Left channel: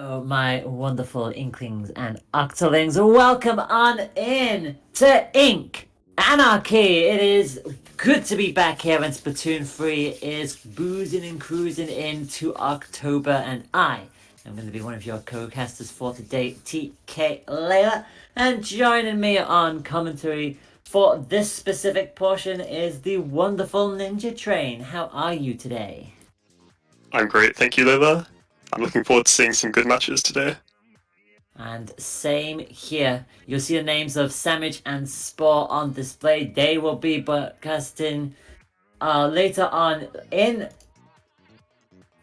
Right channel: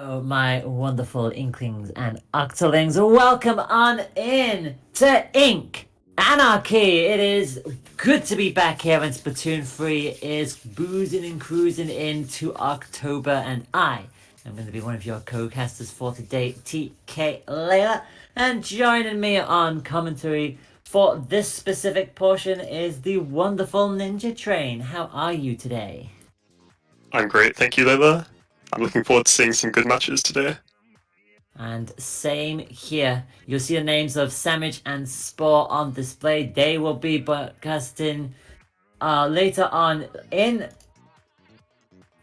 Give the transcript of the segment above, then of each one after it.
Oh, my wonderful Inklings and Octolings, welcome on in to Ink Anarchy. It is good to be back here, and Splatoon 3 is boozing and cruising into October, and I am going to be one of your co-casters for today, TK Layla, and joining me on commentary for this specific portion is the wonderful Ninja Train. How are you today? I'm great, thank you, Lola. I'm looking forward to seeing some good matches today. And same here. You'll see the names of Sandwich and Spore on display. They will be broadcasting later on in.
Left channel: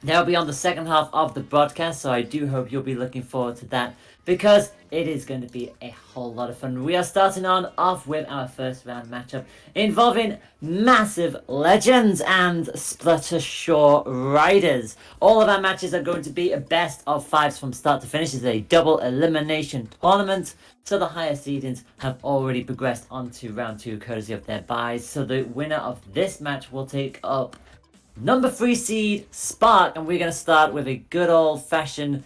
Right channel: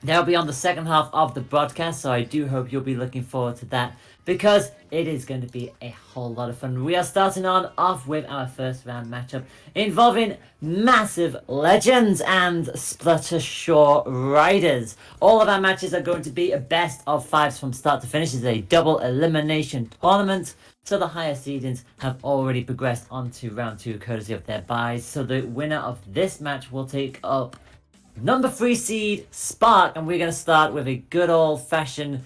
They'll be on the second half of the broadcast, so I do hope you'll be looking forward to that, because it is going to be a whole lot of fun. We are starting on off with our first round matchup involving Massive Legends and Splattershore Riders. All of our matches are going to be a best of fives from start to finish. It's a double elimination tournament, so the higher seedings have already progressed on to round 2 courtesy of their buys. So the winner of this match will take up number 3 seed Spark, and we're going to start with a good old-fashioned,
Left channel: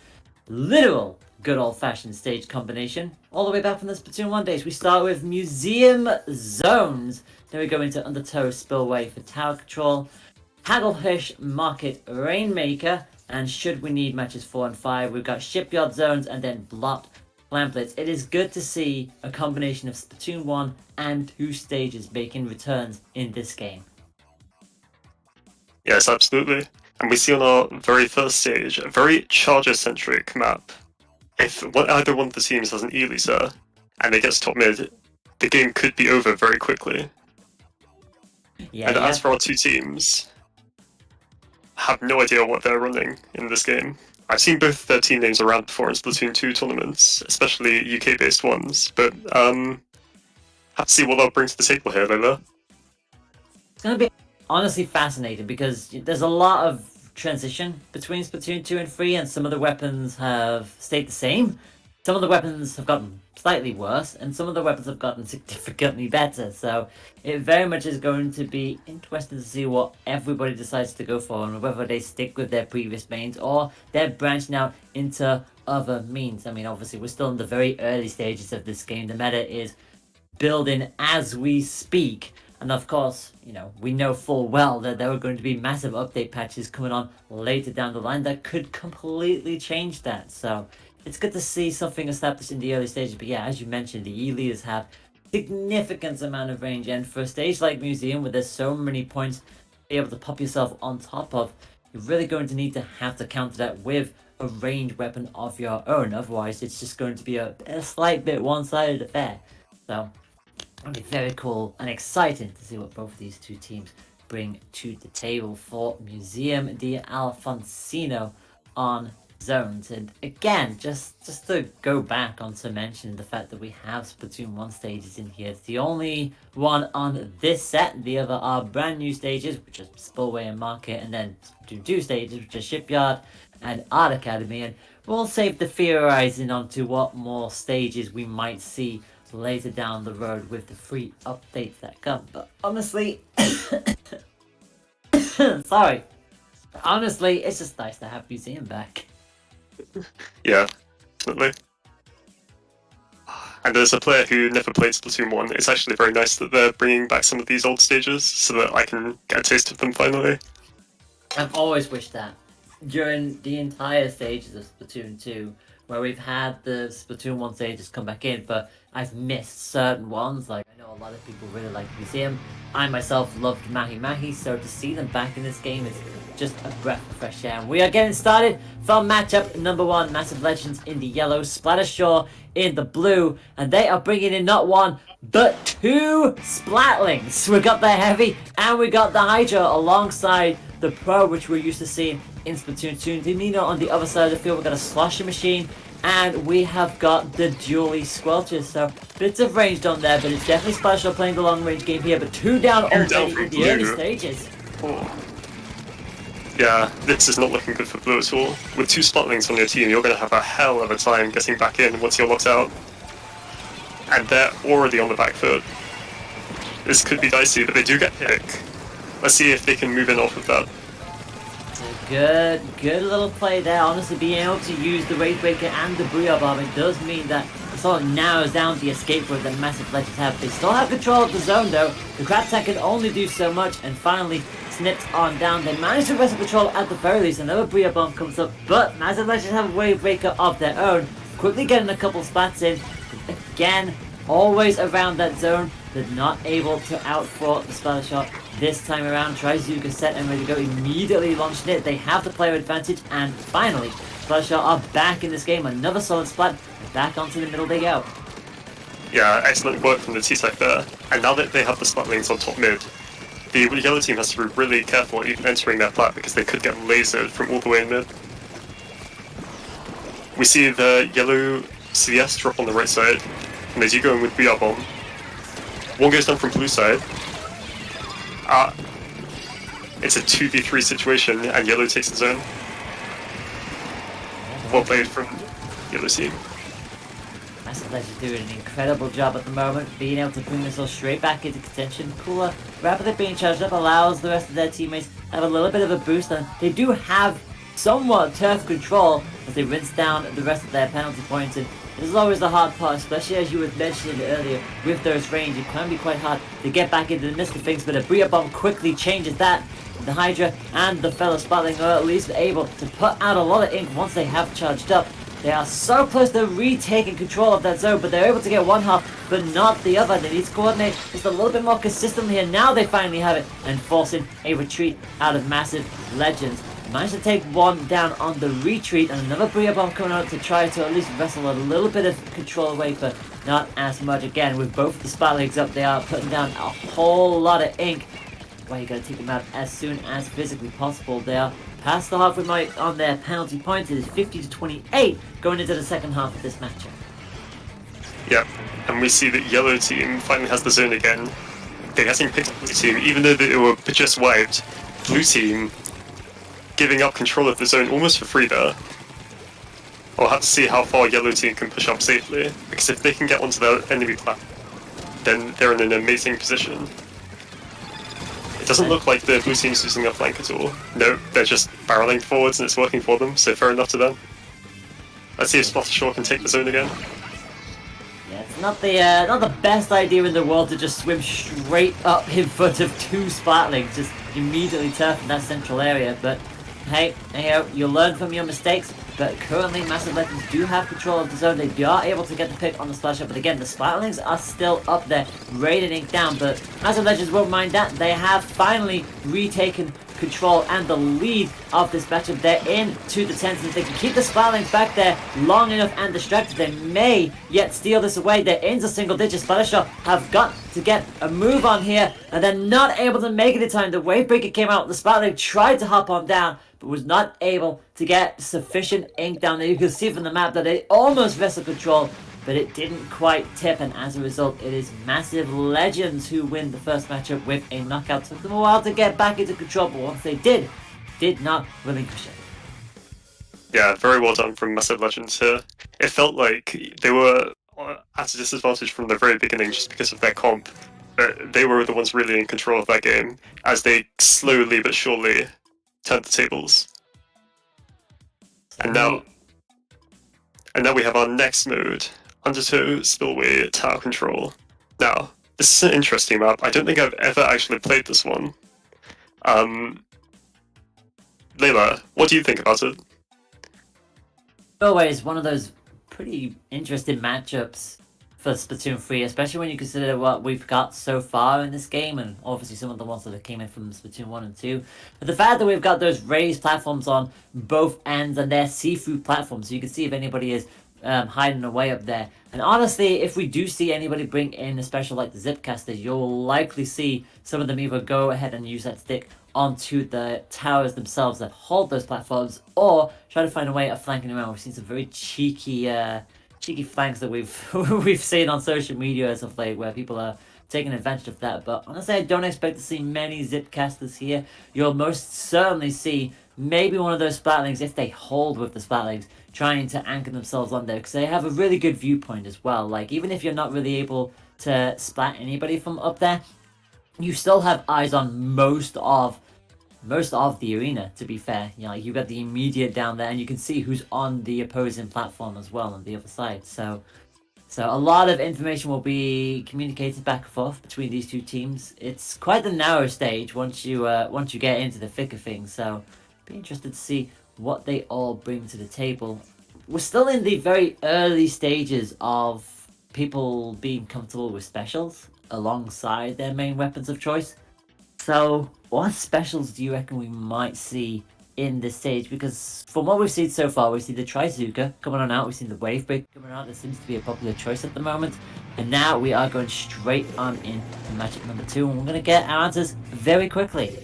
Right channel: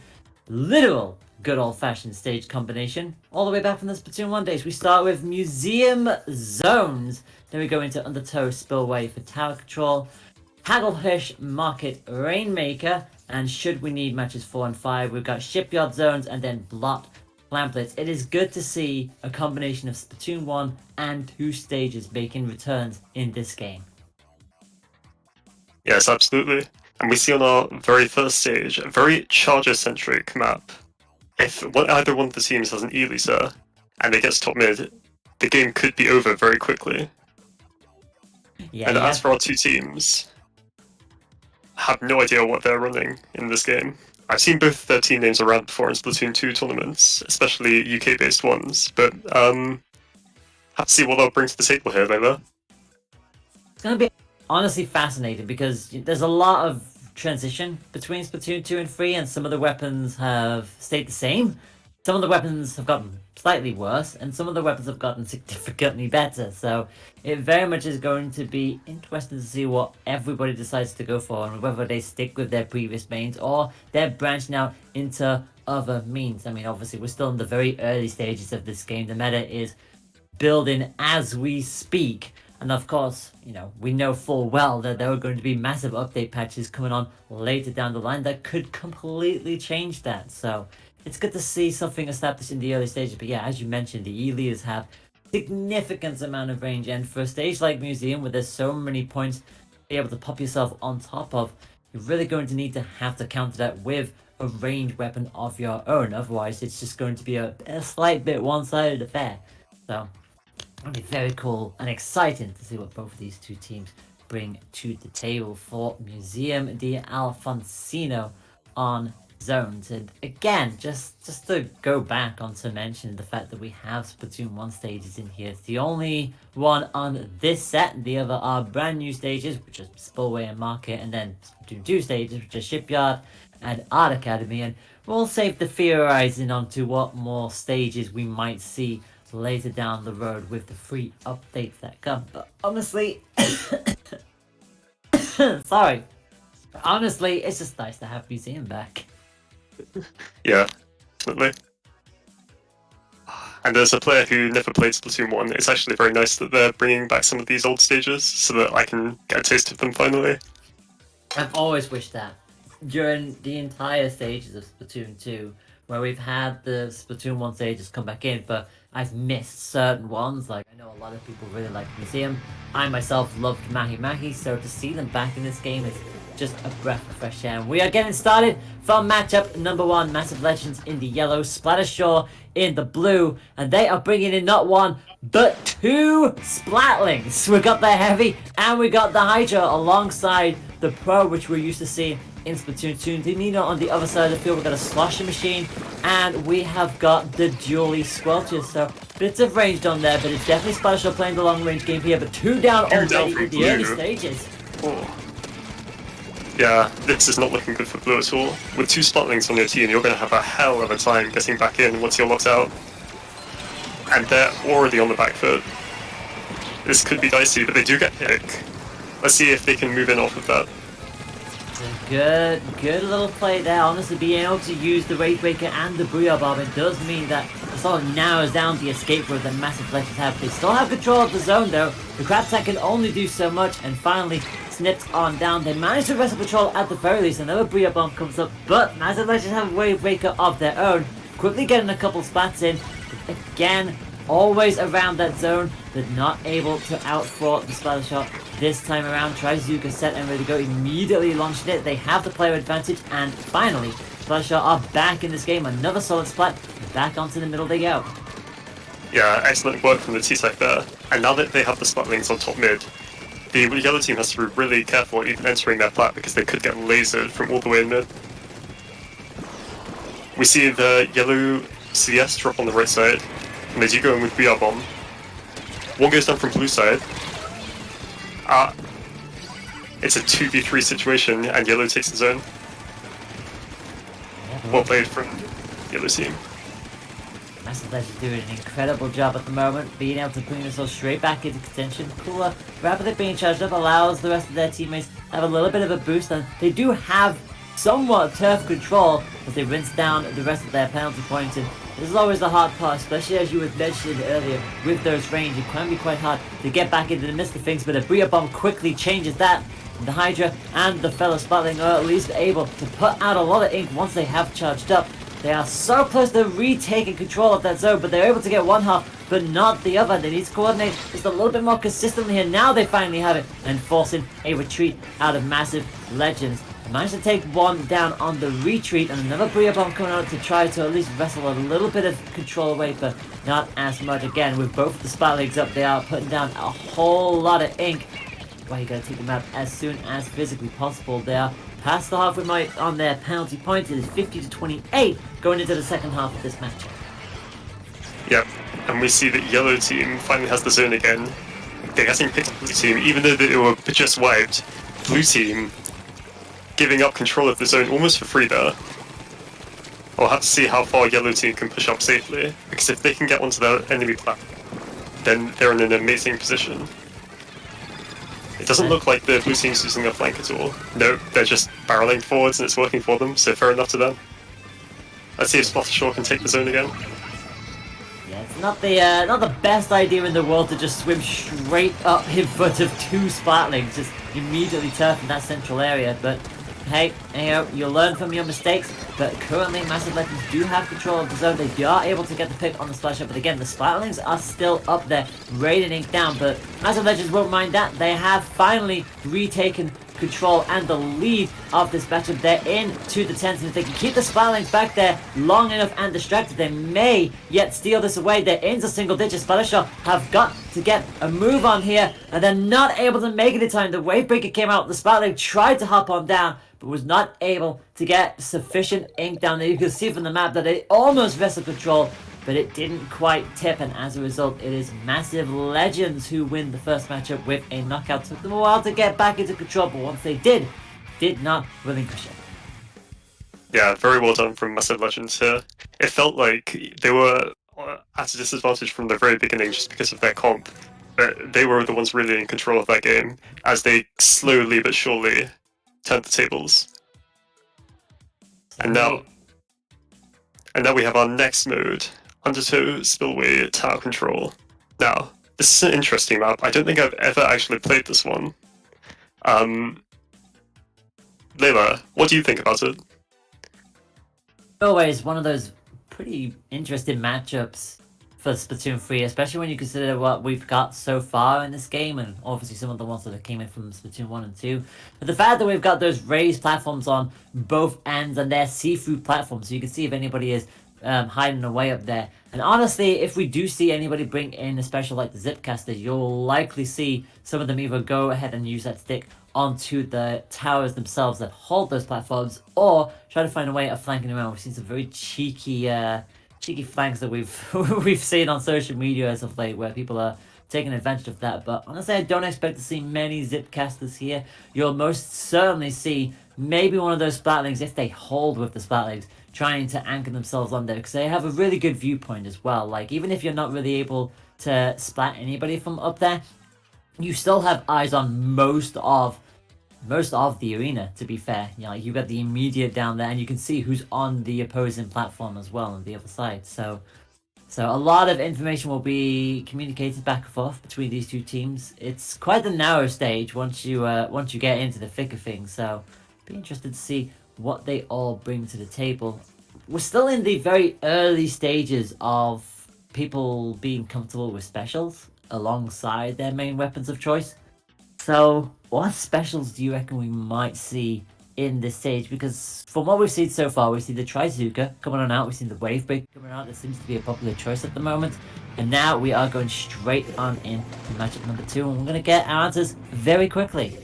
literal good old-fashioned stage combination. All the way back from the Splatoon 1 days, we start with Museum Zones. Then we go into Undertow Spillway for Tower Control, Hagglefish Market Rainmaker, and should we need matches 4 and 5, we've got Shipyard Zones and then Blot Plamplets. It is good to see a combination of Splatoon 1 and 2 stages making returns in this game. Yes, absolutely. And we see on our very first stage a very charger-centric map. If either one of the teams has an Elisa and they get to top mid, the game could be over very quickly. Yeah, and as for our two teams, I have no idea what they're running in this game. I've seen both their team names around before in Splatoon 2 tournaments, especially UK-based ones, but have to see what they'll bring to the table here, Lola. It's going to be honestly fascinating, because there's a lot of transition between Splatoon 2 and 3, and some of the weapons have stayed the same. Some of the weapons have gotten slightly worse, and some of the weapons have gotten significantly better. So it very much is going to be interesting to see what everybody decides to go for, and whether they stick with their previous mains or they're branching out into other means. I mean, obviously, we're still in the very early stages of this game. The meta is building as we speak. And of course, we know full well that there are going to be massive update patches coming on later down the line that could completely change that. So it's good to see something established in the early stages. But yeah, as you mentioned, the Elias have significant amount of range. And for a stage like Museum, where there's so many points to be able to pop yourself on top of, you're really going to have to counter that with a ranged weapon of your own. Otherwise, it's just going to be a slight bit one-sided affair. So it'll be very cool and exciting to see what both of these two teams bring to the table for Museum de Alfonsino on Zones. And again, just to go back on to mention the fact that we have Splatoon 1 stages in here. It's the only one on this set. The other are brand new stages, which are Spillway and Market, and then Splatoon 2 stages, which are Shipyard and Art Academy. And we'll save the theorizing onto what more stages we might see later down the road with the free updates that come. But honestly, sorry. Honestly, it's just nice to have Museum back. Yeah, definitely. And as a player who never played Splatoon 1, it's actually very nice that they're bringing back some of these old stages so that I can get a taste of them finally. I've always wished that. During the entire stages of Splatoon 2, where we've had the Splatoon 1 stages come back in, but I've missed certain ones. Like, I know a lot of people really like Museum. I myself loved Mahi Mahi, so to see them back in this game is just a breath of fresh air. And we are getting started from matchup number 1, Massive Legends in the yellow, Splattershore in the blue, and they are bringing in not one, but 2 Splatlings. We got the Heavy and we got the Hydra alongside the Pro, which we're used to seeing in Splatoon 2. Nino on the other side of the field, we've got a Slosher Machine, and we have got the Dually Squelchers. So bits of range on there, but it's definitely Splattershore playing the long range game here, but 2 down already in the early stages. Oh. Yeah, this is not looking good for blue at all. With 2 Splatlings on your team, you're going to have a hell of a time getting back in once you're locked out. And they're already on the back foot. This could be dicey, but they do get pick. Let's see if they can move in off of that. Good little play there. Honestly, being able to use the Wave Breaker and the Booyah Bomb, it does mean that it sort of narrows down the escape route that Massive Legends have. They still have control of the zone though. The Crab Tank can only do so much, and finally snipped on down. They managed to wrestle control at the very least. Another Booyah Bomb comes up, but Massive Legends have a Wave Breaker of their own. Quickly getting a couple splats in. Again, always around that zone. They're not able to outthwart the Splattershore this time around. Trizuka set and ready to go, immediately launched it. They have the player advantage, and finally, Splattershore are back in this game. Another solid splat, back onto the middle they go. Yeah, excellent work from the T-Tech there. And now that they have the splat lanes on top mid, the yellow team has to be really careful entering their plat because they could get lasered from all the way in mid. We see the yellow CS drop on the right side, and they do go in with VR Bomb. One goes down from blue side. It's a 2v3 situation, and yellow takes the zone. Well played from yellow team. Massive Legends doing an incredible job at the moment, being able to bring this all straight back into contention. Cooler rapidly being charged up allows the rest of their teammates to have a little bit of a boost, and they do have somewhat turf control as they rinse down the rest of their penalty points. And this is always the hard part, especially as you had mentioned earlier, with those range. It can be quite hard to get back into the midst of things, but a Booyah Bomb quickly changes that. The Hydra and the fellow Splatling are at least able to put out a lot of ink once they have charged up. They are so close to retaking control of that zone, but they're able to get one half, but not the other. They need to coordinate just a little bit more consistently, and now they finally have it, and forcing a retreat out of Massive Legends. Managed to take one down on the retreat, and another Booyah Bomb coming out to try to at least wrestle a little bit of control away, but not as much. Again, with both the spot legs up, they are putting down a whole lot of ink. Well, you gotta take them out as soon as physically possible. They are past the halfway mark on their penalty points. It is 50-28 going into the second half of this matchup. Yeah, and we see that yellow team finally has the zone again. They're getting picked up blue team, even though they were just wiped. Blue team giving up control of the zone almost for free there. We'll have to see how far yellow team can push up safely, because if they can get onto their enemy plat, then they're in an amazing position. It doesn't look like the blue team's using their flank at all. No, they're just barreling forwards and it's working for them, so fair enough to them. Let's see if Splattershore can take the zone again. Yeah, it's not the best idea in the world to just swim straight up in front of two Splatlings, just immediately turfing that central area, but hey, you know, you learn from your mistakes. But currently Massive Legends do have control of the zone. They are able to get the pick on the Splattershore, but again, the Splatlings are still up there, raining ink down, but Massive Legends won't mind that. They have finally retaken control and the lead of this matchup. They're into the 10th, and if they can keep the Splatlings back there long enough and distracted, they may yet steal this away. They're into single digits. Splattershore have got to get a move on here, and they're not able to make it in time. The Wave Breaker came out, the Splatling tried to hop on down, but was not able to get sufficient ink down there. You can see from the map that they almost wrestled control, but it didn't quite tip, and as a result, it is Massive Legends who win the first matchup with a knockout. Took them a while to get back into control, but once they did not relinquish it. Yeah, very well done from Massive Legends here. It felt like they were at a disadvantage from the very beginning just because of their comp, but they were the ones really in control of that game as they slowly but surely turned the tables. And now we have our next mode, Undertow Spillway Tower Control. Now, this is an interesting map. I don't think I've ever actually played this one. Layla, what do you think about it? Always one of those pretty interesting matchups for Splatoon 3, especially when you consider what we've got so far in this game, and obviously some of the ones that came in from Splatoon 1 and 2. But the fact that we've got those raised platforms on both ends, and they're see-through platforms, so you can see if anybody is hiding away up there. And honestly, if we do see anybody bring in a special like the Zipcasters, you'll likely see some of them either go ahead and use that stick onto the towers themselves that hold those platforms, or try to find a way of flanking around. We've seen some very cheeky flanks that we've seen on social media as of late, where people are taking advantage of that. But honestly, I don't expect to see many Zipcasters here. You'll most certainly see maybe one of those Splatlings, if they hold with the Splatlings, trying to anchor themselves on there, because they have a really good viewpoint as well. Like, even if you're not really able to splat anybody from up there, you still have eyes on most of most of the arena, to be fair. You know, like you've got the immediate down there, and you can see who's on the opposing platform as well on the other side. So a lot of information will be communicated back and forth between these two teams. It's quite the narrow stage once you get into the thick of things. So be interested to see what they all bring to the table. We're still in the very early stages of people being comfortable with specials alongside their main weapons of choice. So what specials do you reckon we might see in this stage? Because from what we've seen so far, we've seen the Trizooka coming on out, we've seen the Wave Break coming out. That seems to be a popular choice at the moment. And now we are going straight on into matchup number 2, and we're going to get our answers very quickly.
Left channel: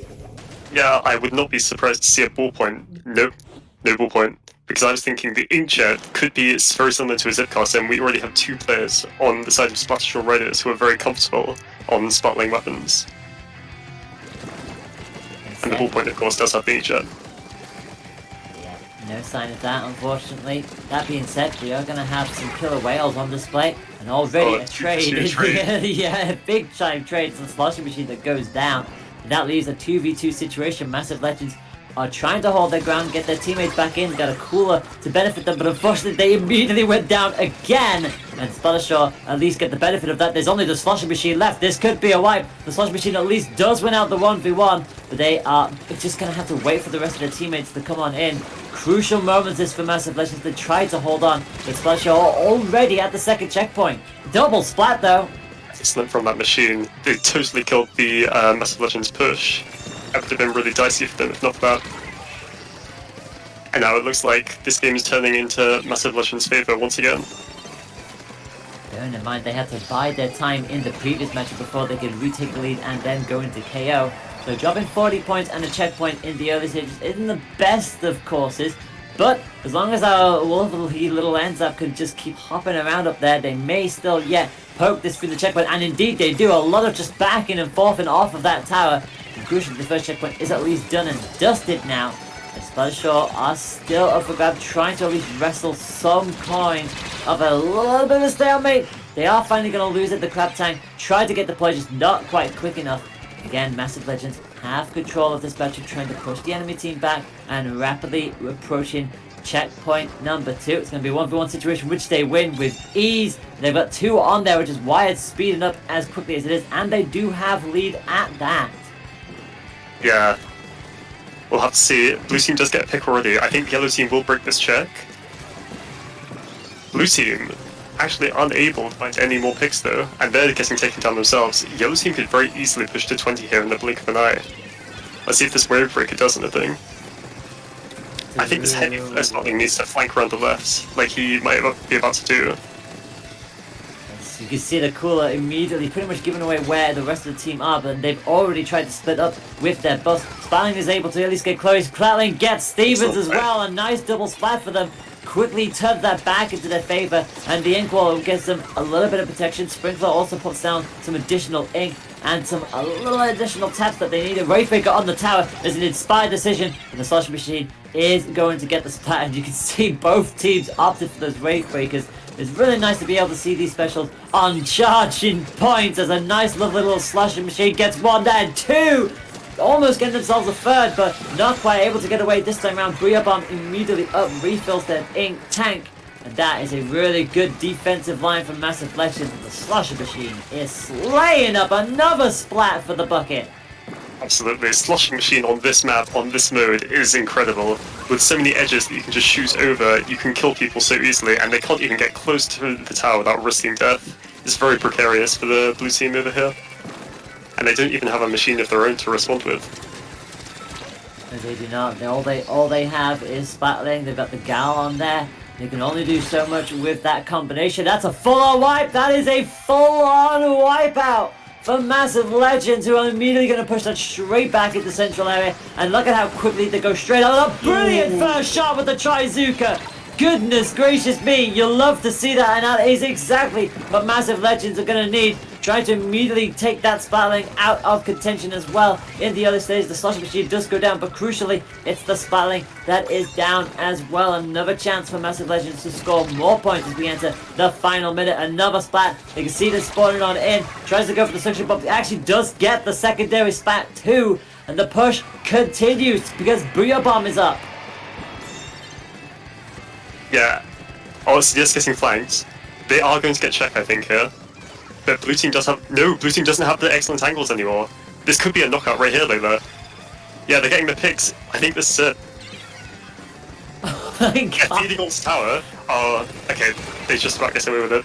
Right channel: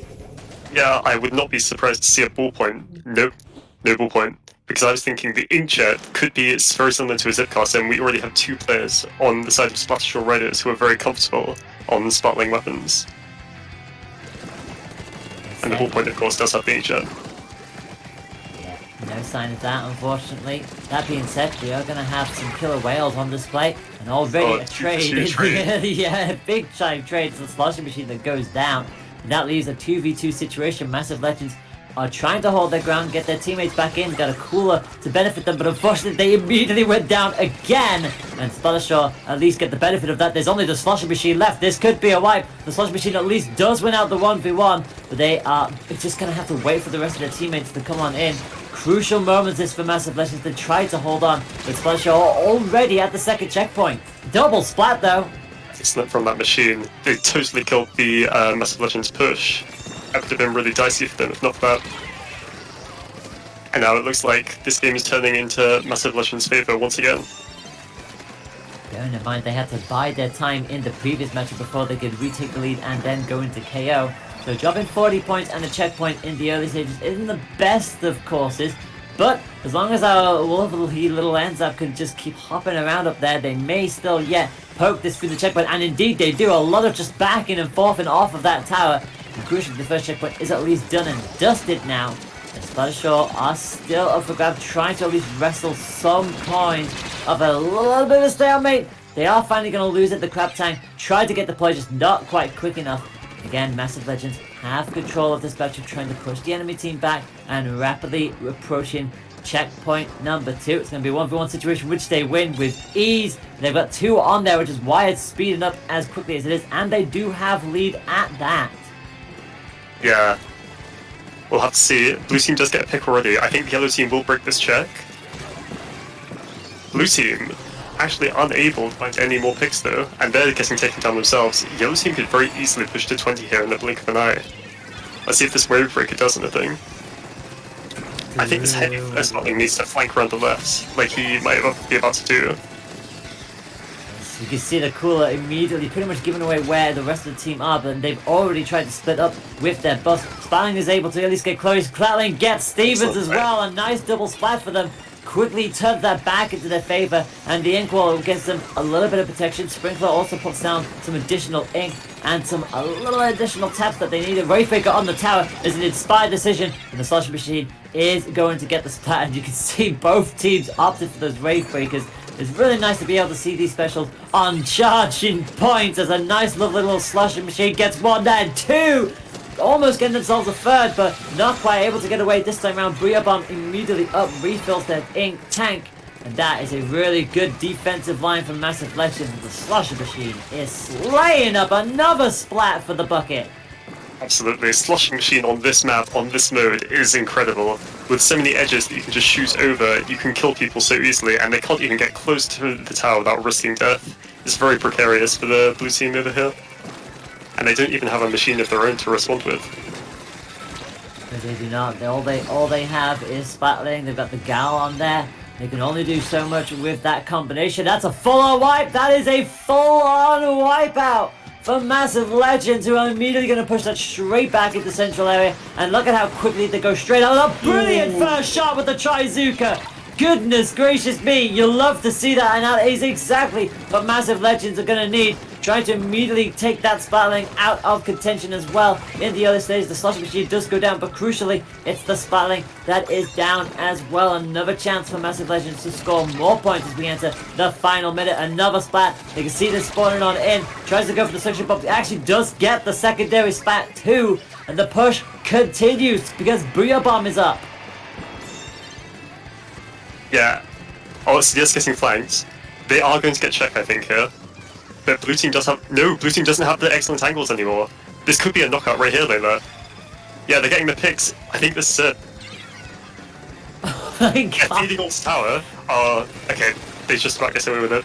Yeah, I would not be surprised to see a ballpoint. Nope, no ballpoint. Because I was thinking the inkjet could be very similar to a Zipcast, and we already have 2 players on the side of Splattershore Raiders who are very comfortable on Splatling weapons. And the ballpoint, of course, does have the inkjet. No sign of that, unfortunately. That being said, we are going to have some killer whales on display, and already a trade. Yeah, big giant trade. It's a sloshing machine that goes down, and that leaves a 2v2 situation. Massive Legends are trying to hold their ground, get their teammates back in, got a cooler to benefit them, but unfortunately they immediately went down again, and Splattershore at least get the benefit of that. There's only the sloshing machine left. This could be a wipe. The sloshing machine at least does win out the 1v1, but they are just going to have to wait for the rest of their teammates to come on in. Crucial moments this for Massive Legends. They tried to hold on, but Splattershore already at the second checkpoint. Double splat though. Excellent from that machine. They totally killed the Massive Legends push. That would have been really dicey for them if not for that. And now it looks like this game is turning into Massive Legends' favour once again. Bearing in mind they had to bide their time in the previous match before they could retake the lead and then go into KO. So dropping 40 points and a checkpoint in the early stages isn't the best of courses, but as long as our lovely little ends up can just keep hopping around up there, they may still yet poke this through the checkpoint, and indeed they do. A lot of just backing and forth and off of that tower. And crucially, the first checkpoint is at least done and dusted now. And Splattershore are still up for grab, trying to at least wrestle some coins of a little bit of stalemate. They are finally going to lose it. The Crab Tank tried to get the play, just not quite quick enough. Again, Massive Legends have control of this battle, trying to push the enemy team back and rapidly approaching checkpoint number 2. It's going to be a 1v1 situation, which they win with ease. They've got 2 on there, which is why it's speeding up as quickly as it is, and they do have lead at that. Yeah, we'll have to see. Blue team does get a pick already. I think yellow team will break this check. Blue team actually unable to find any more picks though, and they're getting taken down themselves. Yellow team could very easily push to 20 here in the blink of an eye. Let's see if this wave breaker does anything. I think this heavy Splatling needs to flank around the left, like he might be about to do. So you can see the cooler immediately pretty much giving away where the rest of the team are, but they've already tried to split up with their bus. Splatling is able to at least get close. Clatling gets Stevens as well. A nice double splat for them. Quickly turns that back into their favour, and the ink wall gives them a little bit of protection. Sprinkler also puts down some additional ink and a little additional taps that they need. A Wraith Breaker on the tower is an inspired decision, and the Sloshing Machine is going to get the splat. And you can see both teams opted for those Wraith Breakers. It's really nice to be able to see these specials on charging points as a nice lovely little Sloshing Machine gets 1 and 2. Almost getting themselves a 3rd, but not quite able to get away this time around. Briabomb immediately up, refills their ink tank, and that is a really good defensive line from Massive Legends. The Slosher Machine is slaying up another splat for the bucket. Absolutely, Sloshing Machine on this map, on this mode, is incredible. With so many edges that you can just shoot over, you can kill people so easily, and they can't even get close to the tower without risking death. It's very precarious for the blue team over here. And they don't even have a machine of their own to respond with. No, they do not. All they have is Splatling. They've got the Gal on there. They can only do so much with that combination. That's a full-on wipe. That is a full-on wipeout for Massive Legends, who are immediately going to push that straight back into central area. And look at how quickly they go straight out. A brilliant first shot with the Trizooka. Goodness gracious me, you'll love to see that, and that is exactly what Massive Legends are going to need. trying to immediately take that Splatling out of contention as well. In the early stages, the Sloshing Machine does go down, but crucially, it's the Splatling that is down as well. Another chance for Massive Legends to score more points as we enter the final minute. Another Splat. You can see this spawning on in. Tries to go for the suction, but actually does get the secondary Splat too. And the push continues because Brio Bomb is up. Yeah. Oh, CS getting flanked. They are going to get checked, I think, here. But blue team does have... No, blue team doesn't have the excellent angles anymore. This could be a knockout right here, Layla. Yeah, they're getting the picks. I think this is it. Oh my Yeah, God. feeding on tower. Oh, okay. They just about get away with it.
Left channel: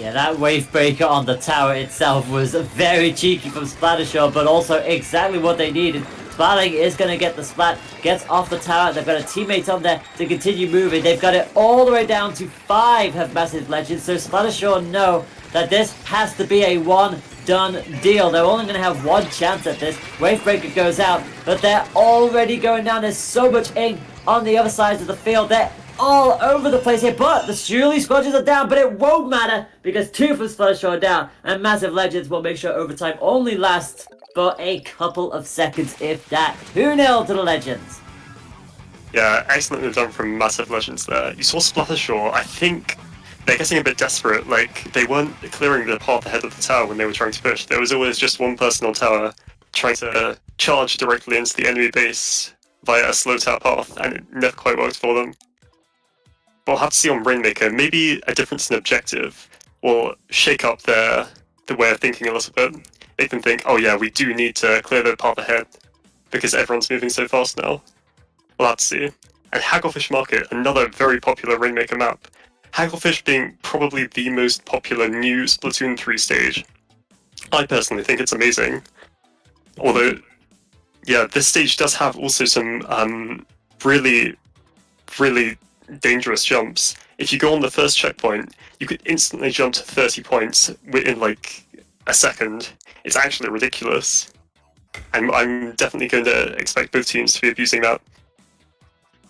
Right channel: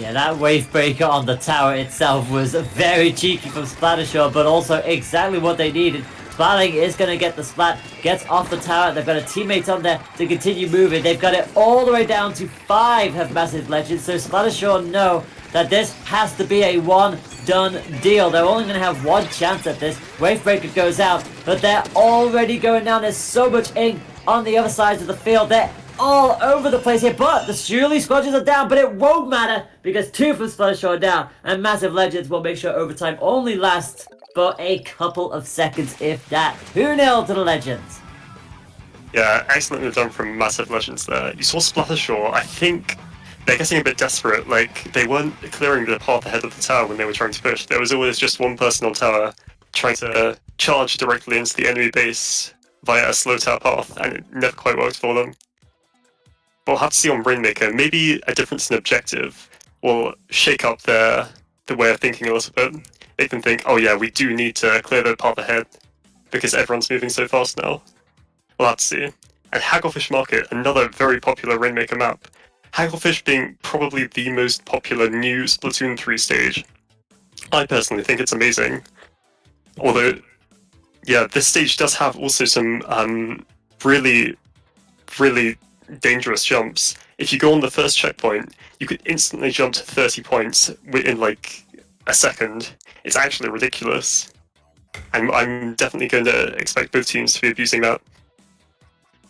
Yeah, that wave breaker on the tower itself was very cheeky from Splattershore, but also exactly what they needed. Splatling is going to get the Splat, gets off the tower. They've got a teammate on there to continue moving. They've got it all the way down to 5 have Massive Legends, so Splattershore know that this has to be a one-done deal. They're only going to have one chance at this. Wavebreaker goes out, but they're already going down. There's so much ink on the other side of the field. They're all over the place here, but the Shirley squadrons are down, but it won't matter because 2 from Splattershore are down, and Massive Legends will make sure overtime only lasts for a couple of seconds, if that. 2-0 to the Legends. Yeah, excellently done from Massive Legends there. You saw Splattershore, I think they're getting a bit desperate. Like, they weren't clearing the path ahead of the tower when they were trying to push. There was always just one person on tower trying to charge directly into the enemy base via a slow tower path, and it never quite worked for them. We'll have to see on Rainmaker. Maybe a difference in objective will shake up the way of thinking a little bit. They can think, oh yeah, we do need to clear the path ahead because everyone's moving so fast now. We'll have to see. And Hagglefish Market, another very popular Rainmaker map. Hagglefish being probably the most popular new Splatoon 3 stage. I personally think it's amazing. Although, yeah, this stage does have also some really, really dangerous jumps. If you go on the first checkpoint, you could instantly jump to 30 points within like a second. It's actually ridiculous. And I'm definitely going to expect both teams to be abusing that.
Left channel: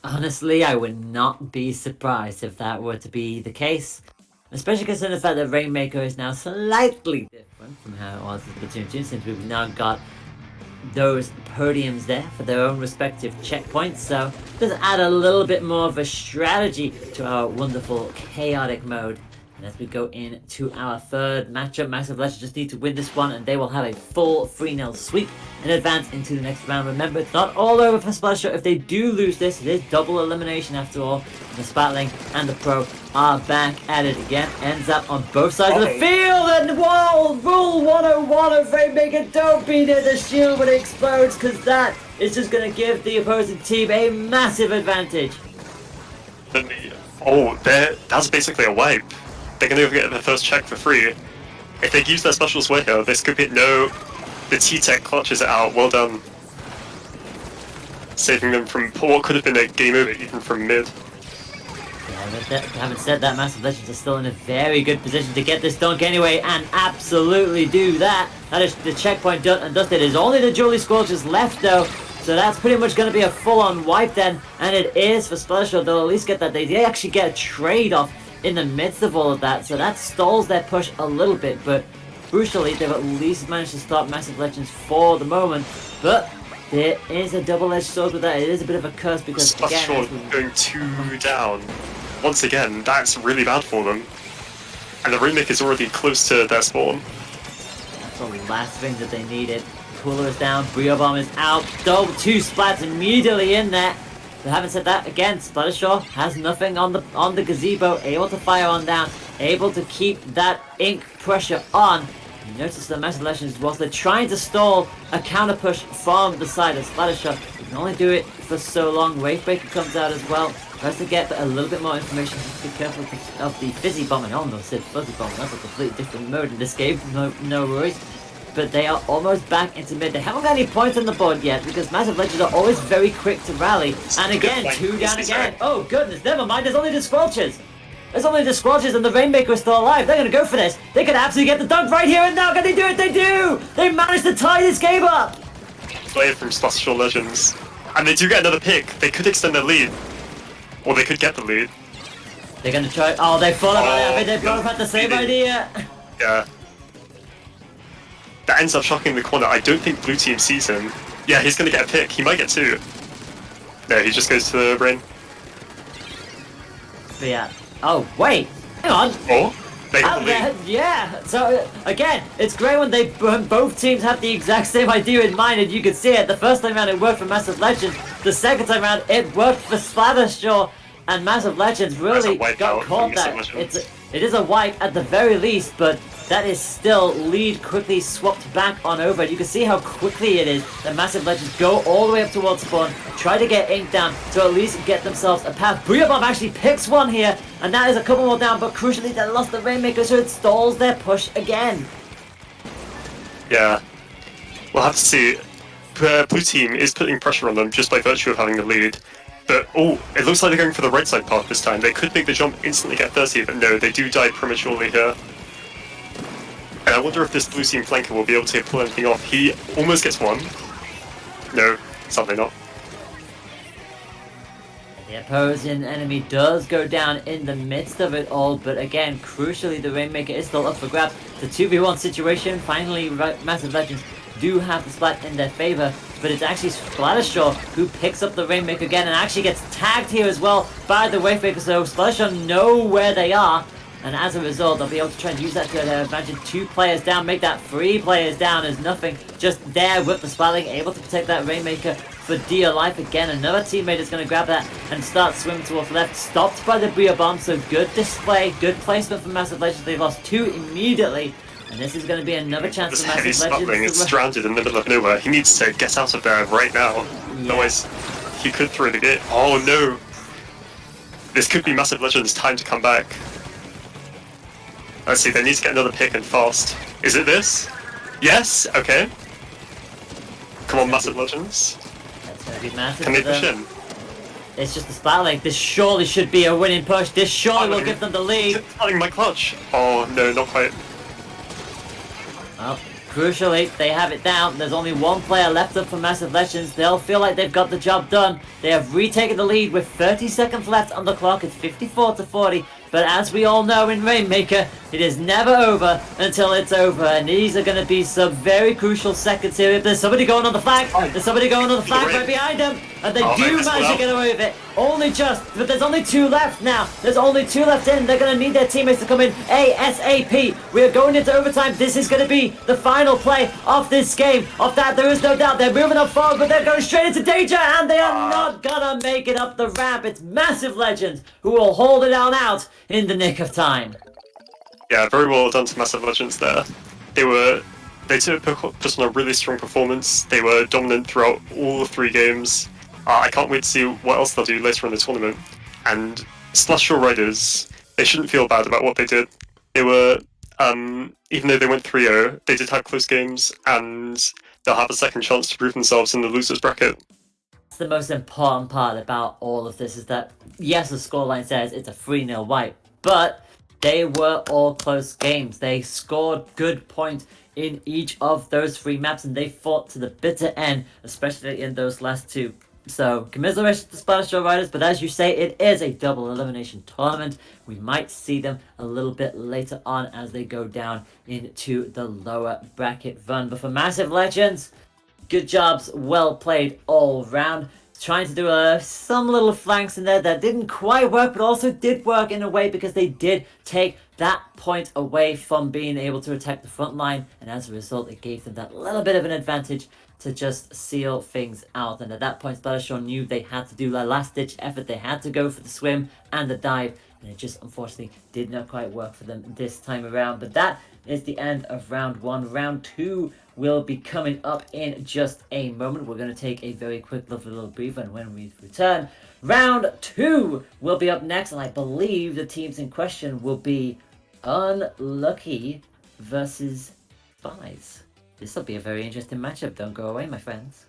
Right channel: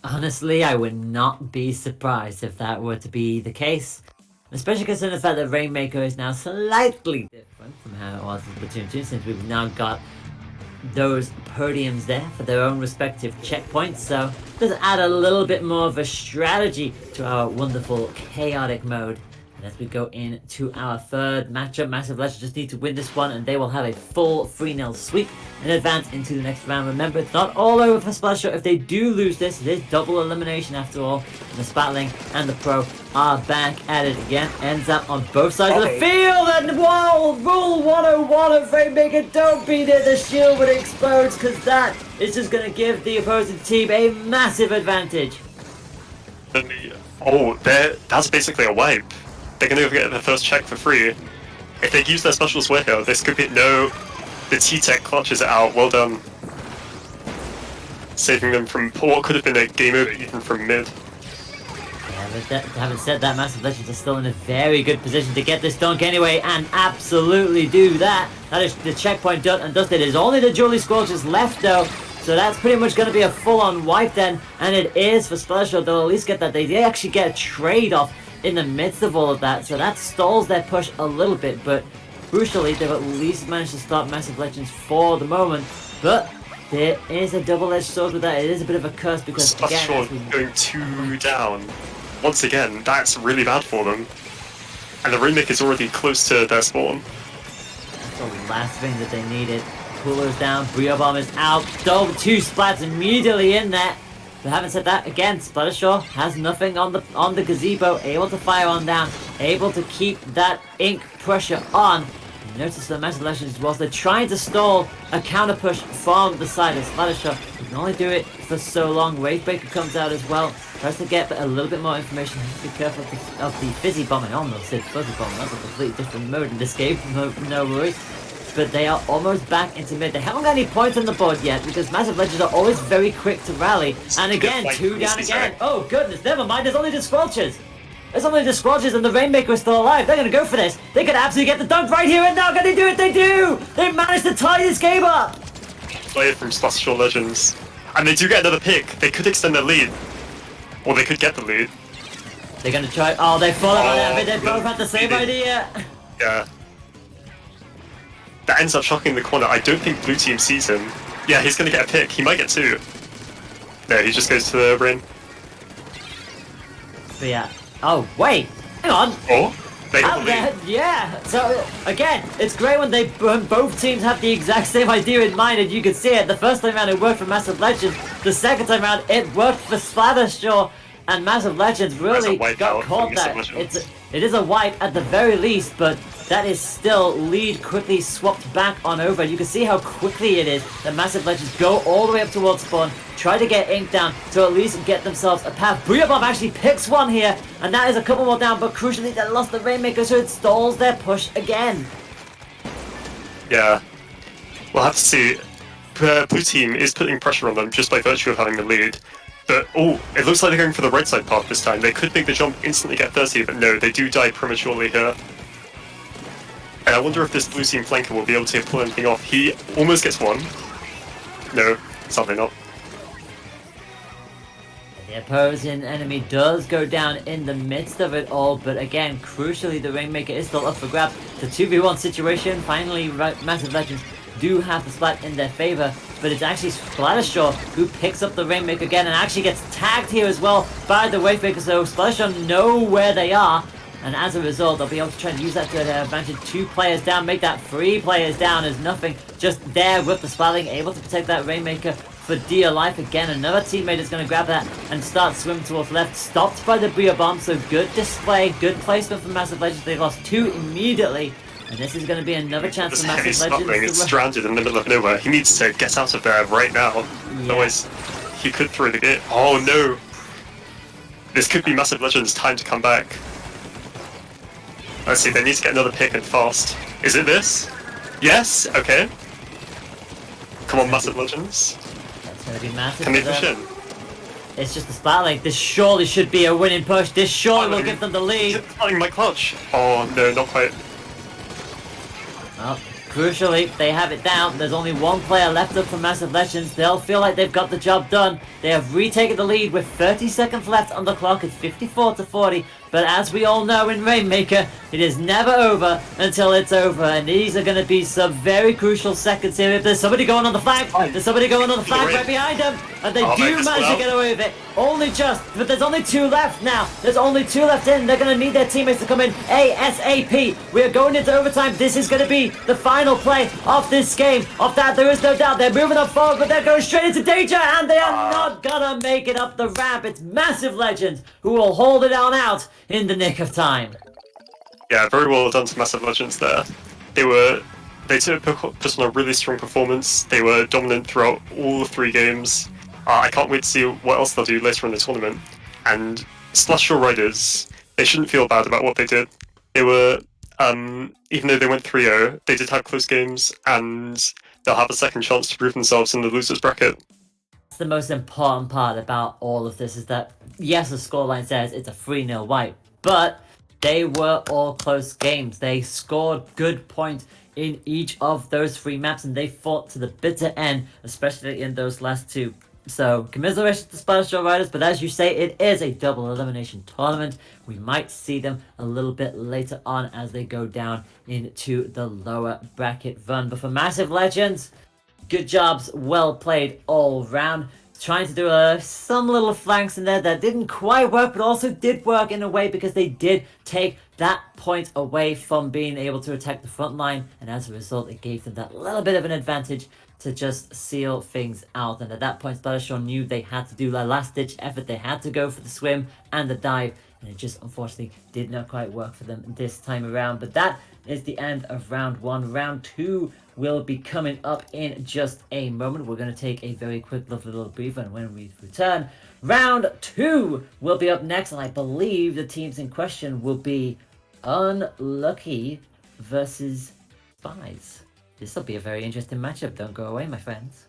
Honestly, I would not be surprised if that were to be the case. Especially considering the fact that Rainmaker is now slightly different from how it was in Splatoon 2, since we've now got those podiums there for their own respective checkpoints, so does add a little bit more of a strategy to our wonderful chaotic mode. And as we go into our third matchup, Massive Legends just need to win this one and they will have a full 3-0 sweep and advance into the next round. Remember, it's not all over for Splattershore. If they do lose this, it is double elimination after all. And the Splatling and the Pro are back at it again. Ends up on both sides of the field, and whoa! Rule 101 of Rainmaker, don't be near the shield when it explodes, because that is just going to give the opposing team a massive advantage. Oh, that's basically a wipe. They're going to get the first check for free. If they use their special sweat here, this could be... No, the T-Tech clutches it out. Well done. Saving them from what could have been a game over even from mid. Yeah, having said that, Massive Legends are still in a very good position to get this dunk anyway, and absolutely do that. That is the checkpoint done and dusted. There's only the Jolly Scorchers left though, so that's pretty much going to be a full-on wipe then, and it is for Splattershore. They'll at least get that. They actually get a trade-off in the midst of all of that, so that stalls their push a little bit, but crucially they've at least managed to stop Massive Legends for the moment. But there is a double-edged sword with that. It is a bit of a curse because again, Splattershore going 2 down. Once again, that's really bad for them. And the Rainmaker is already close to their spawn. That's the last thing that they needed. Cooler is down, Brio Bomb is out, double 2 splats immediately in there. But having said that, again, Splattershore has nothing on the gazebo, able to fire on down, able to keep that ink pressure on. You notice the Massive Legends, whilst they're trying to stall a counter push from the side of Splattershore, you can only do it for so long. Wavebreaker comes out as well. Tries to get a little bit more information. Be careful of the fizzy bomb. I almost said fuzzy bomb. That's a completely different mode in this game. No worries. But they are almost back into mid. They haven't got any points on the board yet because Massive Legends are always very quick to rally. And again, 2 down again. Oh goodness, never mind. There's only the Squelchers. There's only the Squelchers and the Rainmaker is still alive. They're going to go for this. They could absolutely get the dunk right here and now. Can they do it? They do! They managed to tie this game up. Play it from Splattershore Legends. And they do get another pick. They could extend their lead. Or they could get the lead. They're going to try. Oh, they thought about it. I mean, they both had the same idea. Yeah. That ends up shocking the corner. I don't think blue team sees him. Yeah, he's gonna get a pick. He might get 2. No, he just goes to the brain. But yeah. Oh, wait! Hang on! Oh, they got the lead. Yeah! So, again, it's great when both teams have the exact same idea in mind, and you can see it. The first time around it worked for Massive Legends. The second time around it worked for Splattershore, and Massive Legends really got caught there. It is a wipe at the very least, but that is still lead quickly swapped back on over. And you can see how quickly it is that Massive Legends go all the way up towards spawn, try to get Ink down to at least get themselves a path. Booyah actually picks one here, and that is a couple more down, but crucially they lost the Rainmaker, so it stalls their push again. Yeah, we'll have to see. Blue team is putting pressure on them just by virtue of having the lead. But, oh, it looks like they're going for the right side path this time. They could make the jump, instantly get 30, but no, they do die prematurely here. And I wonder if this blue team flanker will be able to pull anything off. He almost gets 1. No, sadly not. The opposing enemy does go down in the midst of it all, but again, crucially, the Rainmaker is still up for grabs. It's a 2v1 situation. Finally, Massive Legends do have the splat in their favor, but it's actually Splattershore who picks up the Rainmaker again and actually gets tagged here as well by the Wavemaker, so Splattershore know where they are, and as a result, they'll be able to try and use that to their advantage. 2 players down, make that 3 players down as nothing, just there with the splatting, able to protect that Rainmaker for dear life. Again, another teammate is going to grab that and start swimming towards left, stopped by the Bria Bomb, so good display, good placement from Massive Legends. They lost 2 immediately. And this is going to be another chance for Massive Legends. It's stranded in the middle of nowhere. He needs to get out of there right now. Yeah. Otherwise, he could throw the gate. Oh no! This could be Massive Legends' time to come back. Let's see, they need to get another pick and fast. Is it this? Yes? Okay. Come on, Massive Legends. That's going to be massive. Can they push in? It's just a spotlight. This surely should be a winning push. This surely will give them the lead. Finding my clutch. Oh no, not quite. Well, crucially, they have it down. There's only 1 player left up for Massive Legends. They'll feel like they've got the job done. They have retaken the lead with 30 seconds left on the clock. It's 54-40. But as we all know in Rainmaker, it is never over until it's over. And these are going to be some very crucial seconds here. If there's somebody going on the flag, there's somebody going on the flag right behind them. And they do manage to get away with it. Only just, but there's only 2 left now. There's only 2 left in. They're going to need their teammates to come in ASAP. We are going into overtime. This is going to be the final play of this game. Of that, there is no doubt. They're moving up forward, but they're going straight into danger. And they are not going to make it up the ramp. It's Massive Legends who will hold it on out in the nick of time. Yeah, very well done to Massive Legends there. They took just on a really strong performance. They were dominant throughout all 3 games. I can't wait to see what else they'll do later in the tournament. And Splattershore Riders, they shouldn't feel bad about what they did. They were, even though they went 3-0, they did have close games, and they'll have a second chance to prove themselves in the losers bracket. That's the most important part about all of this, is that, yes, the scoreline says it's a 3-0 wipe, but they were all close games. They scored good points in each of those 3 maps, and they fought to the bitter end, especially in those last 2. So, commiserations to Splattershore Riders, but as you say, it is a double elimination tournament. We might see them a little bit later on as they go down into the lower bracket run. But for Massive Legends, good jobs, well played all round. Trying to do some little flanks in there that didn't quite work, but also did work in a way because they did take that point away from being able to attack the front line, and as a result, it gave them that little bit of an advantage to just seal things out. And at that point, Splattershore knew they had to do a last-ditch effort. They had to go for the swim and the dive, and it just unfortunately did not quite work for them this time around. But that is the end of round 1. Round 2 will be coming up in just a moment. We're going to take a very quick little breather, and when we return, round 2 will be up next, and I believe the teams in question will be Unlucky versus Spies. This will be a very interesting matchup. Don't go away, my friends.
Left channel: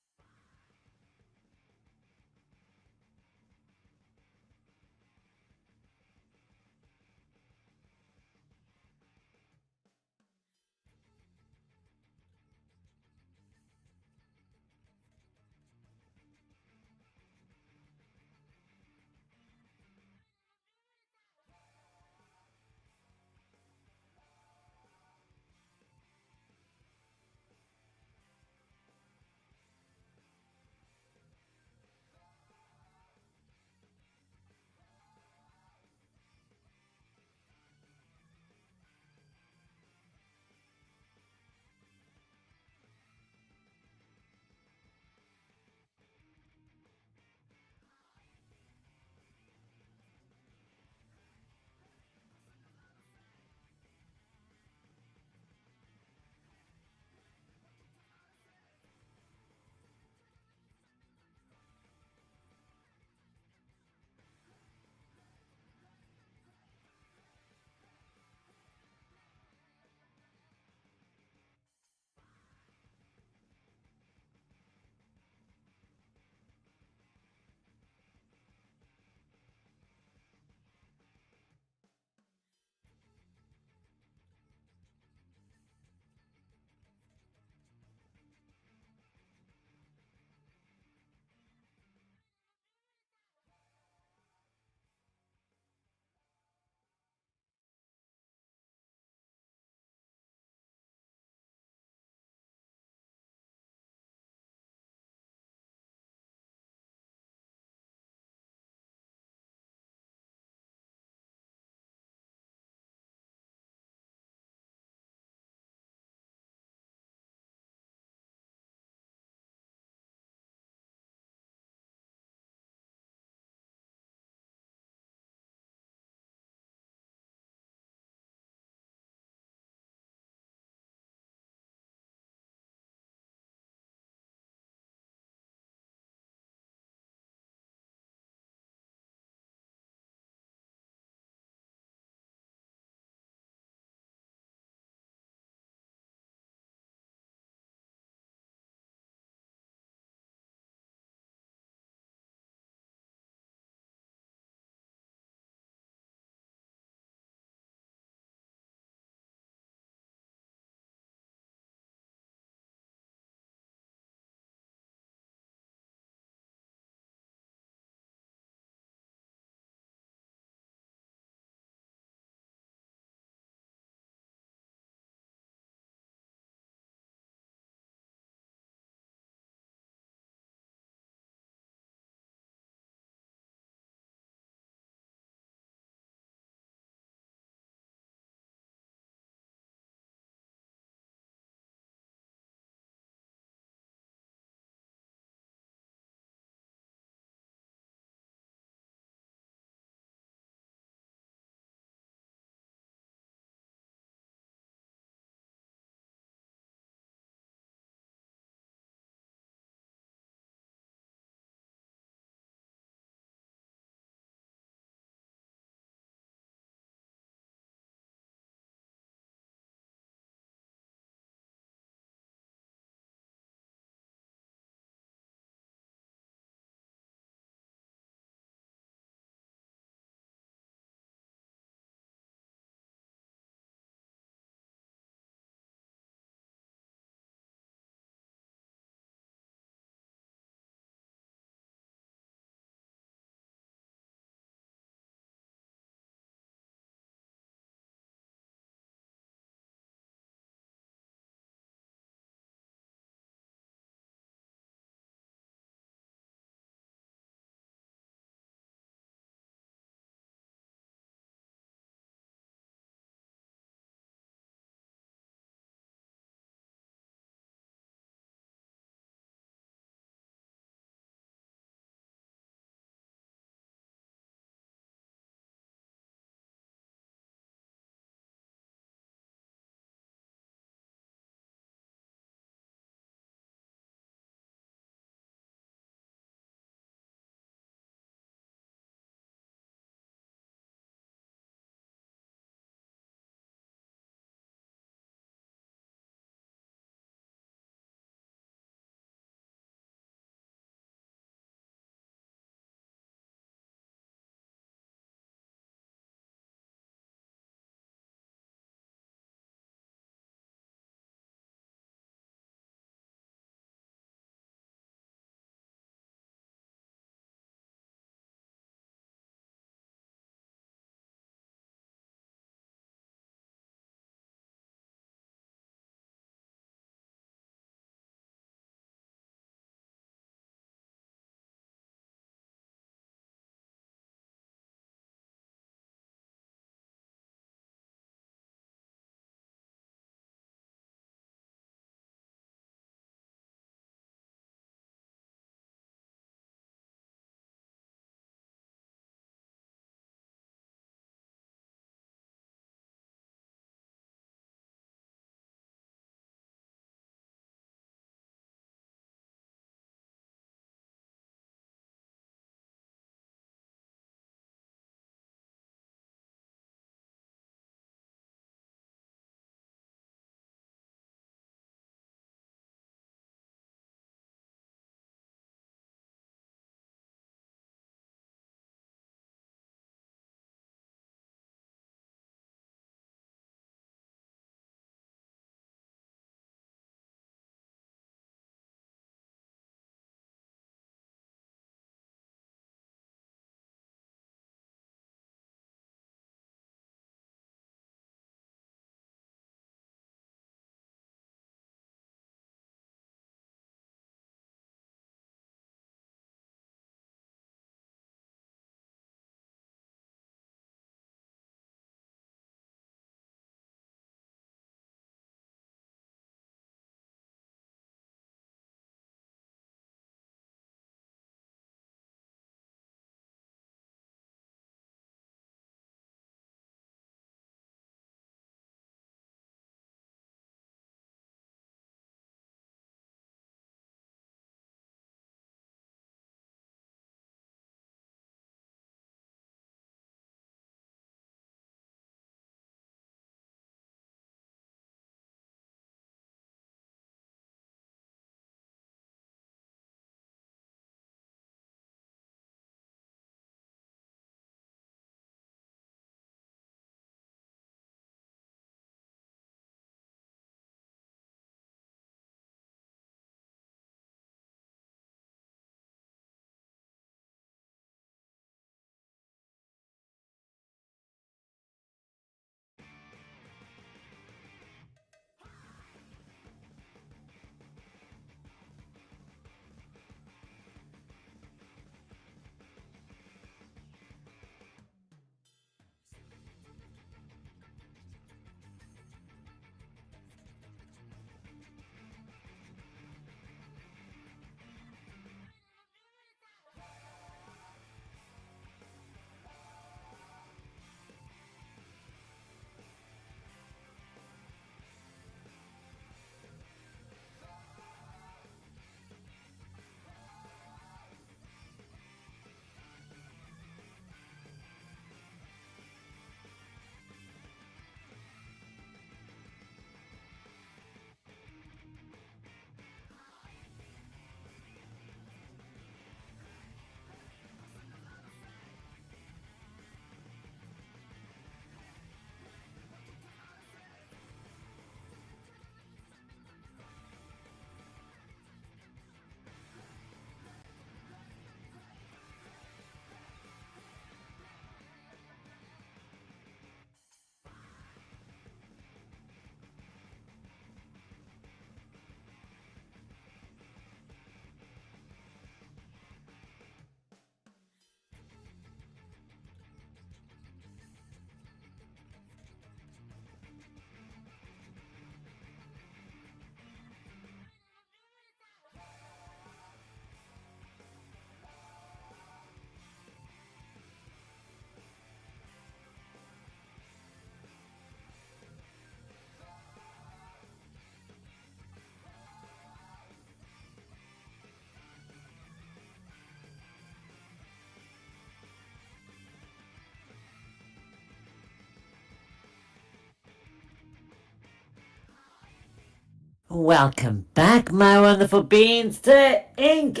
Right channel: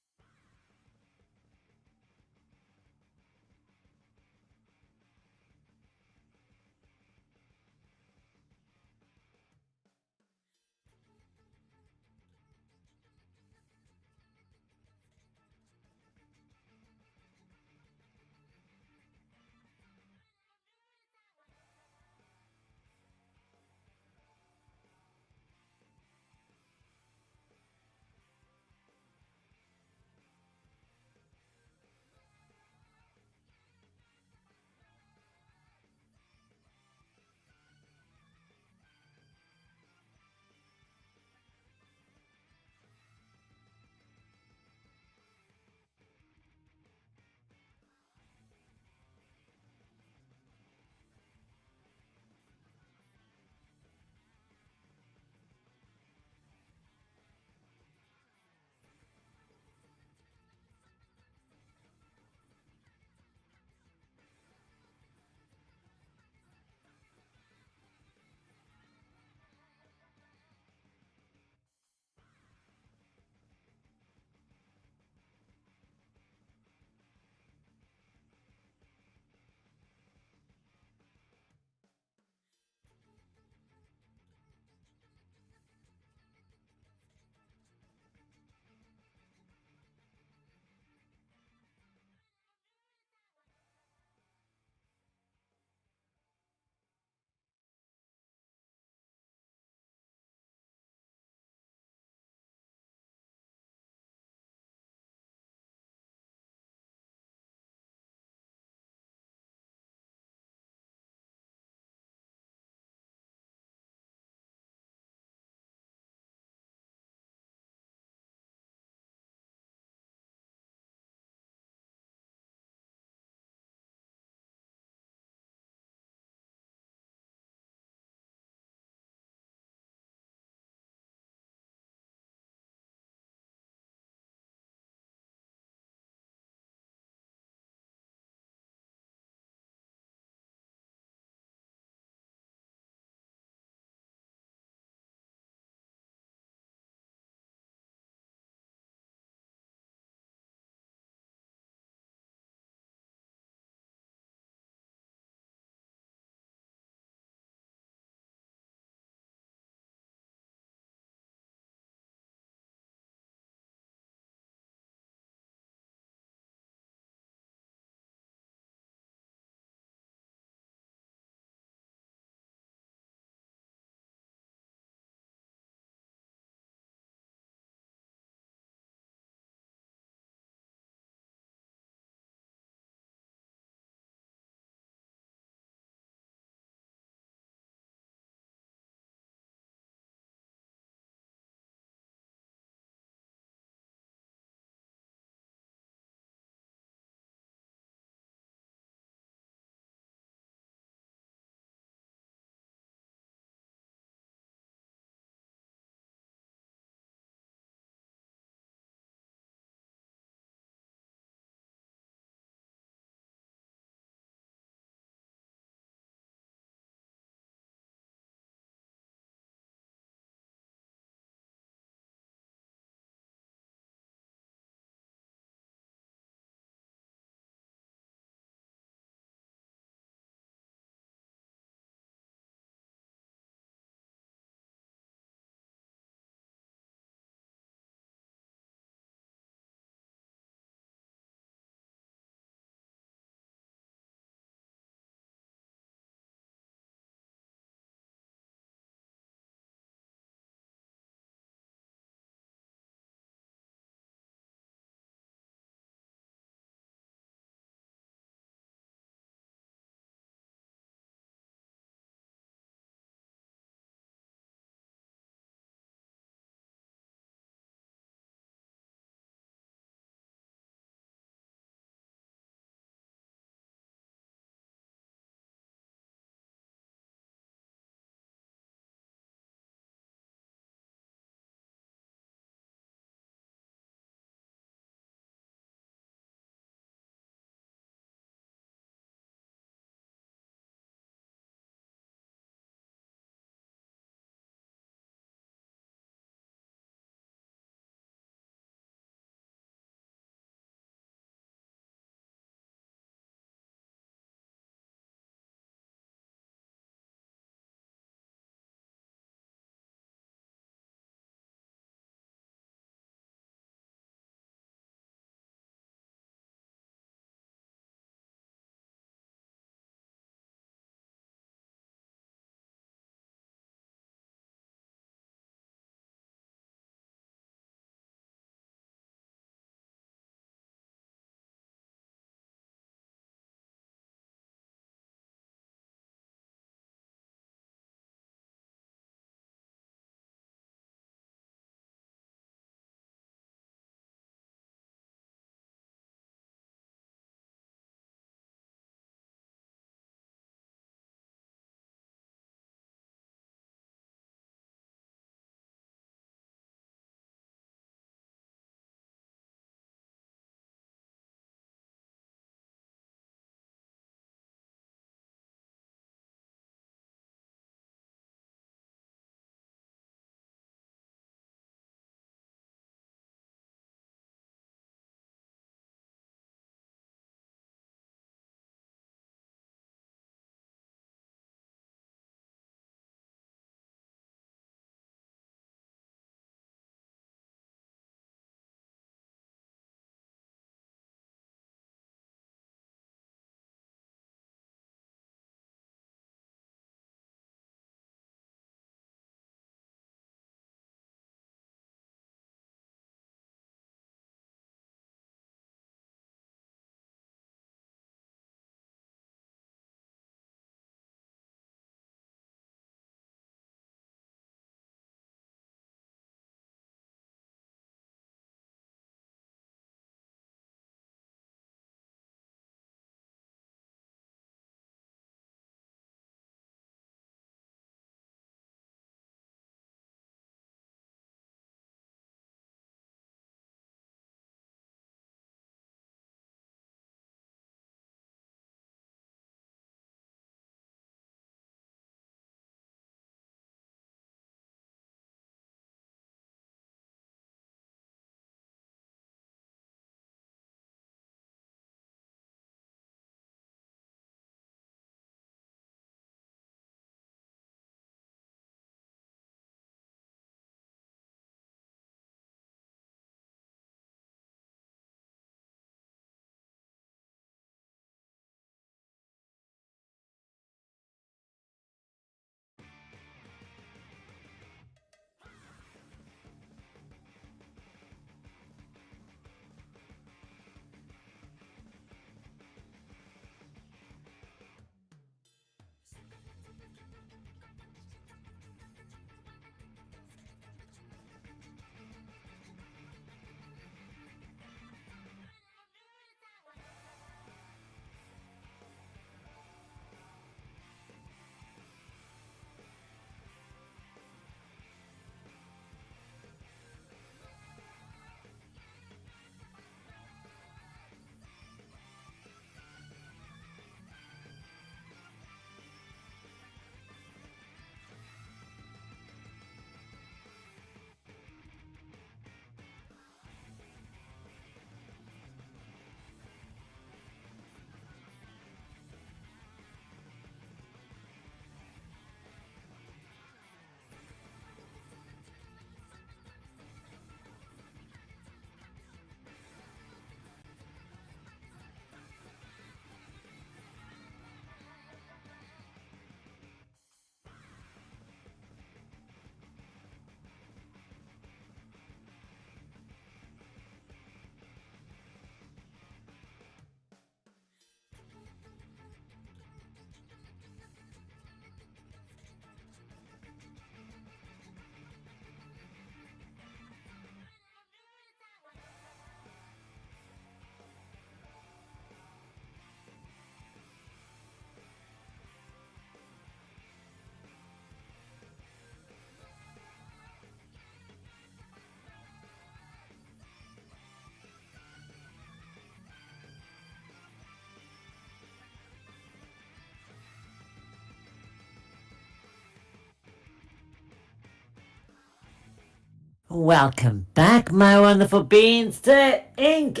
Welcome back, my wonderful beans, to Ink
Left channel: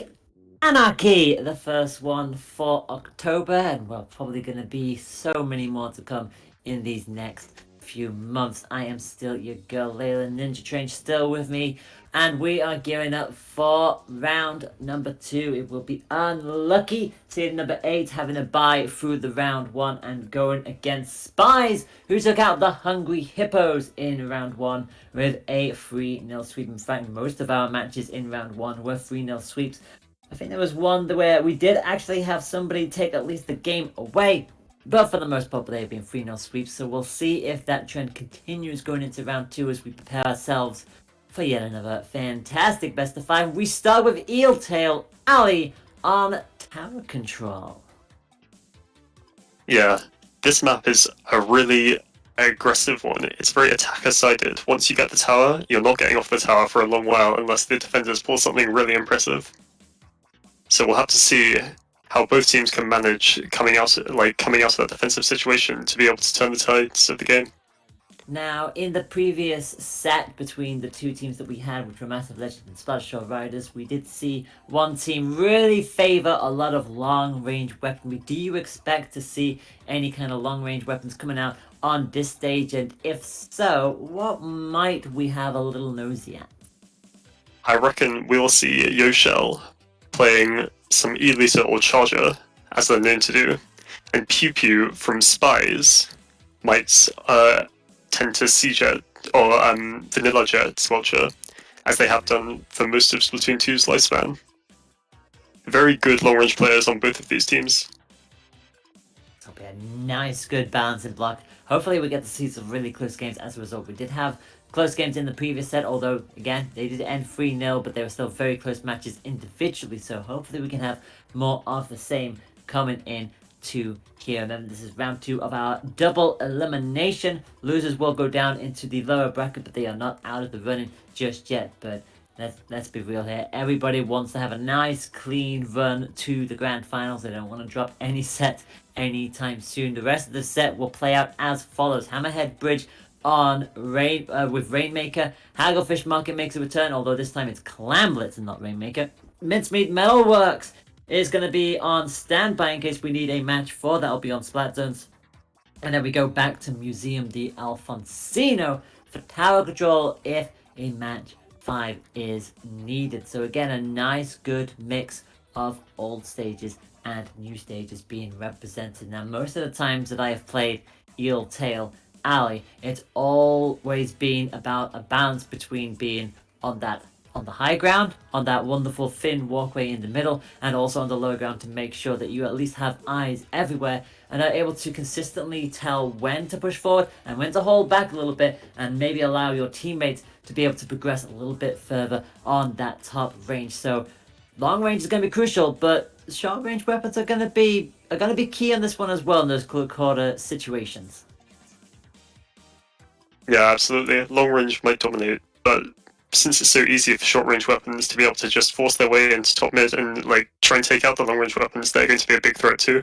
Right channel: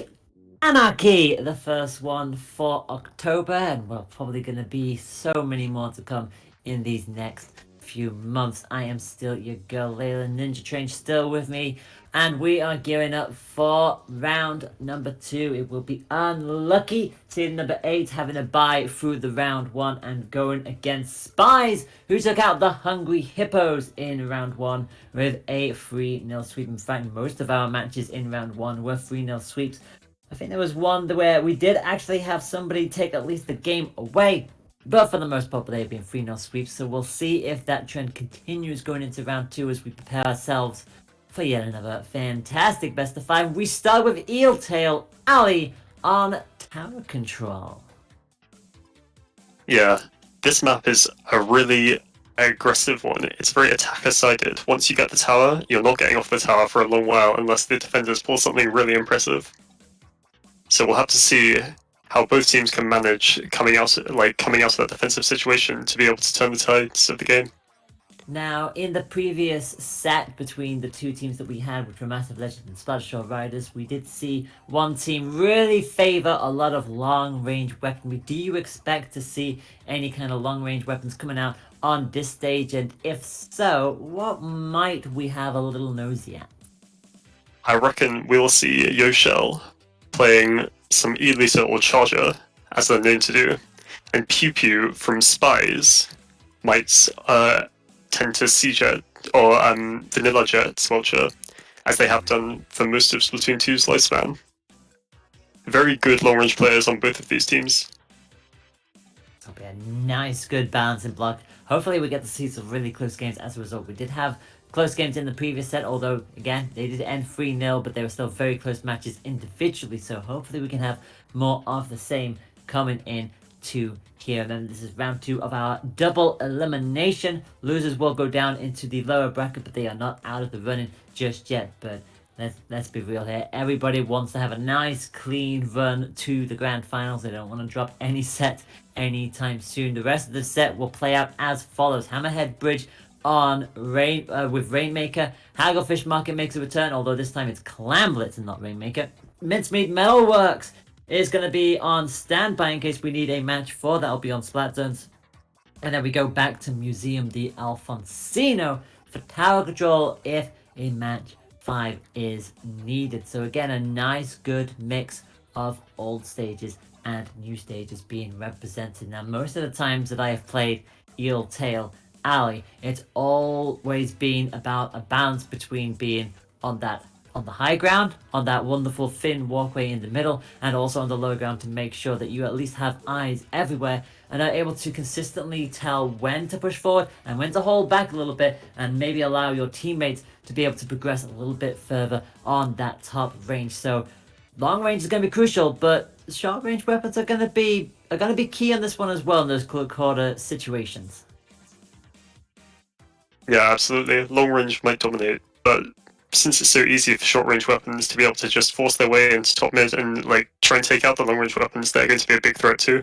Anarchy, the first one for October, and we're probably going to be so many more to come in these next few months. I am still your girl, Layla Ninja Train, still with me, and we are gearing up for round number 2. It will be unlucky seed number 8 having a bye through the round 1 and going against Spies, who took out the Hungry Hippos in round 1 with a 3-0 sweep. In fact, most of our matches in round 1 were 3-0 sweeps. I think there was one where we did actually have somebody take at least the game away, but for the most part they've been 3-0 sweeps, so we'll see if that trend continues going into round 2 as we prepare ourselves for yet another fantastic best of 5. We start with Eeltail Ali on tower control. Yeah, this map is a really aggressive one. It's very attacker-sided. Once you get the tower, you're not getting off the tower for a long while unless the defenders pull something really impressive. So we'll have to see how both teams can manage coming out of that defensive situation to be able to turn the tides of the game. Now, in the previous set between the two teams that we had, which were Massive Legends and Splattershore Riders, we did see one team really favour a lot of long-range weaponry. Do you expect to see any kind of long-range weapons coming out on this stage? And if so, what might we have a little nosy at? I reckon we'll see Yoshell playing some E-Liter or Charger, as they're known to do, and Pew Pew from Spies might tend to C-Jet or Vanilla Jet Squelcher, as they have done for most of Splatoon 2's lifespan. Very good long-range players on both of these teams. It'll be a nice, good balance in block. Hopefully we get to see some really close games as a result. We did have close games in the previous set, although, again, they did end 3-0, but they were still very close matches individually, so hopefully we can have more of the same coming in to here. Remember, this is round 2 of our double elimination. Losers will go down into the lower bracket, but they are not out of the running just yet. But let's be real here. Everybody wants to have a nice, clean run to the grand finals. They don't want to drop any set anytime soon. The rest of the set will play out as follows. Hammerhead Bridge on with Rainmaker. Hagglefish Market makes a return, although this time it's Clamblitz and not Rainmaker. Mincemeat Metalworks is going to be on standby in case we need a match for. That'll be on Splat Zones. And then we go back to Museum de Alfonsino for tower control if a match 5 is needed. So again, a nice good mix of old stages and new stages being represented. Now, most of the times that I have played Eeltail Alley, it's always been about a balance between being on the high ground, on that wonderful thin walkway in the middle, and also on the low ground to make sure that you at least have eyes everywhere and are able to consistently tell when to push forward and when to hold back a little bit and maybe allow your teammates to be able to progress a little bit further on that top range. So long range is going to be crucial, but short range weapons are going to be key on this one as well in those quarter situations. Yeah, absolutely. Long range might dominate, but since it's so easy for short range weapons to be able to just force their way into top mid and try and take out the long range weapons, they're going to be a big threat too.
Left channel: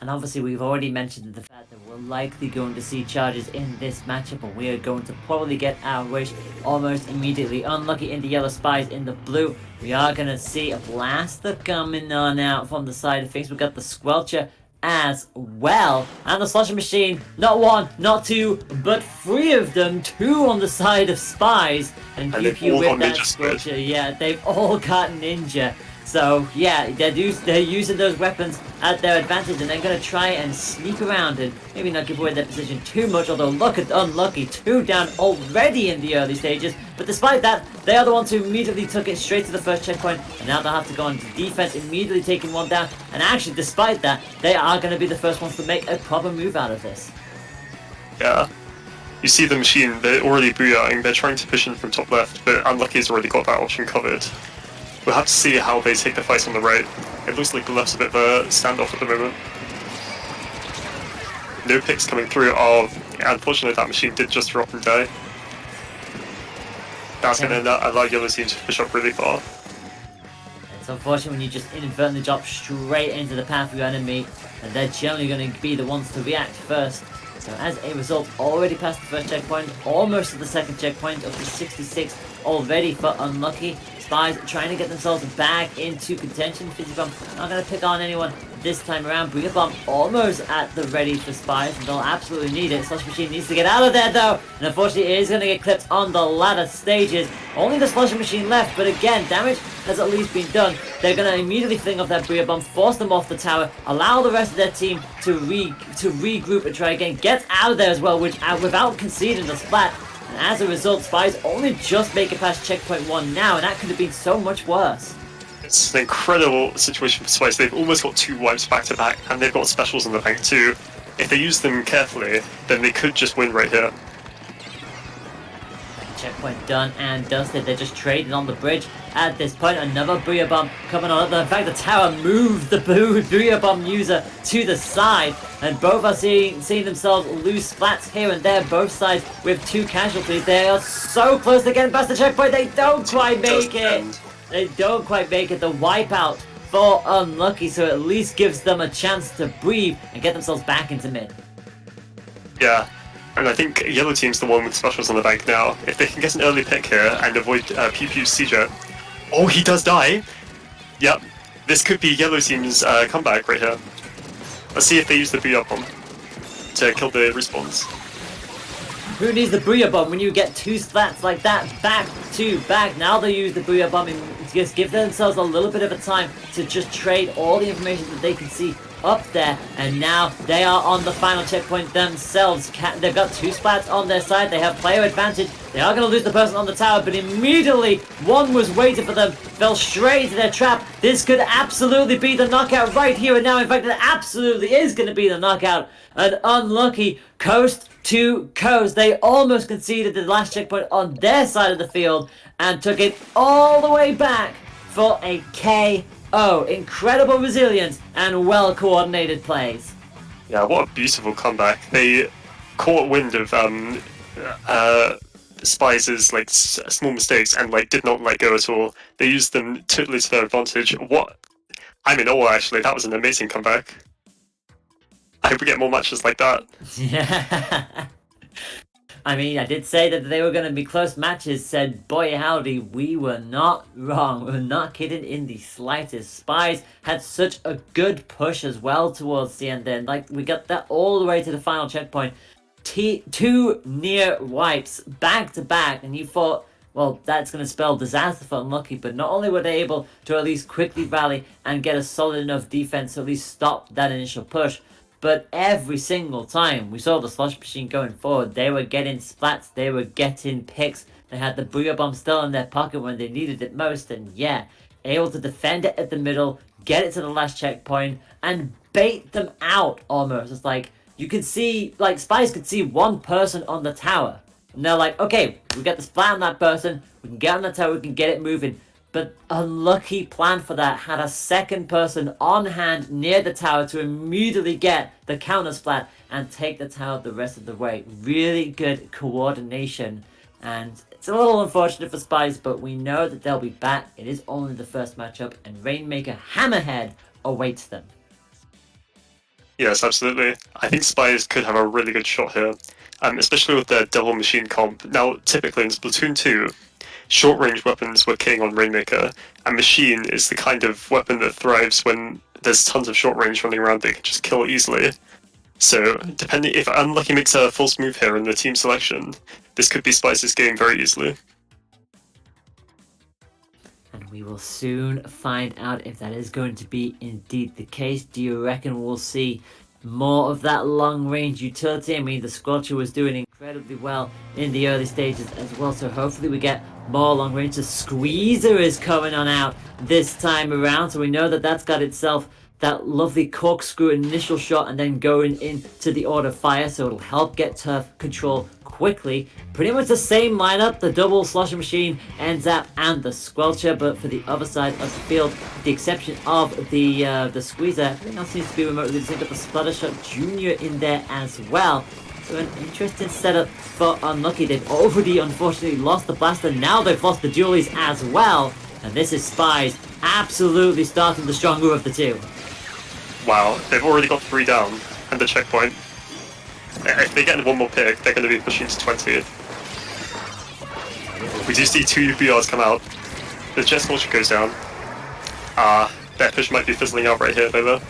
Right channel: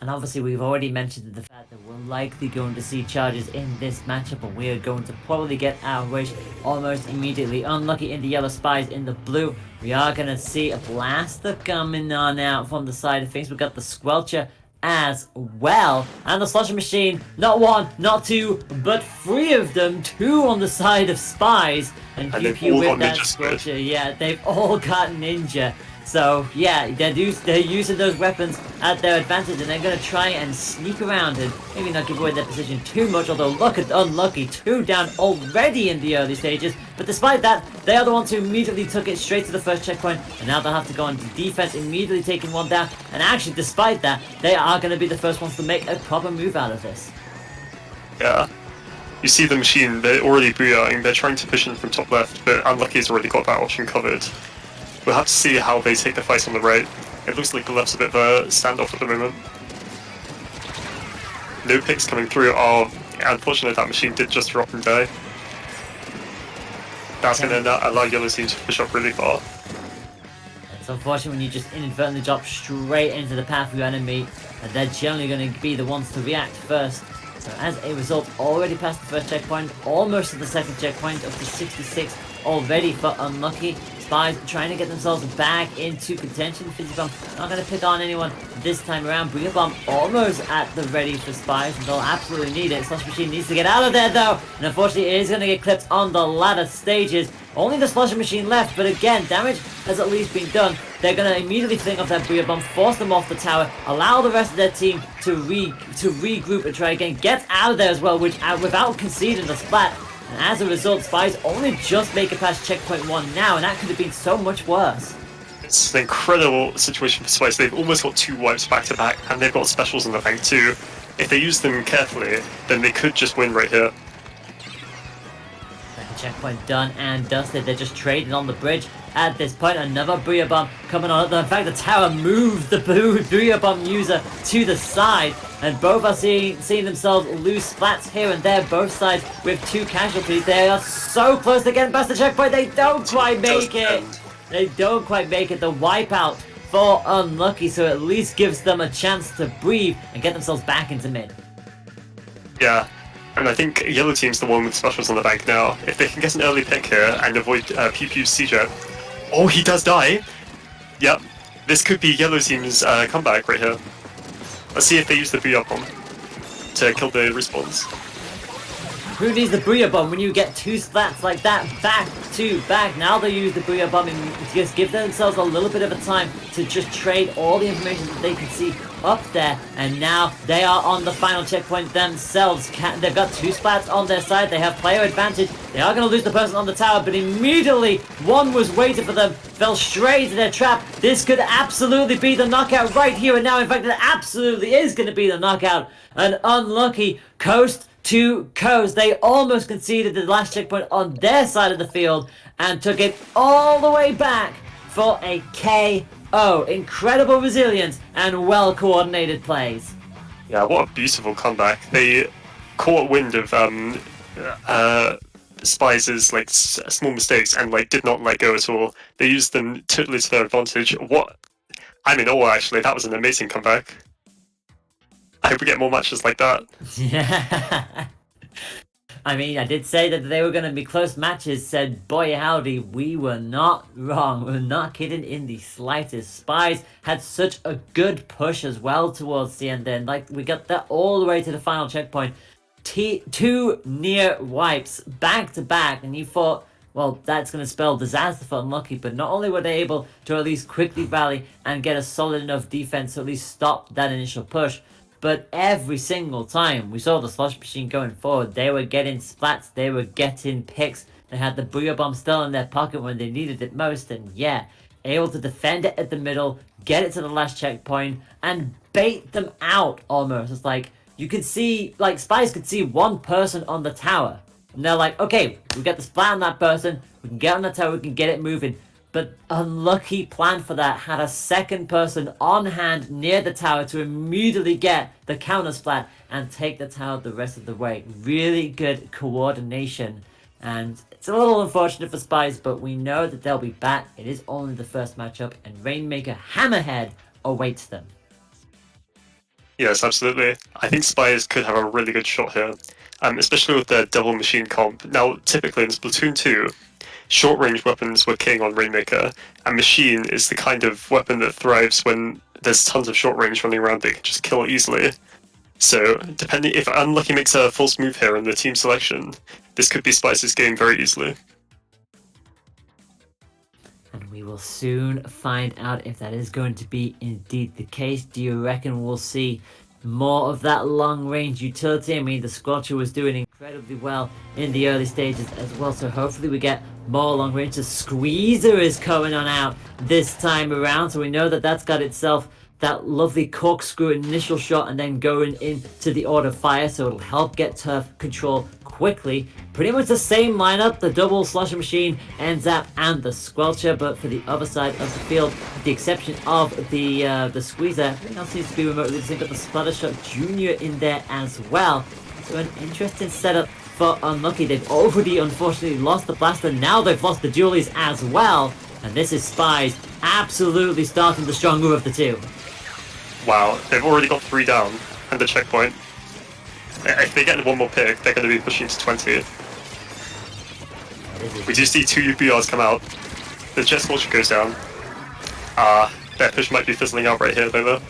And obviously we've already mentioned the fact that we're likely going to see charges in this matchup, and we are going to probably get our wish almost immediately. Unlucky in the yellow, Spies in the blue. We are going to see a blaster coming on out from the side of things. We've got the Squelcher as well, and the Slosher Machine, not 1, not 2, but 3 of them, 2 on the side of Spies, and Pew Pew with that Squelcher. Yeah, they've all got Ninja. So yeah, they're using those weapons at their advantage, and they're going to try and sneak around and maybe not give away their position too much, although look at Unlucky, 2 down already in the early stages. But despite that, they are the ones who immediately took it straight to the first checkpoint, and now they'll have to go into defense, immediately taking 1 down. And actually, despite that, they are going to be the first ones to make a proper move out of this. Yeah. You see the machine, they're already booyahing, they're trying to push in from top left, but Unlucky's already got that option covered. We'll have to see how they take the fight on the right. It looks like the left's a bit of a standoff at the moment. No picks coming through. Oh, unfortunately that machine did just drop and die. That's going to allow yellow team to push up really far. It's unfortunate when you just inadvertently drop straight into the path of your enemy, and they're generally going to be the ones to react first. So as a result, already past the first checkpoint, almost to the second checkpoint, up to 66 already for Unlucky. Spies trying to get themselves back into contention. Fizzy Bomb not going to pick on anyone this time around. Booyah Bomb almost at the ready for Spies, and they'll absolutely need it. Slush Machine needs to get out of there though, and unfortunately it is going to get clipped on the latter stages. Only the Slush Machine left, but again, damage has at least been done. They're going to immediately fling off that Booyah Bomb, force them off the tower, allow the rest of their team to regroup and try again, get out of there as well, which without conceding the splat. And as a result, Spies only just make it past checkpoint 1 now, and that could have been so much worse. It's an incredible situation for Spice. They've almost got 2 wipes back to back, and they've got specials in the bank too. If they use them carefully, then they could just win right here. Checkpoint done and dusted. They're just trading on the bridge at this point. Another Booyah Bomb coming on. In fact, the tower moved the Booyah Bomb user to the side, and both are seeing themselves lose splats here and there, both sides with 2 casualties. They are so close to getting past the checkpoint. They don't quite make it. They don't quite make it. The wipeout for Unlucky, so at least gives them a chance to breathe and get themselves back into mid. Yeah. And I think Yellow Team's the one with specials on the bank now. If they can get an early pick here and avoid Pew Pew's CJ. Oh, he does die! Yep. This could be Yellow Team's comeback right here. Let's see if they use the Booyah Bomb to kill the respawns. Who needs the Booyah Bomb when you get 2 splats like that back to back? Now they use the Booyah Bomb and just give themselves a little bit of a time to just trade all the information that they can see up there, and now they are on the final checkpoint themselves. They've got 2 splats on their side. They have player advantage. They are going to lose the person on the tower, but immediately one was waiting for them, fell straight into their trap. This could absolutely be the knockout right here and now. In fact, it absolutely is going to be the knockout. An Unlucky coast to coast. They almost conceded the last checkpoint on their side of the field and took it all the way back for a KO. Incredible resilience and well-coordinated plays. Yeah, what a beautiful comeback. They caught wind of Spies' like small mistakes and like did not let go at all. They used them totally to their advantage. I'm in awe, actually. That was an amazing comeback. I hope we get more matches like that. Yeah. I mean, I did say that they were going to be close matches, said boy howdy, we were not wrong. We're not kidding in the slightest. Spies had such a good push as well towards the end then. Like, we got that all the way to the final checkpoint. 2 near wipes back to back, and you thought, well, that's going to spell disaster for Unlucky, but not only were they able to at least quickly rally and get a solid enough defense to at least stop that initial push, but every single time we saw the Slush Machine going forward, they were getting splats, they were getting picks, they had the Booyah Bomb still in their pocket when they needed it most, and yeah, able to defend it at the middle, get it to the last checkpoint, and bait them out almost. It's like, you could see, like, Spies could see one person on the tower, and they're like, okay, we get the splat on that person, we can get on the tower, we can get it moving. But Unlucky plan for that, had a second person on hand near the tower to immediately get the counter splat and take the tower the rest of the way. Really good coordination, and it's a little unfortunate for Spies, but we know that they'll be back. It is only the first matchup, and Rainmaker Hammerhead awaits them. Yes, absolutely. I think Spies could have a really good shot here, especially with their double machine comp. Now, typically in Splatoon 2, short-range weapons were king on Rainmaker, and Machine is the kind of weapon that thrives when there's tons of short-range running around that can just kill easily. So, depending if Unlucky makes a false move here in the team selection, this could be Spice's game very easily. And we will soon find out if that is going to be indeed the case. Do you reckon we'll see more of that long-range utility? I mean, the Squelcher was doing incredibly well in the early stages as well, so hopefully we get more long-range. The Squeezer is coming on out this time around, so we know that that's got itself that lovely corkscrew initial shot and then going into the order fire, so it'll help get turf control quickly. Pretty much the same lineup, the double Slusher Machine, N-Zap, and the Squelcher, but for the other side of the field, with the exception of the Squeezer, everything else seems to be remotely the same, but the Splattershore Jr. in there as well. So an interesting setup for Unlucky. They've already unfortunately lost the Blaster, now they've lost the Dualies as well, and this is Spies absolutely starting the stronger of the two. Wow, they've already got 3 down, and the checkpoint. If they get one more pick, they're going to be pushing to 20. We do see 2 BRs come out. The Jet Scorcher goes down. That push might be fizzling out right here, though.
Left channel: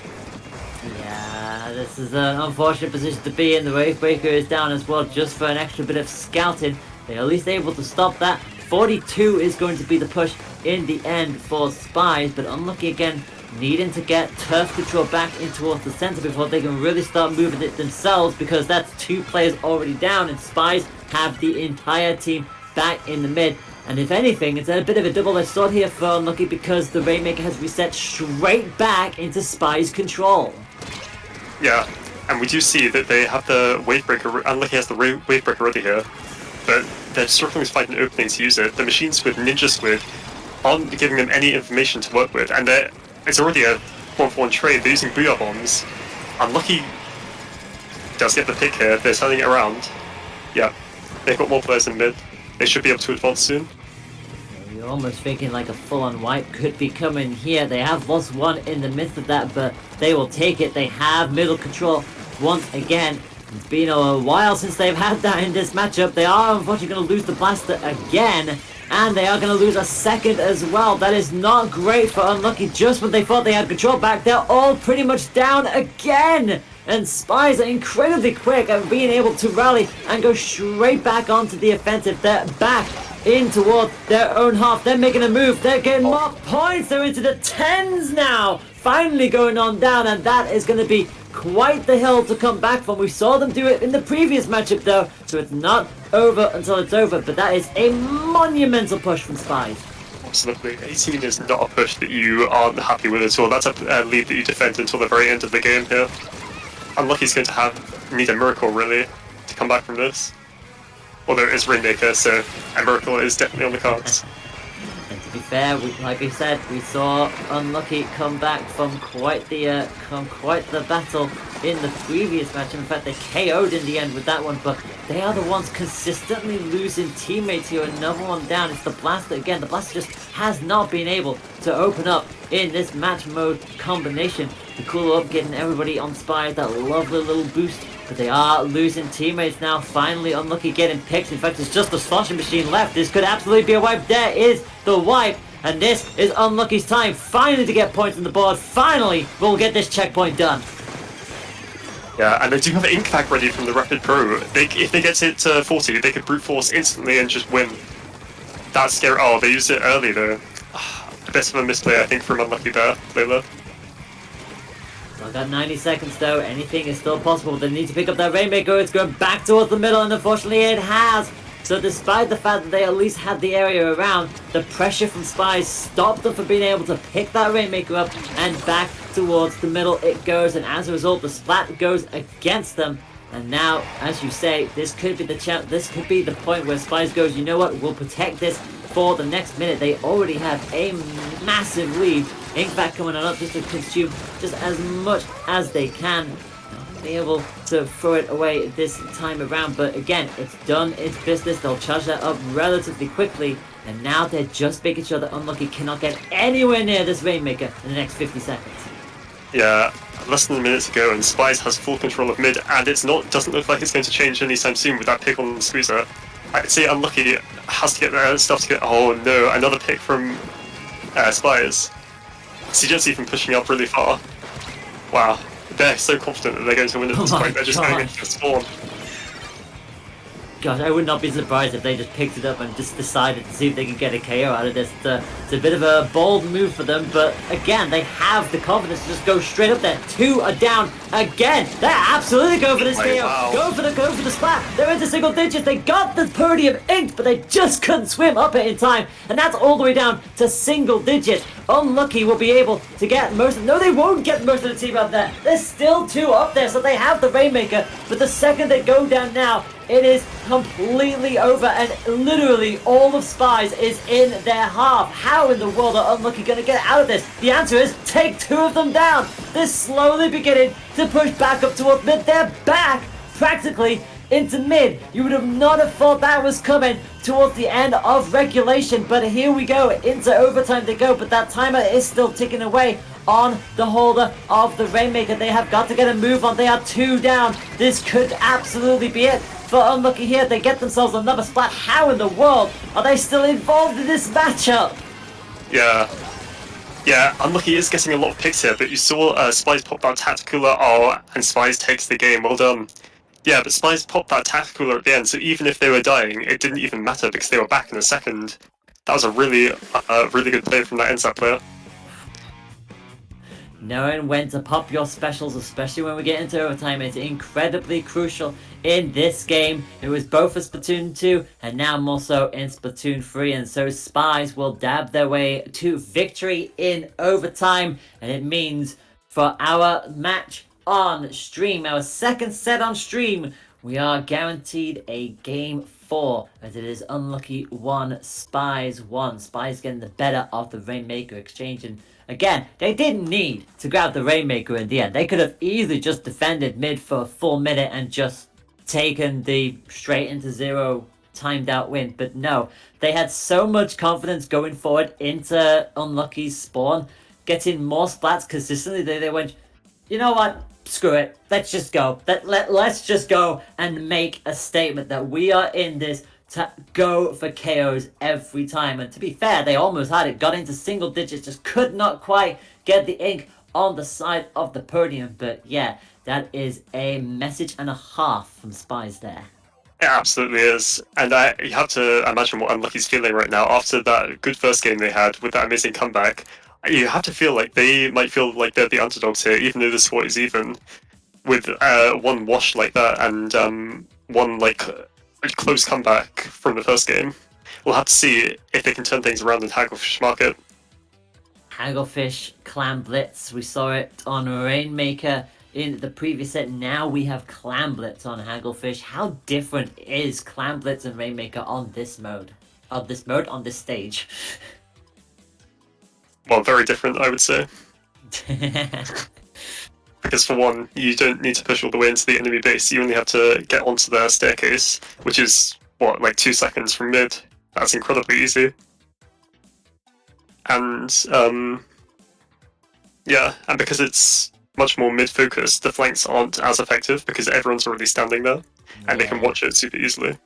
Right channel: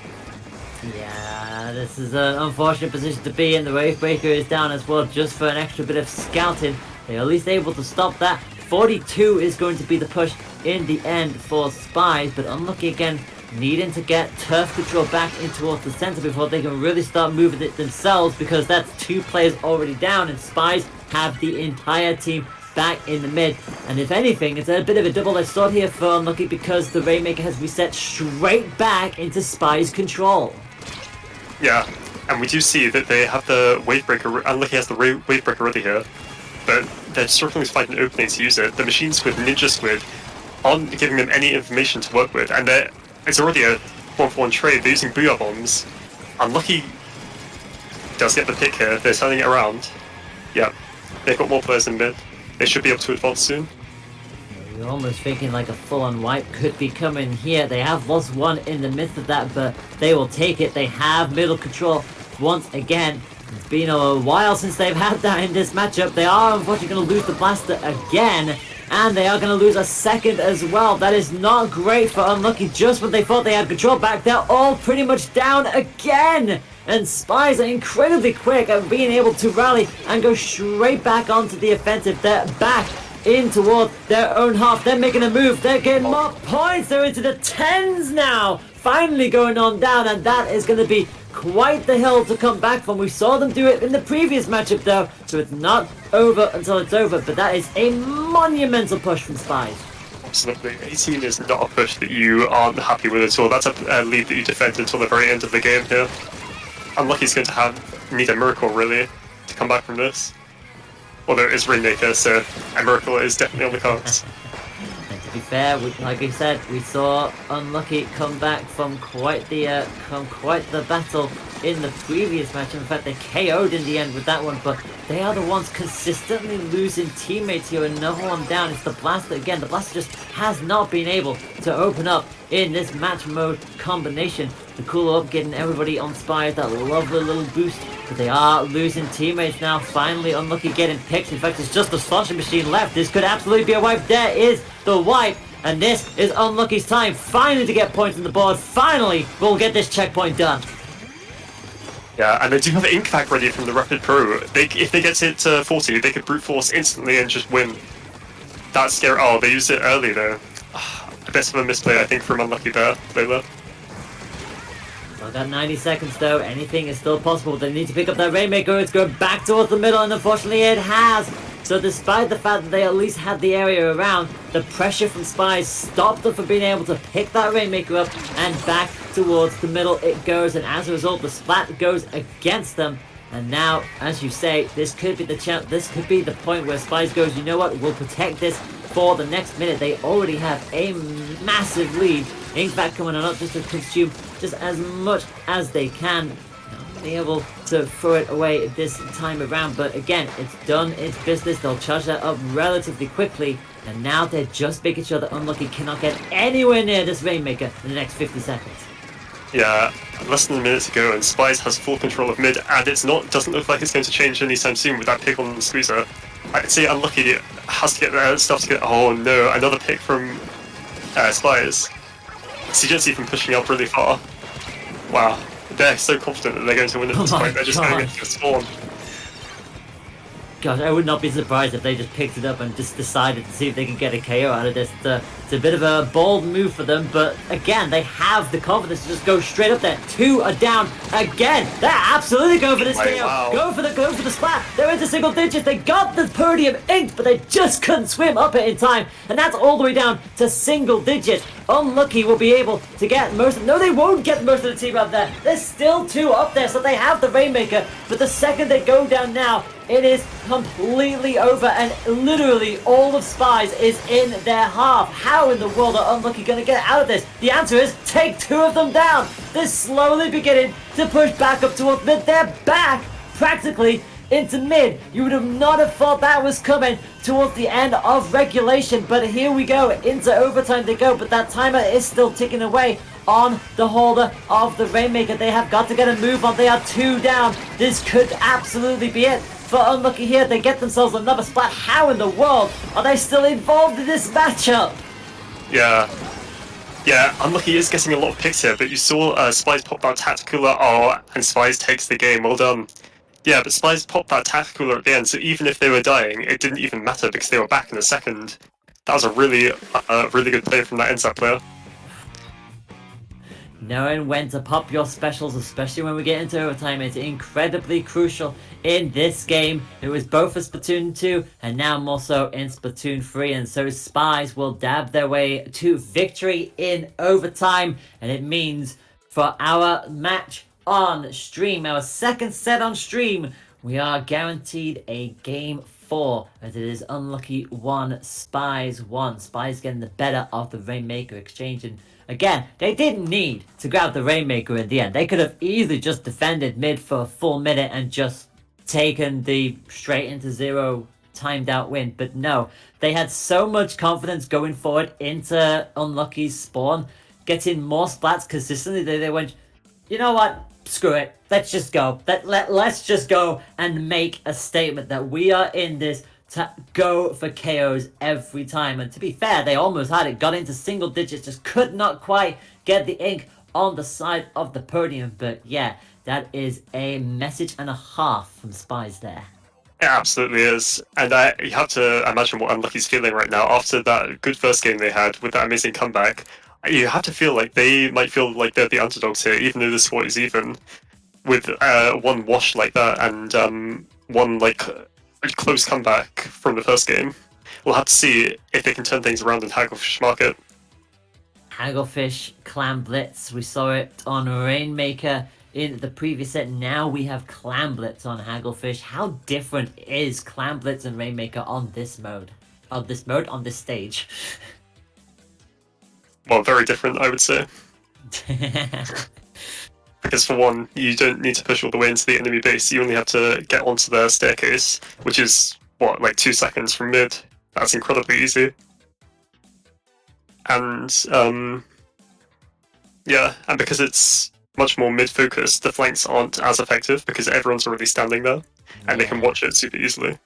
Yeah, this is an unfortunate position to be in. The Wavebreaker is down as well, just for an extra bit of scouting. They're at least able to stop that. 42 is going to be the push in the end for Spies, but unlucky again, needing to get turf control back in towards the center before they can really start moving it themselves, because that's 2 players already down, and Spies have the entire team back in the mid. And if anything, it's a bit of a double-edged sword here for Unlucky, because the Rainmaker has reset straight back into Spies control. Yeah, and we do see that they have the Wavebreaker. Unlucky has the Wavebreaker already here, but they're struggling to find an opening to use it. The Machine Squid, Ninja Squid aren't giving them any information to work with, and it's already a 1-for-1 trade. They're using Booyah Bombs. Unlucky does get the pick here. They're turning it around. Yeah, they've got more players in mid. They should be able to advance soon. You're almost thinking like a full-on wipe could be coming here. They have lost 1 in the midst of that, but they will take it. They have middle control once again. It's been a while since they've had that in this matchup. They are unfortunately going to lose the blaster again, and they are going to lose a second as well. That is not great for Unlucky. Just when they thought they had control back, they're all pretty much down again. And Spies are incredibly quick at being able to rally and go straight back onto the offensive. They're back in towards their own half. They're making a move. They're getting more points. They're into the 10s now. Finally going on down, and that is going to be quite the hill to come back from. We saw them do it in the previous matchup though, so it's not over until it's over, but that is a monumental push from Spies. Absolutely. 18 is not a push that you aren't happy with at all. That's a lead that you defend until the very end of the game here. Unlucky's going to need a miracle, really, to come back from this. Although it is Rainmaker, so a miracle is definitely on the cards. And to be fair, like I said, we saw Unlucky come back from quite the battle in the previous match. In fact, they KO'd in the end with that one, but they are the ones consistently losing teammates here. Another one down. It's the Blaster again. The Blaster just has not been able to open up in this match mode combination to cool up, getting everybody on Spies that lovely little boost. But they are losing teammates now. Finally, Unlucky getting picked. In fact, it's just the slashing machine left. This could absolutely be a wipe. There is the wipe. And this is Unlucky's time finally to get points on the board. Finally, we'll get this checkpoint done. Yeah, and they do have Ink back ready from the Rapid Pro. If they get it to 40, they could brute force instantly and just win. That's scary. Oh, they used it early though. A bit of a misplay, I think, from Unlucky there, Layla. Well, that 90 seconds though, anything is still possible. They need to pick up that Rainmaker. It's going back towards the middle, and unfortunately it has. So despite the fact that they at least had the area around, the pressure from Spies stopped them from being able to pick that Rainmaker up, and back towards the middle it goes, and as a result the Splat goes against them. And now, as you say, this could be the point where Spies goes, you know what, we'll protect this for the next minute. They already have a massive lead. Ink back coming on up just to consume just as much as they can. Be able to throw it away this time around, but again, it's done its business. They'll charge that up relatively quickly, and now they're just making sure that Unlucky cannot get anywhere near this Rainmaker in the next 50 seconds. Yeah, less than a minute to go, and Spies has full control of mid, and doesn't look like it's going to change anytime soon with that pick on the squeezer. I'd say Unlucky has to get their stuff to get. Oh no, another pick from Spies. CJC from pushing up really far. Wow. They're so confident that they're going to win at this point. They're just going to get to spawn. Gosh, I would not be surprised if they just picked it up and just decided to see if they could get a KO out of this. It's a bit of a bold move for them, but again, they have the confidence to just go straight up there. 2 are down again. They're absolutely going for this KO. Wow. Go for the Splat. They're into single digits. They got the podium inked, but they just couldn't swim up it in time, and that's all the way down to single digits. Unlucky will be able to get most of... No, they won't get most of the team up there. There's still 2 up there, so they have the Rainmaker, but the second they go down now, it is completely over, and literally all of Spies is in their half. How in the world are Unlucky going to get out of this? The answer is take 2 of them down. They're slowly beginning to push back up towards mid. They're back practically into mid. You would have not have thought that was coming towards the end of regulation, but here we go. Into overtime they go, but that timer is still ticking away. on the holder of the Rainmaker. They have got to get a move on. They are 2 down. This could absolutely be it for Unlucky here. They get themselves another splat. How in the world are they still involved in this matchup? Yeah, Unlucky is getting a lot of picks here, but you saw Spies pop that Tacticular, and Spies takes the game, well done. Yeah, but Spies popped that Tacticular at the end, so even if they were dying, it didn't even matter because they were back in a second. That was a really good play from that inside player. Knowing when to pop your specials, especially when we get into overtime, is incredibly crucial in this game. It was both for Splatoon 2 and now more so in Splatoon 3, and so Spies will dab their way to victory in overtime, and it means for our match on stream, our second set on stream, we are guaranteed a game 4, as it is Unlucky 1, Spies 1. Spies getting the better of the Rainmaker exchange, and again, they didn't need to grab the Rainmaker in the end. They could have easily just defended mid for a full minute and just taken the straight into 0 timed out win. But no, they had so much confidence going forward into Unlucky's spawn, getting more splats consistently. They went, you know what? Screw it. Let's just go. Let's just go and make a statement that we are in this to go for KOs every time. And to be fair, they almost had it. Got into single digits. Just could not quite get the ink on the side of the podium. But yeah, that is a message and a half from Spies there. It absolutely is. And you have to imagine what Unlucky's feeling right now. After that good first game they had with that amazing comeback, you have to feel like they might feel like they're the underdogs here, even though the score is even. With one wash like that and one like a close comeback from the first game. We'll have to see if they can turn things around in Hagglefish Market. Hagglefish, Clan Blitz, we saw it on Rainmaker in the previous set. Now we have Clan Blitz on Hagglefish. How different is Clan Blitz and Rainmaker on this mode? On this stage? Well, very different, I would say. Because for one, you don't need to push all the way into the enemy base, you only have to get onto their staircase, which is, what, like 2 seconds from mid. That's incredibly easy. And, yeah, and because it's much more mid-focused, the flanks aren't as effective because everyone's already standing there, and they can watch it super easily.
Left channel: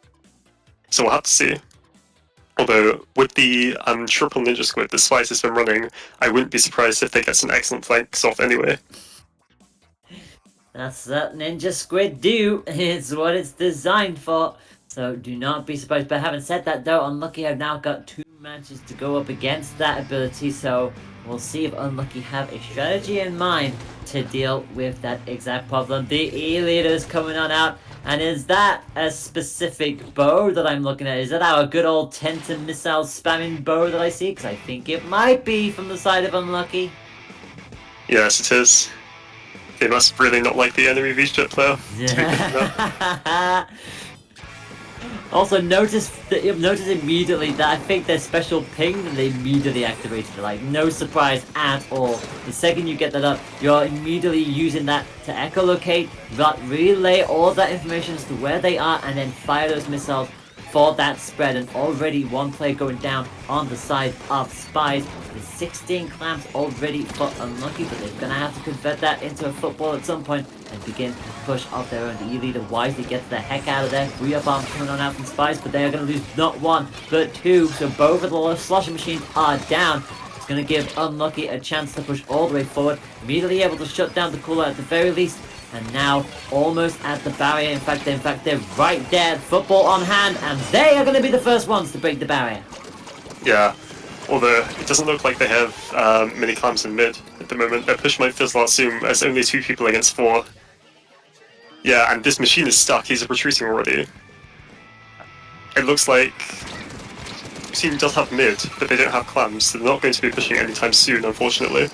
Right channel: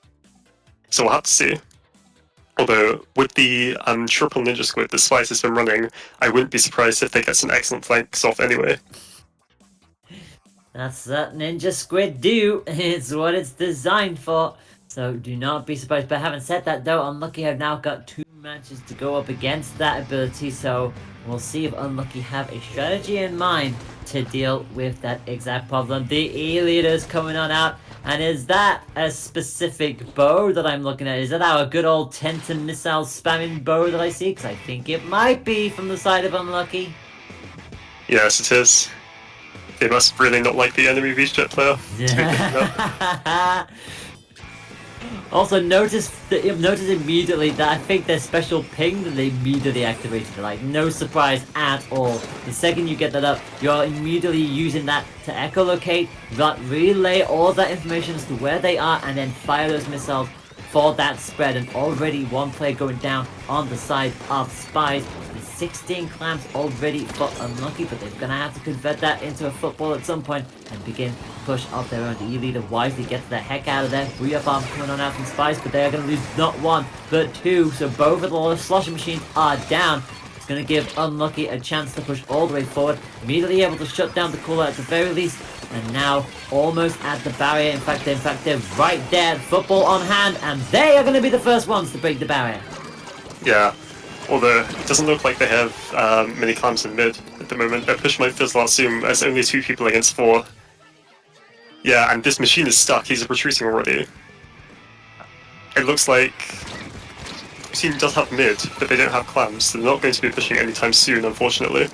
So we'll have to see. Although, with the triple ninja squid that Spice has been running, I wouldn't be surprised if they get some excellent flanks off anyway. That's what Ninja Squid do. It's what it's designed for. So do not be surprised. But having said that though, Unlucky have now got 2 matches to go up against that ability. So we'll see if Unlucky have a strategy in mind to deal with that exact problem. The E-leader's coming on out. And is that a specific bow that I'm looking at? Is that our good old Tenton missile spamming bow that I see? Because I think it might be from the side of Unlucky. Yes, it is. They must really not like the enemy V-Jet player. Yeah. Also, notice immediately that I think their special ping that they immediately activated. Like, no surprise at all. The second you get that up, you're immediately using that to echolocate, relay all that information as to where they are, and then fire those missiles for that spread. And already one player going down on the side of Spies. The 16 clamps already for Unlucky, but they're going to have to convert that into a football at some point and begin to push off their own. The E-leader wisely gets the heck out of there. 3 of bombs coming on out from Spies, but they are going to lose not 1, but 2. So both of the slosher machines are down. It's going to give Unlucky a chance to push all the way forward. Immediately able to shut down the cooler at the very least. And now almost at the barrier. In fact, they're right there. Football on hand, and they are going to be the first ones to break the barrier. Yeah, although it doesn't look like they have many clamps in mid at the moment. Their push might fizzle out soon as only 2 people against 4. Yeah, and this machine is stuck. He's retreating already. It looks like the team does have mid, but they don't have clamps, so they're not going to be pushing anytime soon, unfortunately.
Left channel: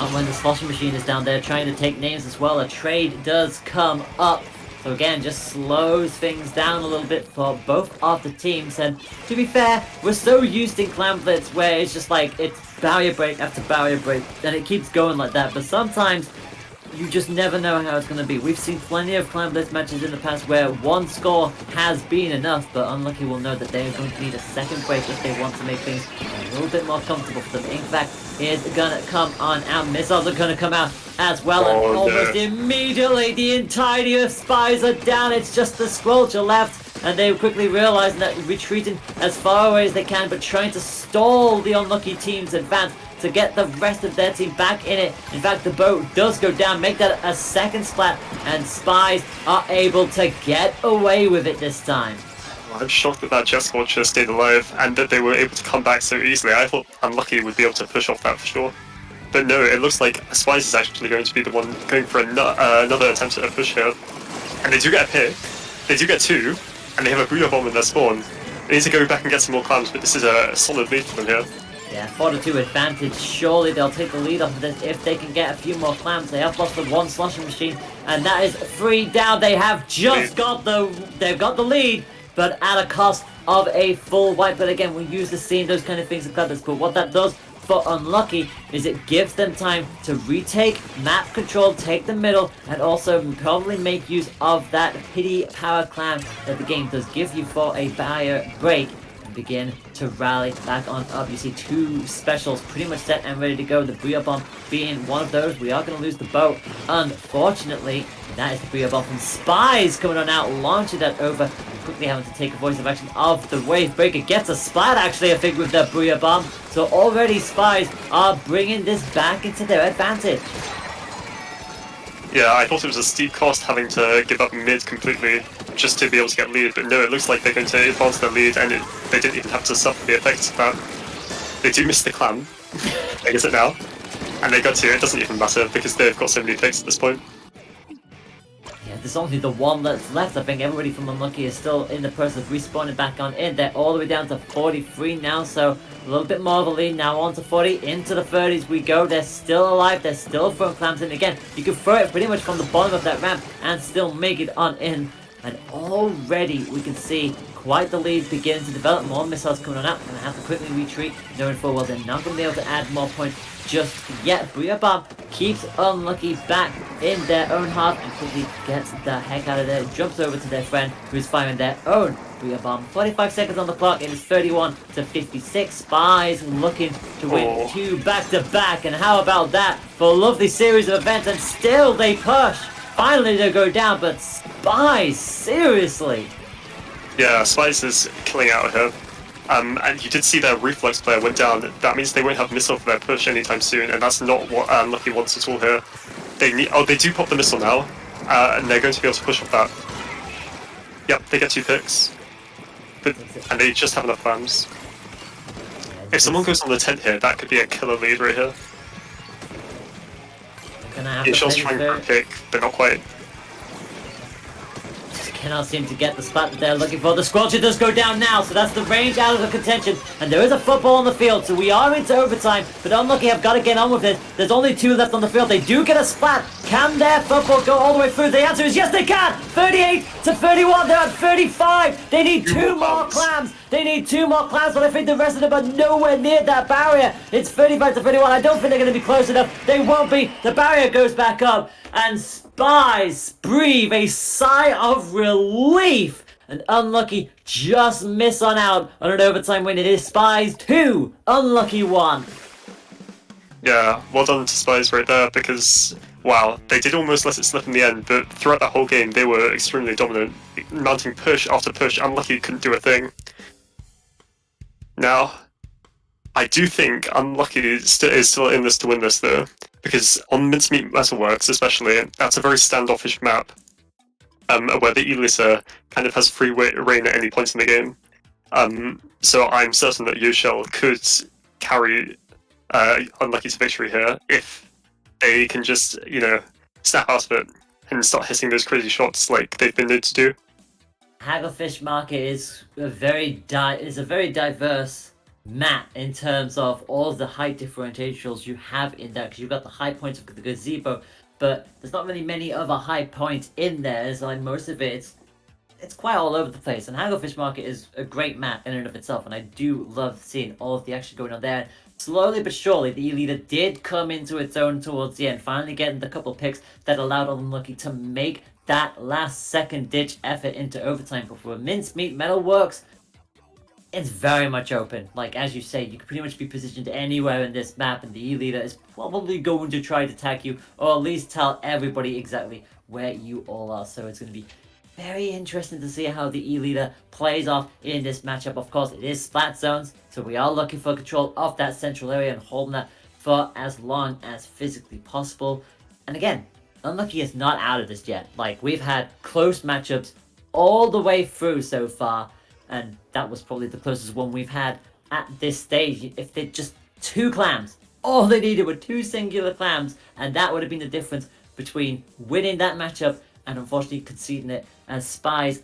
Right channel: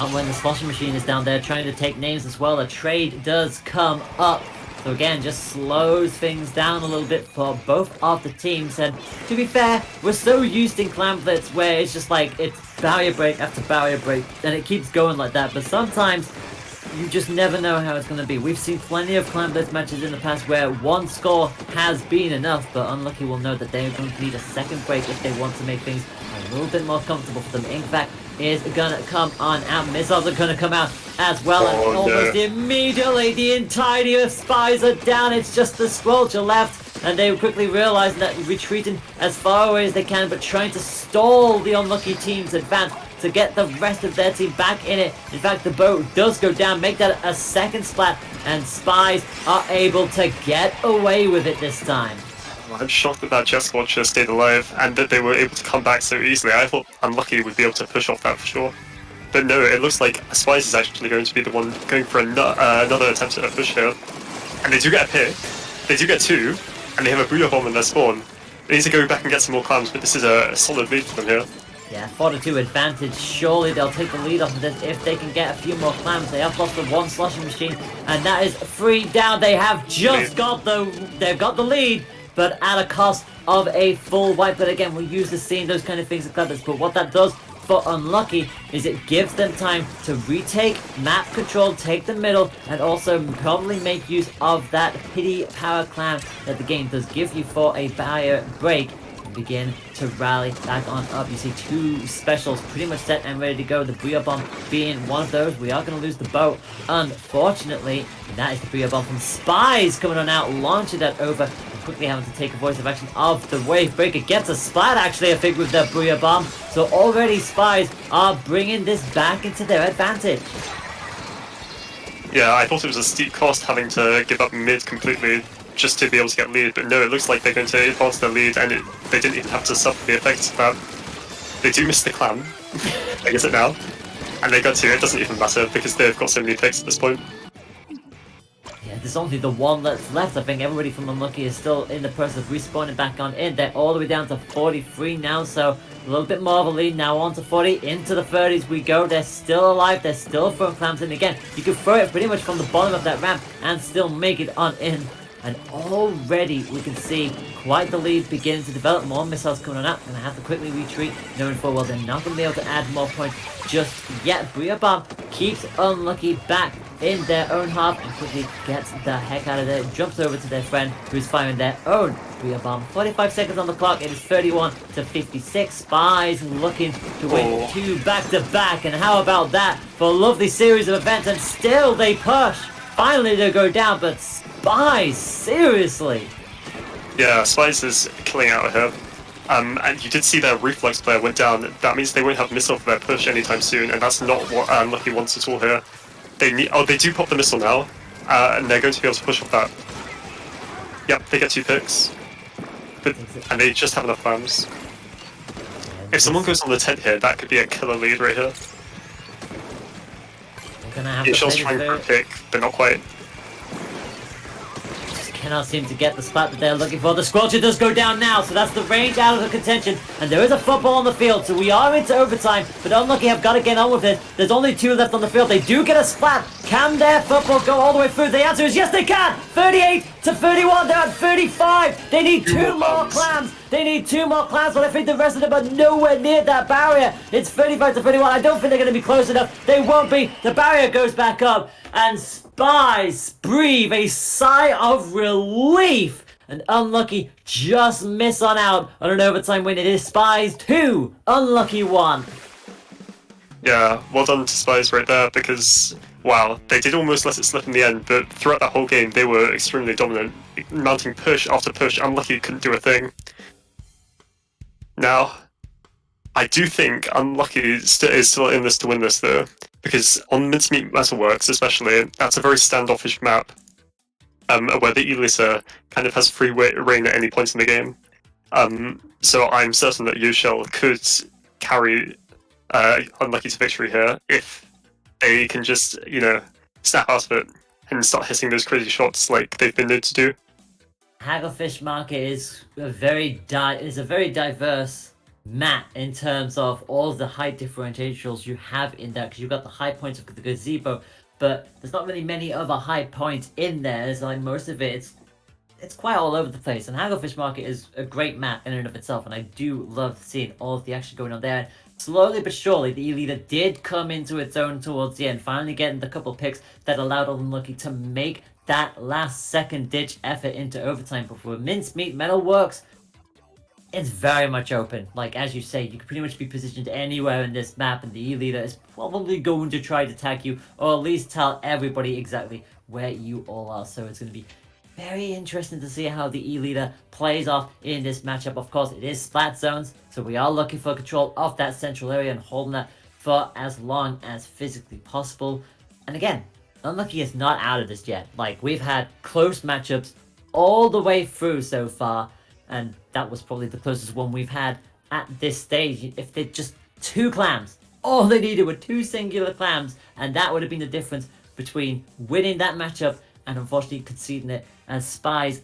Not when the slosher machine is down there trying to take names as well. A trade does come up. So again, just slows things down a little bit for both of the teams. And to be fair, we're so used in Clan Blitz where it's just like, it's barrier break after barrier break, and it keeps going like that. But sometimes you just never know how it's going to be. We've seen plenty of Clan Blitz matches in the past where one score has been enough, but Unlucky will know that they're going to need a second break if they want to make things a little bit more comfortable for them. Ink Vac is going to come on out. Missiles are going to come out as well, and almost immediately the entirety of Spies are down. It's just the Squelcher left, and they quickly realize that retreating as far away as they can, but trying to stall the Unlucky team's advance to get the rest of their team back in it. In fact, the boat does go down, make that a second splat, and Spies are able to get away with it this time. I'm shocked that that Jet Squelcher stayed alive and that they were able to come back so easily. I thought Unlucky would be able to push off that for sure. But no, it looks like Spies is actually going to be the one going for another attempt at a push here. And they do get a pick, they do get two, and they have a Booyah Bomb in their spawn. They need to go back and get some more clams, but this is a solid lead for them here. Yeah, 4-2 advantage. Surely they'll take the lead off of this if they can get a few more clams. They have lost the one sloshing machine, and that is 3 down. They have just got the lead, but at a cost of a full wipe. But again, we're used to seeing those kind of things in Clever's. But what that does for Unlucky is it gives them time to retake map control, take the middle, and also probably make use of that pity power clam that the game does give you for a barrier break. Begin to rally back on up. You see two specials pretty much set and ready to go. The Booyah Bomb being one of those. We are going to lose the boat, unfortunately. And that is the Booyah Bomb from Spies coming on out, launching that over, and quickly having to take a voice of action of the Wave Breaker. Gets a splat, actually, I think, with that Booyah Bomb. So already Spies are bringing this back into their advantage. Yeah, I thought it was a steep cost having to give up mid completely just to be able to get lead, but no, it looks like they're going to advance their lead, and they didn't even have to suffer the effects of that. They do miss the clam, I guess it now, and they got to, it doesn't even matter because they've got so many picks at this point. Yeah, there's only the one that's left. I think everybody from Unlucky is still in the process of respawning back on in. They're all the way down to 43 now, so a little bit more of a lead now, on to 40, into the 30s we go. They're still alive, they're still throwing clams in. Again, you can throw it pretty much from the bottom of that ramp and still make it on in. And already we can see quite the lead beginning to develop. More missiles coming on up. Gonna have to quickly retreat, knowing full well they're not gonna be able to add more points just yet. Booyah Bomb keeps Unlucky back in their own half and quickly gets the heck out of there. Jumps over to their friend who's firing their own Booyah Bomb. 45 seconds on the clock. It is 31 to 56. Spies looking to win 2 back-to-back. And how about that for a lovely series of events? And still they push. Finally they go down, but Spies, seriously. Yeah, Spies is killing out of here. And you did see their reflex player went down. That means they won't have missile for their push anytime soon, and that's not what Unlucky wants at all here. They need. Oh, they do pop the missile now, and they're going to be able to push off that. Yep, they get 2 picks, and they just have enough clams. If someone goes on the tent here, that could be a killer lead right here. Shell's trying for a pick, but not quite. Cannot seem to get the spot that they're looking for. The Squelcher does go down now, so that's the range out of the contention. And there is a football on the field, so we are into overtime. But Unlucky have got to get on with it. There's only 2 left on the field. They do get a splat. Can their football go all the way through? The answer is yes, they can. 38 to 31. They're at 35. They need 2 more clams. They need 2 more clams, but I think the rest of them are nowhere near that barrier. It's 35 to 31. I don't think they're going to be close enough. They won't be. The barrier goes back up, and Spies breathe a sigh of relief. And Unlucky just miss on out on an overtime win. It is Spies 2, Unlucky 1. Yeah, well done to Spies right there, because, wow, they did almost let it slip in the end, but throughout that whole game they were extremely dominant, mounting push after push. Unlucky couldn't do a thing. Now, I do think Unlucky is still in this to win this though, because on Mincemeat Metalworks especially, that's a very standoffish map, where the Elisa kind of has free reign at any point in the game. So I'm certain that Yoshell could carry Unlucky to victory here if they can just, you know, snap out of it and start hitting those crazy shots like they've been known to do. Hagglefish Market is a very diverse map in terms of all the height differentials you have in there, because you've got the high points of the gazebo, but there's not really many other high points in there. It's like most of it's quite all over the place, and Hagglefish Market is a great map in and of itself, and I do love seeing all of the action going on there. slowly but surely, the E-Leader did come into its own towards the end, finally getting the couple picks that allowed Unlucky to make that last second-ditch effort into overtime. But for Mincemeat Metalworks, it's very much open. Like, as you say, you could pretty much be positioned anywhere in this map, and the E-Leader is probably going to try to tag you, or at least tell everybody exactly where you all are. So it's going to be very interesting to see how the E-Leader plays off in this matchup. Of course, it is Splat Zones, so we are looking for control of that central area and holding that for as long as physically possible. And again, Unlucky is not out of this yet. Like, we've had close matchups all the way through so far, and that was probably the closest one we've had at this stage. If they'd just 2 clams, all they needed were 2 singular clams, and that would have been the difference between winning that matchup and unfortunately conceding it. And Spies,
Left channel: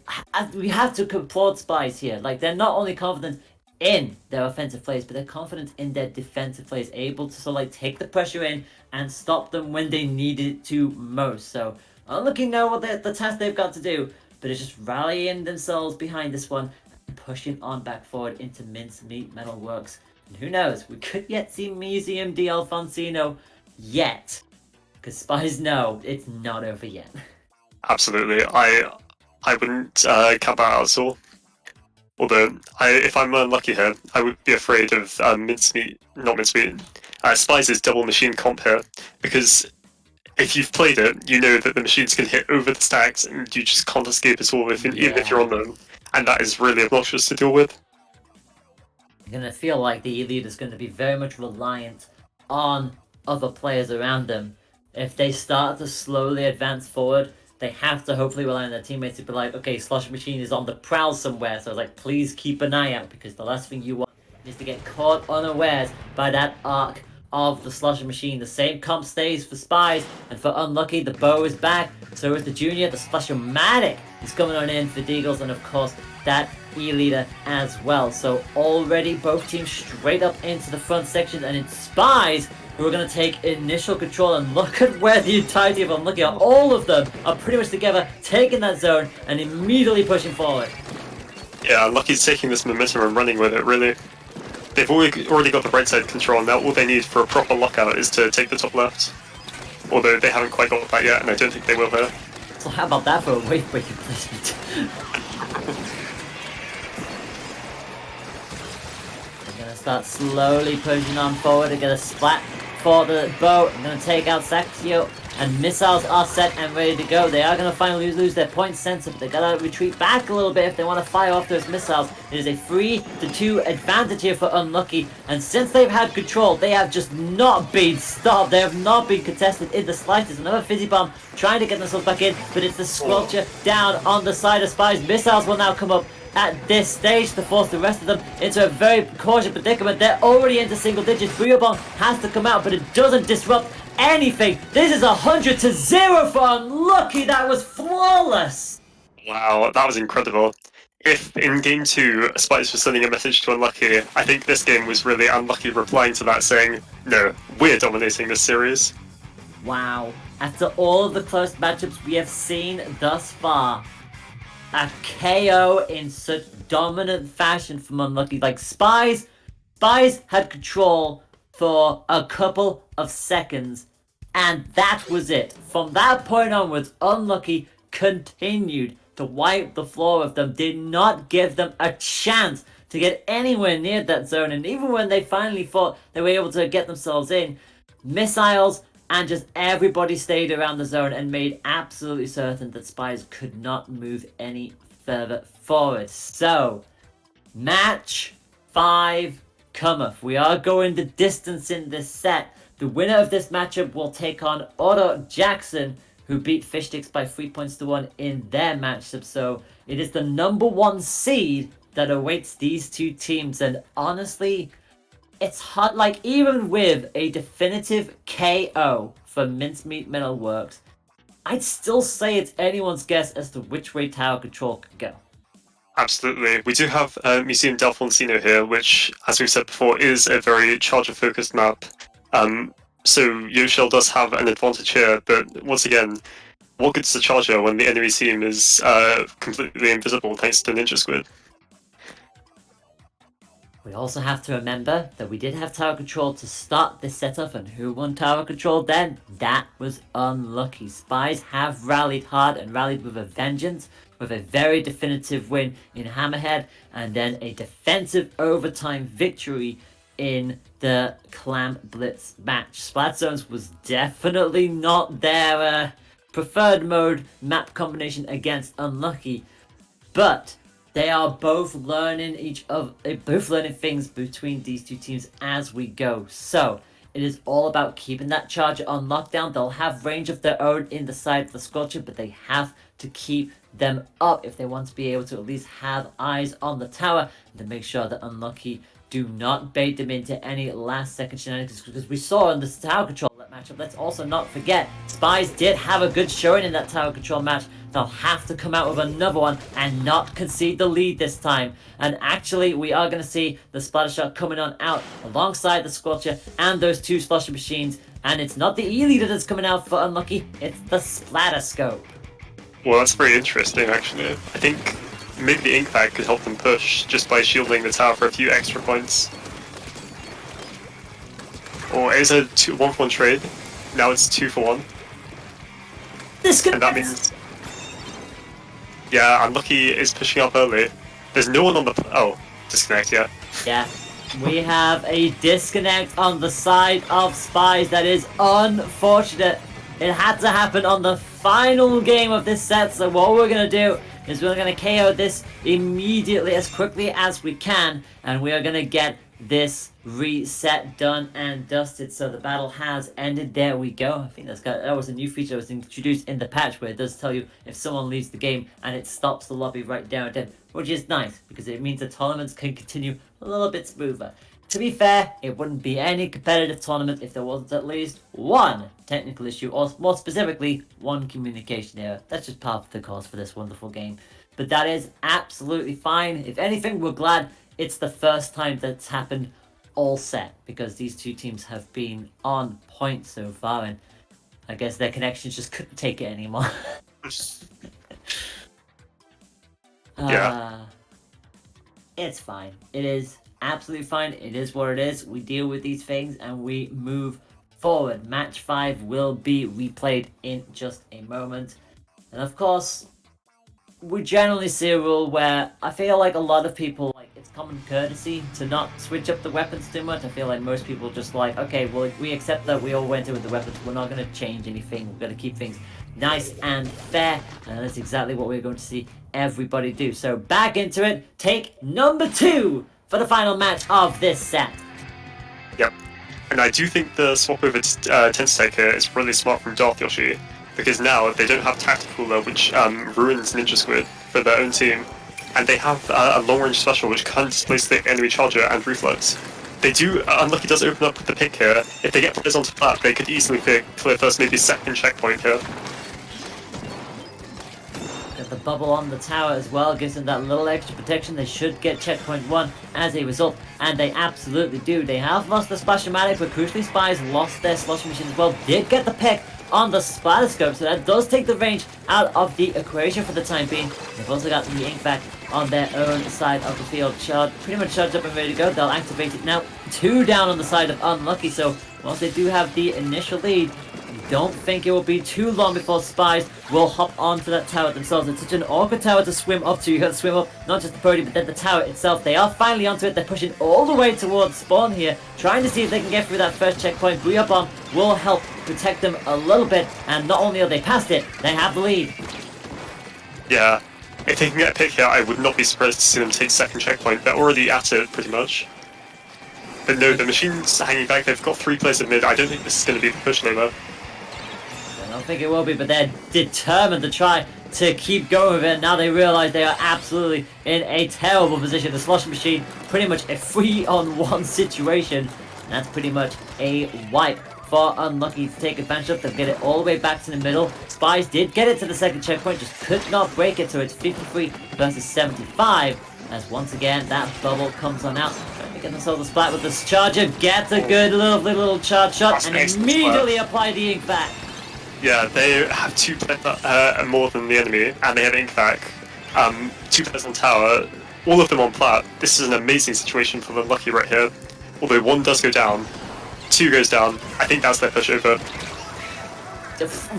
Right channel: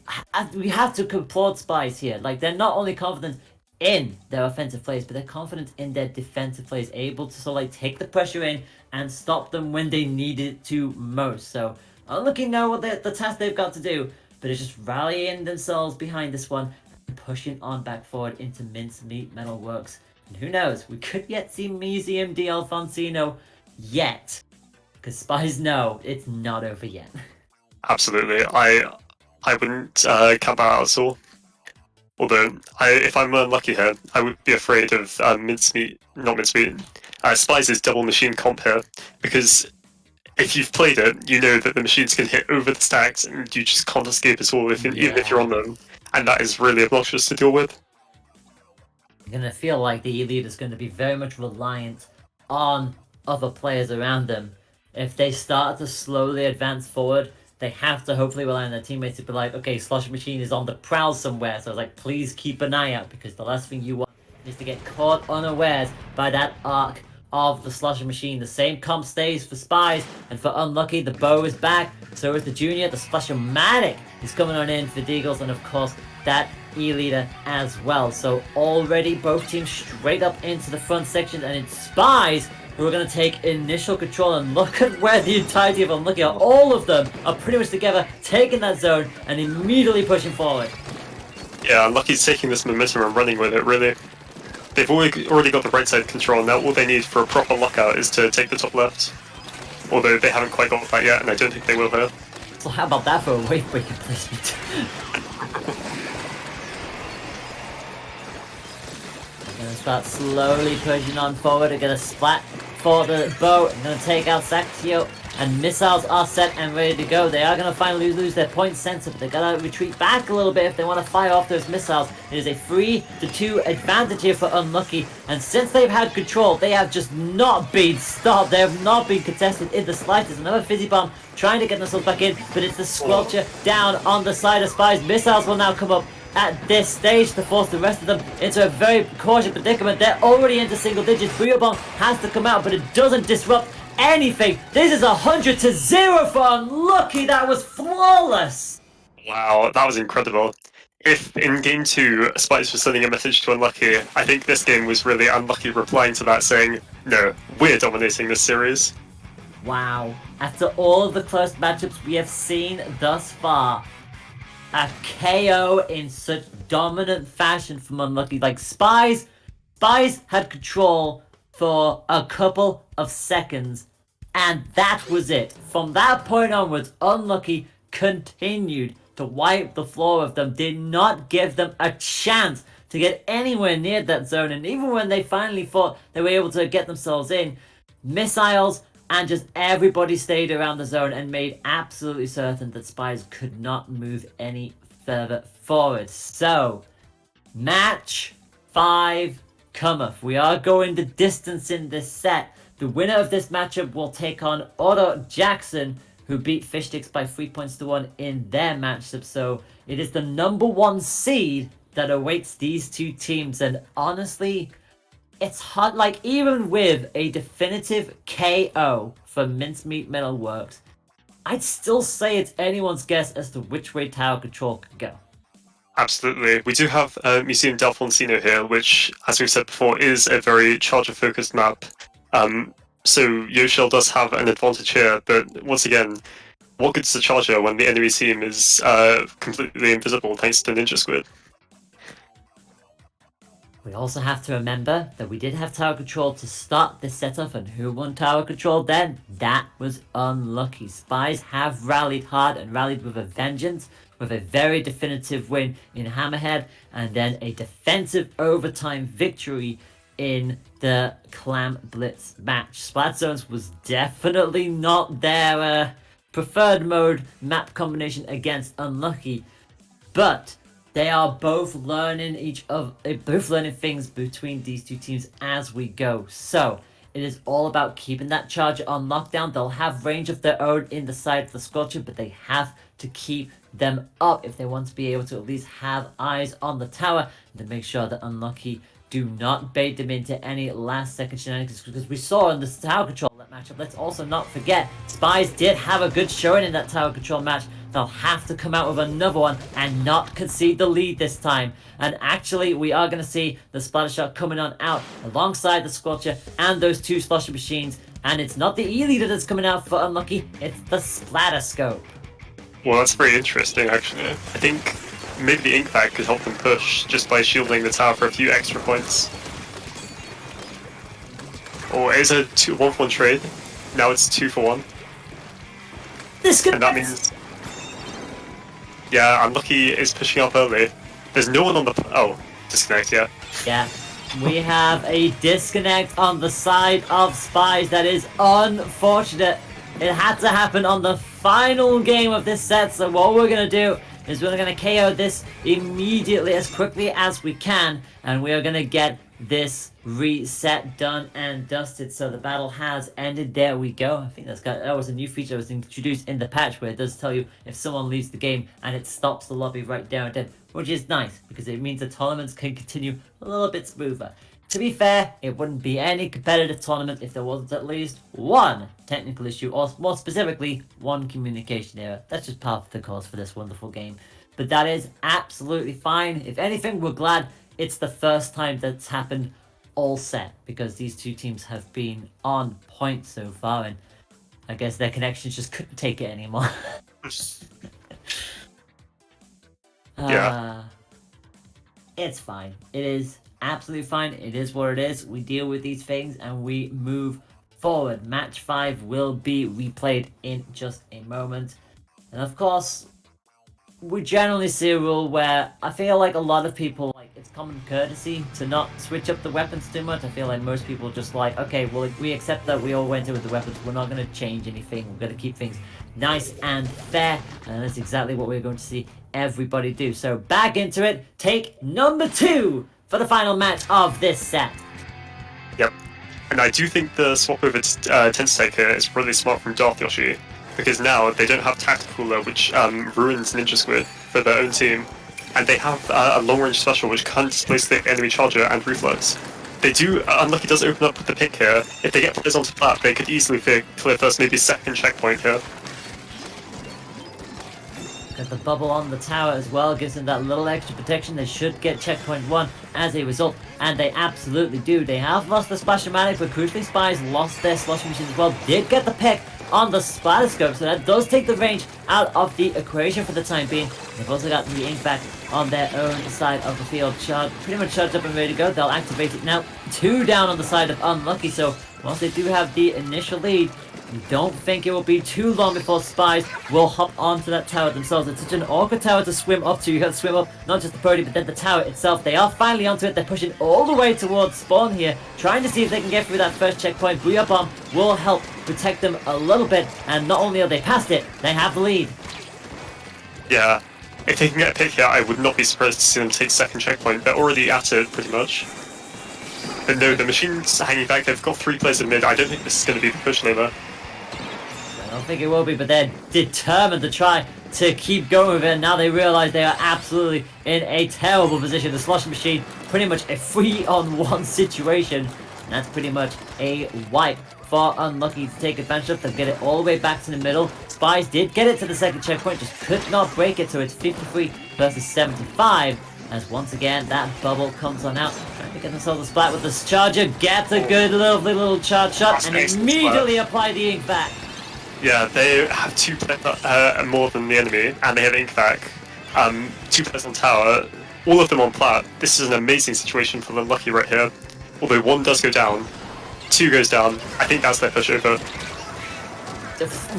we have to applaud Spies here. Like, they're not only confident in their offensive plays, but they're confident in their defensive plays, able to sort of like take the pressure in and stop them when they need it to most. So Unlucky know what the task they've got to do, but it's just rallying themselves behind this one and pushing on back forward into Mincemeat Metalworks. And who knows, we could yet see Museum D. Alfonsino yet, because Spies know it's not over yet. Absolutely, I wouldn't count that out at all. Although, if I'm unlucky here, I would be afraid of Spies' double machine comp here, because if you've played it, you know that the machines can hit over the stacks and you just can't escape at all even if you're on them, and that is really obnoxious to deal with. I'm going to feel like the E-Leader is going to be very much reliant on other players around them. If they start to slowly advance forward, they have to hopefully rely on their teammates to be like, okay, Slosher Machine is on the prowl somewhere, so like, please keep an eye out, because the last thing you want is to get caught unawares by that arc of the Slosher Machine. The same comp stays for Spies, and for Unlucky, the bow is back, so is the Junior. The Splasher-matic is coming on in for Deagles, and of course, that E-Leader as well. So already both teams straight up into the front section, and it's Spies who are going to take initial control. And look at where the entirety of Unlucky are. All of them are pretty much together, taking that zone and immediately pushing forward. Yeah, Unlucky's taking this momentum and running with it, really. They've already got the right side control, now all they need for a proper lockout is to take the top left. Although they haven't quite got that yet, and I don't think they will here. So how about that for a wave breaking placement? They're going to start slowly pushing on forward and get a splat for the bow. I'm going to take out Saxio, and missiles are set and ready to go. They are going to finally lose their point sensor, but they've got to retreat back a little bit if they want to fire off those missiles. It is a 3-2 advantage here for Unlucky, and since they've had control, they have just not been stopped. They have not been contested in the slightest. Another Fizzy Bomb trying to get themselves back in, but it's the Squelcher down on the side of Spies. Missiles will now come up at this stage to force the rest of them into a very cautious predicament. They're already into single digits. Brio Bomb has to come out, but it doesn't disrupt anything. This is 100-0 for Unlucky. That was flawless. Wow, that was incredible. If in Game 2, Spice was sending a message to Unlucky, I think this game was really Unlucky replying to that saying, no, we're dominating this series. Wow. After all of the close matchups we have seen thus far, a KO in such dominant fashion from Unlucky. Like, Spies had control for a couple of seconds, and that was it. From that point onwards, Unlucky continued to wipe the floor with them, did not give them a chance to get anywhere near that zone, and even when they finally thought they were able to get themselves in, missiles and just everybody stayed around the zone and made absolutely certain that Spies could not move any further forward. So, match 5 cometh. We are going the distance in this set. The winner of this matchup will take on Otto Jackson, who beat Fishsticks by 3 points to 1 in their matchup. So, it is the number 1 seed that awaits these two teams, and honestly, it's hard. Like, even with a definitive KO for Mincemeat Metalworks, I'd still say it's anyone's guess as to which way Tower Control could go. Absolutely. We do have Museum D'Alfonsino here, which, as we've said before, is a very Charger-focused map. So Yoshell does have an advantage here, but once again, what good's the Charger when the enemy team is completely invisible thanks to Ninja Squid? We also have to remember that we did have tower control to start this setup, and who won tower control then? That was Unlucky. Spies have rallied hard and rallied with a vengeance, with a very definitive win in Hammerhead, and then a defensive overtime victory in the Clam Blitz match. Splat Zones was definitely not their preferred mode map combination against Unlucky, but they are both learning things between these two teams as we go. So it is all about keeping that charger on lockdown. They'll have range of their own in the side of the Scorcher, but they have to keep them up if they want to be able to at least have eyes on the tower and to make sure that Unlucky do not bait them into any last second shenanigans, because we saw in the tower control matchup. Let's also not forget, Spies did have a good showing in that tower control match. They'll have to come out with another one and not concede the lead this time. And actually, we are going to see the Splattershore coming on out alongside the Scorcher and those two Slosher machines. And it's not the E-leader that's coming out for Unlucky, it's the Splatterscope. Well, that's very interesting, actually. I think maybe the Ink Bag could help them push just by shielding the tower for a few extra points. Or it is a 1-for-1 trade. Now it's 2-for-1. And that means... Yeah, Unlucky is pushing up early. There's no one on the... Oh, disconnect, yeah. Yeah. We have a disconnect on the side of Spies. That is unfortunate. It had to happen on the final game of this set, so what we're going to do is we're going to KO this immediately as quickly as we can, and we are going to get this reset done and dusted. So the battle has ended. There we go. I think that was a new feature that was introduced in the patch, where it does tell you if someone leaves the game and it stops the lobby right down dead, which is nice because it means the tournaments can continue a little bit smoother. To be fair, it wouldn't be any competitive tournament if there wasn't at least one technical issue, or more specifically, one communication error. That's just part of the course for this wonderful game. But that is absolutely fine. If anything, we're glad it's the first time that's happened all set, because these two teams have been on point so far, and I guess their connections just couldn't take it anymore. Yeah. It's fine. It is absolutely fine. It is what it is. We deal with these things and we move forward. Match 5 will be replayed in just a moment. And of course, we generally see a rule where I feel like a lot of people, like, it's common courtesy to not switch up the weapons too much. I feel like most people just like, okay, well, we accept that we all went in with the weapons. We're not going to change anything. We're going to keep things nice and fair. And that's exactly what we're going to see everybody do. So back into it. Take number 2 for the final match of this set. Yep. And I do think the swap over to Tenstek here is really smart from Darth Yoshi, because now they don't have Tactical Cooler, which ruins Ninja Squid for their own team, and they have a long-range special which can displace the enemy charger and reflex. They do, Unlucky does open up the pick here. If they get players onto flat, they could easily clear first, maybe second checkpoint here. The bubble on the tower as well gives them that little extra protection. They should get checkpoint 1 as a result, and they absolutely do. They have lost the Splash-O-Matic, but crucially Spies lost their Slush Machine as well. Did get the pick on the Splatterscope, so that does take the range out of the equation for the time being. They've also got the Ink back on their own side of the field. Pretty much charged up and ready to go. They'll activate it now. 2 down on the side of Unlucky, so once they do have the initial lead, I don't think it will be too long before Spies will hop onto that tower themselves. It's such an awkward tower to swim up to. You have to swim up, not just the birdie, but then the tower itself. They are finally onto it. They're pushing all the way towards spawn here, trying to see if they can get through that first checkpoint. Booyah Bomb will help protect them a little bit, and not only are they past it, they have the lead. Yeah, if they can get a pick here, I would not be surprised to see them take second checkpoint. They're already at it, pretty much. But no, the machine's hanging back. They've got 3 players in mid. I don't think this is going to be the push later. I don't think it will be, but they're determined to try to keep going with it. Now they realize they are absolutely in a terrible position. The Slush Machine, pretty much a 3-on-1 situation. And that's pretty much a wipe for Unlucky to take advantage of. They'll get it all the way back to the middle. Spies did get it to the second checkpoint, just could not break it, so it's 53 versus 75. As once again, that bubble comes on out. Get themselves a splat with this charger, gets a good, lovely little charge shot, and immediately apply the Ink back. Yeah, they have 2 players more than the enemy, and they have Ink back. 2 players on tower. all of them on plat. This is an amazing situation for the Unlucky right here. Although one does go down, two goes down. I think that's their pushover.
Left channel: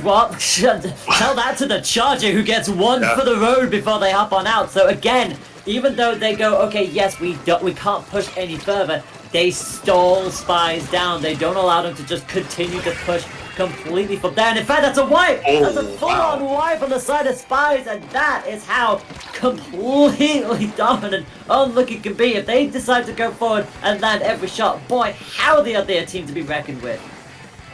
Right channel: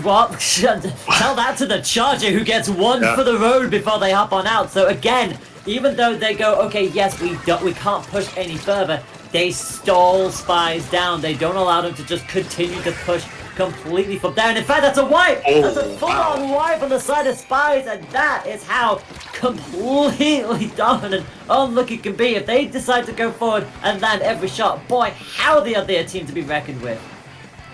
What? Tell that to the Charger, who gets one for the road before they hop on out. So again, even though they go, okay, yes, we can't push any further, they stall Spies down. They don't allow them to just continue to push completely from there. And in fact, that's a wipe! That's a full-on wipe on the side of Spies, and that is how completely dominant Unlucky can be. If they decide to go forward and land every shot, boy, how they are their team to be reckoned with.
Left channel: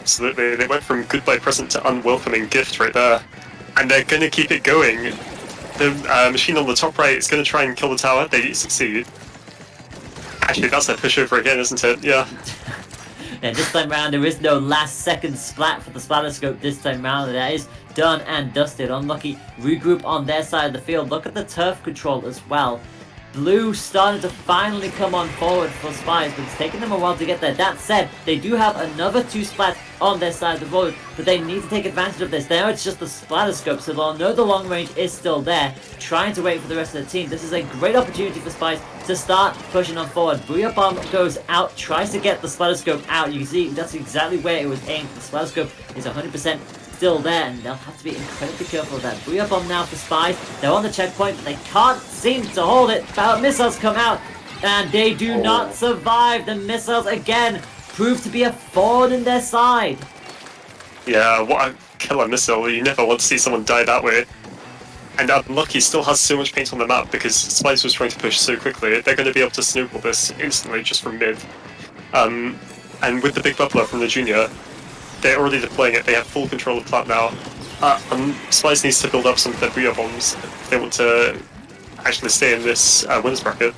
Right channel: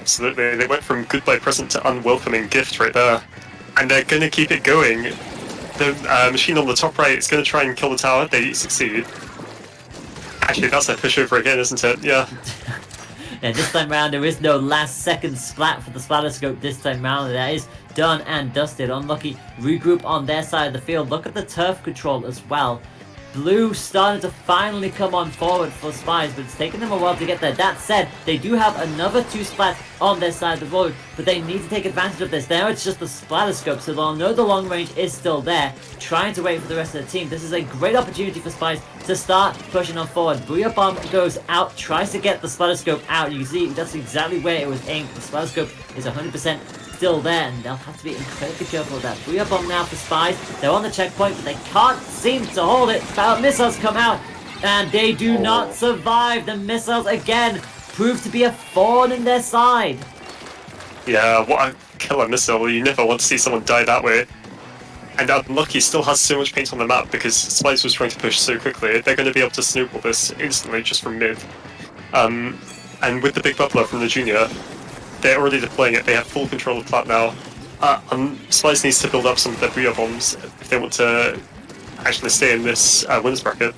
Absolutely, they went from goodbye present to unwelcoming gift right there. And they're going to keep it going. The machine on the top right is going to try and kill the tower. They succeed. Actually, that's their pushover again, isn't it? Yeah. And this time round, there is no last second splat for the Splatterscope this time round. That is done and dusted. Unlucky regroup on their side of the field. Look at the turf control as well. Blue started to finally come on forward for Spies, but it's taken them a while to get there. That said, they do have another 2 splats on their side of the road, but they need to take advantage of this. Now it's just the Splatterscope, so they'll know the long range is still there, trying to wait for the rest of the team. This is a great opportunity for Spies to start pushing on forward. Booyah Bomb goes out, tries to get the Splatterscope out. You can see that's exactly where it was aimed. The Splatterscope is 100% still there, and they'll have to be incredibly careful of that. Booyah Bomb now for Spies. They're on the checkpoint, but they can't seem to hold it. Missiles come out, and they do not survive. The missiles again prove to be a thorn in their side. Yeah, what a killer missile. You never want to see someone die that way. And Unlucky still has so much paint on the map because Spice was trying to push so quickly. They're going to be able to snowball this instantly just from mid. And with the big bubbler from the junior, they're already deploying it. They have full control of plat now. Spice needs to build up some of their Booyah bombs if they want to actually stay in this winners bracket.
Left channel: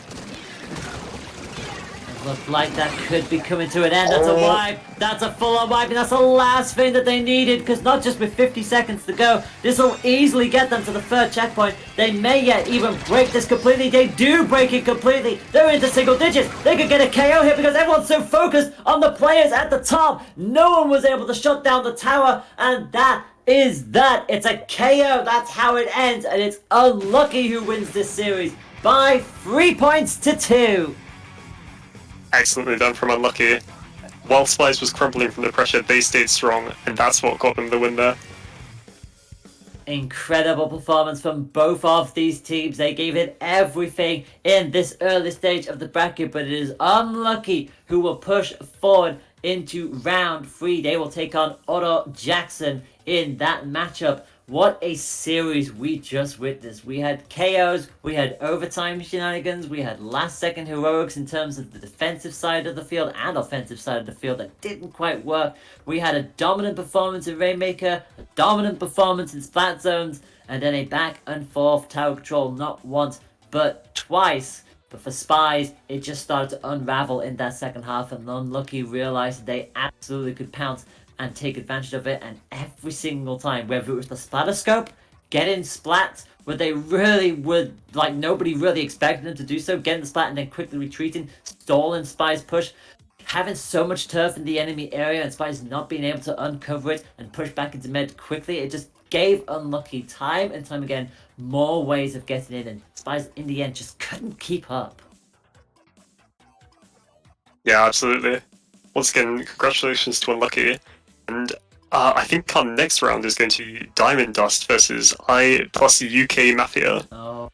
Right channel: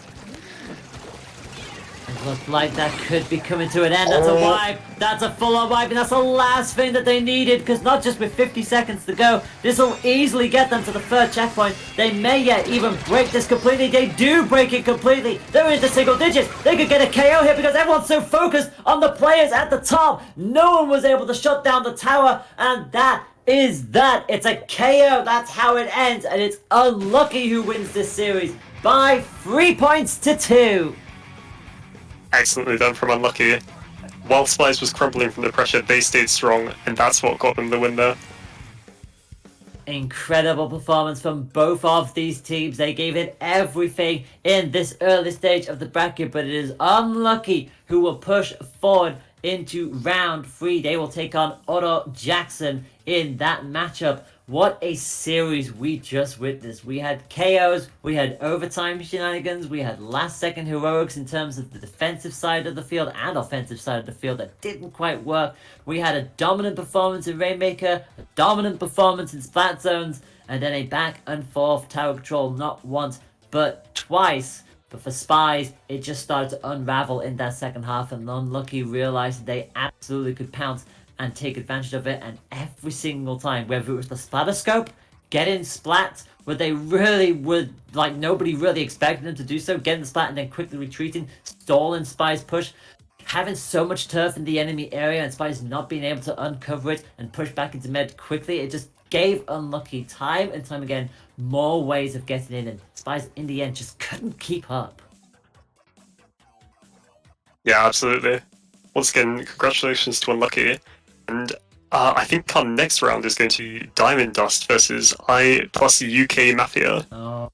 Looks like that could be coming to an end. That's a wipe. That's a full-on wipe, and that's the last thing that they needed, because not just with 50 seconds to go, this will easily get them to the third checkpoint. They may yet even break this completely. They do break it completely. They're into single digits. They could get a KO here because everyone's so focused on the players at the top. No one was able to shut down the tower, and that is that. It's a KO. That's how it ends, and it's Unlucky who wins this series by 3 points to 2. Excellently done from Unlucky. While Spice was crumbling from the pressure, they stayed strong, and that's what got them the win there. Incredible performance from both of these teams. They gave it everything in this early stage of the bracket, but it is Unlucky who will push forward into round 3. They will take on Otto Jackson in that matchup. What a series we just witnessed. We had KOs, we had overtime shenanigans, we had last second heroics in terms of the defensive side of the field and offensive side of the field that didn't quite work. We had a dominant performance in Rainmaker, a dominant performance in Splat Zones, and then a back and forth tower control not once but twice. But for Spies, it just started to unravel in that second half, and Unlucky realized they absolutely could pounce and take advantage of it, and every single time, whether it was the Splatterscope, getting splats, where they really would, like nobody really expected them to do so, getting the splat and then quickly retreating, stalling Spies' push, having so much turf in the enemy area and Spies not being able to uncover it and push back into mid quickly, it just gave Unlucky time and time again more ways of getting in, and Spies in the end just couldn't keep up. Yeah, absolutely. Once again, congratulations to Unlucky. And I think our next round is going to be Diamond Dust versus I plus UK Mafia. Oh,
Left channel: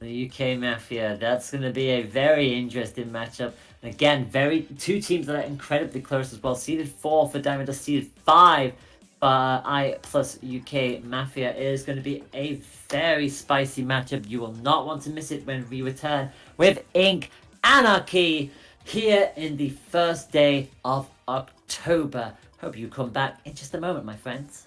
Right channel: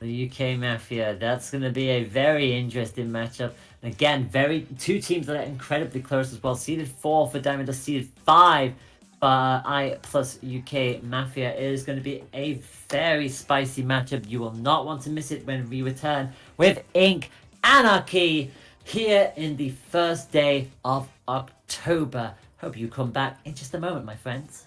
the UK Mafia. That's going to be a very interesting matchup. And again, two teams that are incredibly close as well. Seeded 4 for Diamond Dust, seeded 5 for I plus UK Mafia. It is going to be a very spicy matchup. You will not want to miss it when we return with Ink Anarchy here in the first day of October. Hope you come back in just a moment, my friends.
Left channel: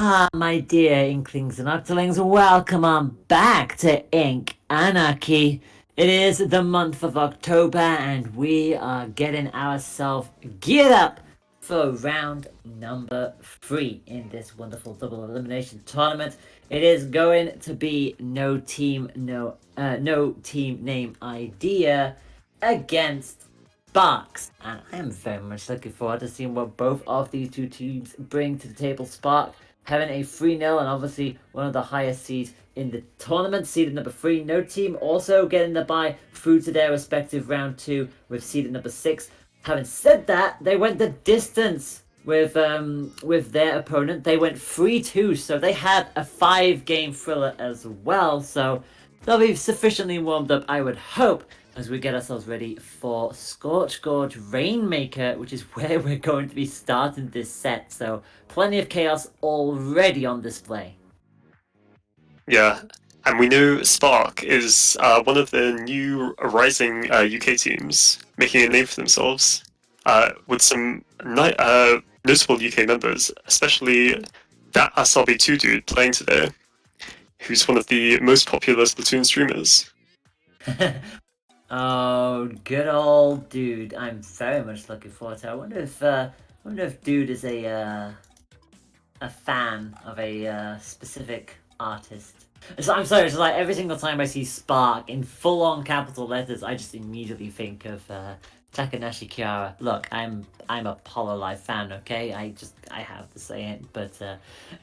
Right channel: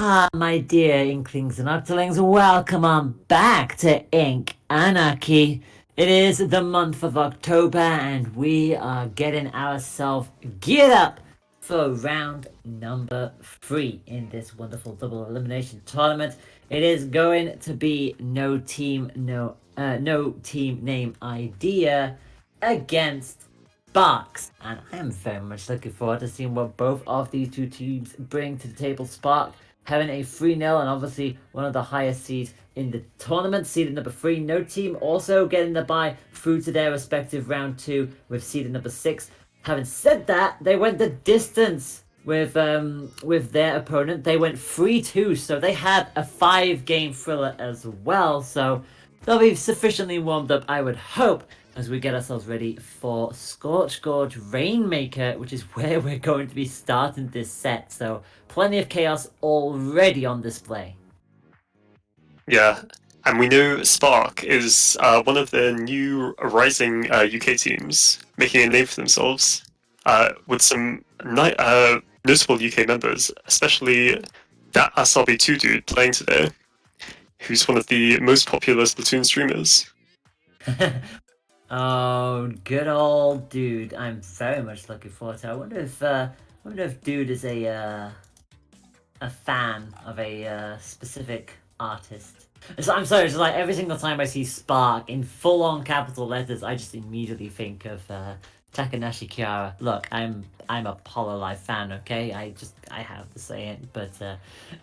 Ah, my dear Inklings and Octolings, welcome on back to Ink Anarchy. It is the month of October and we are getting ourselves geared up for round number 3 in this wonderful double elimination tournament. It is going to be no team name idea against Sparks, and I am very much looking forward to seeing what both of these two teams bring to the table. Spark having a 3-0 and obviously one of the highest seeds in the tournament, seeded number 3. No team also getting the bye through to their respective round 2 with seeded number 6. Having said that, they went the distance with their opponent. They went 3-2, so they had a 5-game thriller as well. So they'll be sufficiently warmed up, I would hope, as we get ourselves ready for Scorch Gorge Rainmaker, which is where we're going to be starting this set. So plenty of chaos already on display. Yeah, and we know Spark is one of the new rising UK teams making a name for themselves with some notable UK members, especially that SRB2 dude playing today, who's one of the most popular Splatoon streamers. Oh, good old dude! I'm very much looking forward to it. I wonder if dude is a fan of a specific artist. I'm sorry, it's like every single time I see Spark in full-on capital letters, I just immediately think of Takanashi Kiara. Look, I'm a Hololive fan, okay? I have to say it, but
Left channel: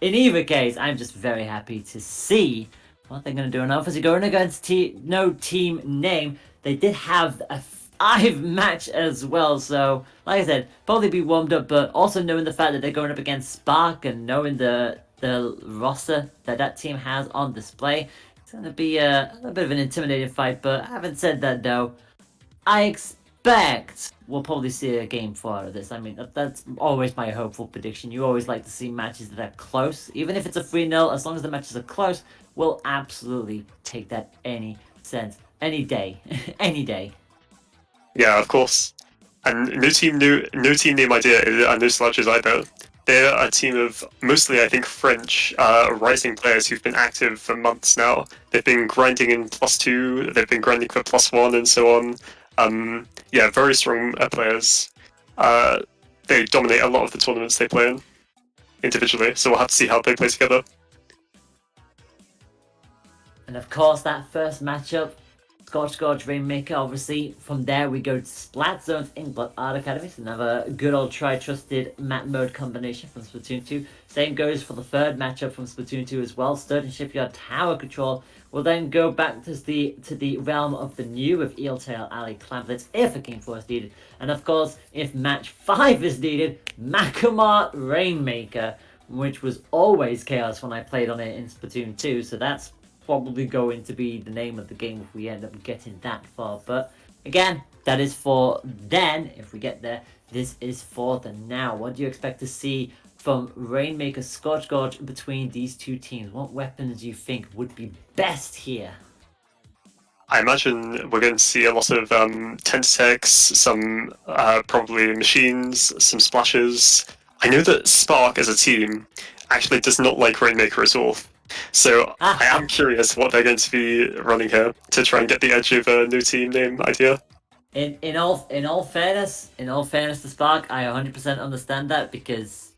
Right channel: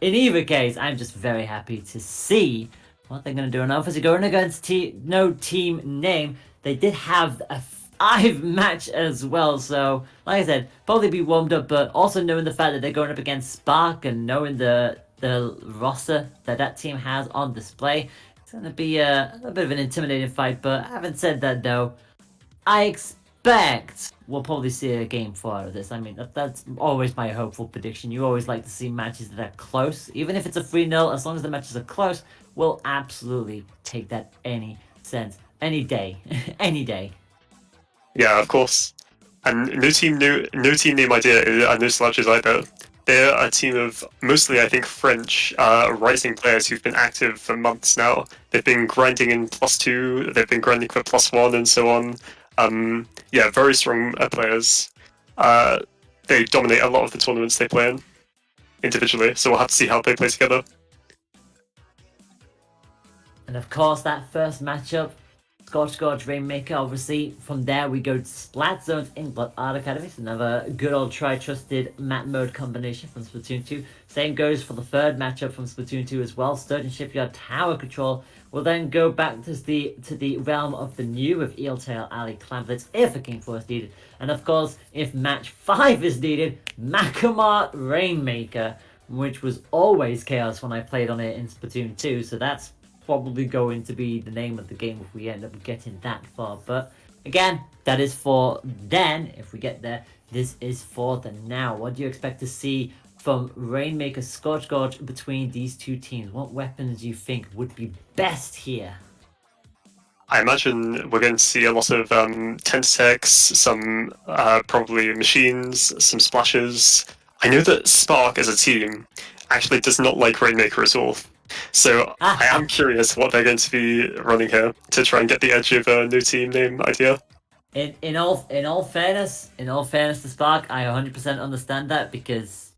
in either case, I'm just very happy to see what they're gonna do. And obviously, going against no team name, they did have a 5 match as well. So, like I said, probably be warmed up, but also knowing the fact that they're going up against Spark and knowing the roster that team has on display, it's going to be a bit of an intimidating fight. But having said that, though, I expect we'll probably see a game 4 out of this. I mean, that's always my hopeful prediction. You always like to see matches that are close. Even if it's a 3-0, as long as the matches are close, we'll absolutely take that any day. Any day. Yeah, of course. And no team name idea are no slouches either. They're a team of mostly, I think, French rising players who've been active for months now. They've been grinding in +2, they've been grinding for +1, and so on. Yeah, very strong players. They dominate a lot of the tournaments they play in individually, so we'll have to see how they play together. And of course, that first matchup, Scorch Gorge Rainmaker, obviously. From there, we go to Splat Zone's Inkblot Art Academy. So another good old tri-trusted map mode combination from Splatoon 2. Same goes for the third matchup from Splatoon 2 as well. Sturgeon Shipyard Tower Control will then go back to the realm of the new with Eeltail Alley Clamblets if a Game 4 is needed. And of course, if match 5 is needed, Makamart Rainmaker, which was always chaos when I played on it in Splatoon 2. So that's probably going to be the name of the game if we end up getting that far. But again, that is for then, if we get there. This is for the now. What do you expect to see from Rainmaker Scorch Gorge between these two teams? What weapons do you think would be best here? I imagine we're going to see a lot of Tentatex, some probably machines, some splashes. I know that Spark as a team actually does not like Rainmaker at all. So I am curious what they're going to be running here to try and get the edge of a no team name idea. In all fairness to Spark, I 100% understand that because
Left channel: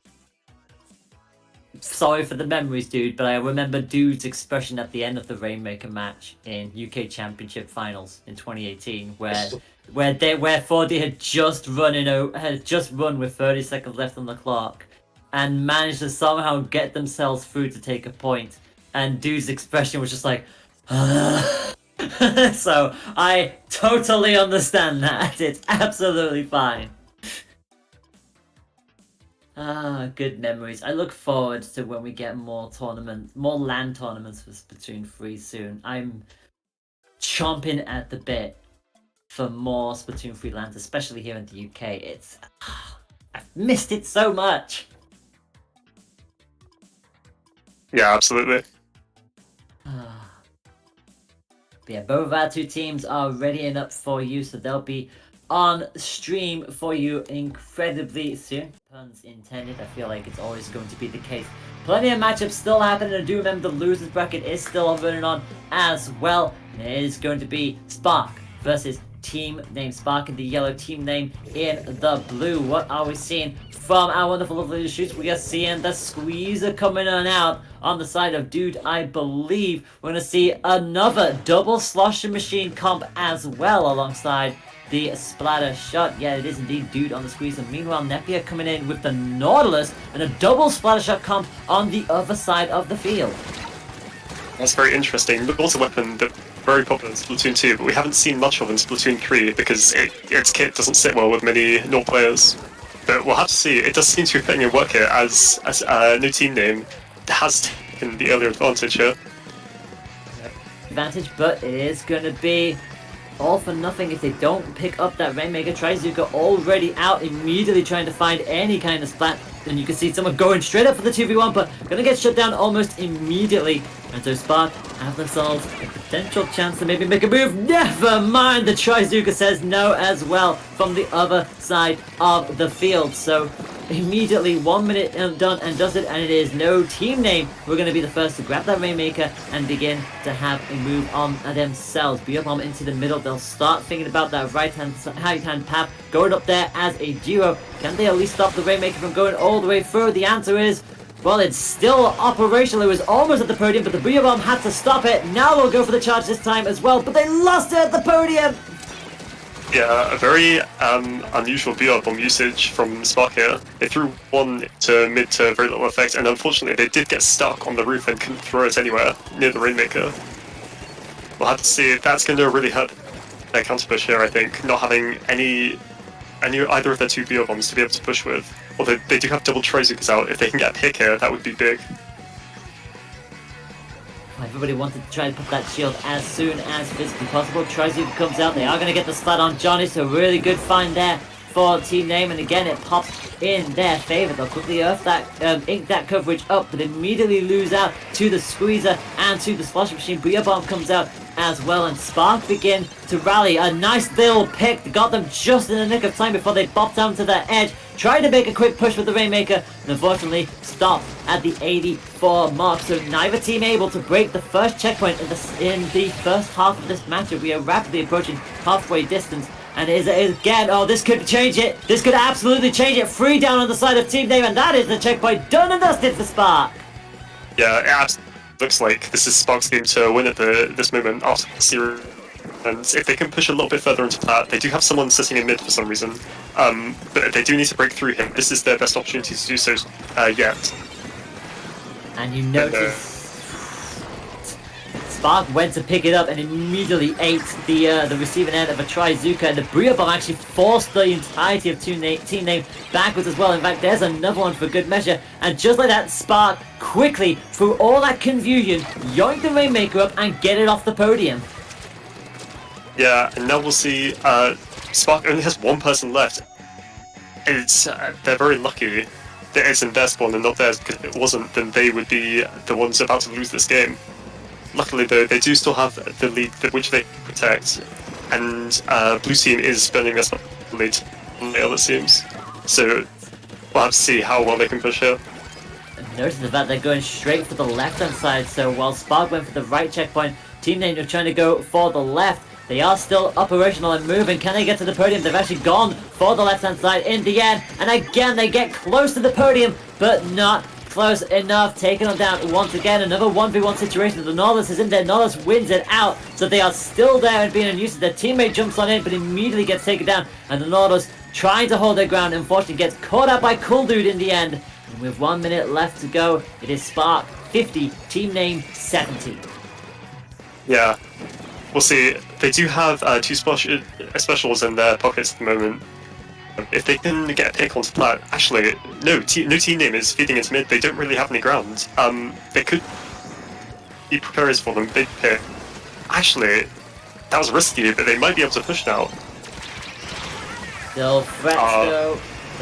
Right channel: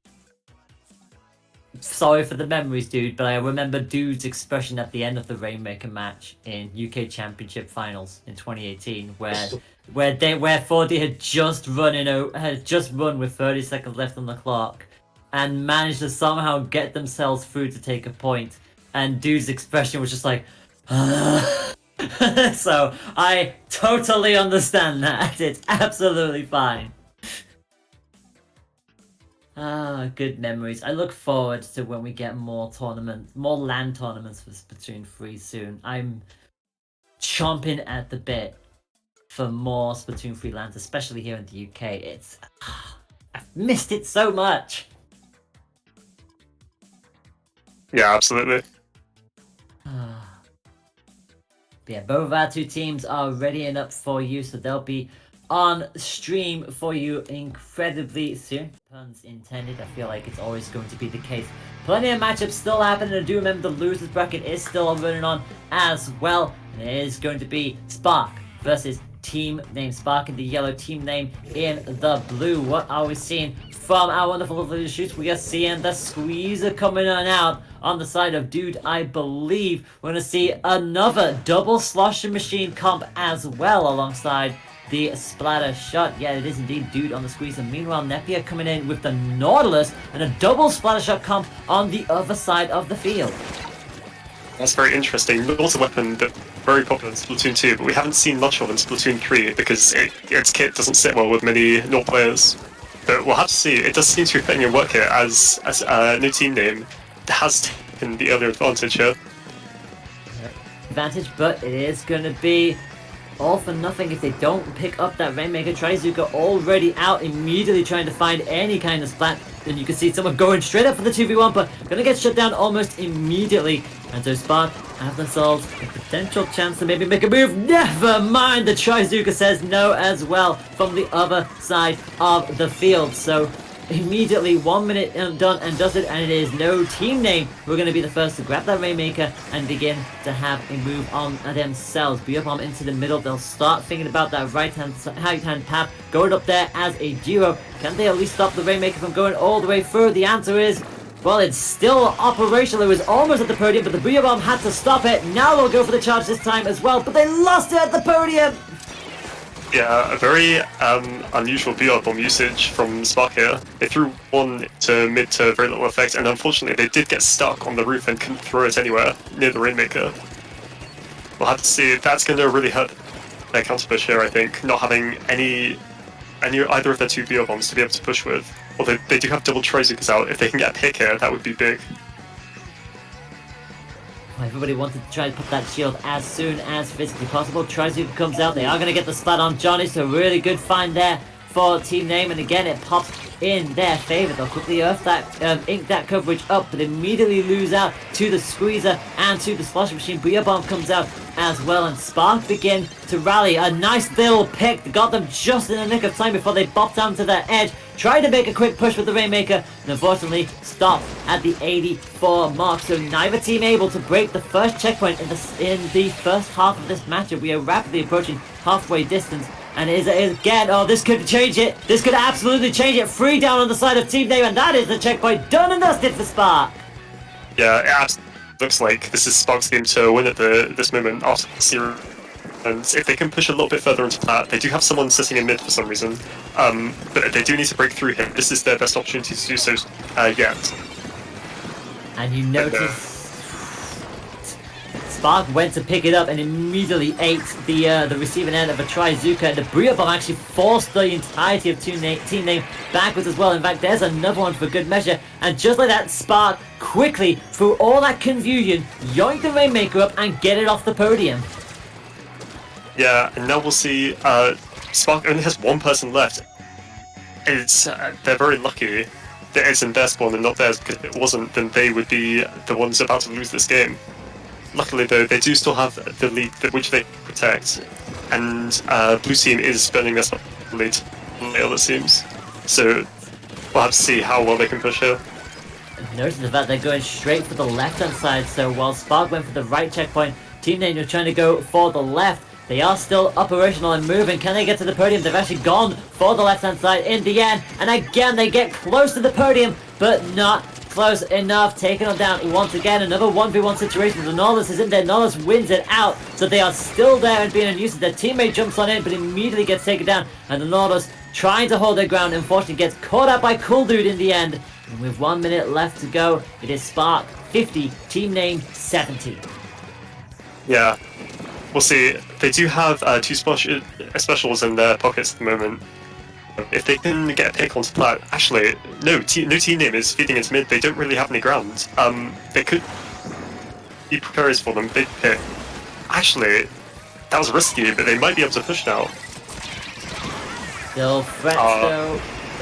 sorry for the memories, dude, but I remember Dude's expression at the end of the Rainmaker match in UK Championship Finals in 2018, where 4D had just run with 30 seconds left on the clock and managed to somehow get themselves through to take a point. And Dude's expression was just like, so I totally understand that. It's absolutely fine. Good memories. I look forward to when we get more LAN tournaments for Splatoon 3 soon. I'm chomping at the bit for more Splatoon 3 LANs, especially here in the UK. I've missed it so much. Yeah, absolutely. But yeah, both of our two teams are ready and up for you, so they'll be on stream for you incredibly soon. Puns intended. I feel like it's always going to be the case. plenty of matchups still happening. I do remember the losers bracket is still running on as well. And it is going to be Spark versus team name. Spark in the yellow, team name in the blue. What are we seeing from our wonderful lovely shoots? We are seeing the squeezer coming on out on the side of Dude. I believe we're going to see another double sloshing machine comp as well alongside the splatter shot. Yeah, it is indeed Dude on the squeeze. And meanwhile, Nepier coming in with the Nautilus and a double splatter shot comp on the other side of the field. That's very interesting. Nautilus weapon that very popular in Splatoon 2, but we haven't seen much of in Splatoon 3 because its kit doesn't sit well with many Nord players. But we'll have to see. It does seem to be putting in work here as a new team name has taken the earlier advantage here. Advantage, but it is going to be all for nothing if they don't pick up that Rainmaker. Trizuka already out, immediately trying to find any kind of splat. And you can see someone going straight up for the 2v1, but going to get shut down almost immediately. And so Spark have themselves a potential chance to maybe make a move. Never mind, the Trizuka says no as well from the other side of the field. So immediately 1 minute done and does it, and it is no team name. We're going to be the first to grab that Rainmaker and begin to have a move on themselves. Be up on into the middle. They'll start thinking about that right hand path, going up there as a duo. Can they at least stop the Rainmaker from going all the way through? The answer is, well, it's still operational. It was almost at the podium, but the Booyah Bomb had to stop it. Now they'll go for the charge this time as well, but they lost it at the podium. Yeah, a very unusual Booyah Bomb usage from Spark here. They threw one to mid to very little effect, and unfortunately they did get stuck on the roof and couldn't throw it anywhere near the Rainmaker. We'll have to see. That's going to really hurt their counter push here, I think, not having either of their two Booyah Bombs to be able to push with. Although they do have double Trizukas out. If they can get a pick here, that would be big. Everybody wanted to try to put that shield as soon as physically possible. Trizuka comes out. They are going to get the splat on Johnny, so really good find there for team name. And again, it pops in their favor. They'll quickly earth that, ink that coverage up, but immediately lose out to the squeezer and to the slosh machine. Booyah Bomb comes out as well, and Spark begin to rally. A nice little pick got them just in the nick of time before they bopped down to that edge. Tried to make a quick push with the Rainmaker, and unfortunately stopped at the 84 mark. So neither team able to break the first checkpoint in the first half of this matchup. We are rapidly approaching halfway distance, and it is again, oh, this could change it. This could absolutely change it. 3 down on the side of team name, and that is the checkpoint done and dusted for Spark. Yeah, it absolutely looks like this is Spark's game to win at this moment after 0. And if they can push a little bit further into that, they do have someone sitting in mid for some reason. But they do need to break through him. This is their best opportunity to do so yet. And you notice Spark went to pick it up and immediately ate the receiving end of a Trizuka, and the Booyah Bomb actually forced the entirety of team name backwards as well. In fact, there's another one for good measure, and just like that, Spark quickly, through all that confusion, yoinked the Rainmaker up and get it off the podium. Yeah, and now we'll see Spark only has one person left. They're very lucky that it's in their spawn and not theirs, because if it wasn't, then they would be the ones about to lose this game. Luckily though, they do still have the lead which they protect, and blue team is spending us late, it seems. So we'll have to see how well they can push here. Notice the fact they're going straight for the left-hand side, so while Spark went for the right checkpoint, Team Name are trying to go for the left. They are still operational and moving. Can they get to the podium? They've actually gone for the left-hand side in the end. And again, they get close to the podium, but not close enough. Taking them down once again. Another 1v1 situation. The Nautilus is in there. Nautilus wins it out. So they are still there and being unused. Their teammate jumps on in, but immediately gets taken down. And the Nautilus trying to hold their ground. Unfortunately, gets caught out by Cool Dude in the end. And with 1 minute left to go, it is Spark 50, Team Name 70. Yeah. We'll see. They do have two specials in their pockets at the moment. If they can get a pick onto Splat, actually, no team name is feeding into mid. They don't really have any ground. They could be precarious for them. Big pick. Actually, that was risky, but they might be able to push now. Still threats though.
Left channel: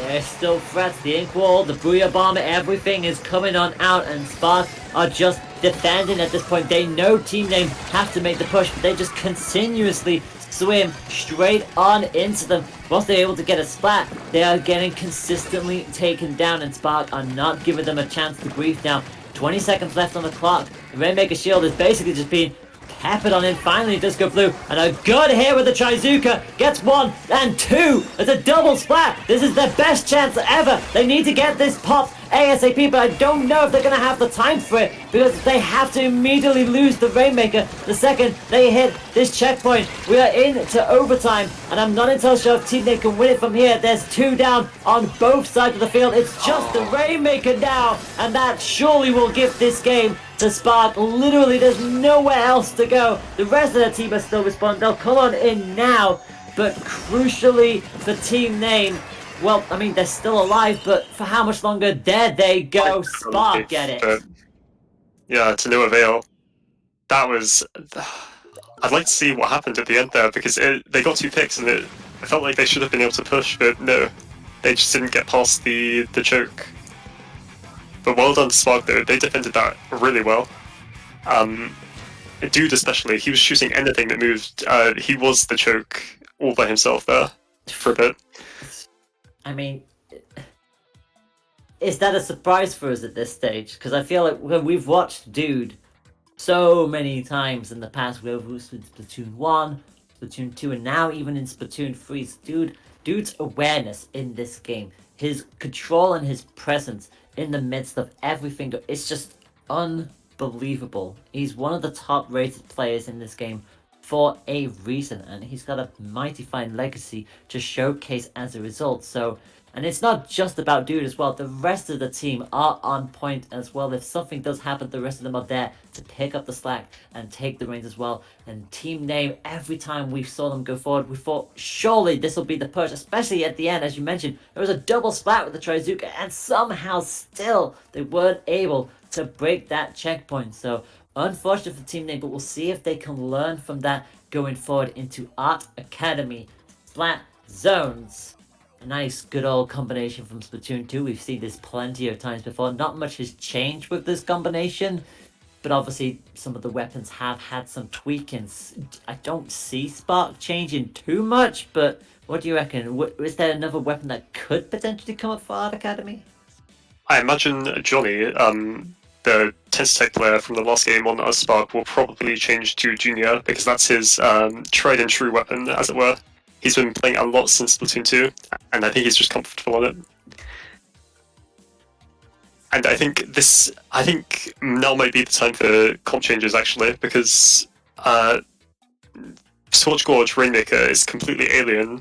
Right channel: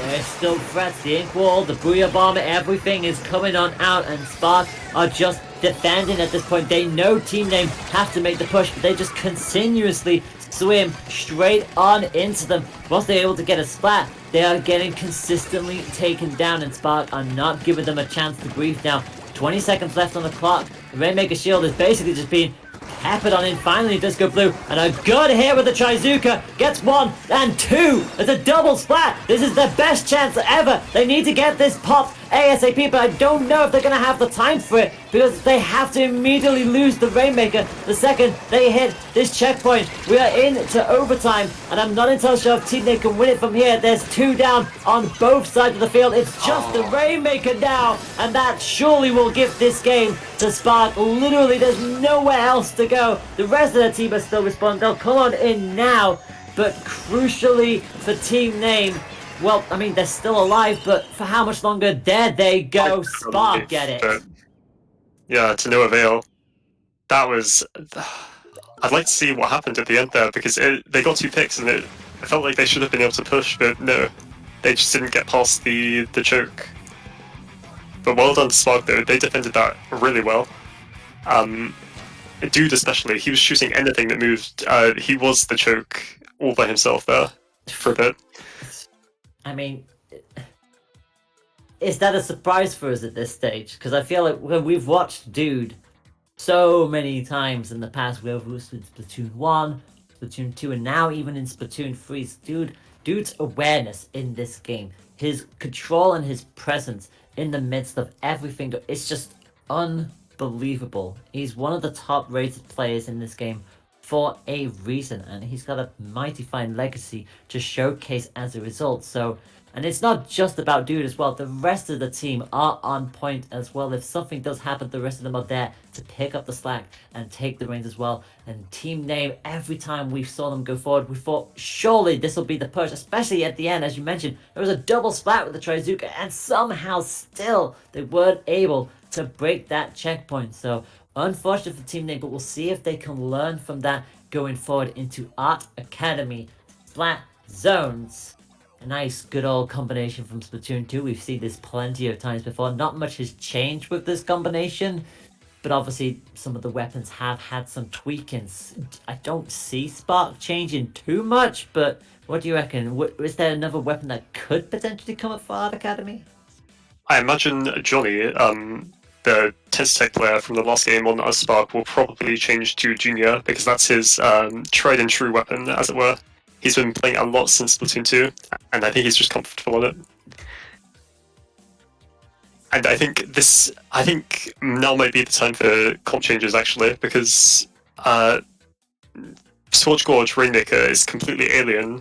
There's still threats. The ink wall, the Booyah Bomb, everything is coming on out, and Spark are just defending at this point. They know Team Name have to make the push, but they just continuously swim straight on into them. Once they're able to get a splat, they are getting consistently taken down, and Spark are not giving them a chance to breathe now. 20 seconds left on the clock. The Rainmaker shield is basically just being peppered on in. Finally, Disco Blue, and a good hit with the Trizuka. Gets 1 and 2. It's a double splat. This is their best chance ever. They need to get this popped ASAP, but I don't know if they're going to have the time for it because they have to immediately lose the Rainmaker the second they hit this checkpoint. We are into overtime, and I'm not entirely sure if Team Nate can win it from here. There's 2 down on both sides of the field. It's just the Rainmaker now, and that surely will give this game to Spark. Literally, there's nowhere else to go. The rest of the team are still responding. They'll call on in now, but crucially for Team Name, well, I mean, they're still alive, but for how much longer? There they go. Spark get it. But, yeah, to no avail. That was... I'd like to see what happened at the end there, because they got 2 picks, and it felt like they should have been able to push, but no. They just didn't get past the choke. But well done to Spark, though. They defended that really well. Dude especially, he was shooting anything that moved. He was the choke all by himself there for a bit. I mean, is that a surprise for us at this stage? Because I feel like when we've watched Dude so many times in the past, we've watched Splatoon 1, Splatoon 2, and now even in Splatoon 3, Dude's awareness in this game, his control and his presence in the midst of everything, it's just unbelievable. He's one of the top rated players in this game for a reason, and he's got a mighty fine legacy to showcase as a result. So, and it's not just about Dude as well, the rest of the team are on point as well. If something does happen, the rest of them are there to pick up the slack and take the reins as well. And Team Name, every time we saw them go forward, we thought surely this will be the push, especially at the end. As you mentioned, there was a double splat with the Trizuka, and somehow still they weren't able to break that checkpoint. So unfortunate for Team Name, but we'll see if they can learn from that going forward into Art Academy Splat Zones. A nice good old combination from Splatoon 2. We've seen this plenty of times before. Not much has changed with this combination, but obviously some of the weapons have had some tweakings. I don't see Spark changing too much, but what do you reckon? Is there another weapon that could potentially come up for Art Academy? I imagine Johnny, the Tensitech player from the last game on Spark, will probably change to Junior, because that's his tried and true weapon, as it were. He's been playing a lot since Splatoon 2, and I think he's just comfortable on it. And I think now might be the time for comp changes, actually, because Torch Gorge Rainmaker is completely alien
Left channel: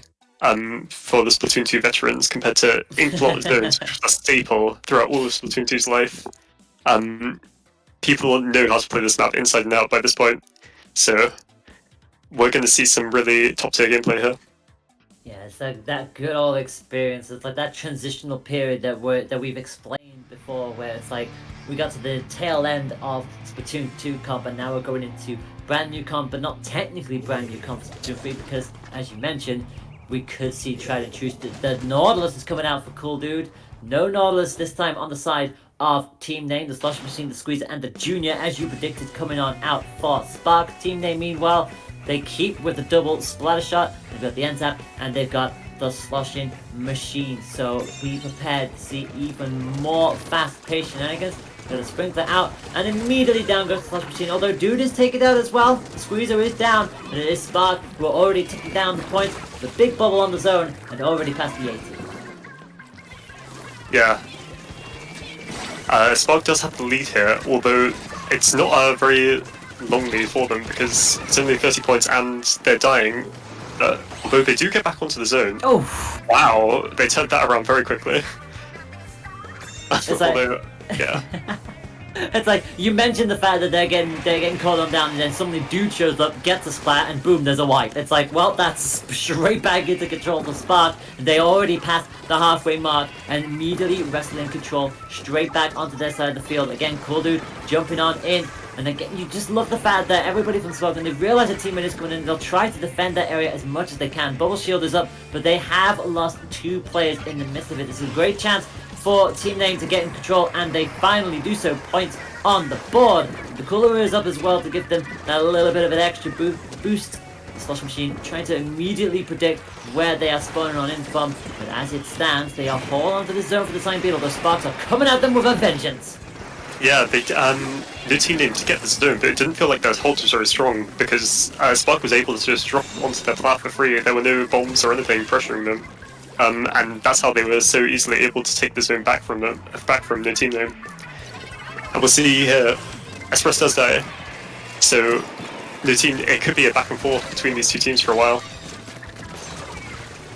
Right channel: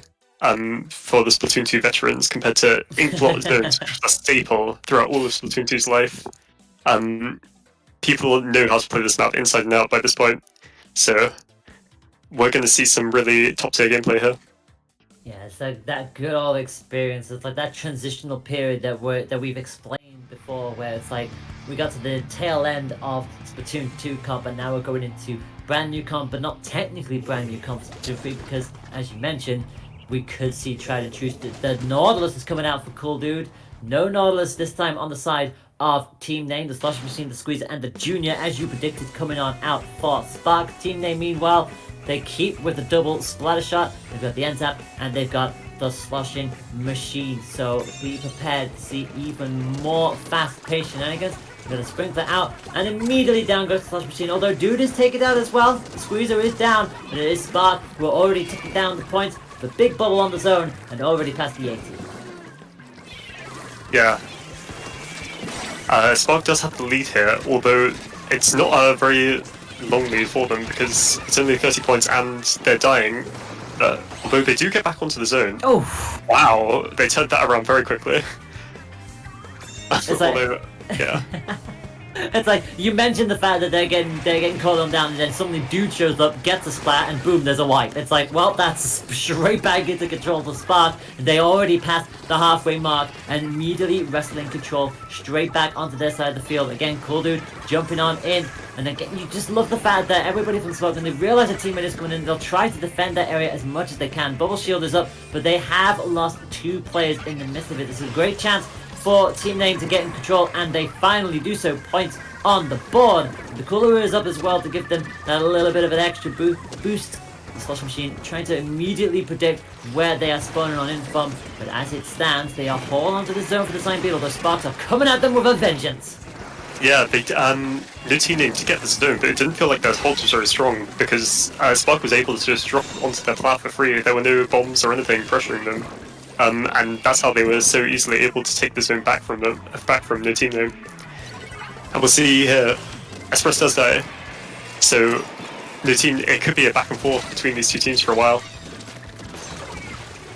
for the Splatoon 2 veterans compared to Ink Zones, which was a staple throughout all of Splatoon 2's life. People know how to play this map inside and out by this point, so we're going to see some really top-tier gameplay here. Yeah, it's like that good old experience. It's like that transitional period that we've explained before, where it's like we got to the tail end of Splatoon 2 comp, and now we're going into brand new comp, but not technically brand new comp Splatoon 3, because as you mentioned, we could see tried and true. The Nautilus is coming out for Cool Dude. No Nautilus this time on the side of Team Name, the Slush Machine, the Squeezer, and the Junior, as you predicted, coming on out for Spark. Team Name, meanwhile, they keep with the double Splattershore. They've got the end tap, and they've got the Slushing Machine. So be prepared to see even more fast-paced shenanigans. They're going to sprinkler out, and immediately down goes the Slush Machine. Although Dude is taken out as well, the Squeezer is down, and it is Spark who are already taking down the points. The big bubble on the zone, and already past the 80. Yeah. Spark does have the lead here, although it's not a very long lead for them, because it's only 30 points and they're dying. Although they do get back onto the zone. Oh! Wow, they turned that around very quickly. It's like... Although, yeah. It's like, you mentioned the fact that they're getting called on down, and then suddenly Dude shows up, gets a splat, and boom, there's a wipe. It's like, well, that's straight back into control of Spark. They already passed the halfway mark, and immediately wrestling control straight back onto their side of the field. Again, Cool Dude jumping on in, and again, you just love the fact that everybody from Spark, and they realize a teammate is coming in, they'll try to defend that area as much as they can. Bubble Shield is up, but they have lost 2 players in the midst of it. This is a great chance for Team Name to get in control, and they finally do so. Points on the board. The Cooler is up as well to give them a little bit of an extra boost. The Slush Machine trying to immediately predict where they are spawning on in from, but as it stands, they are falling onto the zone for the time being, although Sparks are coming at them with a vengeance. Yeah, they new team name to get the zone, but it didn't feel like their hold was very strong because Spark was able to just drop onto their plat for free. There were no bombs or anything pressuring them, and that's how they were so easily able to take the zone back from new team name. And we'll see here, Express does die, so new team, it could be a back and forth between these two teams for a while.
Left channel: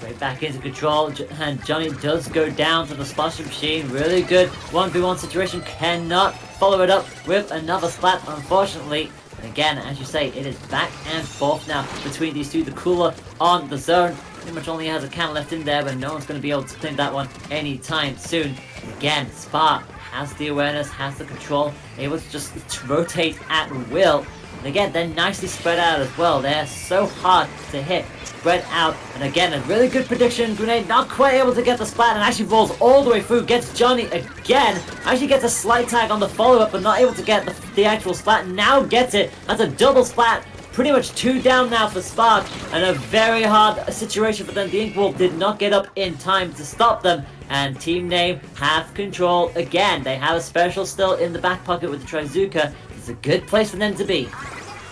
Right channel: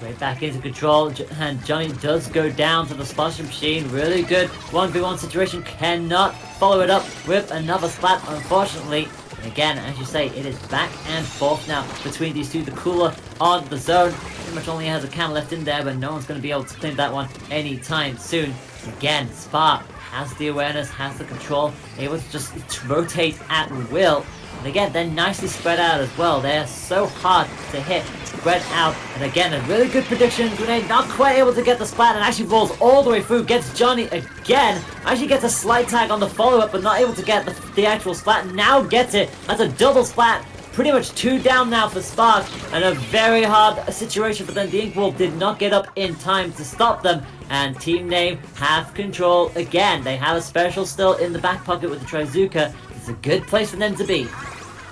Right back into control, and Johnny does go down to the Splattershore machine. Really good 1v1 situation. Cannot follow it up with another splat, unfortunately. And again, as you say, it is back and forth now between these two. The cooler on the zone pretty much only has a can left in there, but no one's going to be able to claim that one anytime soon. Again, Spark has the awareness, has the control, able to just rotate at will. And again, they're nicely spread out as well. They're so hard to hit, spread out. And again, a really good prediction. Grenade not quite able to get the splat and actually rolls all the way through. Gets Johnny again. Actually gets a slight tag on the follow-up, but not able to get the actual splat. Now gets it. That's a double splat. Pretty much 2 down now for Spark. And a very hard situation for them. The Ink Wolf did not get up in time to stop them. And Team Name have control again. They have a special still in the back pocket with the Trizuka. It's a good place for them to be.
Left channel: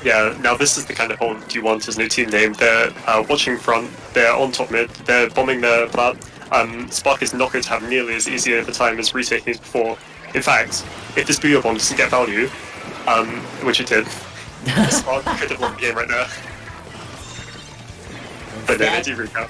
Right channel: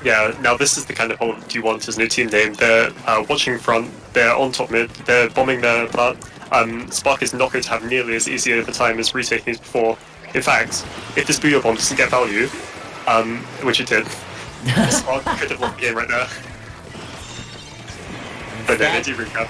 Yeah, now this is the kind of hold you want as new team name. They're watching front, they're on top mid, they're bombing their plat. Spark is not going to have nearly as easy over time as retaking these before. In fact, if this Booyah bomb doesn't get value, which it did, Spark could have won the game right now. But then they do recap.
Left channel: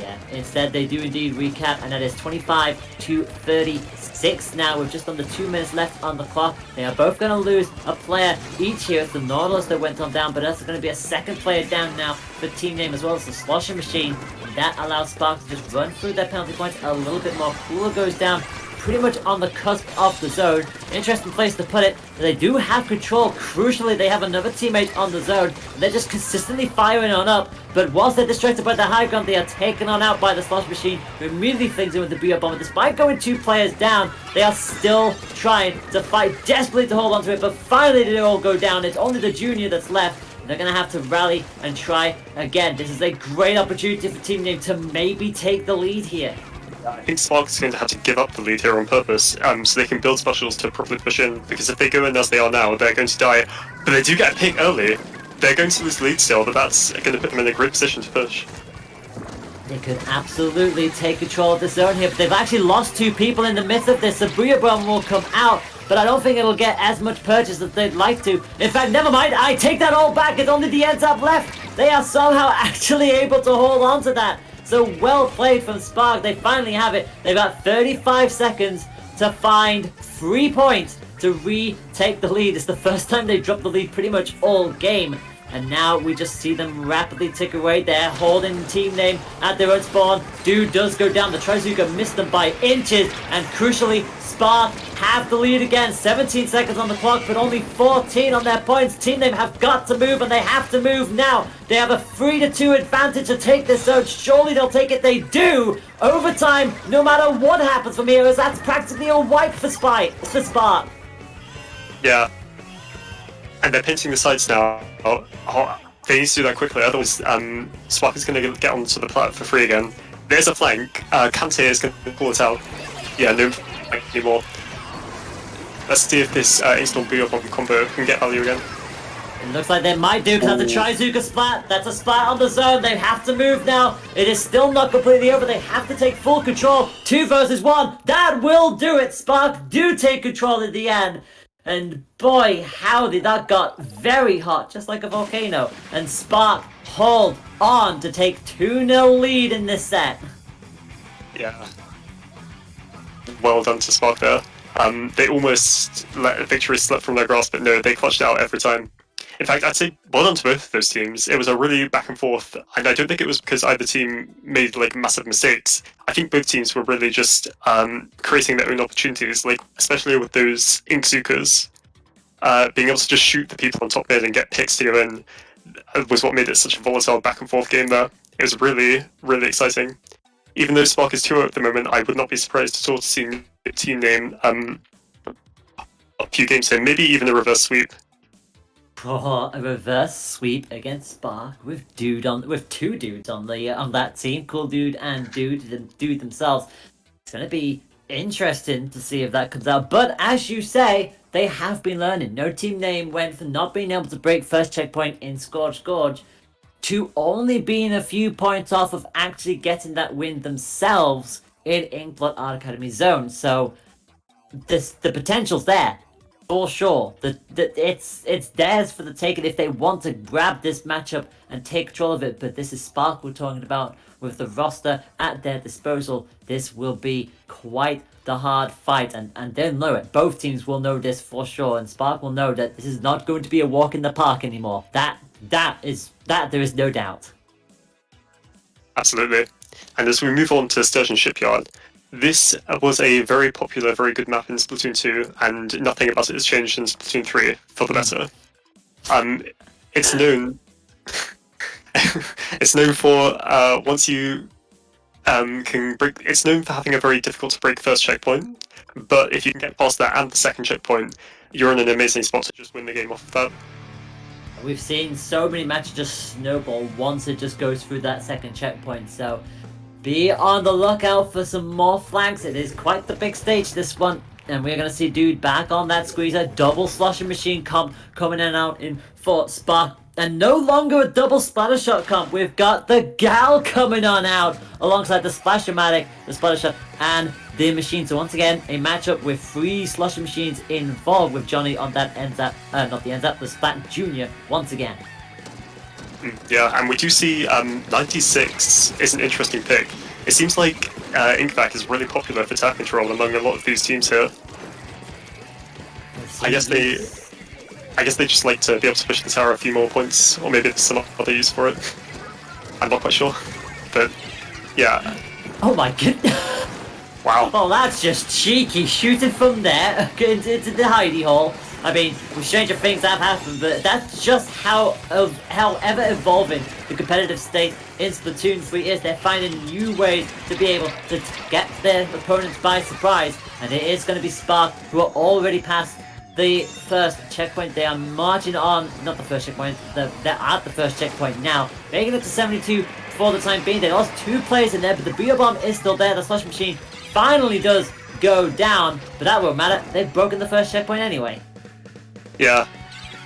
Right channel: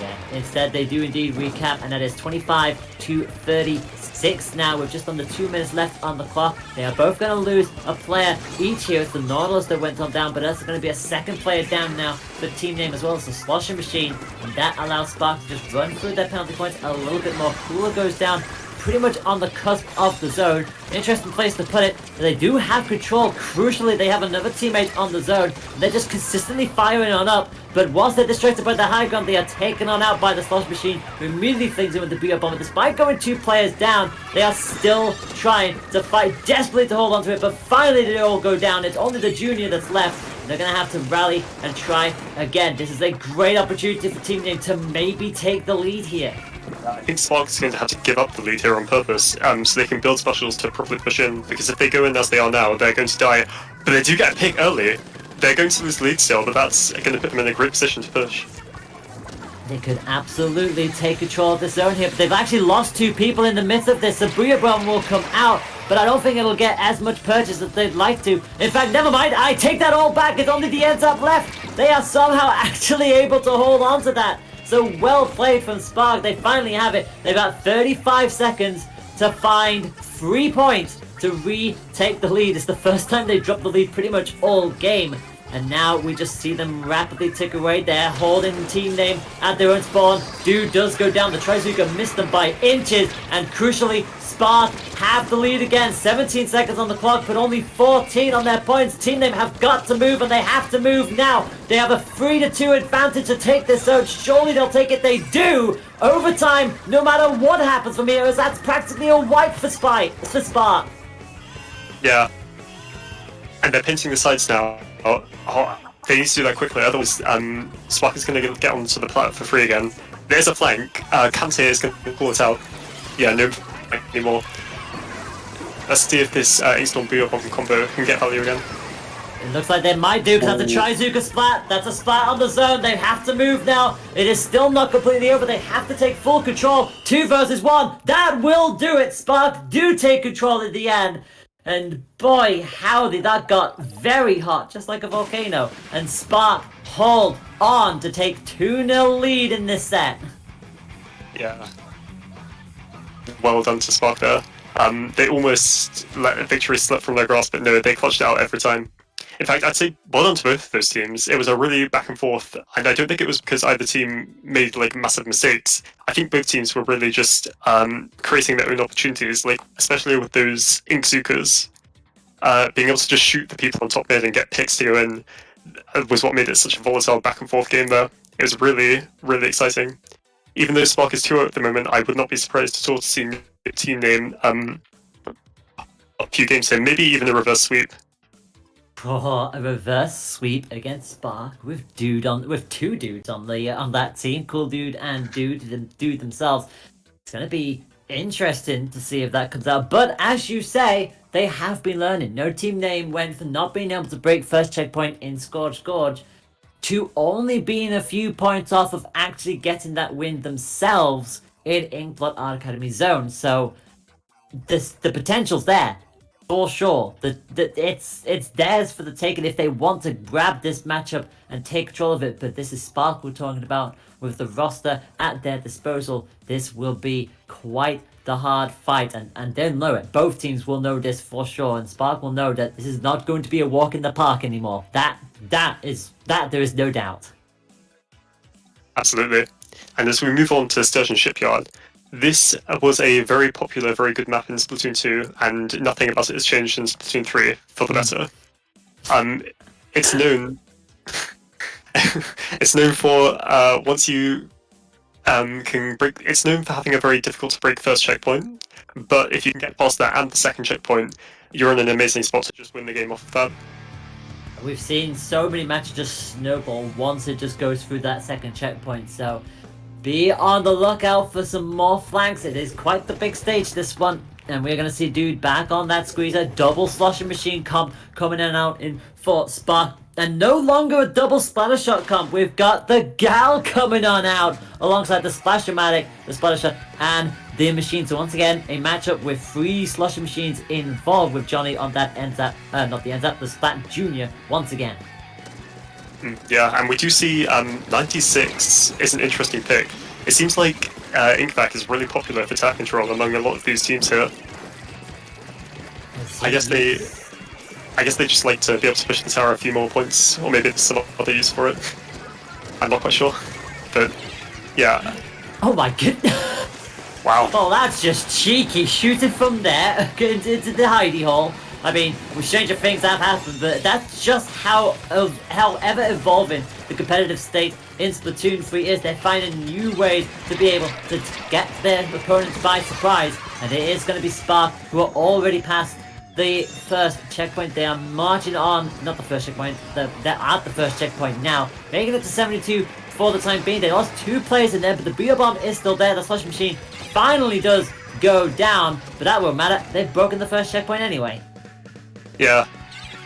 Yeah, instead they do indeed recap, and that is 25-36 now with just under 2 minutes left on the clock. They are both going to lose a player each here. It's the Nautilus that went on down, but that's going to be a second player down now for Team Name as well as the Slosher Machine, and that allows Spark to just run through their penalty points a little bit more. Cooler goes down pretty much on the cusp of the zone. Interesting place to put it. They do have control. Crucially, they have another teammate on the zone. They're just consistently firing on up. But once they're distracted by the high ground, they are taken on out by the Slosh Machine, who immediately flings in with the Booyah Bomber. Despite going 2 players down, they are still trying to fight desperately to hold on to it. But finally, they all go down. It's only the Junior that's left. They're going to have to rally and try again. This is a great opportunity for Team Name to maybe take the lead here. I think Spark is going to have to give up the lead here on purpose, so they can build specials to properly push in, because if they go in as they are now, they're going to die. But they do get a pick early. They're going to lose lead still, but that's going to put them in a great position to push. They could absolutely take control of the zone here, but they've actually lost 2 people in the midst of this. The Booyah Bomb will come out, but I don't think it'll get as much purchase as they'd like to. In fact, never mind, I take that all back. It's only the N-Tap left. They are somehow actually able to hold on to that. So well played from Spark. They finally have it. They've got 35 seconds to find 3 points to retake the lead. It's the first time they've dropped the lead pretty much all game. And now we just see them rapidly tick away. They're holding the Team Name at their own spawn. Dude does go down. The Trizuka missed them by inches. And crucially, Spark have the lead again. 17 seconds on the clock, but only 14 on their points. Team Name have got to move, and they have to move now. They have a 3-2 advantage to take this zone. Surely they'll take it. They do. Overtime, no matter what happens from here, as that's practically a wipe for Spark. Yeah. And they're pinching the sides now. They need to do that quickly, otherwise Spark is going to get onto the plat for free again. There's a flank. Kante is going to pull it out. Yeah, no flank anymore. Let's see if this Ace-Lord Booyah Bomb combo can get value again. It looks like they might do, because that's a Trizuka splat. That's a splat on the zone. They have to move now. It is still not completely over. They have to take full control. 2 versus 1. That will do it. Spark do take control at the end. And boy, howdy, that got very hot, just like a volcano. And Spark hold on to take 2-0 lead in this set. Yeah. Well done to Spark there. They almost let victory slip from their grasp, but no, they clutched it out every time. In fact, I'd say well done to both of those teams. It was a really back and forth, and I don't think it was because either team made like massive mistakes. I think both teams were really just creating their own opportunities, like especially with those Inkzukas. Being able to just shoot the people on top mid and get picks to go in was what made it such a volatile back and forth game there. It was really, really exciting. Even though Spark is 2-0 at the moment, I would not be surprised at all to see Team Name a few games in, maybe even a reverse sweep. Oh, a reverse sweep against Spark with two dudes on that team, Cool Dude and Dude themselves. It's gonna be interesting to see if that comes out. But as you say, they have been learning. No team name went from not being able to break first checkpoint in Scorched Gorge to only being a few points off of actually getting that win themselves in Inkblot Art Academy Zone. So the potential's there for sure. It's theirs for the taking if they want to grab this matchup and take control of it. But this is Spark we're talking about. With the roster at their disposal, this will be quite the hard fight, and they'll know it. Both teams will know this for sure, and Spark will know that this is not going to be a walk in the park anymore. That there is no doubt. Absolutely. And as we move on to Sturgeon Shipyard, this was a very popular, very good map in Splatoon 2, and nothing about it has changed in Splatoon 3 for the better. It's known. It's known for once you can break. It's known for having a very difficult to break first checkpoint, but if you can get past that and the second checkpoint, you're in an amazing spot to just win the game off of that. We've seen so many matches just snowball once it just goes through that second checkpoint, so be on the lookout for some more flanks. It is quite the big stage, this one, and we're going to see Dude back on that squeezer. Double sloshing machine comp coming in and out in for Spark. And no longer a double Splattershot comp. We've got the Gal coming on out alongside the Splashomatic, the Splattershot, and the machine. So once again, a matchup with 3 sloshing machines involved with Johnny on that the Splat Junior once again. Yeah, and we do see 96 is an interesting pick. It seems like Inkback is really popular for tap control among a lot of these teams here. I guess they just like to be able to push the tower a few more points, or maybe there's some other use for it. I'm not quite sure, but yeah. Oh my goodness! Wow. Oh, that's just cheeky, shooting from there into the hidey hole. I mean, stranger things have happened, but that's just how ever evolving the competitive state in Splatoon 3 is. They're finding new ways to be able to get their opponents by surprise, and it is going to be Spark who are already past the first checkpoint. They are marching on, not the first checkpoint, they're at the first checkpoint now, making it to 72 for the time being. They lost 2 players in there, but the Beer Bomb is still there. The Slush Machine finally does go down, but that won't matter. They've broken the first checkpoint anyway. Yeah,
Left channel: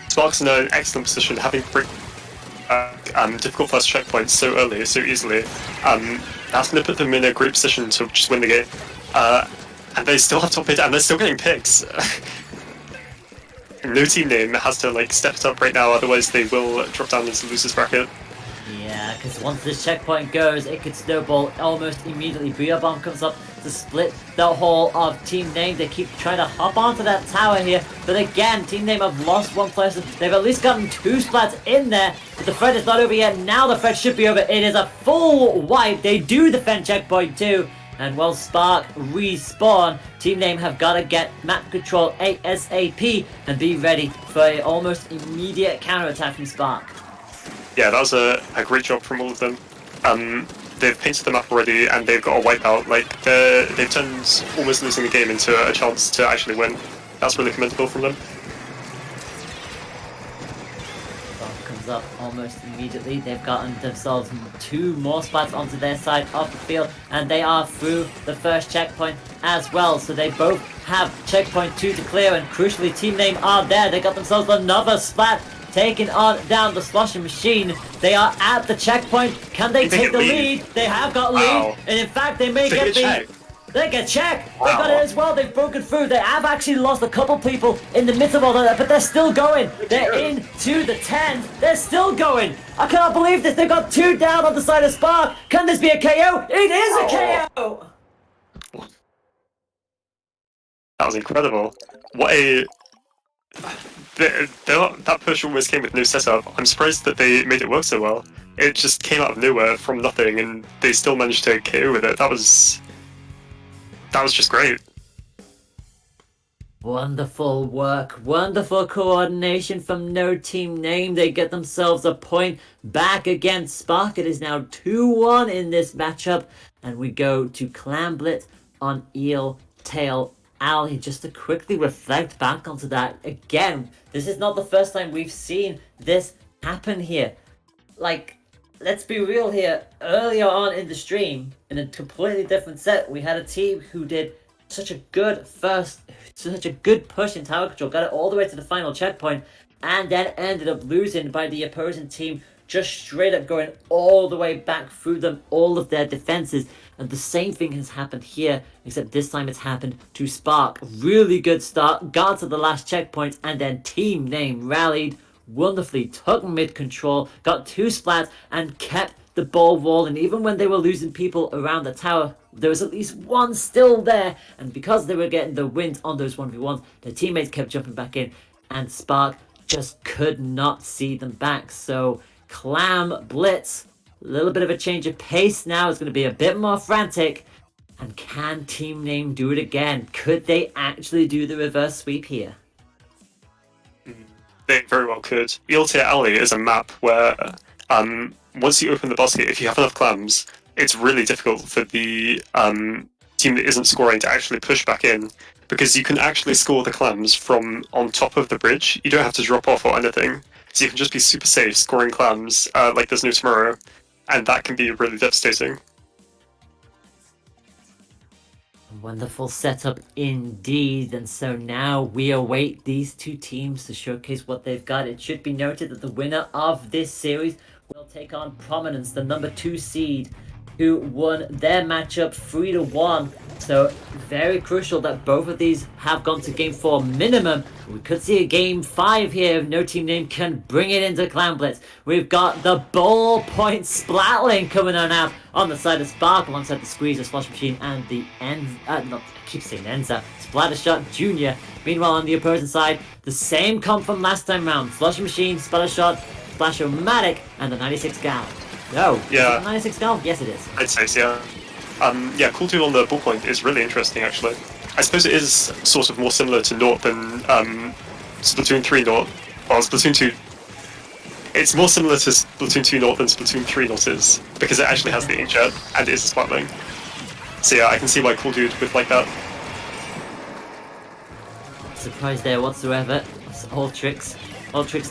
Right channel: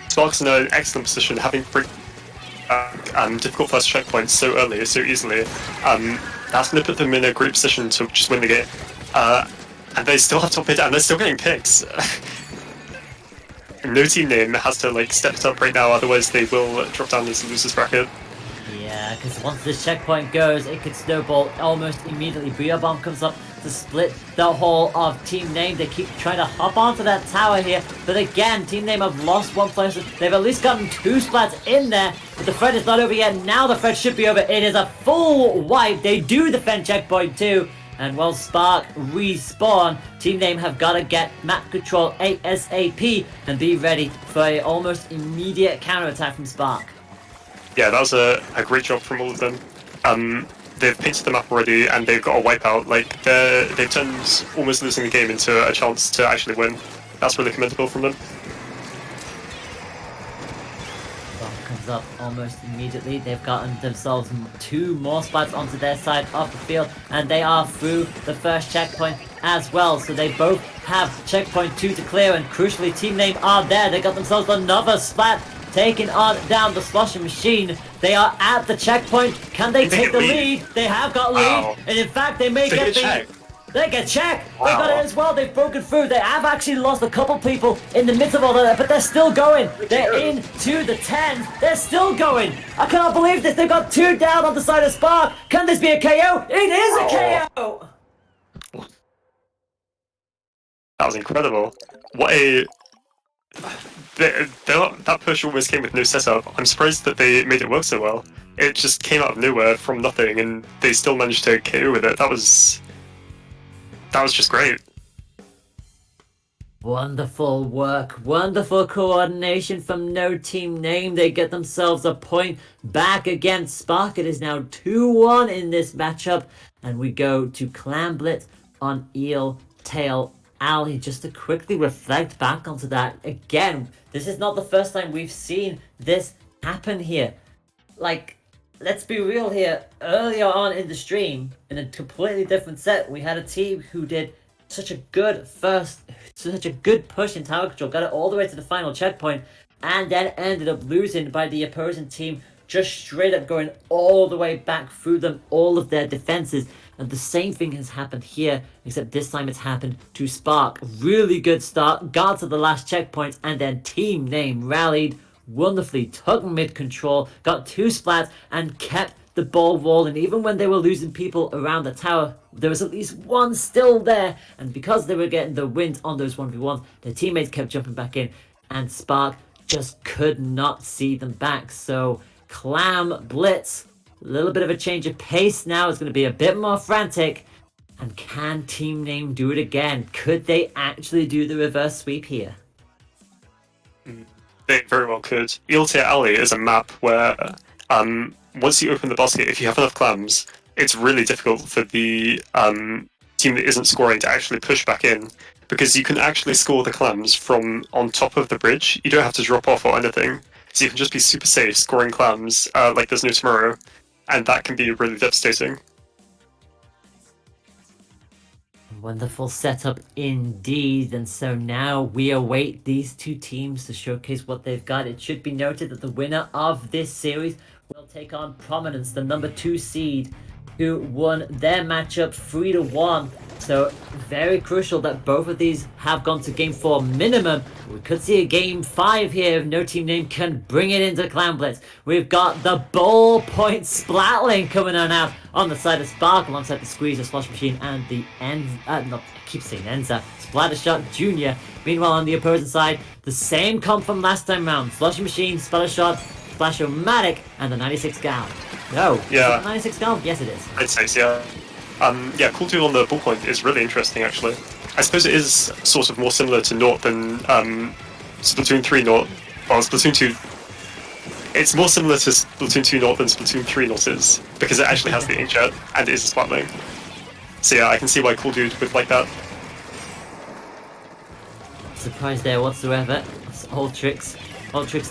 Spark's in an excellent position, having difficult first checkpoints so early, so easily. That's going to put them in a great position to just win the game. And they still have top mid, and they're still getting picks. No team name has to step it up right now, otherwise they will drop down into the losers bracket. Yeah, because once this checkpoint goes, it could snowball almost immediately. Booyah Bomb comes up to split the whole of Team Name. They keep trying to hop onto that tower here, but again, Team Name have lost 1 player. They've at least gotten 2 splats in there, but the threat is not over yet. Now the threat should be over. It is a full wipe. They do defend checkpoint too. And while Spark respawn, Team Name have got to get map control ASAP and be ready for an almost immediate counterattack from Spark. Yeah, that was a great job from all of them. They've painted the map already, and they've got a wipeout. They've turned almost losing the game into a chance to actually win. That's really commendable from them. Comes up almost immediately. They've gotten themselves 2 more spots onto their side of the field, and they are through the first checkpoint as well. So they both have checkpoint 2 to clear, and crucially, Team Name are there. They got themselves another splat, taking on down the Sloshing Machine. They are at the checkpoint. Can they take the lead? They have got lead, and in fact, they may get the. They get check. Wow. They got it as well. They've broken through. They have actually lost a couple people in the midst of all that, but they're still going. They're into the 10. They're still going. I cannot believe this. They've got 2 down on the side of Spark. Can this be a KO? It is a KO. That was incredible. What a... That push almost came with no setup. I'm surprised that they made it work so well. It just came out of nowhere from nothing, and they still managed to KO with it. That was just great. Wonderful work, wonderful coordination from No Team Name. They get themselves a point back against Spark. It is now 2-1 in this matchup, and we go to Clamblet on Eel Tail Alley. Just to quickly reflect back onto that again, this is not the first time we've seen this happen here. Let's be real here. Earlier on in the stream, in a completely different set, we had a team who did such a good push in tower control, got it all the way to the final checkpoint, and then ended up losing by the opposing team just straight up going all the way back through them, all of their defenses. And the same thing has happened here, except this time it's happened to Spark. Really good start, got to the last checkpoint, and then Team Name rallied wonderfully, took mid control, got 2 splats, and kept the ball rolling. Even when they were losing people around the tower, there was at least one still there. And because they were getting the wins on those 1v1s, their teammates kept jumping back in, and Spark just could not see them back. So Clam Blitz, a little bit of a change of pace now. It's going to be a bit more frantic. And can Team Name do it again? Could they actually do the reverse sweep here? They very well could. Eeltier Alley is a map where once you open the basket, if you have enough clams, it's really difficult for the team that isn't scoring to actually push back in, because you can actually score the clams from on top of the bridge. You don't have to drop off or anything. So you can just be super safe scoring clams like there's no tomorrow, and that can be really devastating. Wonderful setup indeed, and so now we await these two teams to showcase what they've got. It should be noted that the winner of this series will take on Prominence, the number 2 seed, who won their matchup 3-1. So very crucial that both of these have gone to game 4 minimum. We could see a game 5 here if no team name can bring it into Clan Blitz. We've got the ballpoint Splatling coming on out on the side of Spark alongside the Squeezer, Slosh Machine, and the I keep saying Enza, Splattershore Jr. Meanwhile, on the opposing side, the same comp from last time round: Slosh Machine, Splattershore, Splashomatic, and the 96 Gal. No, yeah, 96 Gal? Yes, it is. I'd say so, yeah. Yeah, cool tool on the ballpoint is really interesting, actually. I suppose it is sort of more similar to Naught than Splatoon 3 Naught. Well, Splatoon 2... It's more similar to Splatoon 2 Naught than Splatoon 3 Naught is, because it actually has the inkjet, and it is a Splatling. So yeah, I can see why Cool Dude would like that. Surprise there whatsoever. It's all tricks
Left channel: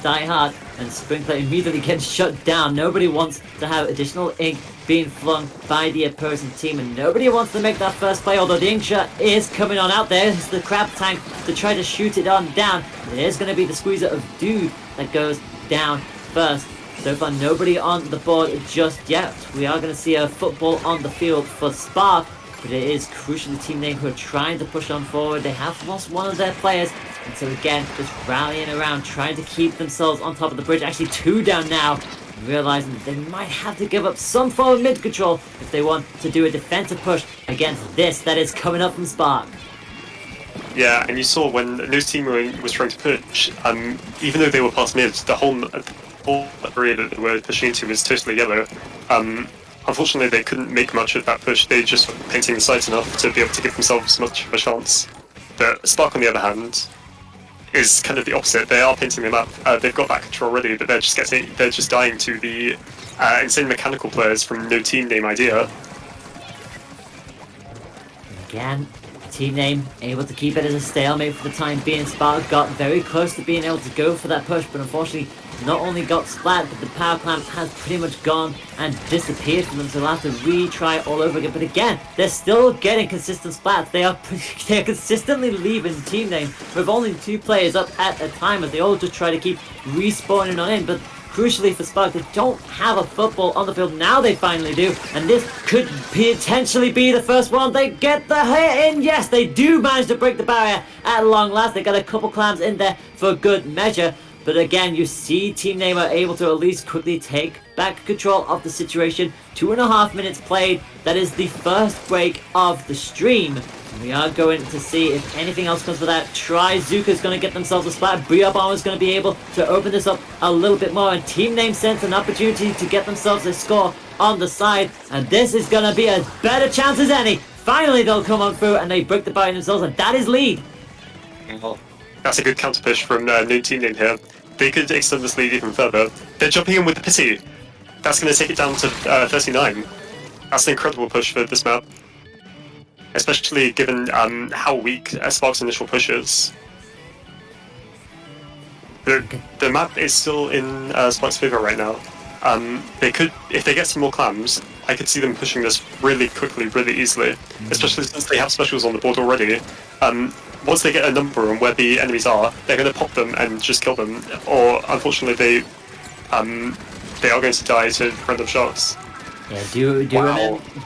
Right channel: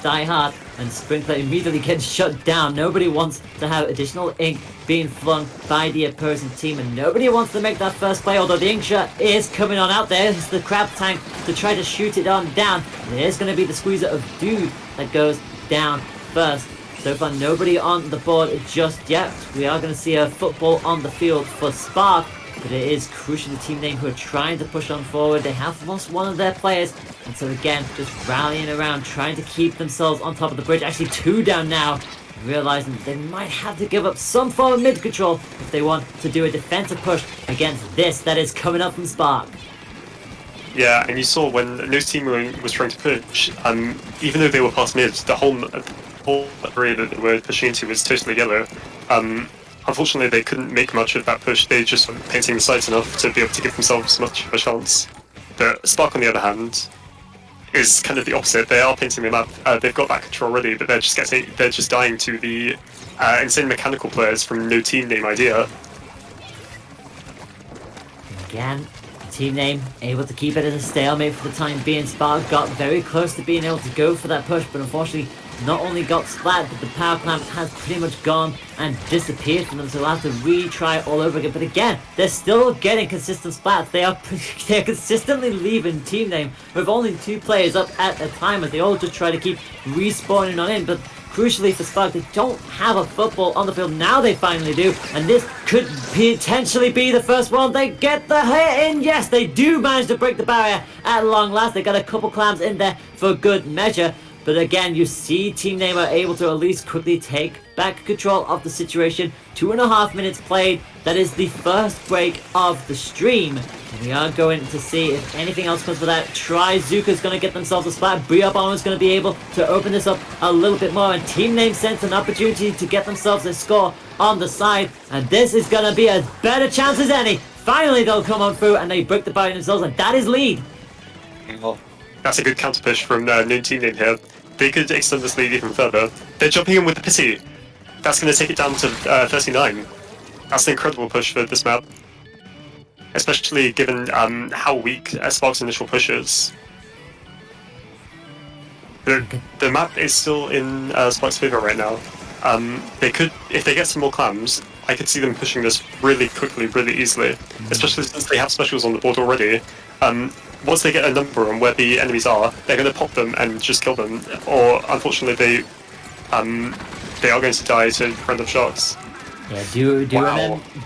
die hard, and Sprinkler immediately gets shut down. Nobody wants to have additional ink being flung by the opposing team, and nobody wants to make that first play, although the ink shot is coming on out there. It's the crab tank to try to shoot it on down. There's going to be the Squeezer of Dude that goes down first. So far, nobody on the board just yet. We are going to see a football on the field for Spark, but it is crucial to Team Name, who are trying to push on forward. They have lost one of their players, and so again, just rallying around, trying to keep themselves on top of the bridge. Actually, 2 down now, realizing that they might have to give up some form of mid control if they want to do a defensive push against this that is coming up from Spark. Yeah, and you saw when no team was trying to push, even though they were past mid, the whole area that they were pushing into was totally yellow. Unfortunately, they couldn't make much of that push. They just weren't painting the sides enough to be able to give themselves much of a chance. But Spark, on the other hand, is kind of the opposite. They are painting the map. They've got that control already, but they're just dying to the insane mechanical players from no team name idea. Again, Team Name able to keep it as a stalemate for the time being. Spark got very close to being able to go for that push, but unfortunately not only got splat, but the power clamp has pretty much gone and disappeared from them, so they'll have to retry all over again. But again, they're still getting consistent splats. They're consistently leaving Team Name with only 2 players up at a time, as they all just try to keep respawning on in. But crucially for Spark, they don't have a football on the field. Now they finally do, and this could potentially be the first one. They get the hit in. Yes, they do manage to break the barrier at long last. They got a couple clams in there for good measure. But again, you see Team Name are able to at least quickly take back control of the situation. 2.5 minutes played. That is the first break of the stream. And we are going to see if anything else comes with that. Trizuka's going to get themselves a splat. Briop is going to be able to open this up a little bit more. And Team Name sends an opportunity to get themselves a score on the side. And this is going to be as better chance as any. Finally, they'll come on through and they break the barrier themselves. And that is lead. That's a good counter push from no team name here. They could extend this lead even further. They're jumping in with the pity. That's going to take it down to 39. That's an incredible push for this map, especially given how weak Spark's initial push is. The map is still in Spark's favor right now. They could, if they get some more clams, I could see them pushing this really quickly, really easily, especially since they have specials on the board already. Once they get a number on where the enemies are, they're going to pop them and just kill them, or unfortunately they are going to die to random shots.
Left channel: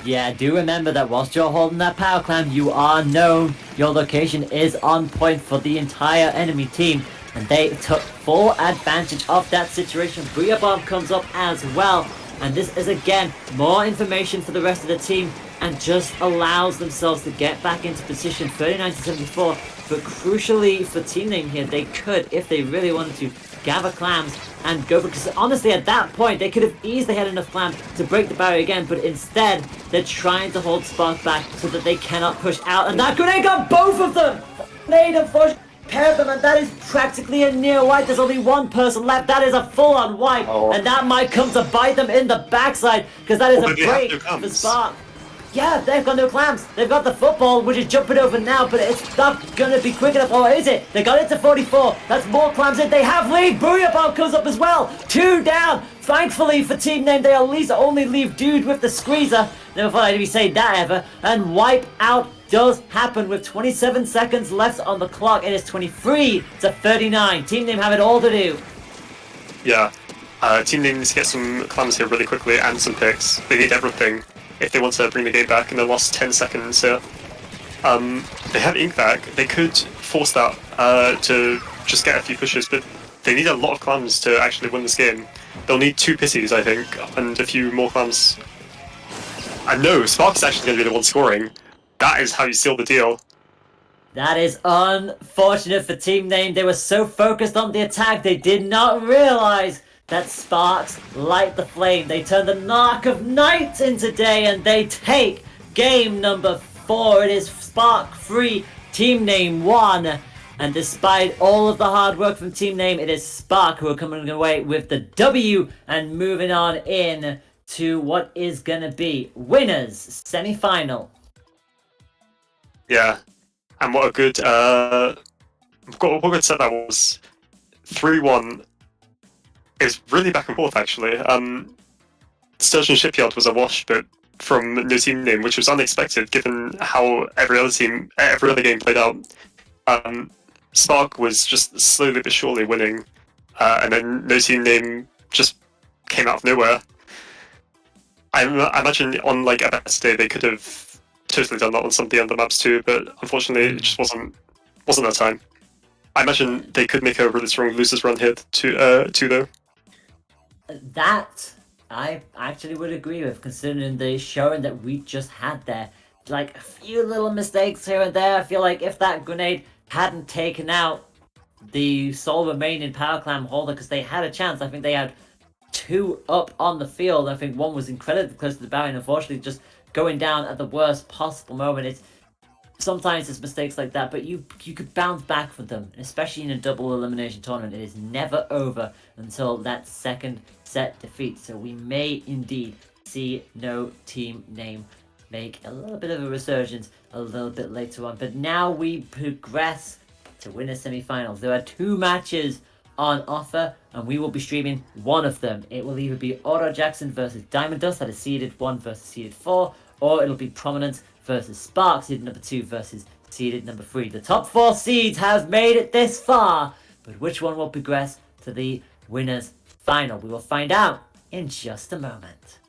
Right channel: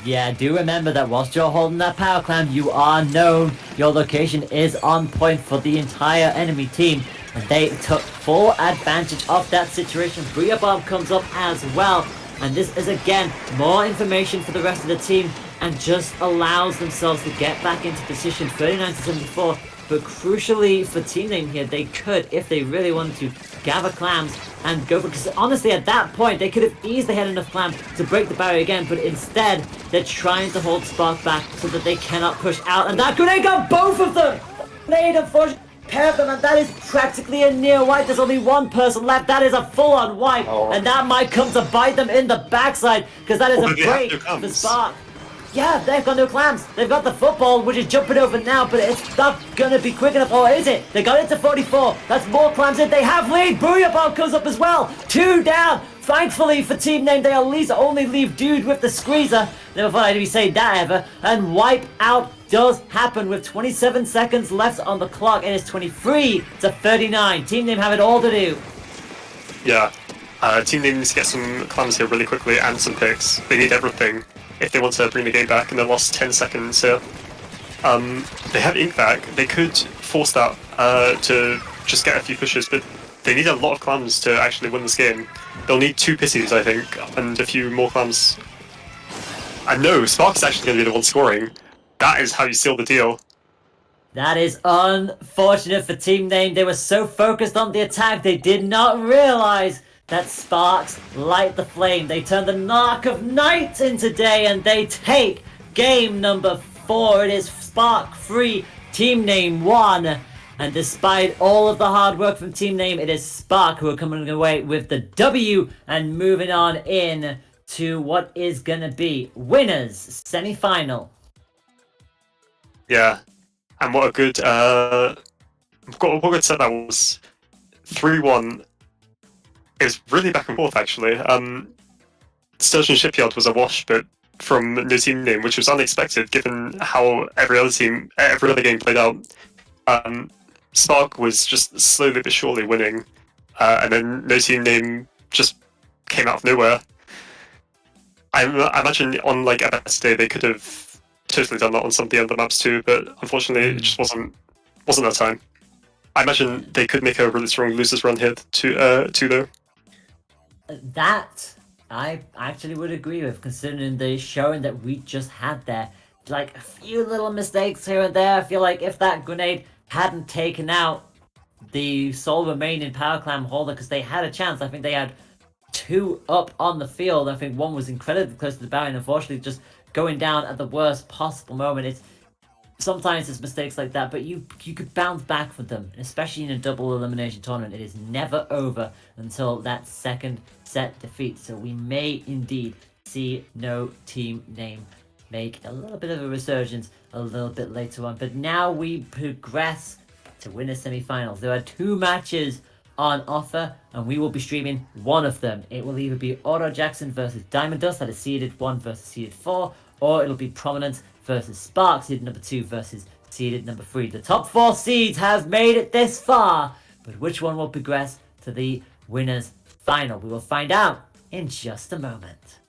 Yeah, do remember that whilst you're holding that power clam, you are known. Your location is on point for the entire enemy team, and they took full advantage of that situation. Booyah Bomb comes up as well, and this is again more information for the rest of the team, and just allows themselves to get back into position. 39-74. But crucially for Team Name here, they could, if they really wanted to, gather clams and go for, because honestly at that point they could have easily had enough clams to break the barrier again, but instead they're trying to hold Spark back so that they cannot push out, and that grenade got both of them! Grenade unfortunately paired them, and that is practically a near wipe. There's only one person left. That is a full-on wipe, and that might come to bite them in the backside, because that is a break for Spark. Yeah, they've got no clams. They've got the football, which is jumping over now, but it's not gonna be quick enough. Or is it? They got it to 44. That's more clams in. They have lead. Booyah Bomb comes up as well. 2 down. Thankfully for Team Name, they at least only leave Dude with the squeezer. Never thought I'd be saying that ever. And wipe out does happen with 27 seconds left on the clock. It is 23-39. Team Name have it all to do. Yeah. Team Name needs to get some clams here really quickly and some picks. They need everything if they want to bring the game back in the last 10 seconds here. They have Ink back. They could force that to just get a few pushes, but they need a lot of clams to actually win this game. They'll need 2 pissies, I think, and a few more clams. And no, Spark is actually going to be the one scoring. That is how you seal the deal. That is unfortunate for Team Name. They were so focused on the attack, they did not realize that Sparks light the flame. They turn the Narc of Night into day, and they take game number 4. It is Spark 3, Team Name 1. And despite all of the hard work from Team Name, it is Spark who are coming away with the W and moving on in to what is gonna be winners semi-final. Yeah, and what a good what a good set that was. 3-1. It was really back and forth actually. Sturgeon Shipyard was a wash, but from no Team Name, which was unexpected given how every other game played out. Spark was just slowly but surely winning, and then no Team Name just came out of nowhere. I imagine on like a best day they could have totally done that on some of the other maps too, but unfortunately it just wasn't that time. I imagine they could make a really strong losers run here too though. That I actually would agree with, considering the showing that we just had there. Like a few little mistakes here and there. I feel like if that grenade hadn't taken out the sole remaining power clam holder, because they had a chance. I think they had 2 up on the field. I think one was incredibly close to the barrier, and unfortunately just going down at the worst possible moment. Sometimes it's mistakes like that, but you could bounce back from them, especially in a double elimination tournament. It is never over until that second set defeat. So we may indeed see no Team Name make a little bit of a resurgence a little bit later on. But now we progress to winner semi-finals. There are 2 matches on offer, and we will be streaming one of them. It will either be Auto Jackson versus Diamond Dust, that is seeded 1 versus seeded 4, or it'll be Prominence versus Spark, seeded number 2 versus seeded number 3. The top 4 seeds have made it this far, but which one will progress to the winners final? We will find out in just a moment.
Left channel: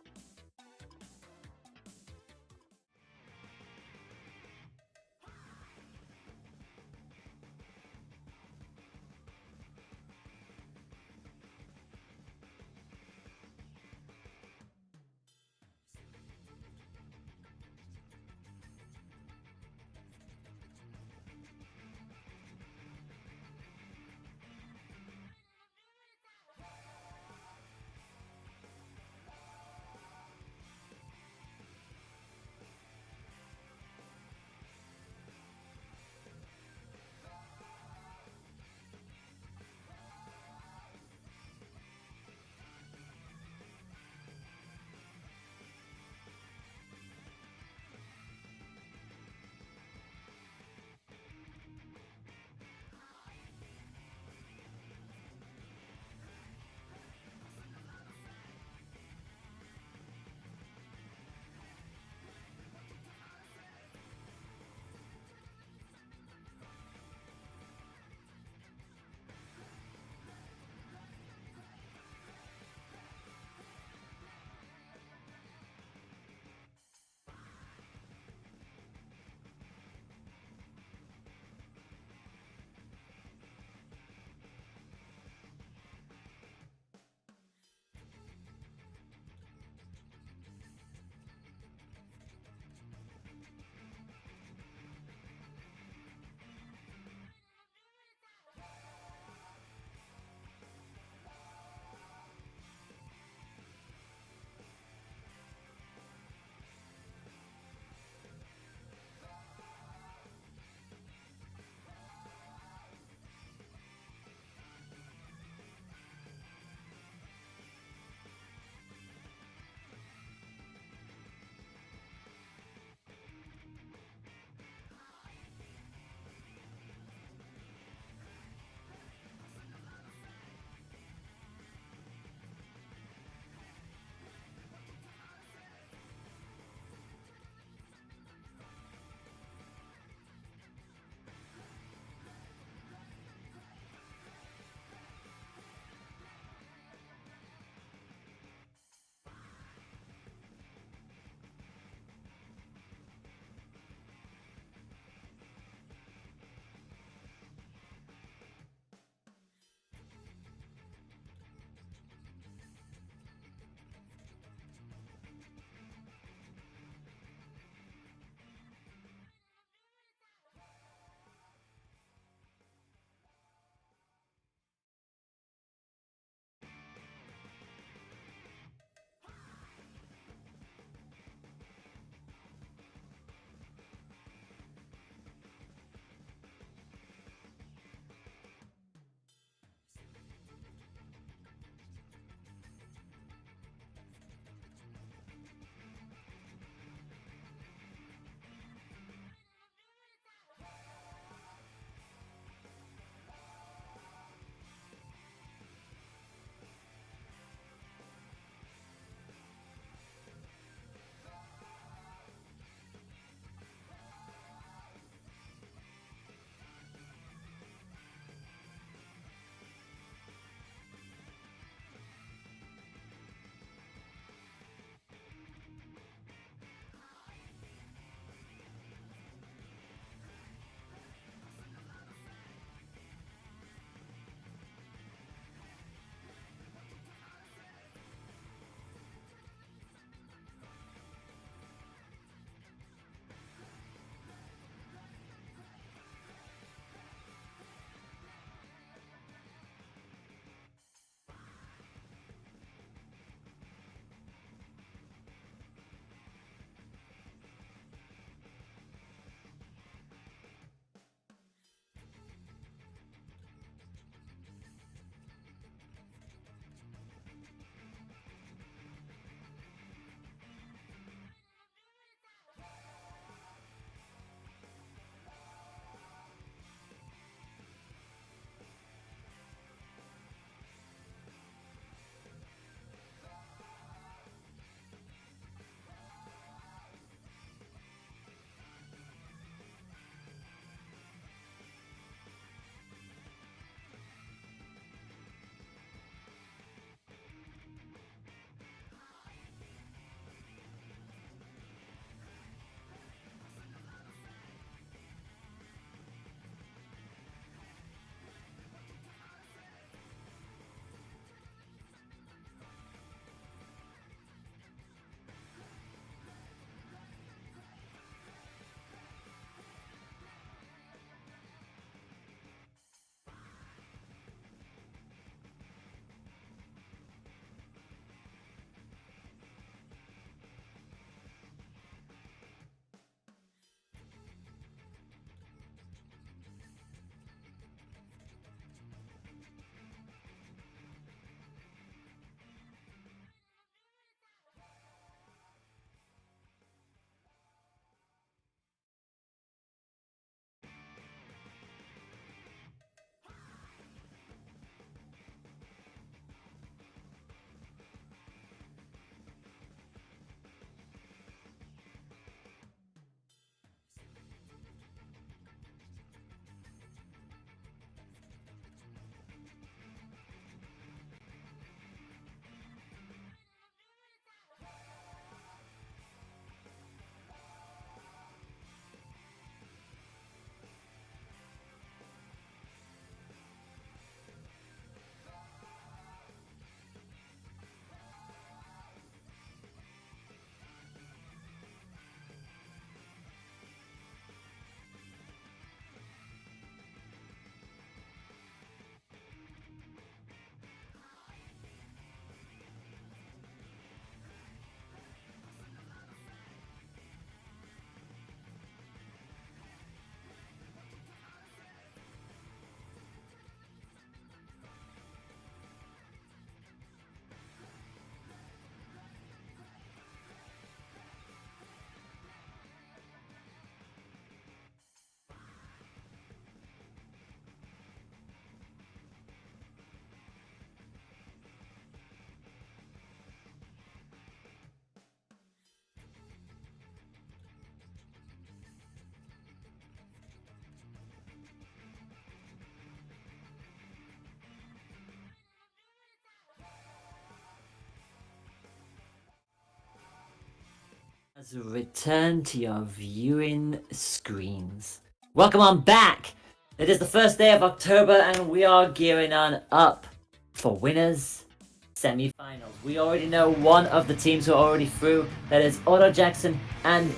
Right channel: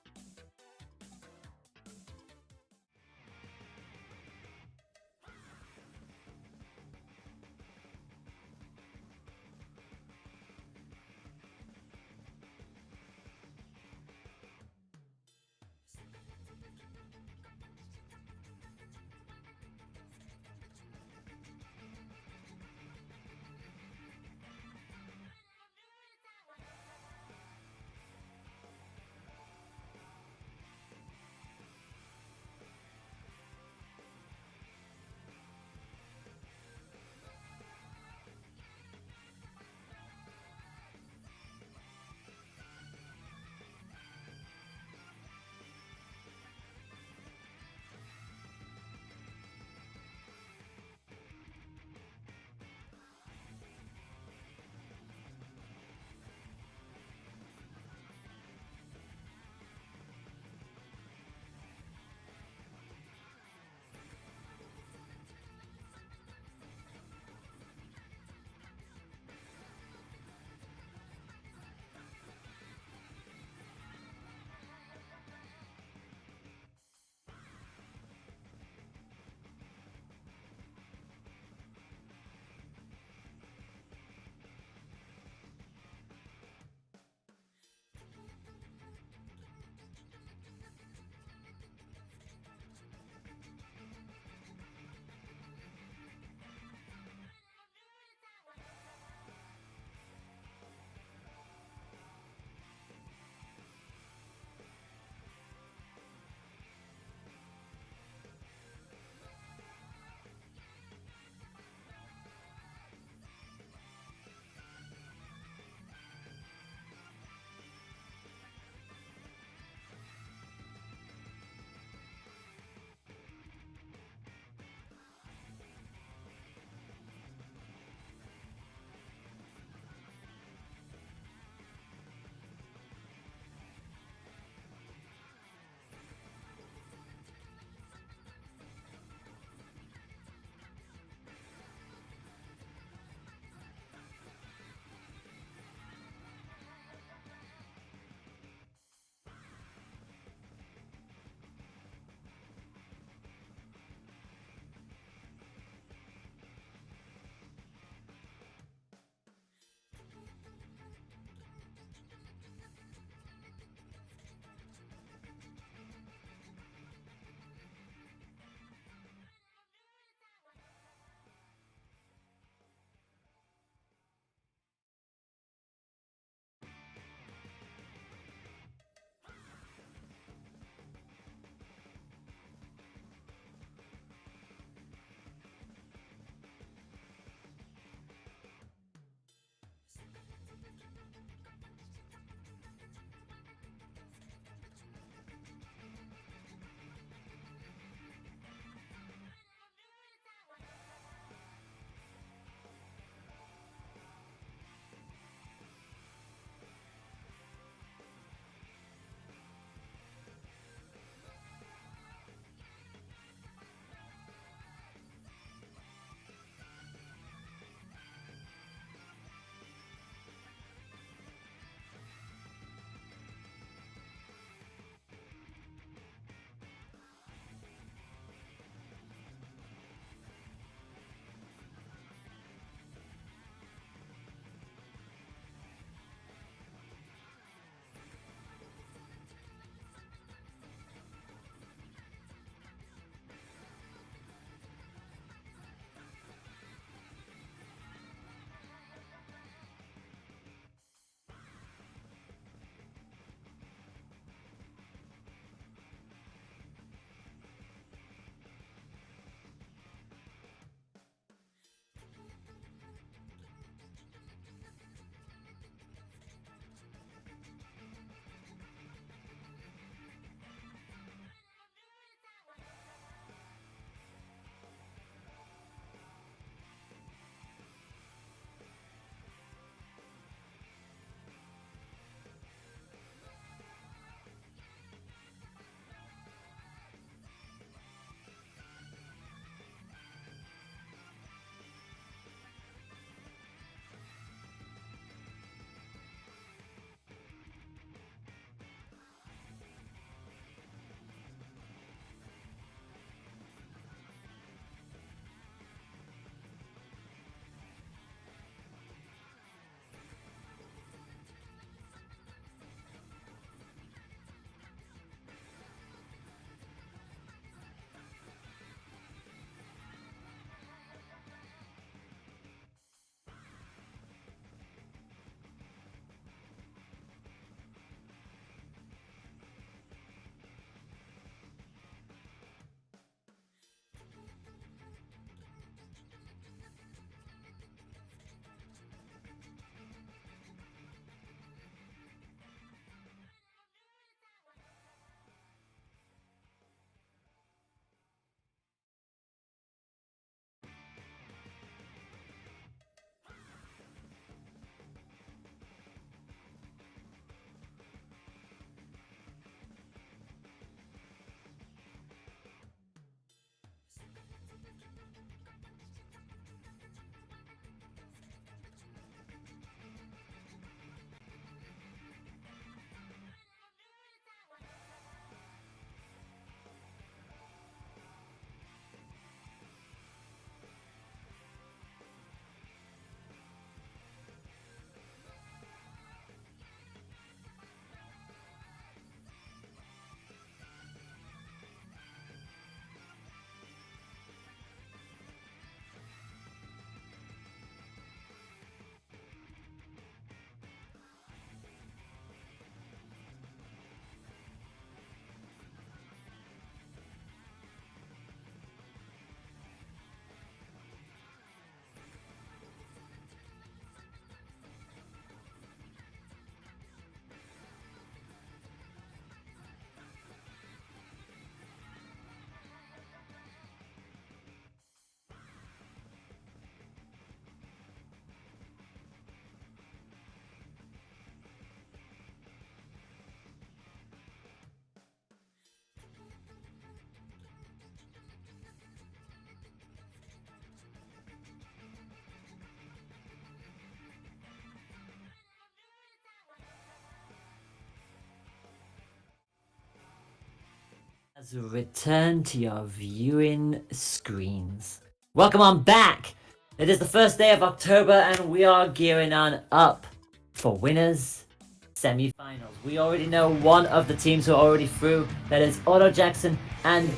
Return to your viewing screens. Welcome on back! It is the first day of October and we are gearing on up for winners semi-finals. We already know one of the teams who are already through, that is Otto Jackson, and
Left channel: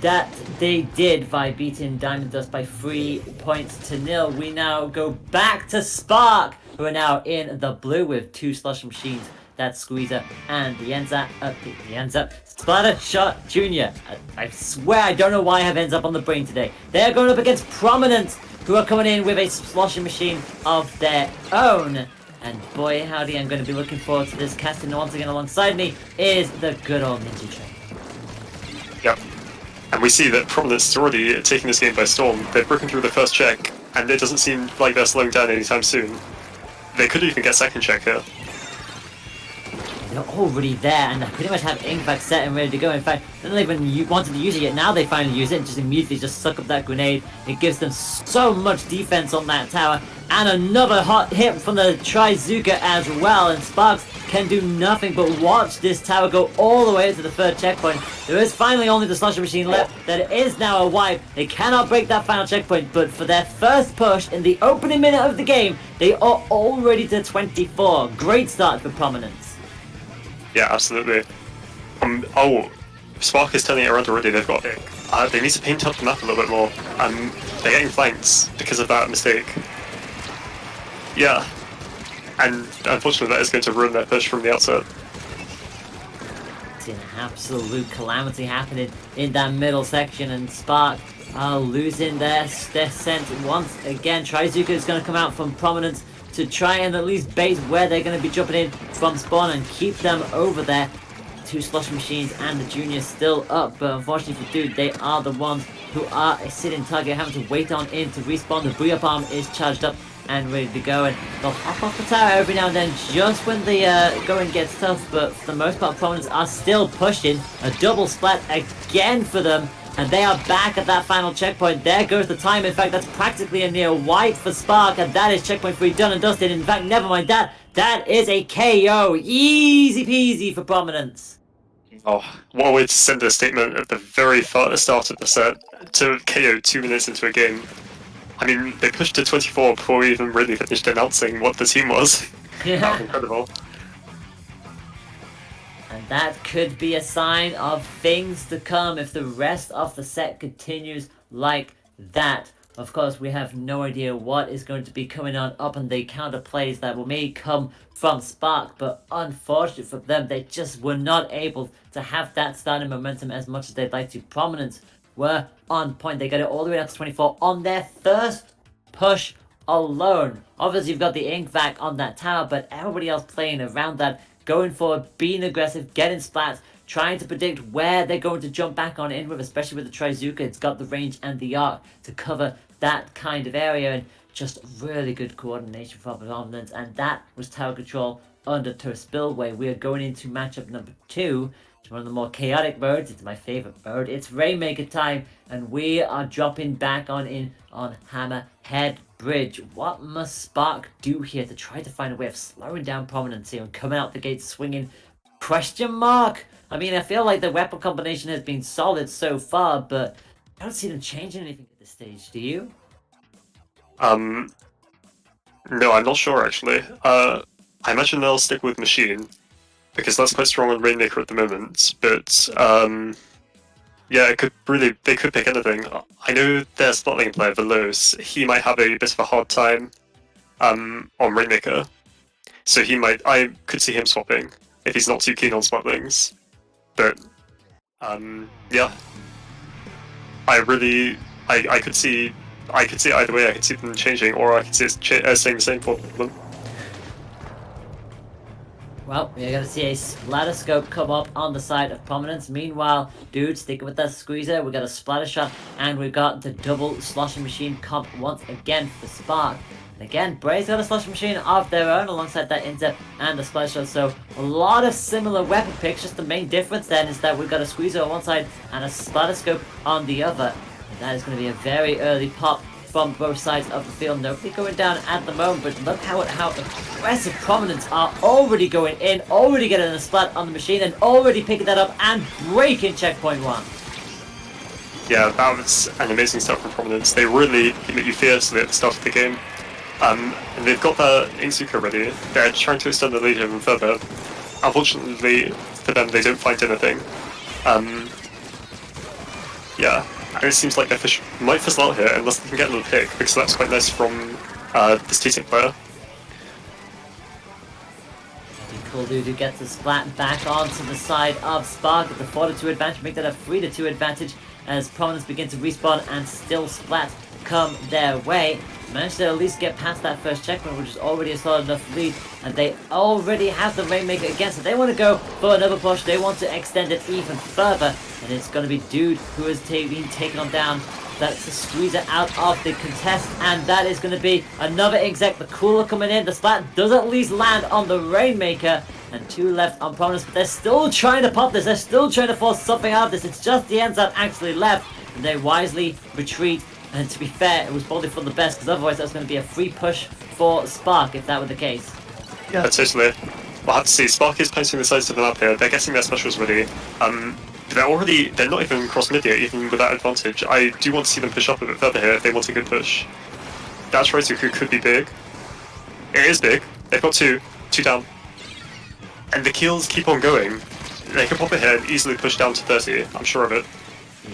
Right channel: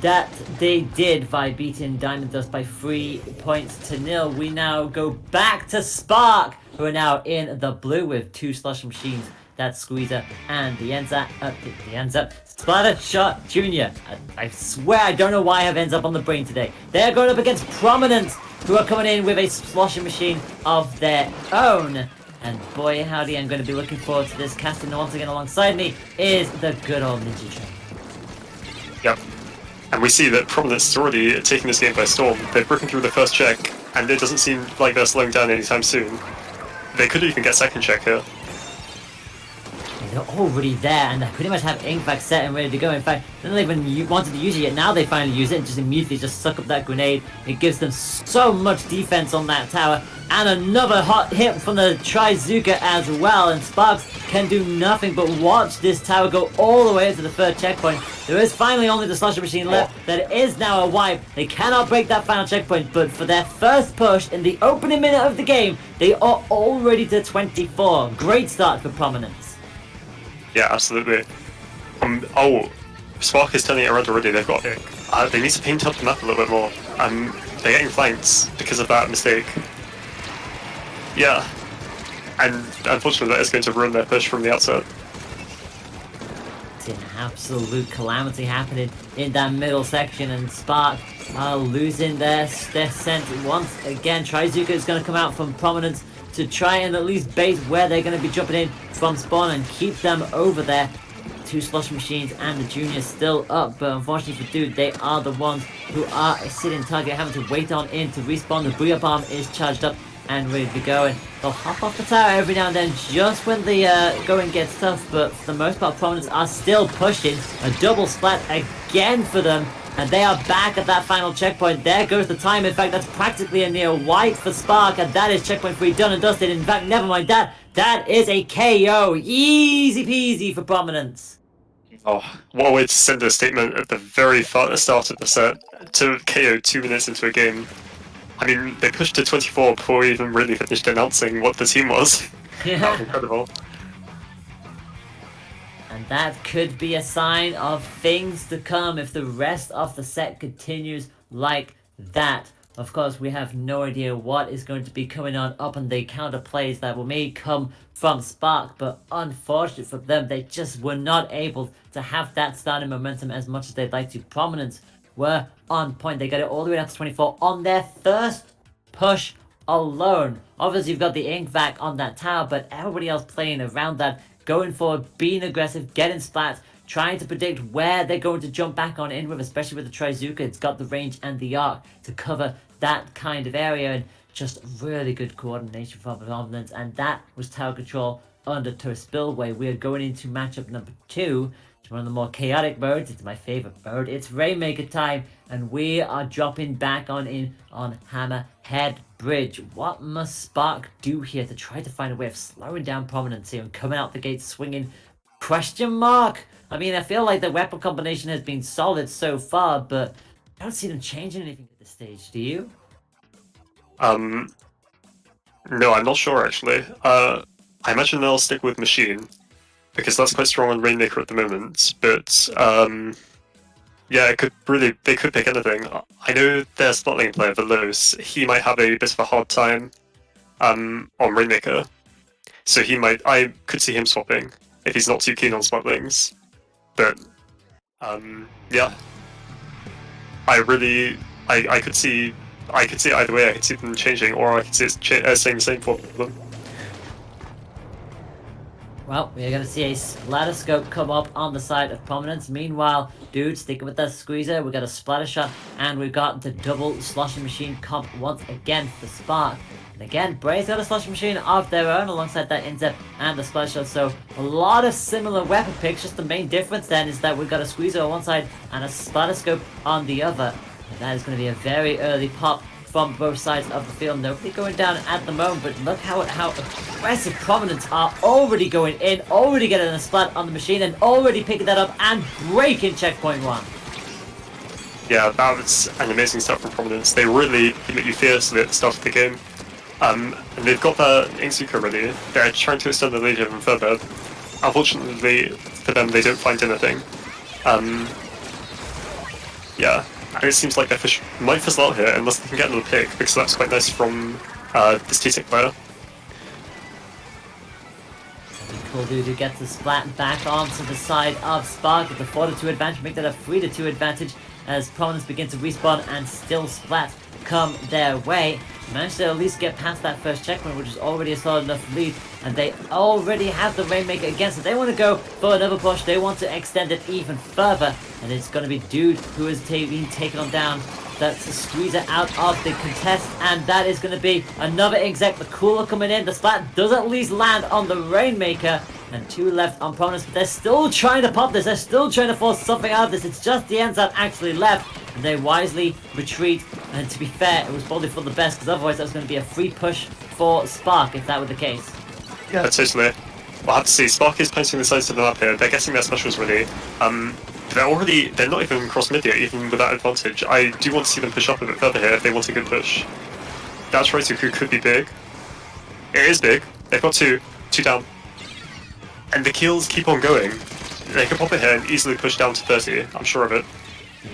that they did by beating Diamond Dust by 3 points to 0. We now go back to Spark, who are now in the blue with 2 slush machines. That's Squeezer and the Splattershore Jr. I swear I don't know why I have ends up on the brain today. They're going up against Prominence, who are coming in with a sloshing machine of their own. And boy howdy, I'm going to be looking forward to this. Casting once again alongside me is the good old Ninja Train. Yep. And we see that Prominence is already taking this game by storm. They've broken through the first check, and it doesn't seem like they're slowing down anytime soon. They could even get second check here. They're already there, and they pretty much have Ink back set and ready to go. In fact, they don't even wanted to use it yet. Now they finally use it and just immediately just suck up that grenade. It gives them so much defense on that tower. And another hot hit from the Trizuka as well. And Sparks can do nothing but watch this tower go all the way to the third checkpoint. There is finally only the slusher machine left. That is now a wipe. They cannot break that final checkpoint. But for their first push in the opening minute of the game, they are already to 24. Great start for Prominence. Yeah, absolutely. Oh, Spark is turning it around already. They've got they need to paint up the map a little bit more. They're getting flanked because of that mistake. Yeah, and unfortunately that is going to ruin their push from the outset. It's an absolute calamity happening in that middle section, and Spark are losing their scent once again. Trizuka is going to come out from Prominence to try and at least bait where they're going to be jumping in from spawn and keep them over there. 2 slush machines and the junior still up, but unfortunately for Dude, they are the ones who are sitting target, having to wait on in to respawn. The Booyah Bomb is charged up and ready to go, and they'll hop off the tower every now and then just when the going gets tough, but for the most part Prominence are still pushing. A double splat again for them, and they are back at that final checkpoint. There goes the time. In fact, that's practically a near wipe for Spark, and that is checkpoint 3 done and dusted. In fact, never mind that. That is a KO. Easy peasy for Prominence. Oh, what a way to send a statement at the very start of the set to KO 2 minutes into a game. I mean, they pushed to 24 before we even really finished announcing what the team was. Yeah. That was incredible. And that could be a sign of things to come if the rest of the set continues like that. Of course, we have no idea what is going to be coming on up and the counter plays that may come from Spark, but unfortunately for them, they just were not able to have that starting momentum as much as they'd like to. Prominence were on point. They got it all the way up to 24 on their first push alone. Obviously, you've got the Ink back on that tower, but everybody else playing around that, going forward, being aggressive, getting splats, trying to predict where they're going to jump back on in with, especially with the Trizuka. It's got the range and the arc to cover that kind of area, and just really good coordination from Prominence. And that was tower control under Toe Spillway. We are going into matchup number 2. It's one of the more chaotic modes. It's my favorite mode. It's Rainmaker time, and we are dropping back on in on Hammerhead Bridge. What must Spark do here to try to find a way of slowing down Prominence here and coming out the gate swinging? Question mark. I mean, I feel like the weapon combination has been solid so far, but I don't see them changing anything at this stage. Do you? No, I'm not sure actually. I imagine they'll stick with Machine, because that's quite strong on Rainmaker at the moment, but yeah, they could pick anything. I know their Splatling player, Veloz, he might have a bit of a hard time on Rainmaker, so I could see him swapping if he's not too keen on Splatlings. But yeah, I could see either way. I could see them changing, or I could see it staying the same for them. Well, we're going to see a splatter scope come up on the side of Prominence. Meanwhile, Dude, sticking with that squeezer, we've got a splatter shot, and we've got the double sloshing machine comp once again for Spark. And again, Bray's got a sloshing machine of their own alongside that inset and the splatter shot. So a lot of similar weapon picks. Just the main difference then is that we've got a squeezer on one side and a splatter scope on the other. And that is going to be a very early pop from both sides of the field. Nobody going down at the moment, but look how aggressive Prominence are already going in, already getting a splat on the machine, and already picking that up and breaking checkpoint 1. Yeah, that was an amazing start from Prominence. They really limit you fiercely at the start of the game. And they've got their Inksuka ready. They're trying to extend the lead even further. Unfortunately for them, they don't find anything. Yeah, and it seems like their fish might fizzle out here unless they can get another pick, because that's quite nice from this T-Sync player. Cool dude who gets the splat back onto the side of Spark with the 4-2 advantage, make that a 3-2 advantage as Prominence begin to respawn and still Splat come their way. Managed to at least get past that first checkpoint, which is already a solid enough lead, and they already have the Rainmaker again, so they want to go for another push. They want to extend it even further, and it's going to be Dude who is being taken on down. That's the squeezer out of the contest, and that is going to be another exec. The cooler coming in. The Splat does at least land on the Rainmaker, and 2 left on Prominence, but they're still trying to pop this. They're still trying to force something out of this. It's just the NZAP actually left, and they wisely retreat. And to be fair, it was probably for the best, because otherwise that was going to be a free push for Spark if that were the case. Yeah, totally. We'll have to see. Spark is placing the sides of the map here. They're getting their specials ready. They're not even cross mid yet, even with that advantage. I do want to see them push up a bit further here if they want a good push. Dash Rotoku could be big. It is big. They've got two down. And the kills keep on going. They can pop it here and easily push down to 30, I'm sure of it.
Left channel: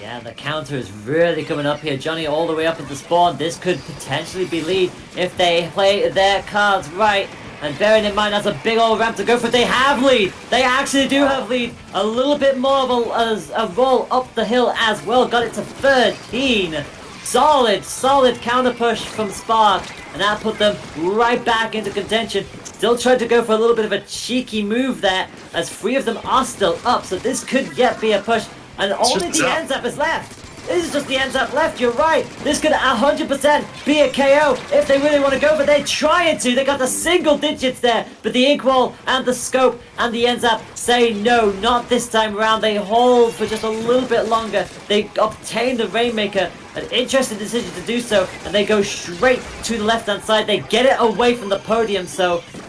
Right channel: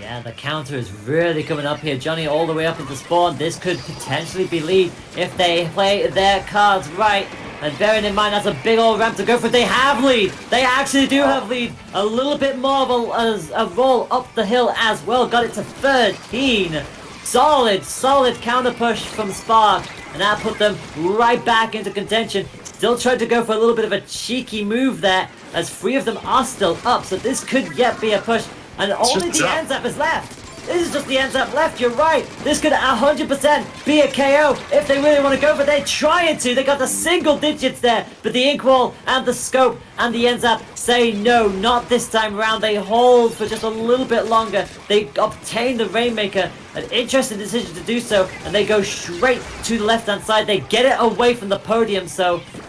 Yeah, the counter is really coming up here. Johnny all the way up into spawn. This could potentially be lead if they play their cards right. And bearing in mind that's a big old ramp to go for. They have lead. They actually do have lead. A little bit more of a roll up the hill as well. Got it to 13. Solid counter push from Spark. And that put them right back into contention. Still tried to go for a little bit of a cheeky move there, as 3 of them are still up. So this could yet be a push. And only the NZAP is left. This is just the NZAP left, you're right. This could 100% be a KO if they really want to go, but they're trying to. They got the single digits there, but the Inkwall and the Scope and the NZAP say no, not this time around. They hold for just a little bit longer. They obtain the Rainmaker, an interesting decision to do so, and they go straight to the left-hand side. They get it away from the podium,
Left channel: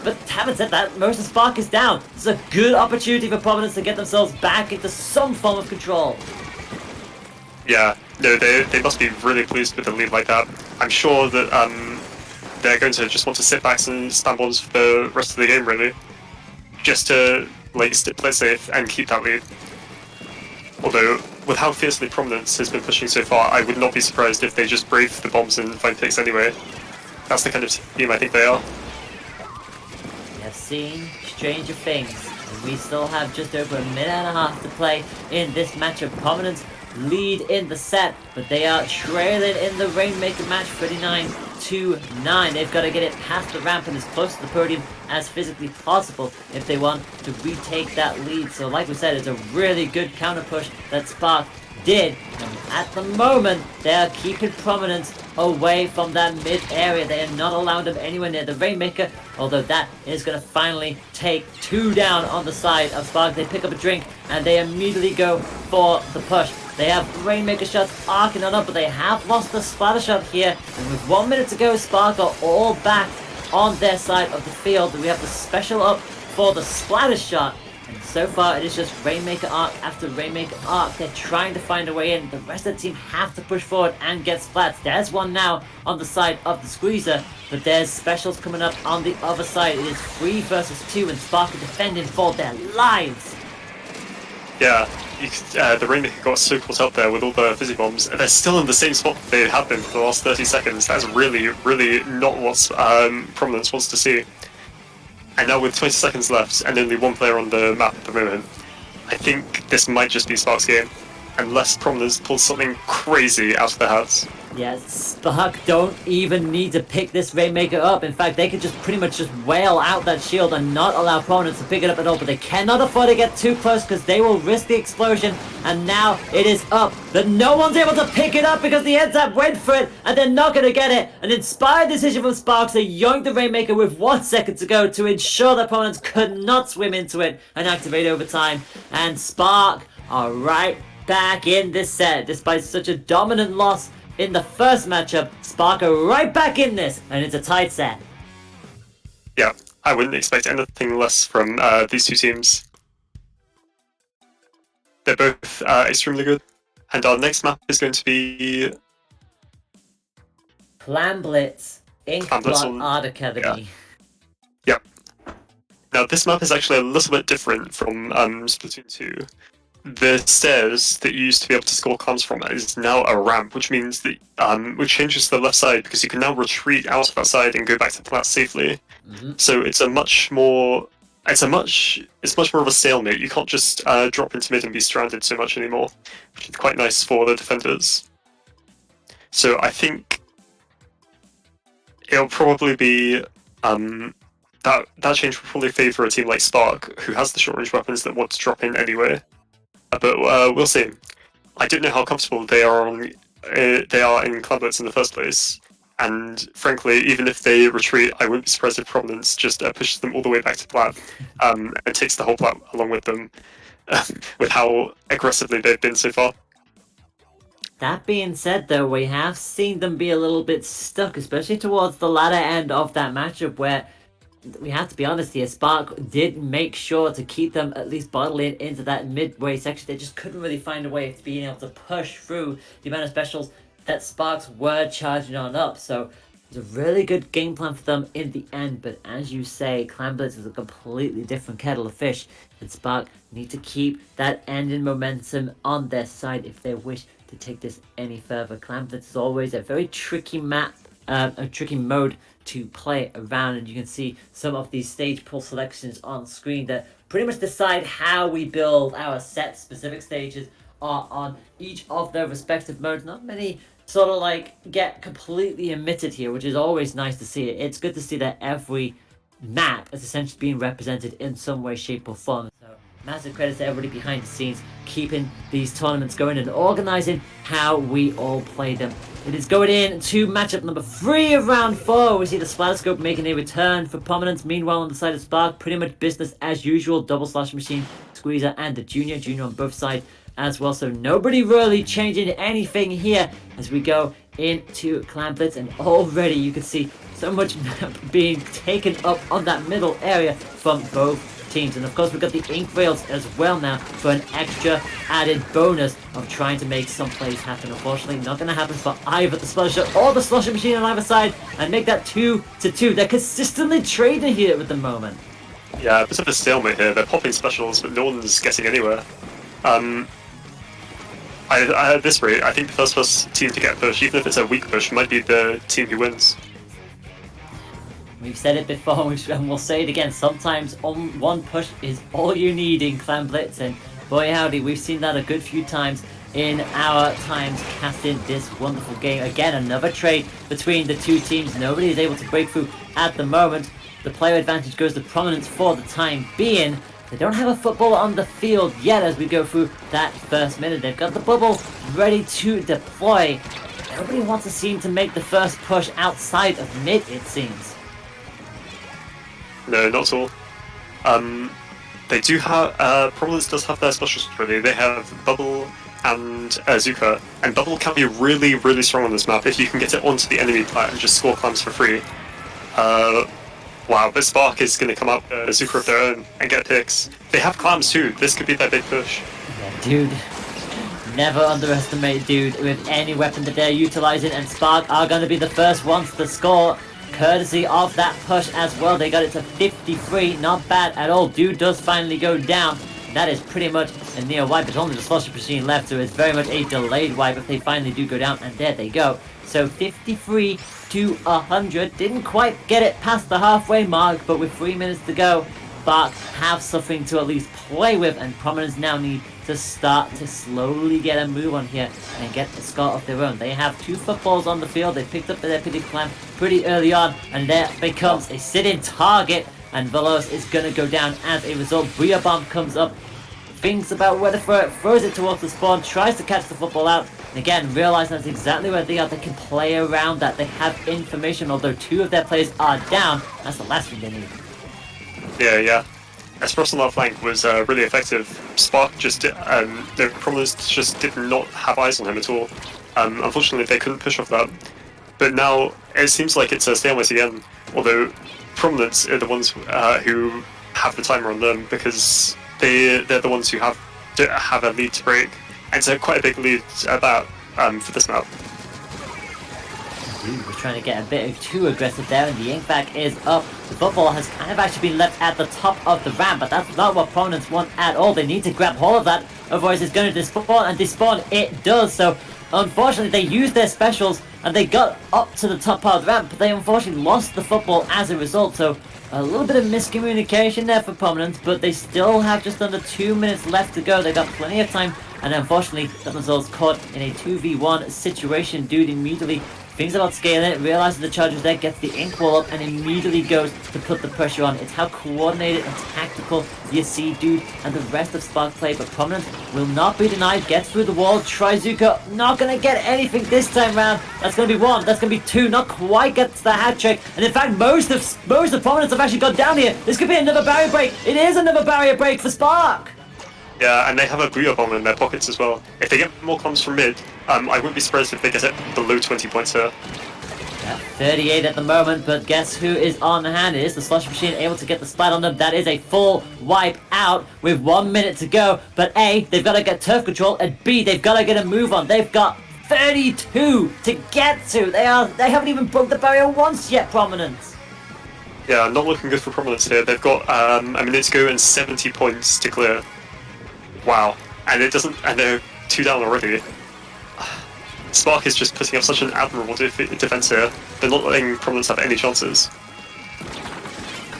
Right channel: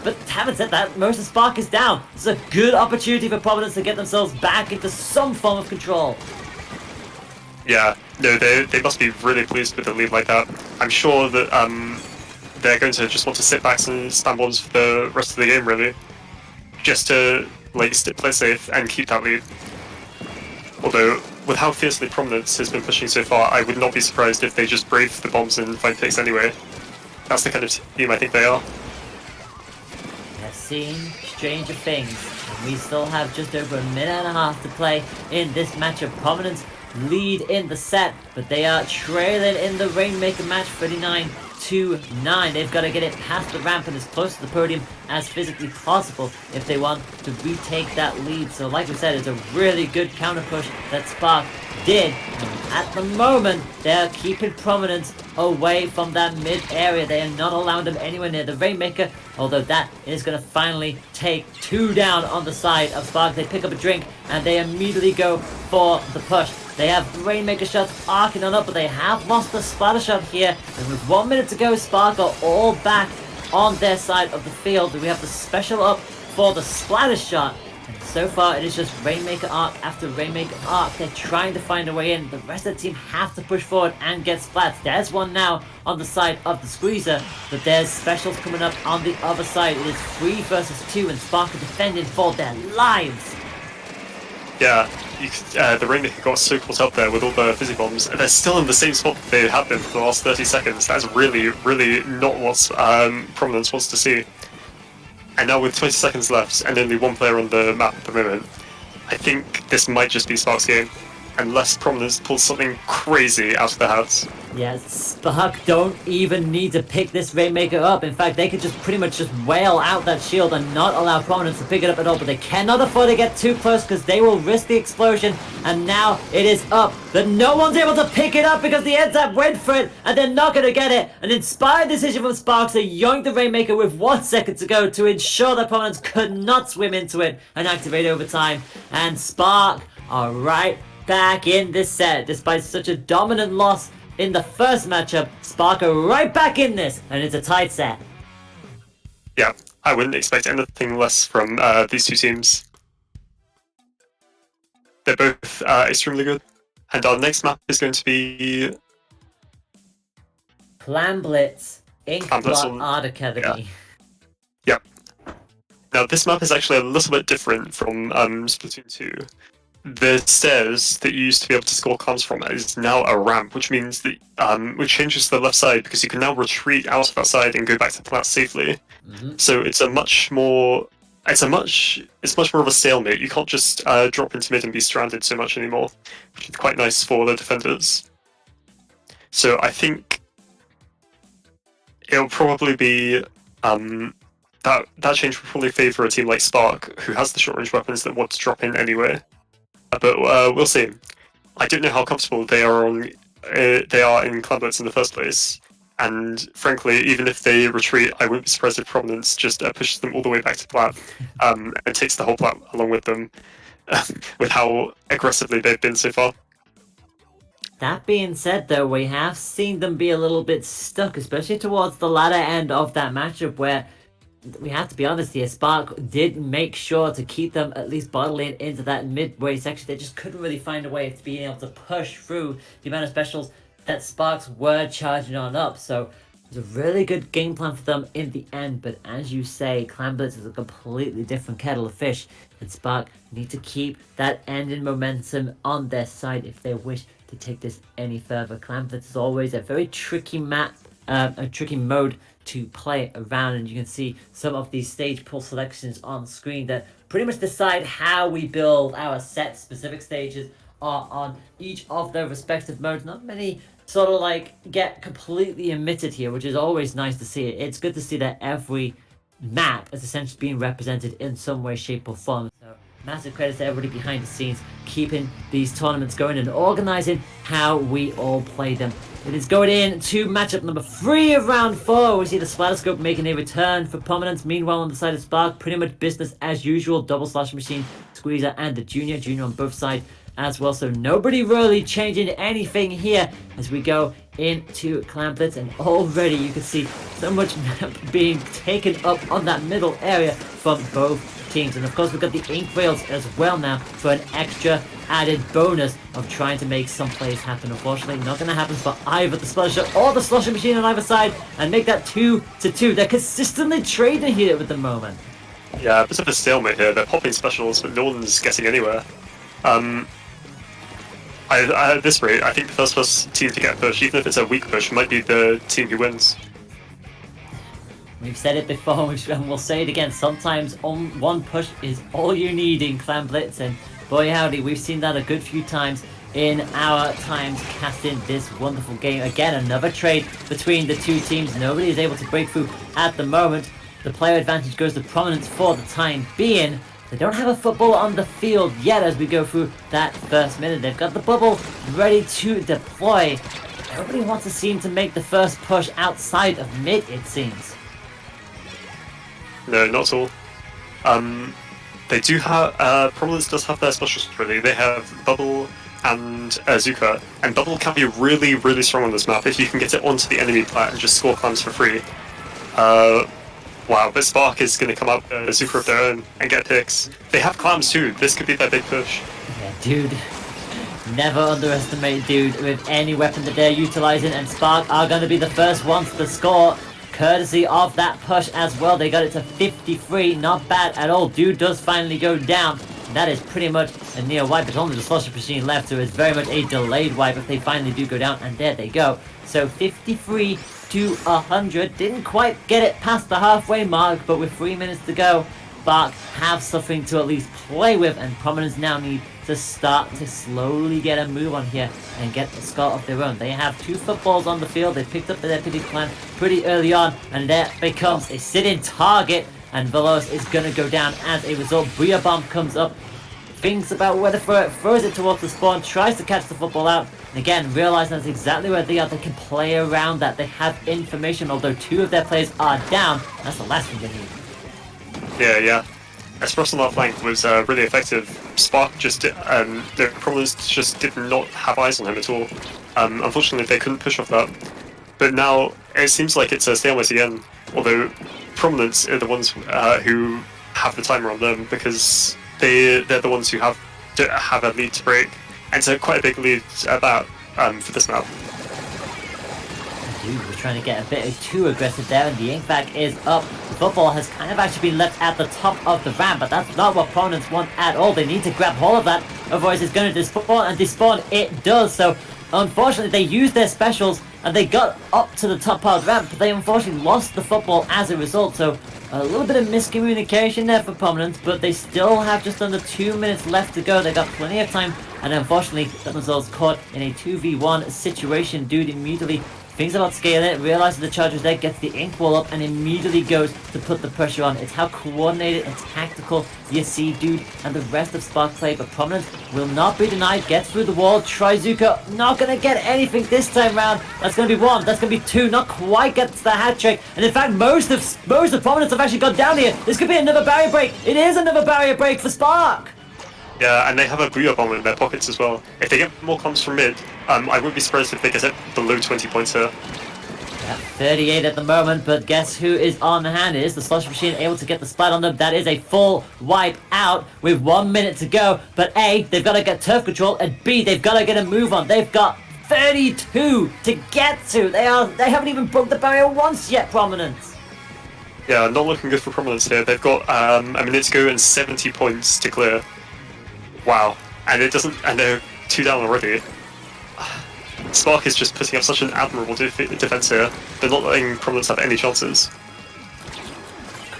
but having said that, most of Spark is down. It's a good opportunity for Prominence to get themselves back into some form of control. Yeah, no, they must be really pleased with a lead like that. I'm sure that they're going to just want to sit back and stand bonds for the rest of the game, really. Just to, play safe and keep that lead. Although, with how fiercely Prominence has been pushing so far, I would not be surprised if they just brave the bombs and find picks anyway. That's the kind of team I think they are. I've seen stranger things. We still have just over a minute and a half to play in this match of Prominence. Lead in the set, but they are trailing in the Rainmaker match 39-9. They've got to get it past the ramp and as close to the podium as physically possible if they want to retake that lead. So like we said, it's a really good counter push that Spark did. And at the moment, they're keeping Prominence away from that mid area. They are not allowing them anywhere near the Rainmaker, although that is going to finally take 2 down on the side of Spark. They pick up a drink and they immediately go for the push. They have Rainmaker shots arcing on up, but they have lost the splatter shot here. And with 1 minute to go, Spark are all back on their side of the field. We have the special up for the splatter shot. And so far, it is just Rainmaker arc after Rainmaker arc. They're trying to find a way in. The rest of the team have to push forward and get splats. There's one now on the side of the squeezer, but there's specials coming up on the other side. It is 3 versus 2, and Spark are defending for their lives. Yeah, the Rainmaker got so caught up there with all the fizzy bombs, and they're still in the same spot that they have been for the last 30 seconds. That's really not what Prominence wants to see. And now with 20 seconds left, and only 1 player on the map at the moment, I think this might just be Spark's game, unless Prominence pulls something crazy out of their hats. Yes, Spark don't even need to pick this Rainmaker up. In fact, they could just pretty much just wail out that shield and not allow Prominence to pick it up at all. But they cannot afford to get too close because they will risk the explosion. And now it is up. But no one's able to pick it up because the NZAP went for it and they're not going to get it. An inspired decision from Spark to yoink the Rainmaker with 1 second to go to ensure that Prominence could not swim into it and activate overtime. And Spark are right back in this set despite such a dominant loss in the first matchup, Spark are right back in this, and it's a tight set. Yeah, I wouldn't expect anything less from these two teams. They're both extremely good. And our next map is going to be Plan Blitz, Ink Art Academy. Yeah. Now this map is actually a little bit different from Splatoon 2. The stairs that you used to be able to score comms from is now a ramp, which means that which changes to the left side because you can now retreat out of that side and go back to plat safely. So it's much more of a stalemate. You can't just drop into mid and be stranded so much anymore, which is quite nice for the defenders. So I think it'll probably be that change will probably favour a team like Spark, who has the short range weapons that want to drop in anyway. But we'll see. I don't know how comfortable they are in Clan Blitz in the first place. And frankly, even if they retreat, I wouldn't be surprised if Prominence just pushes them all the way back to plat and takes the whole plat along with them, with how aggressively they've been so far. That being said, though, we have seen them be a little bit stuck, especially towards the latter end of that matchup, where we have to be honest here, Spark did make sure to keep them at least bottling into that midway section. They just couldn't really find a way of being able to push through the amount of specials that Sparks were charging on up. So it was a really good game plan for them in the end. But as you say, Clan Blitz is a completely different kettle of fish. And Spark need to keep that ending momentum on their side if they wish to take this any further. Clan Blitz is always a very tricky map, a tricky mode to play around, and you can see some of these stage pull selections on screen that pretty much decide how we build our set. Specific stages are on each of their respective modes. Not many sort of like get completely omitted here, which is always nice to see. It's good to see that every map is essentially being represented in some way, shape or form. So massive credits to everybody behind the scenes keeping these tournaments going and organizing how we all play them. It is going in to matchup number 3 of round 4. We see the Splatterscope making a return for Prominence. Meanwhile, on the side of Spark, pretty much business as usual. Double slash machine, Squeezer, and the Junior on both sides as well. So nobody really changing anything here as we go into Clan Blitz, and already you can see so much map being taken up on that middle area from both teams. And of course we've got the ink rails as well now for an extra added bonus of trying to make some plays happen. Unfortunately not going to happen for either the Splattershoore or the Slosher Machine on either side, and make that 2-2. They're consistently trading here at the moment. Yeah, a bit of a stalemate here. They're popping specials but no one's getting anywhere. At this rate, I think the first team to get a push, even if it's a weak push, might be the team who wins. We've said it before, and we'll say it again. Sometimes one push is all you need in Clan Blitz, and boy howdy, we've seen that a good few times in our times casting this wonderful game. Again, another trade between the two teams. Nobody is able to break through at the moment. The player advantage goes to Prominence for the time being. They don't have a football on the field yet as we go through that first minute. They've got the bubble ready to deploy. Nobody wants to seem to make the first push outside of mid, it seems. No, not at all. They do have, Prominence does have their specials ready. They have Bubble and Zuka, and Bubble can be really, really strong on this map if you can get it onto the enemy plat and just score clams for free. Wow, but Spark is going to come up Zuka of their own and get picks. They have clams too. This could be their big push. Yeah, dude. Never underestimate dude with any weapon that they're utilizing, and Spark are going to be the first ones to score, courtesy of that push as well. They got it to 53, not bad at all. Dude does finally go down. That is pretty much a near wipe. There's only the Slosher Machine left, so it's very much a delayed wipe if they finally do go down, and there they go. So 53 to 100. Didn't quite get it past the halfway mark, but with 3 minutes to go, Spark have something to at least play with, and Prominence now need to start to slowly get a move on here and get the score of their own. They have 2 footballs on the field. They picked up the deputy clan pretty early on, and there becomes a sit-in target, and Veloz is going to go down as a result. Bria Bomb comes up, thinks about where to throw it, throws it towards the spawn, tries to catch the football out, and again, realizing that's exactly where they are. They can play around that. They have information, although 2 of their players are down. That's the last thing they need. Yeah. Espresso on that flank was really effective. Spark just the Prominence just did not have eyes on him at all. Unfortunately, they couldn't push off that. But now it seems like it's a stalemate again. Although Prominence are the ones who have the timer on them because they're the ones who have a lead to break, and it's quite a big lead at that for this map. We're trying to get a bit too aggressive there, and the ink back is up. The football has kind of actually been left at the top of the ramp, but that's not what Prominence want at all. They need to grab hold of that, otherwise it's going to despawn, and despawn it does. So unfortunately they used their specials and they got up to the top part of the ramp, but they unfortunately lost the football as a result. So a little bit of miscommunication there for Prominence, but they still have just under 2 minutes left to go. They got plenty of time, and unfortunately got themselves caught in a 2v1 situation. Dude immediately thinks about scaling, realizes the charge is there, gets the ink wall up, and immediately goes to put the pressure on. It's how coordinated and tactical you see Dude and the rest of Spark play, but Prominence will not be denied, gets through the wall. Trizuka not going to get anything this time round. That's going to be one, that's going to be two, not quite gets the hat trick, and in fact most of Prominence have actually got down here. This could be another barrier break. It is another barrier break for Spark. Yeah, and they have a Booyah bomb in their pockets as well. If they get more comms from mid, I wouldn't be surprised if they get it below 20 points here. 38 at the moment, but guess who is on hand? It is the Slush Machine able to get the splat on them. That is a full wipe out with 1 minute to go. But A, they've got to get turf control, and B, they've got to get a move on. They've got 32 to get to. They haven't even broke the barrier once yet, Prominence. Yeah, not looking good for Prominence here. They've got a minute to go and 70 points to clear. Wow, and they're 2 down already. Spark is just putting up such an admirable defense here. They're not letting Prominence have any chances.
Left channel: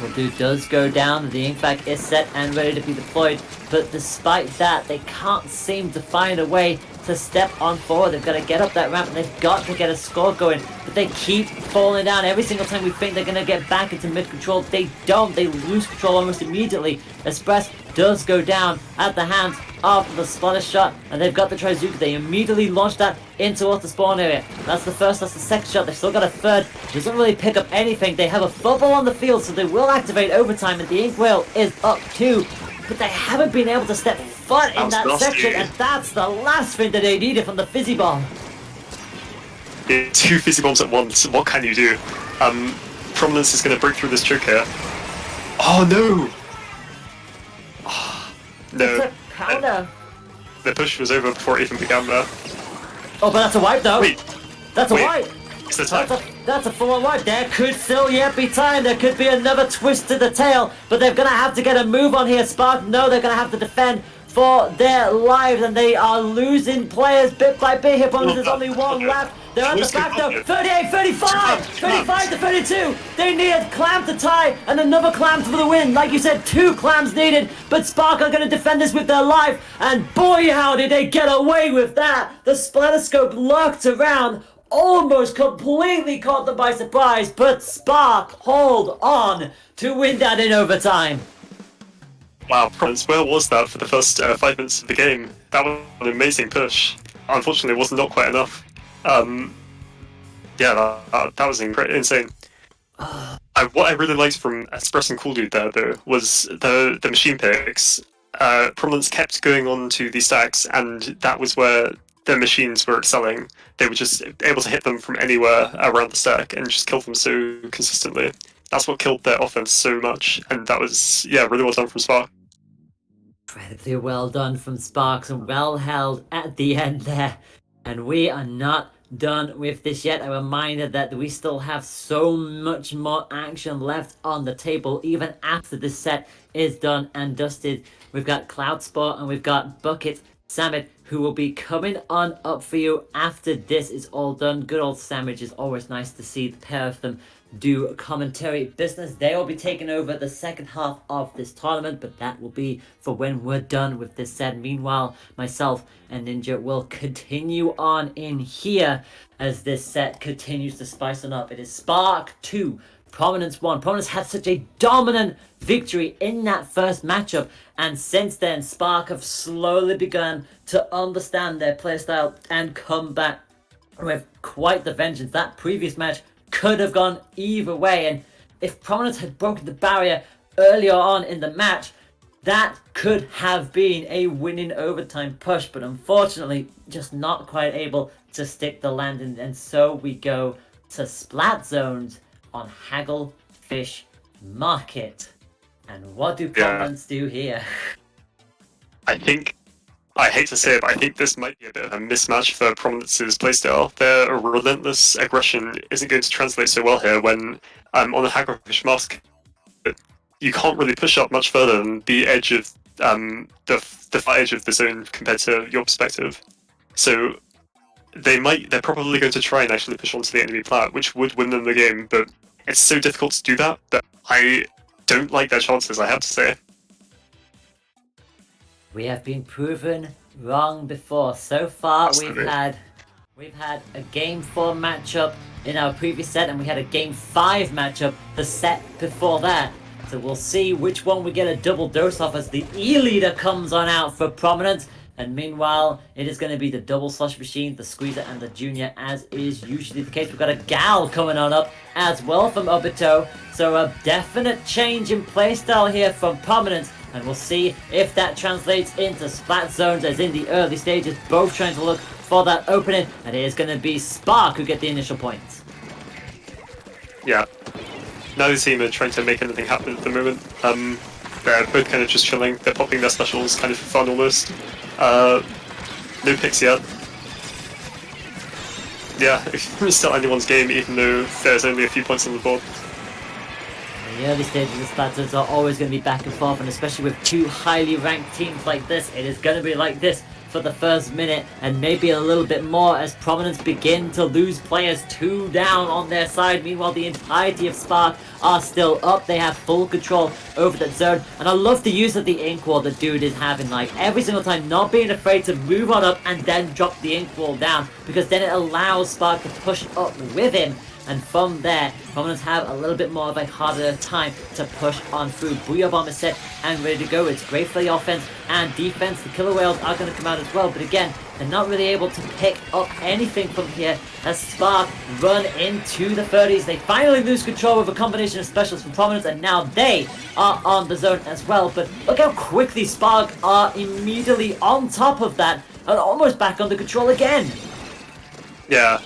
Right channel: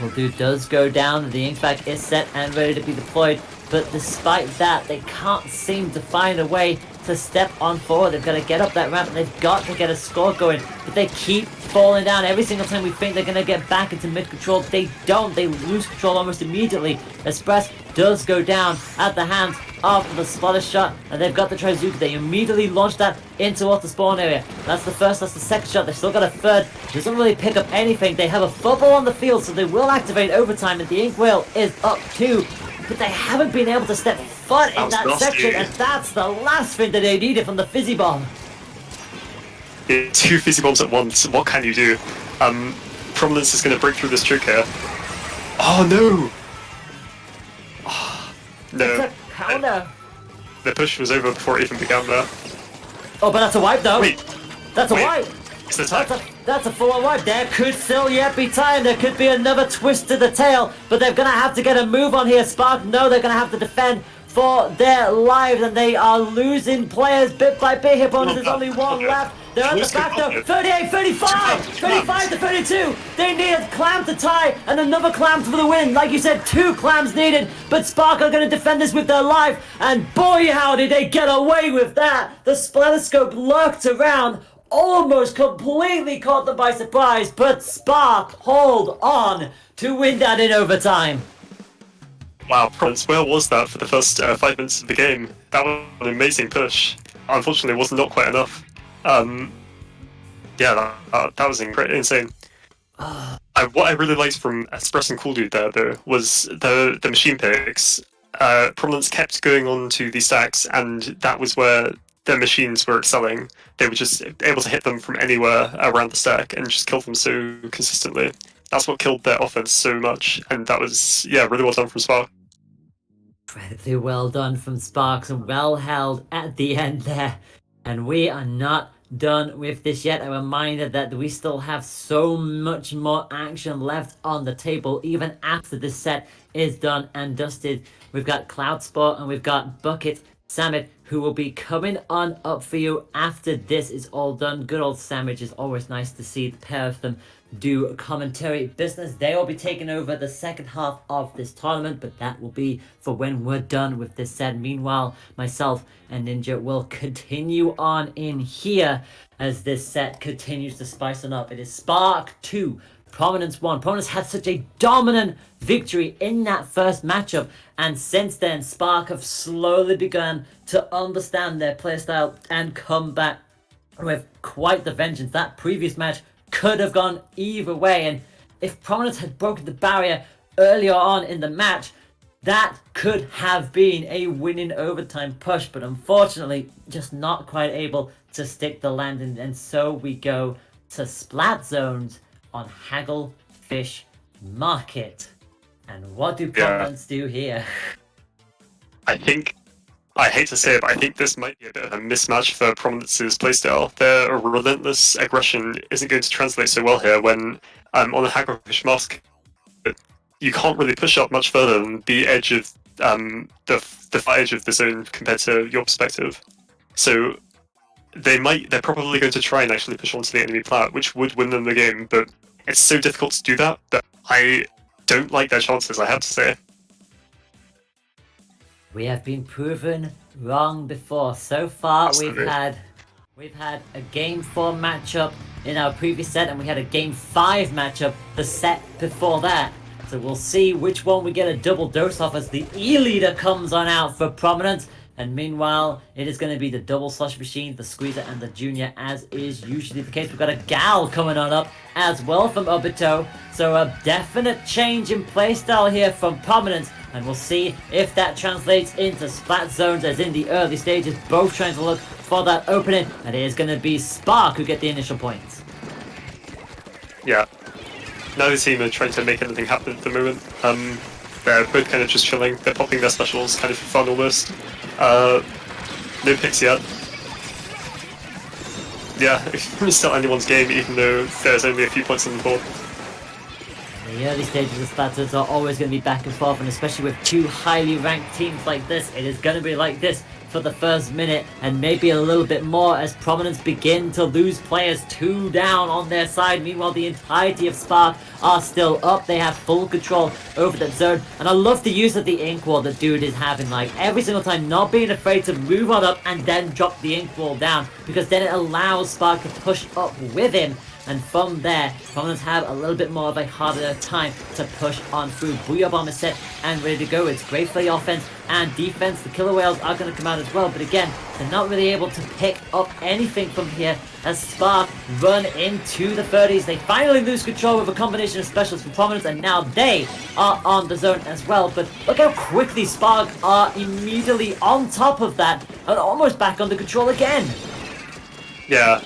Well, Dude does go down, the ink back is set and ready to be deployed, but despite that, they can't seem to find a way to step on forward. They've got to get up that ramp, and they've got to get a score going, but they keep falling down. Every single time we think they're going to get back into mid-control, they don't. They lose control almost immediately. Express does go down at the hands of the Splattershore, and they've got the Trizuka. They immediately launch that into the spawn area. That's the first, that's the second shot. They've still got a third. Doesn't really pick up anything. They have a football on the field, so they will activate overtime, and the ink whale is up too. But they haven't been able to step foot in that section, and that's the last thing that they needed from the fizzy bomb. Yeah, 2 fizzy bombs at once. What can you do? Prominence is going to break through this choke here. Oh no! No. It's a counter. The push was over before it even began there. Oh, but that's a wipe though. Wait. That's a wipe. It's the time. That's a full-on wipe. There could still yet be time. There could be another twist to the tail, but they're going to have to get a move on here. Spark, no, they're going to have to defend for their lives, and they are losing players bit by bit here. There's only one left. They're at the back though. 38, 35, 35 to 32. They need a clam to tie and another clam for the win. Like you said, 2 clams needed, but Spark are going to defend this with their life, and boy, how did they get away with that. The Splatterscope lurked around, almost completely caught them by surprise, but Spark hold on to win that in overtime. Wow, Prominence, where was that for the first 5 minutes of the game? That was an amazing push. Unfortunately, it was not quite enough. Yeah, that was insane. What I really liked from Express and Cool Dude there, though, was the machine picks. Prominence kept going on to these stacks, and that was where their machines were excelling. They were just able to hit them from anywhere around the stack and just kill them so consistently. That's what killed their offense so much, and that was, yeah, really well done from Spark. Incredibly well done from Sparks, and well held at the end there. And we are not done with this yet. A reminder that we still have so much more action left on the table, even after this set is done and dusted. We've got Cloud Sport and we've got Bucket Samit, who will be coming on up for you after this is all done. Good old Sandwich, is always nice to see the pair of them do commentary business. They will be taking over the second half of this tournament, but that will be for when we're done with this set. Meanwhile, myself and Ninja will continue on in here as this set continues to spice on up. It is Spark 2, Prominence 1. Prominence had such a dominant victory in that first matchup, and since then Spark have slowly begun to understand their playstyle and come back with quite the vengeance. That previous match could have gone either way, and if Prominence had broken the barrier earlier on in the match, That could have been a winning overtime push, but unfortunately, just not quite able to stick the landing. And so we go to Splat Zones on Hagglefish Market. And what do Prominence do here? I hate to say it, but I think this might be a bit of a mismatch for Prominence's playstyle. Their relentless aggression isn't going to translate so well here when on the Hagglefish Mask, you can't really push up much further than the edge of the far edge of the zone compared to your perspective. So they're probably going to try and actually push onto the enemy plat, which would win them the game, but it's so difficult to do that I don't like their chances, I have to say. We have been proven wrong before. So far, Absolutely. we've had a Game 4 matchup in our previous set, and we had a Game 5 matchup the set before that. So we'll see which one we get a double dose of as the E-leader comes on out for Prominence. And meanwhile, it is going to be the double slush machine, the squeezer, and the junior, as is usually the case. We've got a gal coming on up as well from Obito. So a definite change in playstyle here from Prominence. And we'll see if that translates into Splat Zones, as in the early stages, both trying to look for that opening. And it is going to be Spark who get the initial points. Yeah. Neither team are trying to make anything happen at the moment. They're both kind of just chilling. They're popping their specials kind of for fun almost. No picks yet. Yeah, it's still anyone's game, even though there's only a few points on the board. The early stages of Splatoon are always going to be back and forth, and especially with two highly ranked teams like this, it is going to be like this for the first minute, and maybe a little bit more as Prominence begin to lose players 2 down on their side. Meanwhile, the entirety of Spark are still up. They have full control over that zone, and I love the use of the ink wall that Dude is having, like every single time, not being afraid to move on up and then drop the ink wall down, because then it allows Spark to push up with him. And from there, Prominence have a little bit more of a harder time to push on through. Booyah Bomb is set and ready to go. It's great for the offense and defense. The Killer Whales are going to come out as well, but again, they're not really able to pick up anything from here as Spark run into the 30s. They finally lose control with a combination of specials from Prominence, and now they are on the zone as well. But look how quickly Spark are immediately on top of that and almost back under control again. Yeah.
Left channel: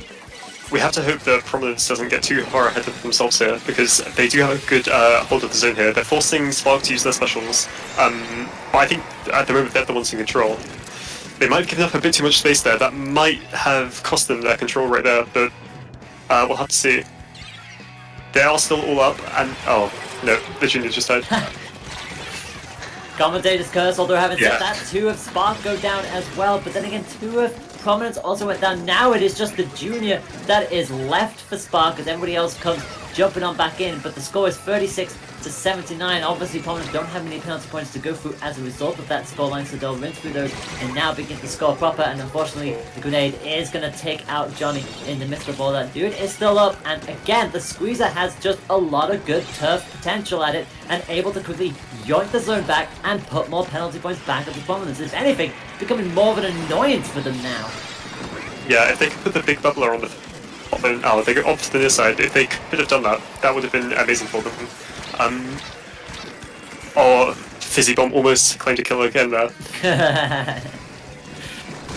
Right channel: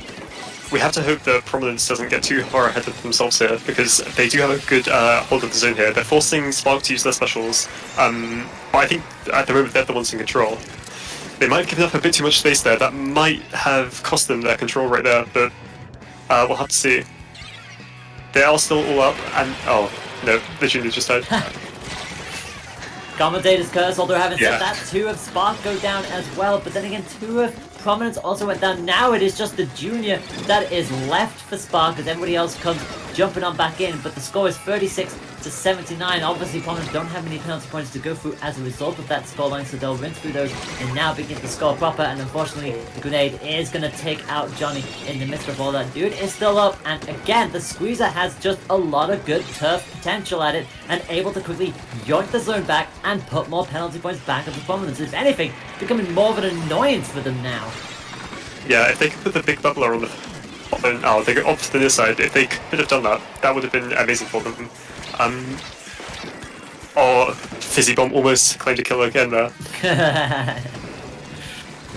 We have to hope that Prominence doesn't get too far ahead of themselves here, because they do have a good hold of the zone here. They're forcing Spark to use their specials, but I think at the moment they're the ones in control. They might have given up a bit too much space there. That might have cost them their control right there, but we'll have to see. They are still all up, and oh no, the junior just died. Commentator's curse, although having said that, 2 of Spark go down as well, but then again, 2 of Prominence also went down. Now it is just the junior that is left for Spark as everybody else comes jumping on back in, but the score is 36-79. Obviously, Prominence don't have any penalty points to go through as a result of that scoreline, so they'll rinse through those and now begin to score proper, and unfortunately, the grenade is going to take out Johnny in the midst of all that. Dude is still up, and again, the squeezer has just a lot of good turf potential at it, and able to quickly yoink the zone back and put more penalty points back up to Prominence. If anything, becoming more of an annoyance for them now. Yeah, if they could put the big bubbler on the oh, they go off to the near side. If they could have done that, that would have been amazing for them. Or Fizzy Bomb almost claimed a kill again there.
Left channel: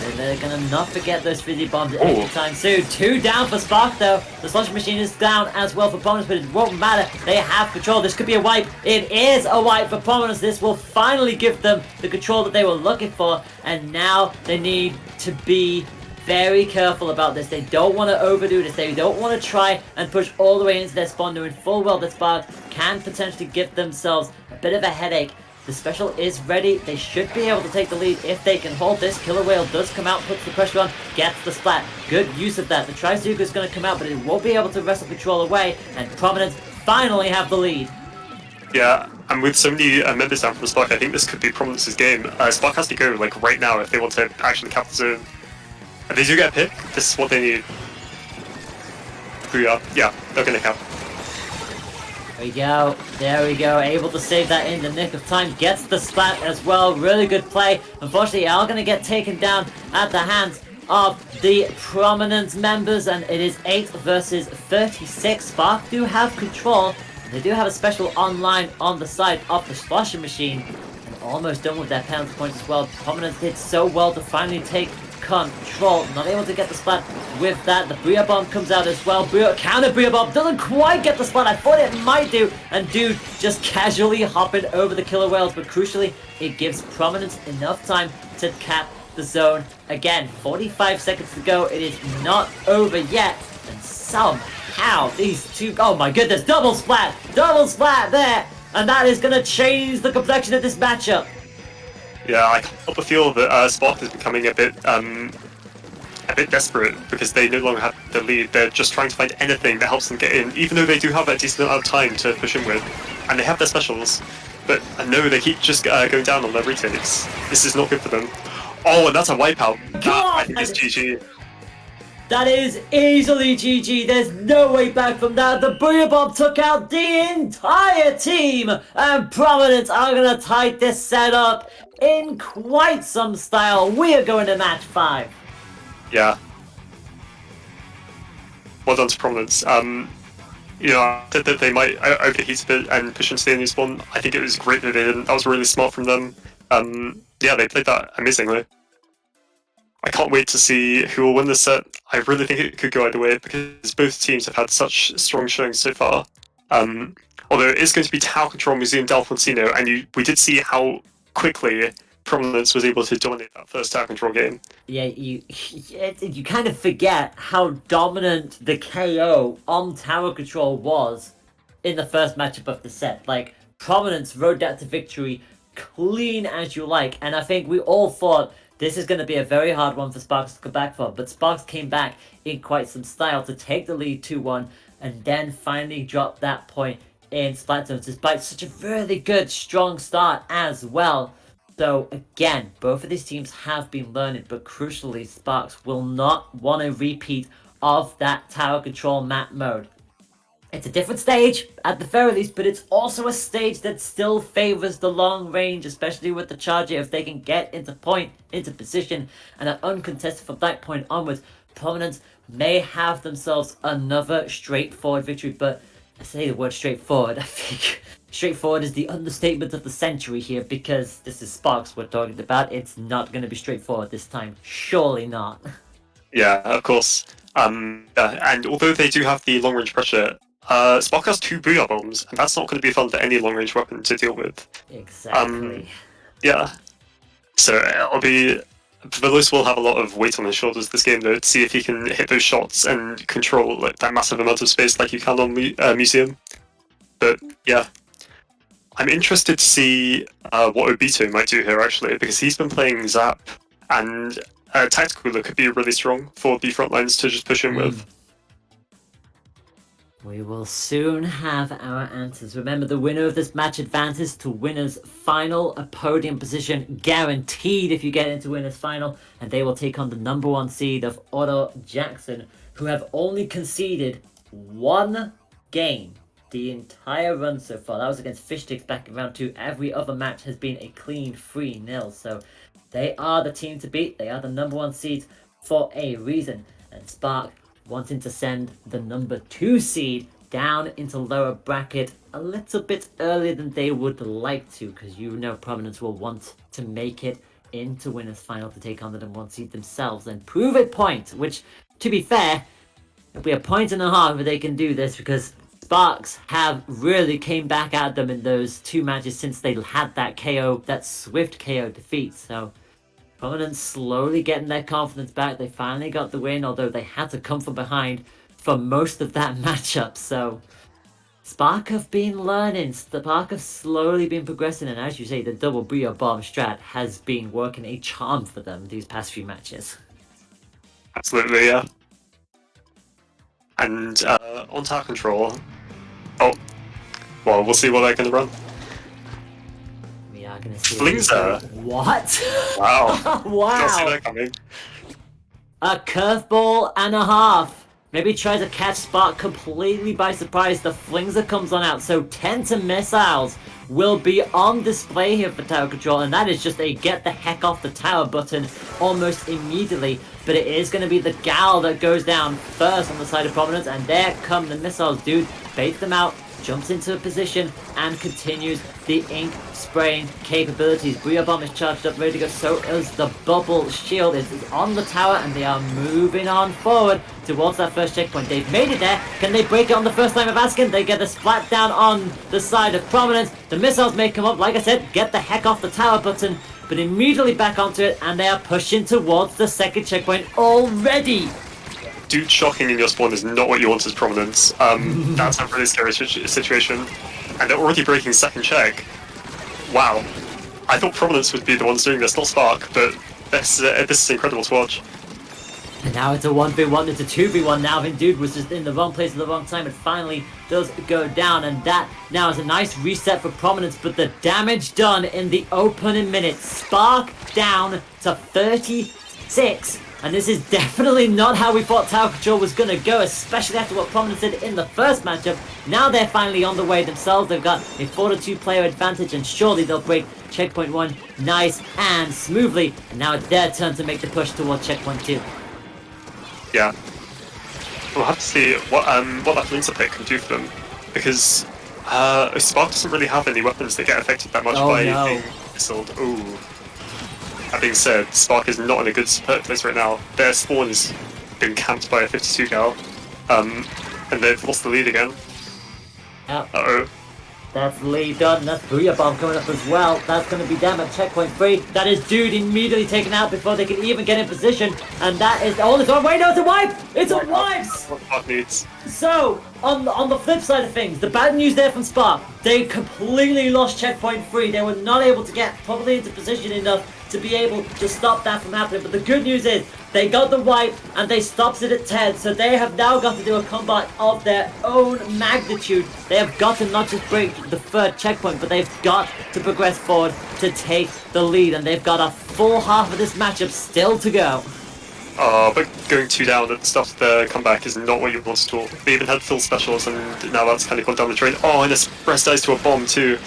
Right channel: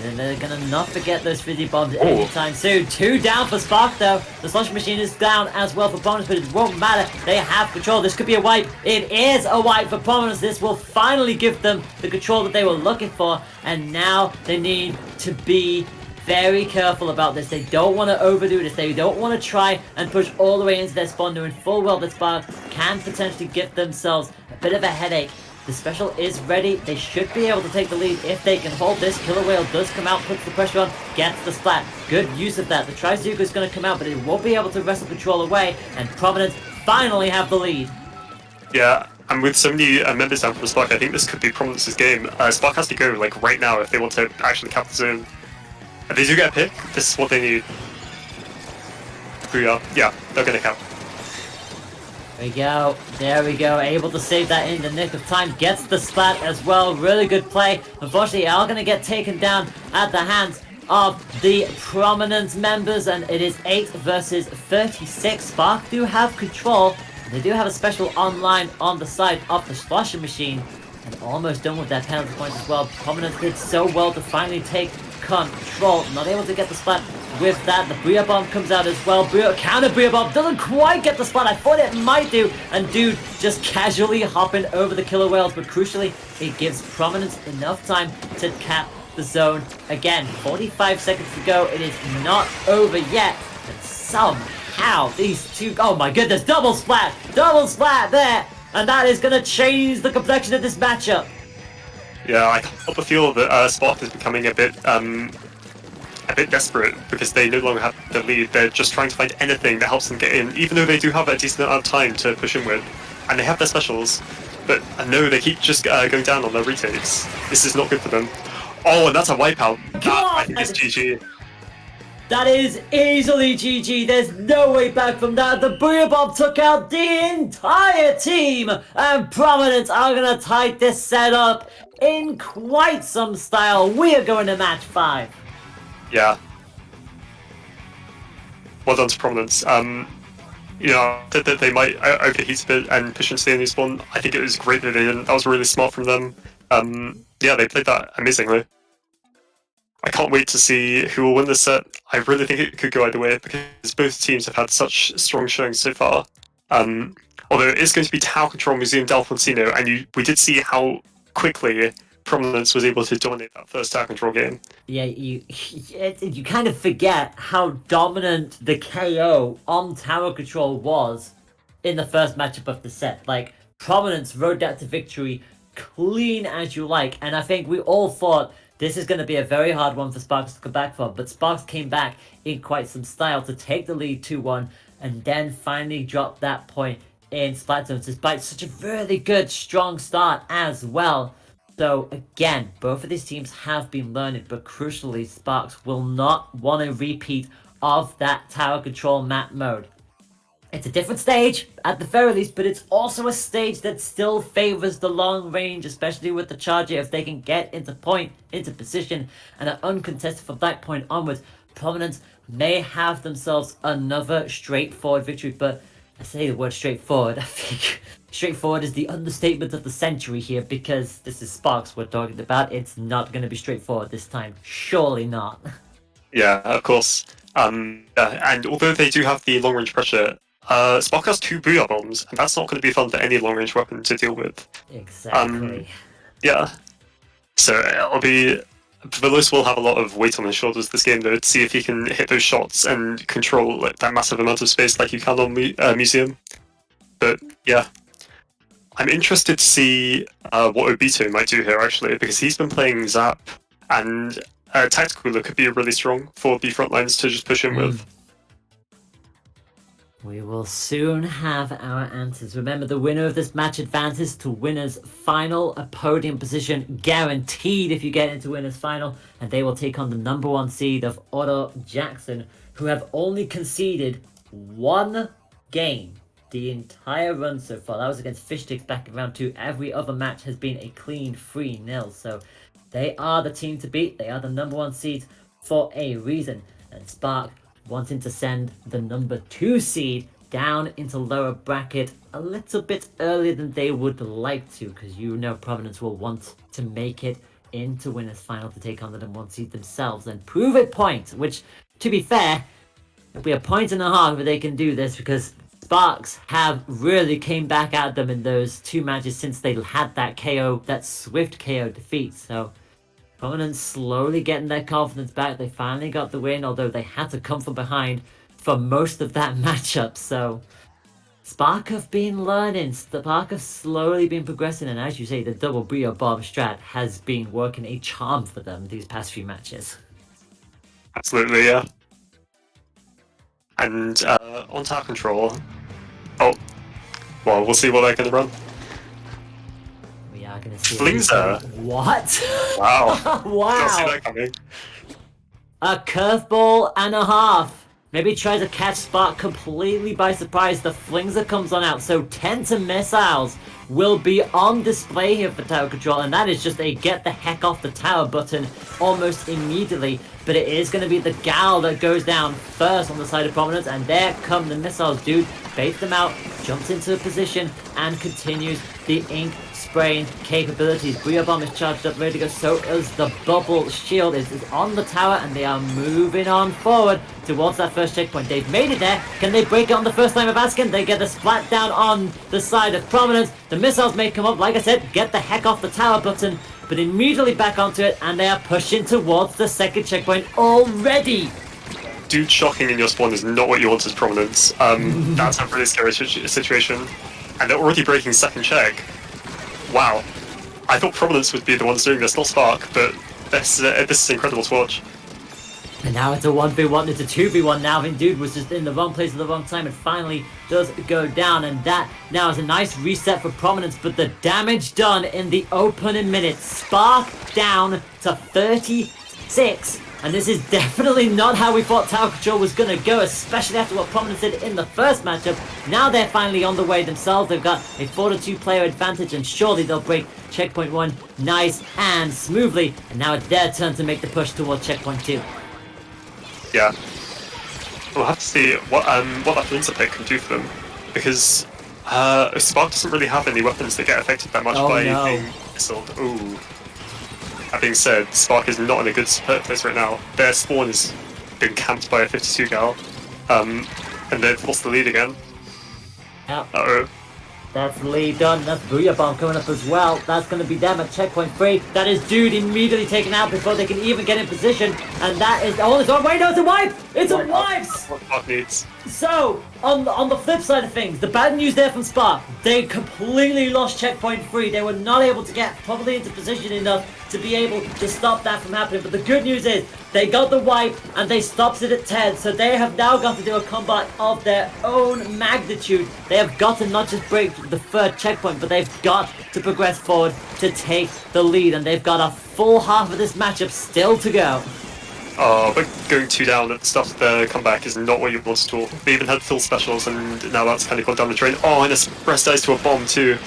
And they're gonna not forget those Fizzy Bombs anytime soon. 2 down for Spark though. The slush machine is down as well for Prominence, but it won't matter. They have control. This could be a wipe. It is a wipe for Prominence. This will finally give them the control that they were looking for. And now they need to be very careful about this. They don't want to overdo this. They don't want to try and push all the way into their spawn, knowing full well that Spark can potentially give themselves a bit of a headache. The special is ready. They should be able to take the lead if they can hold this. Killer Whale does come out, puts the pressure on, gets the splat. Good use of that. The Trizuka is going to come out, but it won't be able to wrestle control away, and Prominence finally have the lead. Yeah, and with so many members down from Spark, I think this could be Prominence's game. Spark has to go like right now if they want to actually cap the zone. If they do get a pick, this is what they need. Booyah. Yeah, they're gonna cap. There we go. There we go. Able to save that in the nick of time. Gets the splat as well. Really good play. Unfortunately, are going to get taken down at the hands of the Prominence members, and it is 8 versus 36. Spark do have control. They do have a special online on the side of the Splasher machine. And almost done with their penalty points as well. Prominence did so well to finally take control. Not able to get the splat with that. The Bria Bomb comes out as well. Counter Bria Bomb doesn't quite get the splat. I thought it might do. And dude just casually hopping over the killer whales. But crucially, it gives Prominence enough time to cap the zone. Again, 45 seconds to go. It is not over yet. And somehow these two... Oh my goodness, double splat there. And that is going to change the complexion of this matchup. Yeah, I can't feel that Spark is becoming a bit desperate because they no longer have the lead. They're just trying to find anything that helps them get in, even though they do have a decent amount of time to push in with, and they have their specials. But I know they keep just going down on their retakes. This is not good for them. Oh, and that's a wipeout. That, I think, is GG. That is easily GG. There's no way back from that. The Booyah Bomb took out the entire team. And Prominence are going to tie this set up in quite some style. We are going to match 5. Yeah. Well done to Prominence. You know, I said that they might overheat a bit and push into the enemy spawn. I think it was great that they didn't. That was really smart from them. Yeah, they played that amazingly. I can't wait to see who will win this set. I really think it could go either way because both teams have had such strong showings so far. Although it is going to be Tower Control Museum Delfontino, and we did see how quickly Prominence was able to dominate that first Tower Control game. Yeah, you kind of forget how dominant the KO on Tower Control was in the first matchup of the set. Like, Prominence rode that to victory clean as you like, and I think we all thought this is going to be a very hard one for Sparks to come back from, but Sparks came back in quite some style to take the lead 2-1 and then finally drop that point in Splatoon despite such a really good, strong start as well. So again, both of these teams have been learning, but crucially, Sparks will not want a repeat of that tower control map mode. It's a different stage, at the very least, but it's also a stage that still favors the long range, especially with the charger. If they can get into position, and are uncontested from that point onwards, Prominence may have themselves another straightforward victory. But I say the word straightforward, I think straightforward is the understatement of the century here, because this is Sparks we're talking about. It's not going to be straightforward this time. Surely not. Yeah, of course. And although they do have the long range pressure, Spark has 2 Booyah Bombs, and that's not going to be fun for any long-range weapon to deal with. Exactly. Yeah. So it'll be... Veloz will have a lot of weight on his shoulders this game, though, to see if he can hit those shots and control that massive amount of space like you can on Museum. But, yeah. I'm interested to see what Obito might do here, actually, because he's been playing Zap, and Tactical Cooler could be really strong for the front lines to just push in with. We will soon have our answers. Remember, the winner of this match advances to winner's final, a podium position guaranteed if you get into winner's final, and they will take on the number 1 seed of Otto Jackson, who have only conceded 1 game the entire run so far. That was against Fishsticks back in round 2. Every other match has been a clean 3-0, so they are the team to beat. They are the number 1 seed for a reason, and Spark wanting to send the number 2 seed down into lower bracket a little bit earlier than they would like to, because you know Prominence will want to make it into winner's final to take on the number 1 seed themselves and prove a point, which, to be fair, it'll be a point and a half if they can do this, because Sparks have really came back at them in those 2 matches since they had that KO, that swift KO defeat. So Prominence slowly getting their confidence back. They finally got the win, although they had to come from behind for most of that matchup. So Spark have been learning. Spark have slowly been progressing. And as you say, the double Booyah Bomb strat has been working a charm for them these past few matches. Absolutely, yeah. And on Tower Control... Oh, well, we'll see what they're going to run. Flingser. What? Wow. Wow. Didn't see that coming. A curveball and a half. Maybe tries to catch Spark completely by surprise. The Flingser comes on out. So 10 to missiles will be on display here for Tower Control. And that is just a get the heck off the tower button almost immediately. But it is going to be the Gal that goes down first on the side of Prominence. And there come the missiles, dude. Bait them out. jumps into a position and continues the ink spraying capabilities. Booyah Bomb is charged up, ready to go. So is the bubble shield. It is on the tower, and they are moving on forward towards that first checkpoint. They've made it there. Can they break it on the first time of asking? They get the splat down on the side of Prominence. The missiles may come up, like I said, get the heck off the tower button, but immediately back onto it, and they are pushing towards the second checkpoint already. Dude shocking in your spawn is not what you want as Prominence. That's a really scary situation. And they're already breaking second check. Wow. I thought Prominence would be the ones doing this, not Spark, but this is incredible to watch. And now it's a 1v1, it's a 2v1 now. I mean, dude was just in the wrong place at the wrong time. It finally does go down, and that now is a nice reset for Prominence, but the damage done in the opening minutes. Spark down to 36. And this is definitely not how we thought Tower Control was going to go, especially after what Prominence did in the first matchup. Now they're finally on the way themselves. They've got a 4-2 player advantage, and surely they'll break checkpoint 1 nice and smoothly. And now it's their turn to make the push towards checkpoint 2. Yeah. We'll have to see what that Linzer pick can do for them, because Spark doesn't really have any weapons that get affected that much by the missile. Ooh. That being said, Spark is not in a good place right now. Their spawn has been camped by a 52 gal, and they've lost the lead again. Yeah. Uh-oh. That's lead done. That's Booyah Bomb coming up as well. That's going to be them at checkpoint 3. That is Dude immediately taken out before they can even get in position. And that is... Oh, it's on. Wait, no, it's a wipe! It's a wipe! What Spark needs. So, on the flip side of things, the bad news there from Spark, they completely lost checkpoint 3. They were not able to get probably into position enough to be able to stop that from happening. But the good news is, they got the wipe and they stopped it at 10. So they have now got to do a combat of their own magnitude. They have got to not just break the third checkpoint, but they've got to progress forward to take the lead. And they've got a full half of this matchup still to go. Oh, but going 2 down at the start of the comeback is not what you want at all. They even had full specials, and now that's kind of gone down the drain. Oh, and it's press dice to a bomb too.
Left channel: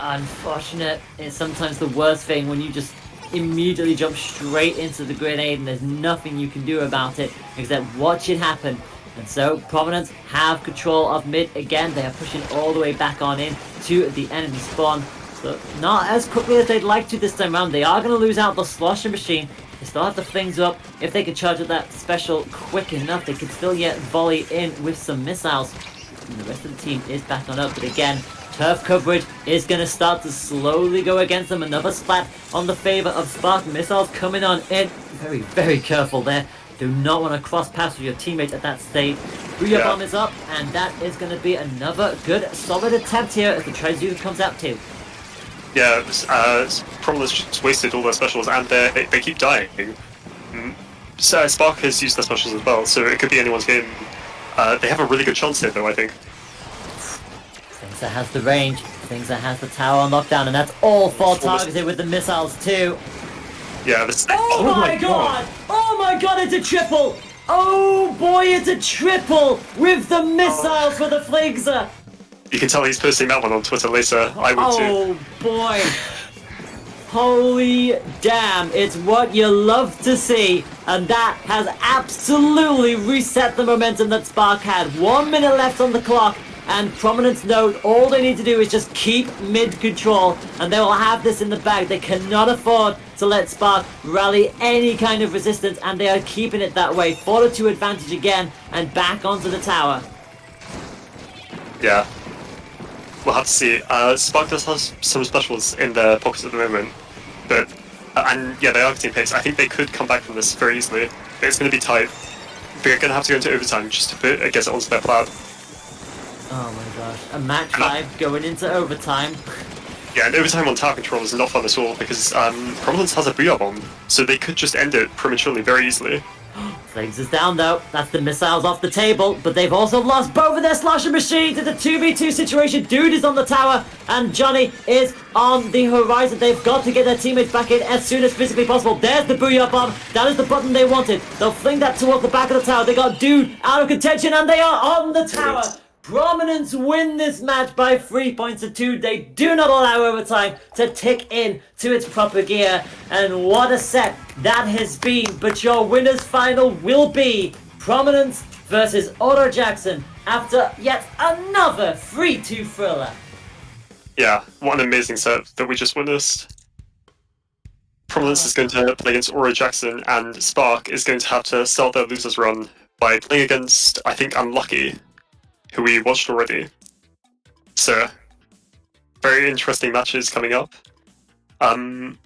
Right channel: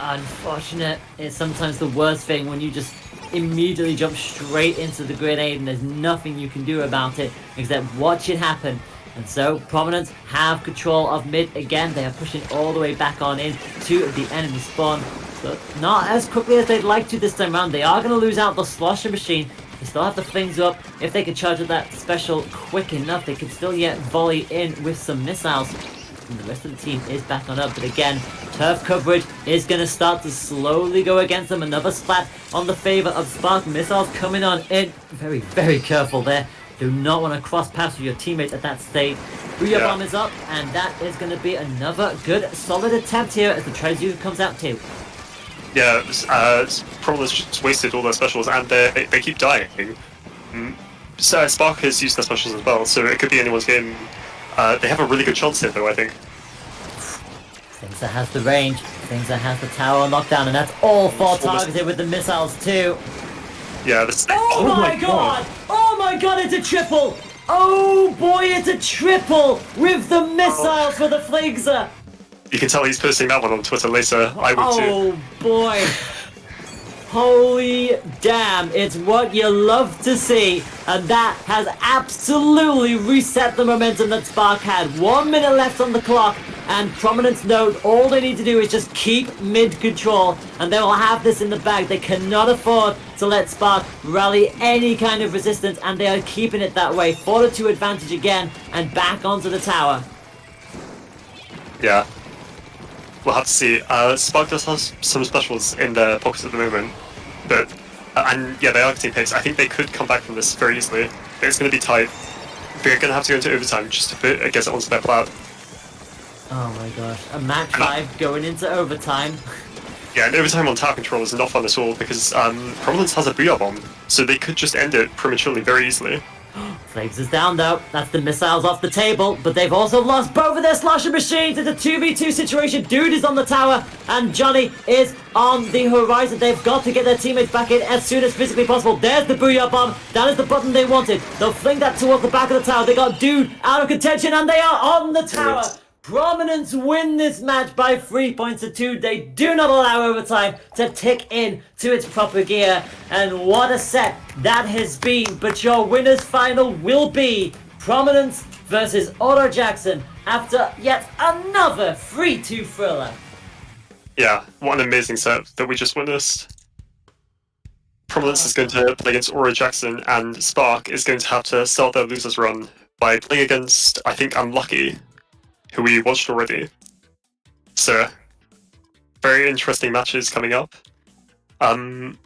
Unfortunate is sometimes the worst thing when you just immediately jump straight into the grenade and there's nothing you can do about it except watch it happen. And so Prominence have control of mid again. They are pushing all the way back on in to the enemy spawn, but not as quickly as they'd like to this time around. They are going to lose out the slosher machine. They still have the things up. If they could charge with that special quick enough, they could still yet volley in with some missiles. And the rest of the team is back on up, but again, turf coverage is going to start to slowly go against them. Another splat on the favor of Spark. Missiles coming on in. Very, very careful there. Do not want to cross paths with your teammates at that stage. Booyah Bomb is up, and that is going to be another good, solid attempt here as the trade unit comes out too. Yeah, Prominence just wasted all their specials, and they keep dying. So Spark has used their specials as well, so it could be anyone's game. They have a really good chance here, though, I think. Things that has the range, things that has the tower on lockdown, and that's all 4 targeted with the missiles too. Yeah, this. Oh my god! Oh my god, it's a triple! Oh boy, it's a triple with the missiles for the Flingser! You can tell he's posting that one on Twitter later. I would too. Oh boy! Holy damn, it's what you love to see, and that has absolutely reset the momentum that Spark had. 1 minute left on the clock, and Prominence know all they need to do is just keep mid-control, and they will have this in the bag. They cannot afford to let Spark rally any kind of resistance, and they are keeping it that way. 4-2 advantage again, and back onto the tower. Yeah. We'll have to see. Spark does have some specials in their pockets at the moment, but and yeah, they are team picks. I think they could come back from this very easily. But it's going to be tight. They're going to have to go into overtime just to get it onto their plat. Oh my gosh, a match 5 going into overtime. Yeah, and overtime on tower control is not fun at all because Prominence has a Booyah Bomb, so they could just end it prematurely very easily. Flames is down though. That's the missiles off the table, but they've also lost both of their slosher machines. It's a 2v2 situation. Dude is on the tower, and Johnny is on the horizon. They've got to get their teammates back in as soon as physically possible. There's the Booyah Bomb. That is the button they wanted. They'll fling that towards the back of the tower. They got Dude out of contention, and they are on the tower. Prominence win this match by 3 points to 2. They do not allow overtime to tick in to its proper gear. And what a set that has been. But your winner's final will be Prominence versus Otto Jackson after yet another 3-2 thriller. Yeah, what an amazing set that we just witnessed. Prominence is going to play against Aura Jackson, and Spark is going to have to start their losers run by playing against, I think, Unlucky, who we watched already. So, very interesting matches coming up. And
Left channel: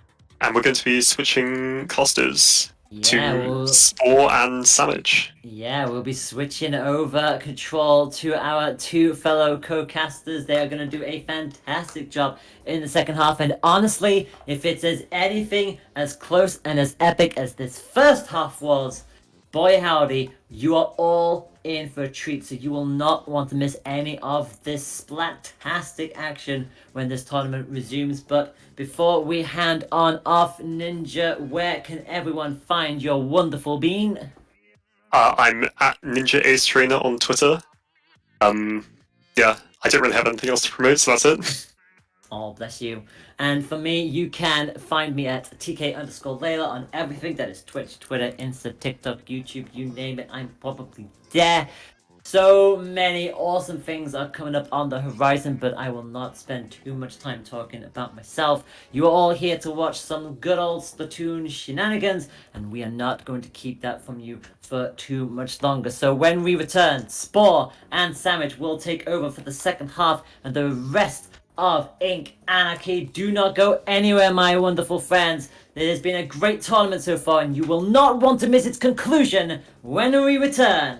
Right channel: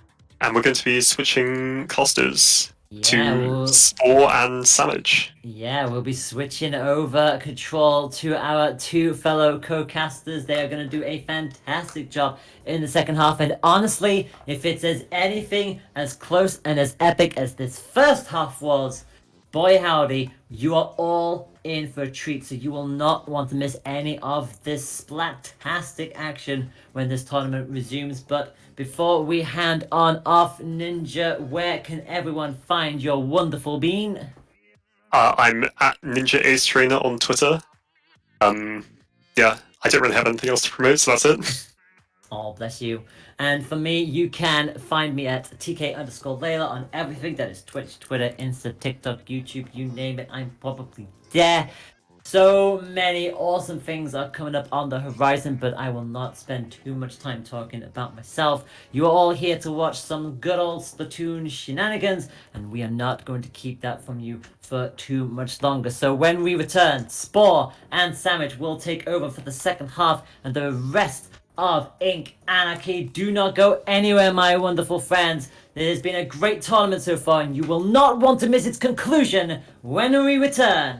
we're going to be switching casters to Spore and Sandwich. Yeah, we'll be switching over control to our two fellow co-casters. They are going to do a fantastic job in the second half. And honestly, if it's anything as close and as epic as this first half was, boy howdy, you are all in for a treat. So you will not want to miss any of this splattastic action when this tournament resumes. But before we hand on off, Ninja, where can everyone find your wonderful bean? I'm at Ninja Ace Trainer on Twitter. Yeah, I don't really have anything else to promote, so that's it. Oh, bless you. And for me, you can find me at TK_Layla on everything. That is Twitch, Twitter, Insta, TikTok, YouTube, you name it. I'm probably there. So many awesome things are coming up on the horizon, but I will not spend too much time talking about myself. You are all here to watch some good old Splatoon shenanigans, and we are not going to keep that from you for too much longer. So when we return, Spore and Sandwich will take over for the second half, and the rest of Ink Anarchy. Do not go anywhere, my wonderful friends. It has been a great tournament so far, and you will not want to miss its conclusion when we return.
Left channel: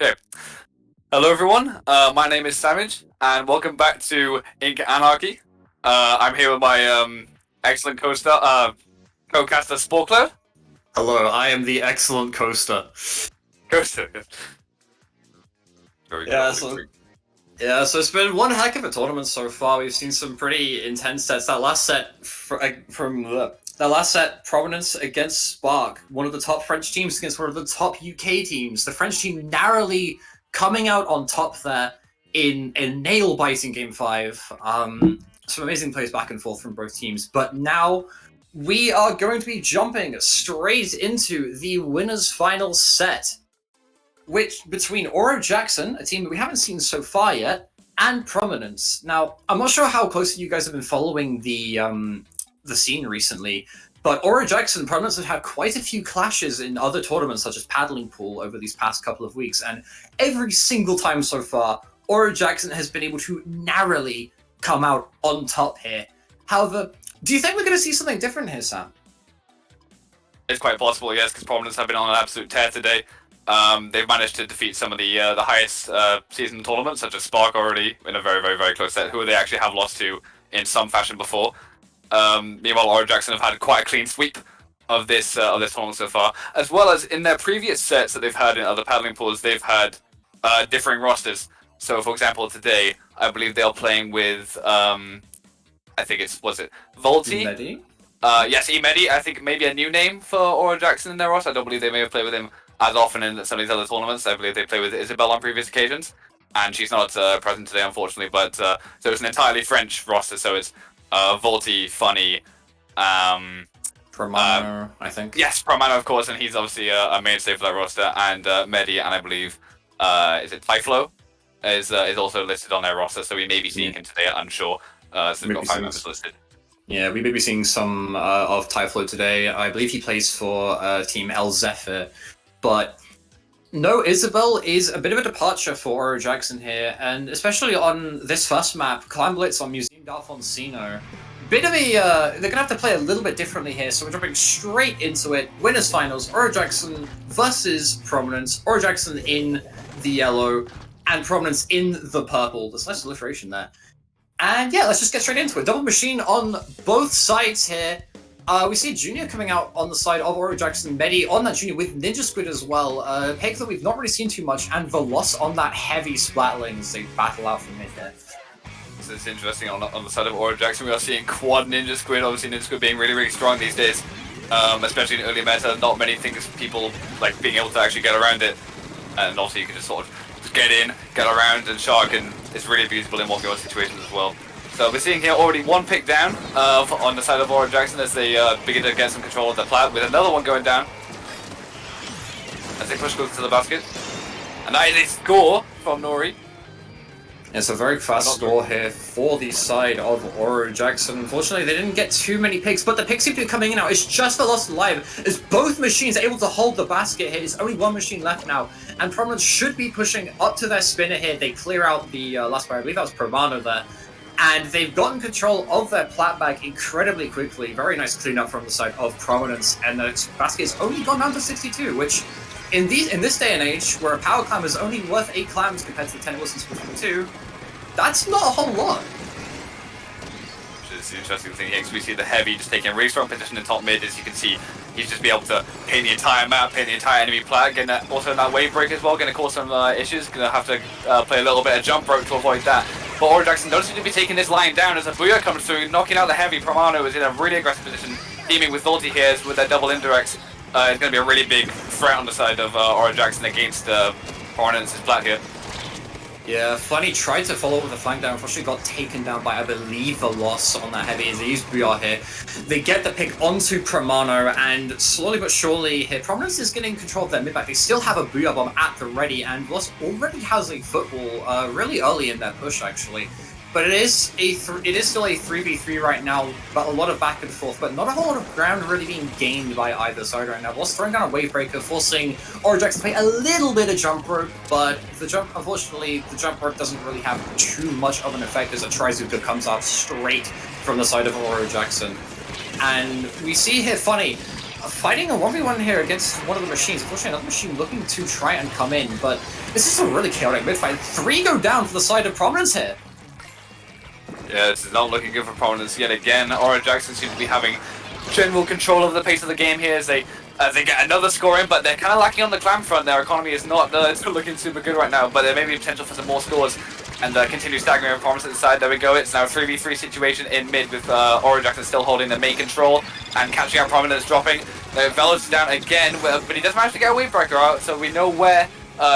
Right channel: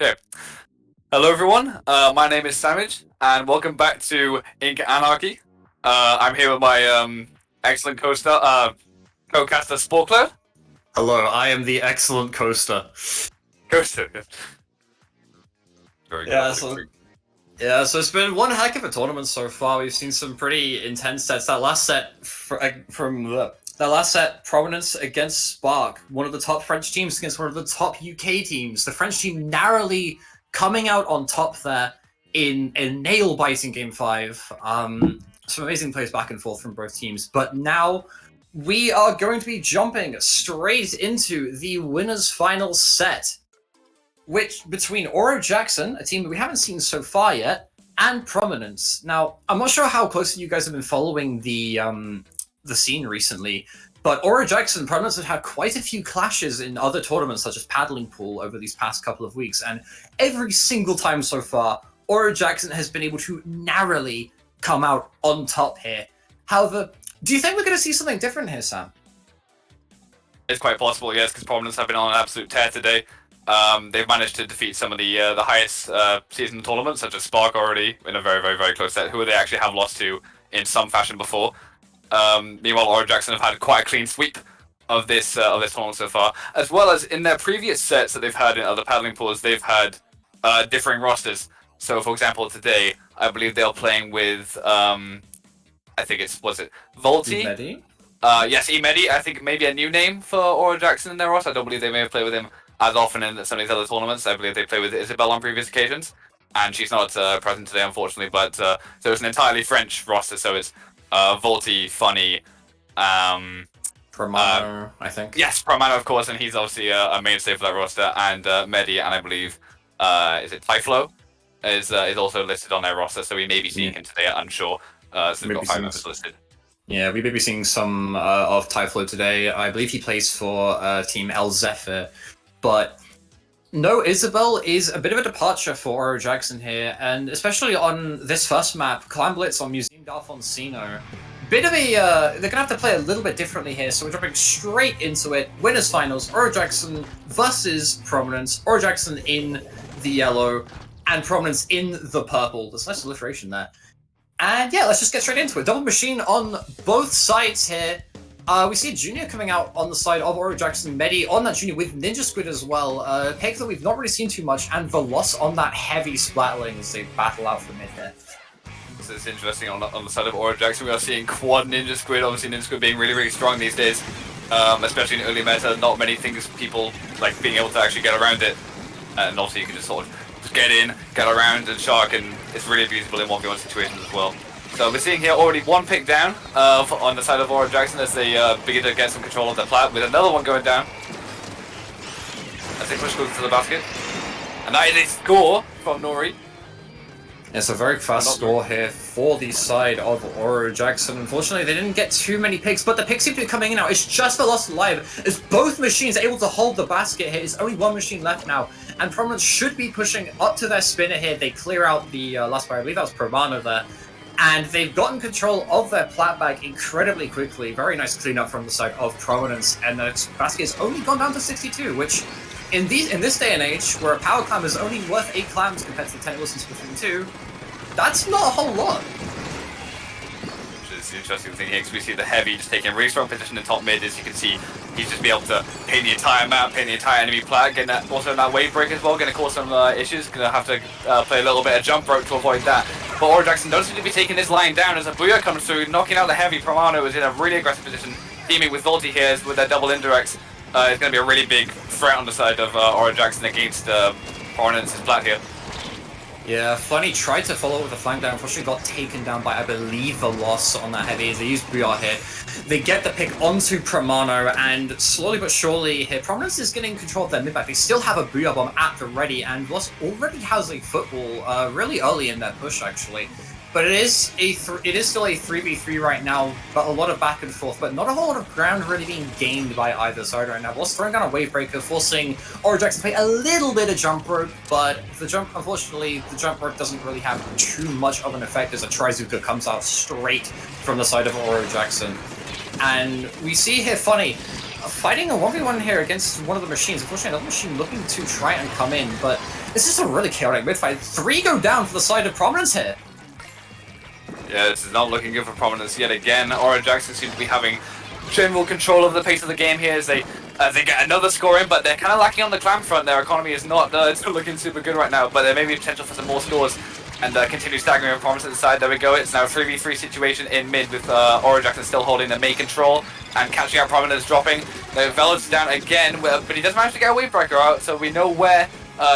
Okay. Hello, everyone. My name is Savage, and welcome back to Ink Anarchy. I'm here with my excellent co-caster, Sporkler. Hello, I am the excellent coaster. Coaster. Very Yeah, good. so it's been one heck of a tournament so far. We've seen some pretty intense sets. That last set Prominence against Spark, one of the top French teams against one of the top UK teams. The French team narrowly coming out on top there in a nail-biting Game 5. Some amazing plays back and forth from both teams. But now we are going to be jumping straight into the winners' final set, which between Oro Jackson, a team that we haven't seen so far yet, and Prominence. Now, I'm not sure how closely you guys have been following the scene recently, but Oro Jackson and Prominence have had quite a few clashes in other tournaments, such as Paddling Pool, over these past couple of weeks, and every single time so far, Oro Jackson has been able to narrowly come out on top here. However, do you think we're going to see something different here, Sam? It's quite possible, yes, because Prominence have been on an absolute tear today. They've managed to defeat some of the highest season tournaments, such as Spark already, in a very, very, very close set, who they actually have lost to in some fashion before. Meanwhile, Oro Jackson have had quite a clean sweep of this tournament so far, as well as in their previous sets that they've had in other paddling pools, they've had differing rosters. So, for example, today, I believe they're playing with, I think was it Volti? Medi? Yes, Emedi. I think maybe a new name for Oro Jackson in their roster. I don't believe they may have played with him as often in some of these other tournaments. I believe they play with Isabel on previous occasions, and she's not present today, unfortunately. But so it's an entirely French roster. So it's Volti, Funny, Romano, I think. Yes, Promano, of course, and he's obviously a mainstay for that roster. And Medi, and I believe is it Tyflo is also listed on their roster. So we may be seeing him today. Unsure. So they've got 5 members listed. Yeah, we may be seeing some of Tyflo today. I believe he plays for Team El Zephyr. But no, Isabel is a bit of a departure for Oro Jackson here, and especially on this first map, Climb Blitz on Museum d'Alfonsino. Bit of a, they're going to have to play a little bit differently here, so we're jumping straight into it. Winners finals, Oro Jackson versus Prominence. Oro Jackson in the yellow, and Prominence in the purple. There's nice alliteration there. And yeah, let's just get straight into it. Double machine on both sides here. We see Junior coming out on the side of Oro Jackson, Medi on that Junior with Ninja Squid as well. Pick that we've not really seen too much, and Veloz on that heavy Splatling as they battle out from mid there. So it's interesting on the side of Oro Jackson. We are seeing quad Ninja Squid. Obviously, Ninja Squid being really, really strong these days, especially in early meta. Not many things people like being able to actually get around it, and also you can just sort of get in, get around, and shark, and it's really abusable in 1v1 situations as well. So we're seeing here already one pick down on the side of Oro Jackson as they begin to get some control of the plat, with another one going down as they push closer to the basket. And that is a score from Nori. It's a very fast score here for the side of Oro Jackson. Unfortunately, they didn't get too many picks, but the picks seem to be coming in now. It's just Veloz alive as both machines are able to hold the basket here. There's only one machine left now, and Prominence should be pushing up to their spinner here. They clear out the last player. I believe that was Promano there. And they've gotten control of their plat bag incredibly quickly. Very nice cleanup from the side of Prominence, and the basket has only gone down to 62, which in this day and age, where a power clam is only worth 8 clams compared to the 10 it was in Splatoon 2, that's not a whole lot. Which is the interesting thing here, because we see the heavy just taking a really strong position in top mid. As you can see, he's just be able to paint the entire map, paint the entire enemy plat, getting that, also in that wave break as well, going to cause some issues. Going to have to play a little bit of jump rope to avoid that. But Oro Jackson does seem to be taking this line down as a Booyah comes through, knocking out the heavy. Promano is in a really aggressive position, teaming with Volti here with their double indirects. It's going to be a really big threat on the side of Oro Jackson against Prominence's plat here. Yeah, Funny tried to follow with a flank down, unfortunately got taken down by, I believe, Veloz on that heavy as they use Booyah here. They get the pick onto Promano, and slowly but surely here, Prominence is getting control of their mid-back. They still have a Booyah bomb at the ready, and Veloz already has a football really early in their push, actually. But it is still a 3v3 right now, but a lot of back and forth, but not a whole lot of ground really being gained by either side right now. Veloz throwing down a wave breaker, forcing Oro Jackson to play a little bit of jump rope, but unfortunately, the jump rope doesn't really have too much of an effect as a Trizuka comes out straight from the side of Oro Jackson. And we see here Funny fighting a 1v1 here against one of the machines. Unfortunately, another machine looking to try and come in, but this is a really chaotic mid-fight. 3 go down for the side of Prominence here. Yeah, this is not looking good for Prominence yet again. Aura Jackson seems to be having general control of the pace of the game here as they get another score in, but they're kind of lacking on the clamp front. Their economy is not looking super good right now, but there may be potential for some more scores and continue staggering with Prominence at the side. There we go. It's now a 3v3 situation in mid with Aura Jackson still holding the main control and catching out Prominence, dropping. Velo's down again, but he does manage to get a Wavebreaker out, so we know where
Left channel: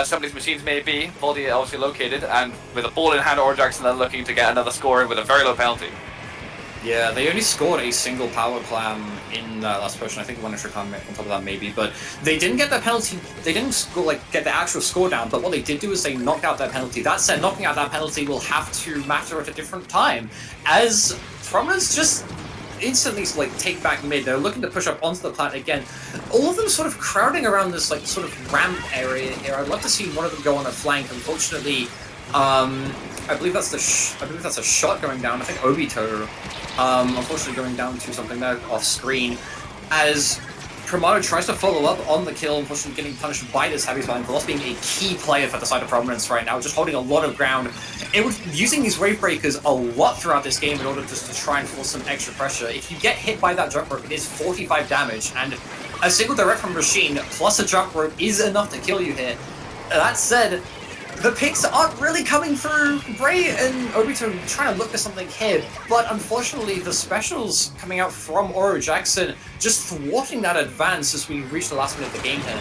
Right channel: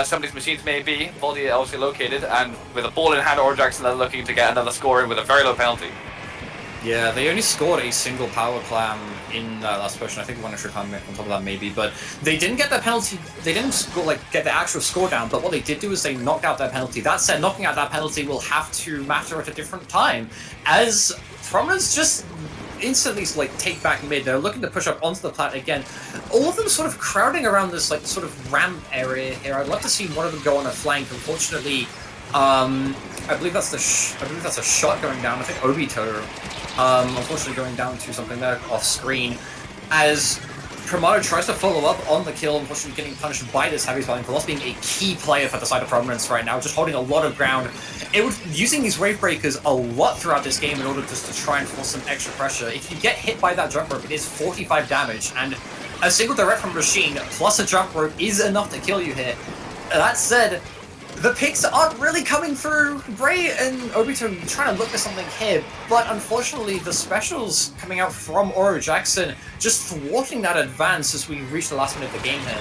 some of these machines may be. VOD obviously located, and with a ball in hand, Aura Jackson then looking to get another score in with a very low penalty. Yeah, they only scored a single power clam in that last potion. I think one extra clam on top of that maybe, but they didn't get the penalty. They didn't score, get the actual score down, but what they did do is they knocked out that penalty. That said, knocking out that penalty will have to matter at a different time, as Prominence just instantly take back mid. They're looking to push up onto the plat again. All of them sort of crowding around this sort of ramp area here. I'd love to see one of them go on a flank. Unfortunately, I believe that's a shot going down. I think Obito, unfortunately going down to something there off screen, as Pramato tries to follow up on the kill, unfortunately getting punished by this heavy spelling. Velos being a key player for the side of Prominence right now, just holding a lot of ground. It was using these wave breakers a lot throughout this game in order just to try and force some extra pressure. If you get hit by that jump rope, it is 45 damage, and a single direct from Machine plus a jump rope is enough to kill you here. That said, the picks aren't really coming through. Bray and Obito trying to look for something here, but unfortunately the specials coming out from Aura Jackson just thwarting that advance as we reach the last minute of the game here.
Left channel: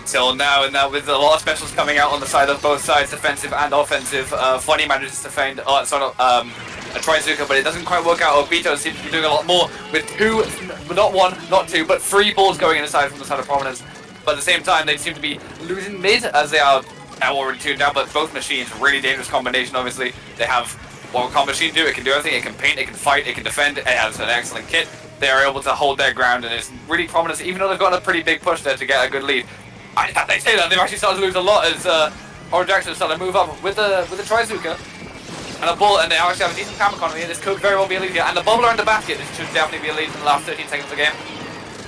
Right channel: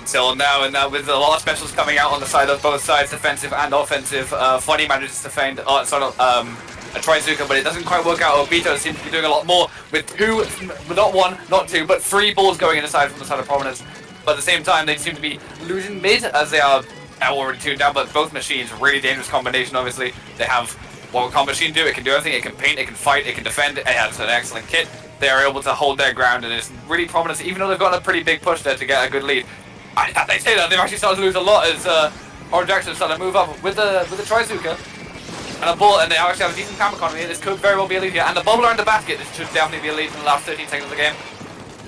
Until now, and now with a lot of specials coming out on the side of both sides, defensive and offensive, Funny manages to find a Trizuka, but it doesn't quite work out. Obito seems to be doing a lot more with 2, not 1, not 2, but 3 balls going in the side from the side of Prominence. But at the same time, they seem to be losing mid as they are already tuned down, but both machines, really dangerous combination, obviously. They have, what can machine do? It can do everything. It can paint, it can fight, it can defend. It has an excellent kit. They are able to hold their ground, and it's really Prominence, even though they've got a pretty big push there to get a good lead. They say that they've actually started to lose a lot as Aura Jackson started to move up with the Trizuka and a ball, and they actually have a decent camp economy. This could very well be a lead here, and the bubble around the basket. This should definitely be a lead in the last 13 seconds of the game.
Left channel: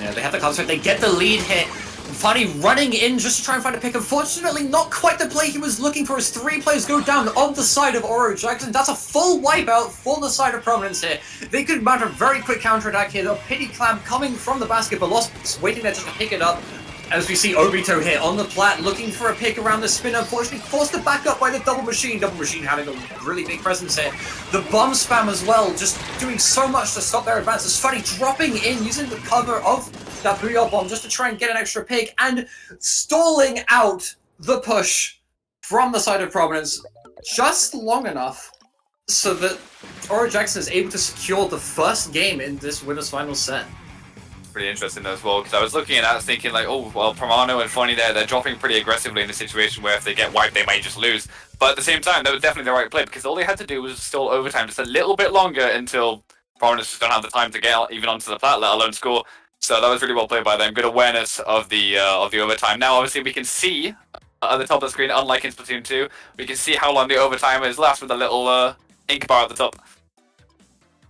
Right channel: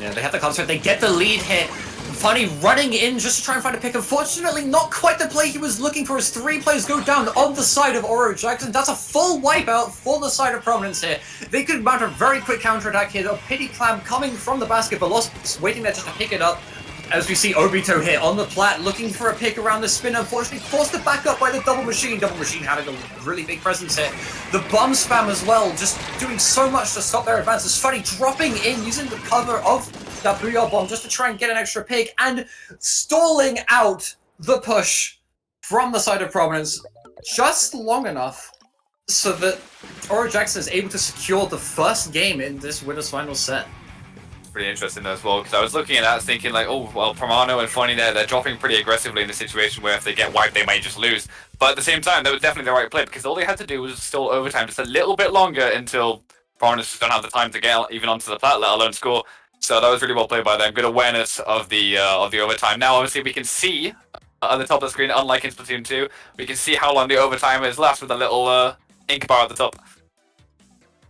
Yeah, they have the concert. They get the lead here. Funny running in just to try and find a pick. Unfortunately, not quite the play he was looking for as 3 players go down on the side of Aura Jackson. That's a full wipeout for the side of Prominence here. They could mount a very quick counterattack here. The pity clam coming from the basket, but Lost waiting there just to pick it up. As we see Obito here on the plat, looking for a pick around the spin, unfortunately forced to back up by the double machine. Double machine having a really big presence here. The bomb spam as well, just doing so much to stop their advance. It's funny, dropping in, using the cover of that Booyah bomb just to try and get an extra pick, and stalling out the push from the side of Prominence just long enough so that Aura Jackson is able to secure the first game in this winner's final set. Pretty interesting as well, because I was looking at that thinking like, oh, well, Promano and Funny there, they're dropping pretty aggressively in a situation where if they get wiped, they might just lose. But at the same time, that was definitely the right play, because all they had to do was stall overtime just a little bit longer until Prominence just don't have the time to get even onto the plat, let alone score. So that was really well played by them. Good awareness of the overtime. Now, obviously, we can see at the top of the screen, unlike in Splatoon 2, we can see how long the overtime is left with a little ink bar at the top.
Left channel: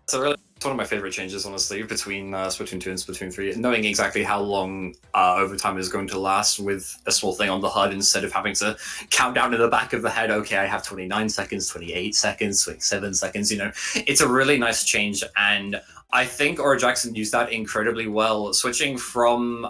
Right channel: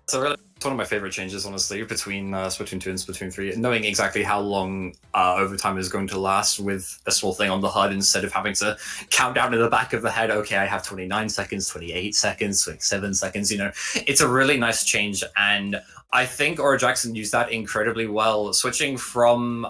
So it's one of my favorite changes, honestly, between Splatoon 2 and Splatoon 3. Knowing exactly how long overtime is going to last with a small thing on the HUD instead of having to count down in the back of the head, okay, I have 29 seconds, 28 seconds, 27 seconds, you know. It's a really nice change, and I think Aura Jackson used that incredibly well, switching from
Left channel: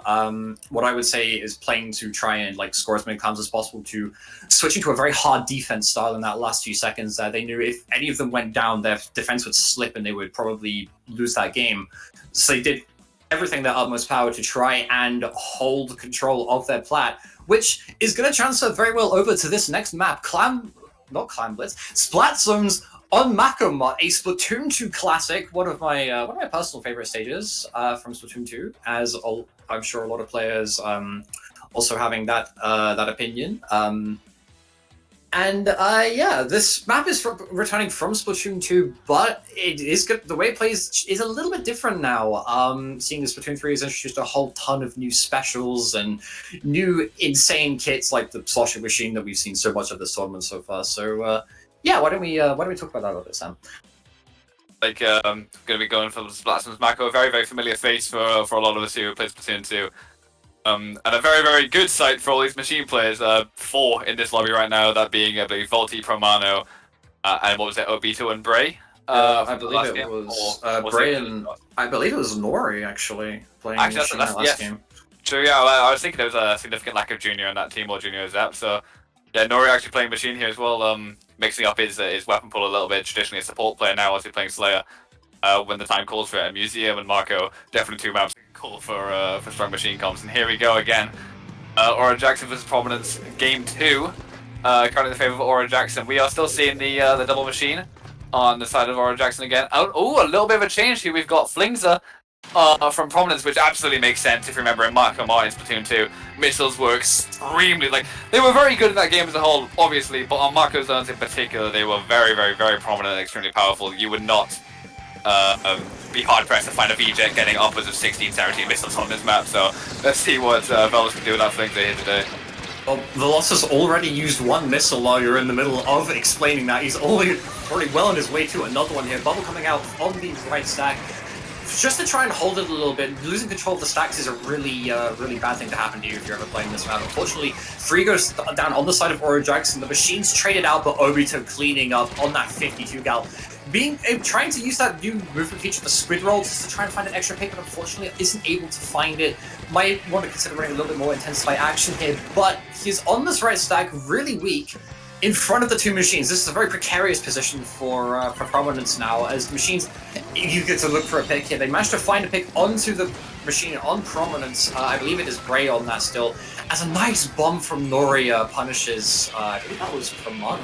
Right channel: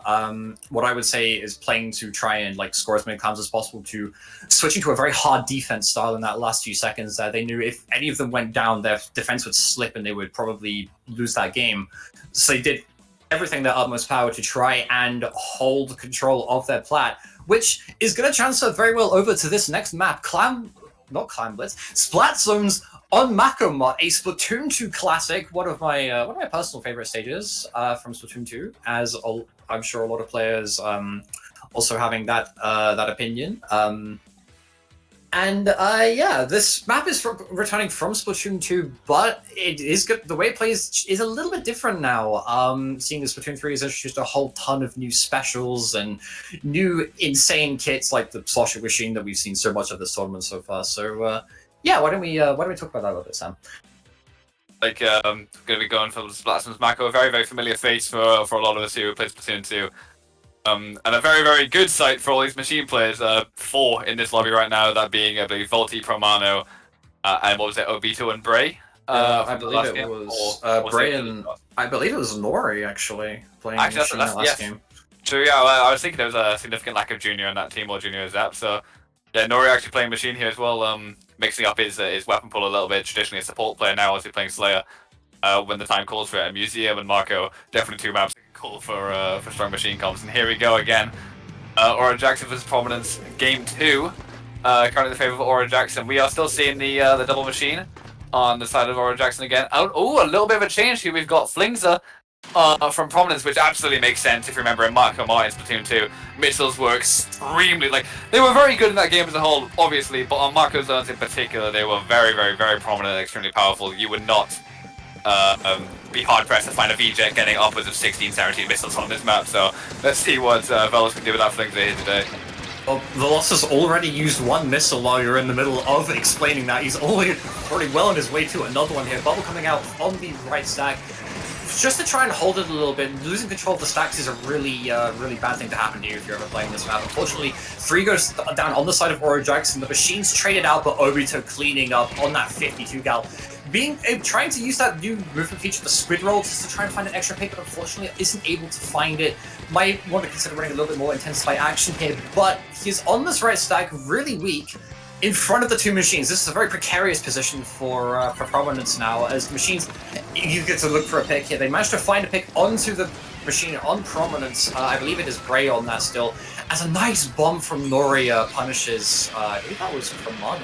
what I would say is playing to try and score as many clams as possible to switching to a very hard defense style in that last few seconds. They knew if any of them went down, their defense would slip and they would probably lose that game. So they did everything their utmost power to try and hold control of their plat, which is going to transfer very well over to this next map, Splat Zones on Makomot, a Splatoon 2 classic, one of my personal favorite stages from Splatoon 2, as I'm sure a lot of players also having that opinion. Yeah, this map is returning from Splatoon 2, but it is good. The way it plays is a little bit different now. Seeing as Splatoon 3 has introduced a whole ton of new specials and new insane kits like the Slosher machine that we've seen so much of this tournament so far. So yeah, why don't we talk about that a little bit, Sam? like going to be going for Splatoon's Mako. A very, very familiar face for a lot of us who play Splatoon 2. And a very, very good sight for all these machine players. 4 in this lobby right now, that being, I believe, Volti, Promano, and what was it, Obito and Bray? I believe it was Bray and I believe it was Nori actually playing machine that last game. True, yeah, I was thinking there was a significant lack of Junior on that team, or Junior Zap, so yeah, Nori actually playing machine here as well, mixing up his weapon pool a little bit. Traditionally a support player, now also playing Slayer when the time calls for it. And Museum and Marco, definitely 2 maps cool for strong machine comps. And here we go again. Aura Jackson versus Prominence, game 2. Currently in favor of Aura Jackson. We are still seeing the double machine on the side of Aura Jackson again. Oh, a little bit of a change here. We've got Flingza from Prominence, which absolutely makes sense if you remember in Marco Martin's Splatoon 2. Missiles were extremely, they were very good in that game as a whole, obviously, but on Marco zones in particular, they were very, very, very prominent and extremely powerful. You would not be hard-pressed to find a VJet getting upwards of 16, 17 missiles on this map, so let's see what Velos can do with that Flingza here today. Well, Velos has already used 1 missile while you're in the middle of explaining that. He's already well on his way to another one here. Bubble coming out on the right stack. Just to try and hold it a little bit. Losing control of the stacks is a really bad thing to happen to you if you're ever playing this map. Unfortunately, 3 goes down on the side of Aura Jackson. The machine's traded out, but Obito cleaning up on that 52 gal. Trying to use that new movement feature, the squid roll, just to try and find an extra pick, but unfortunately isn't able to find it. Might want to consider running a little bit more intensified action here, but he's on this right stack, really weak, in front of the 2 machines. This is a very precarious position for Prominence now, as the machines, you get to look for a pick here. They managed to find a pick onto the machine on Prominence. I believe it is Bray on that still, as a nice bomb from Nori punishes, I believe that was Promano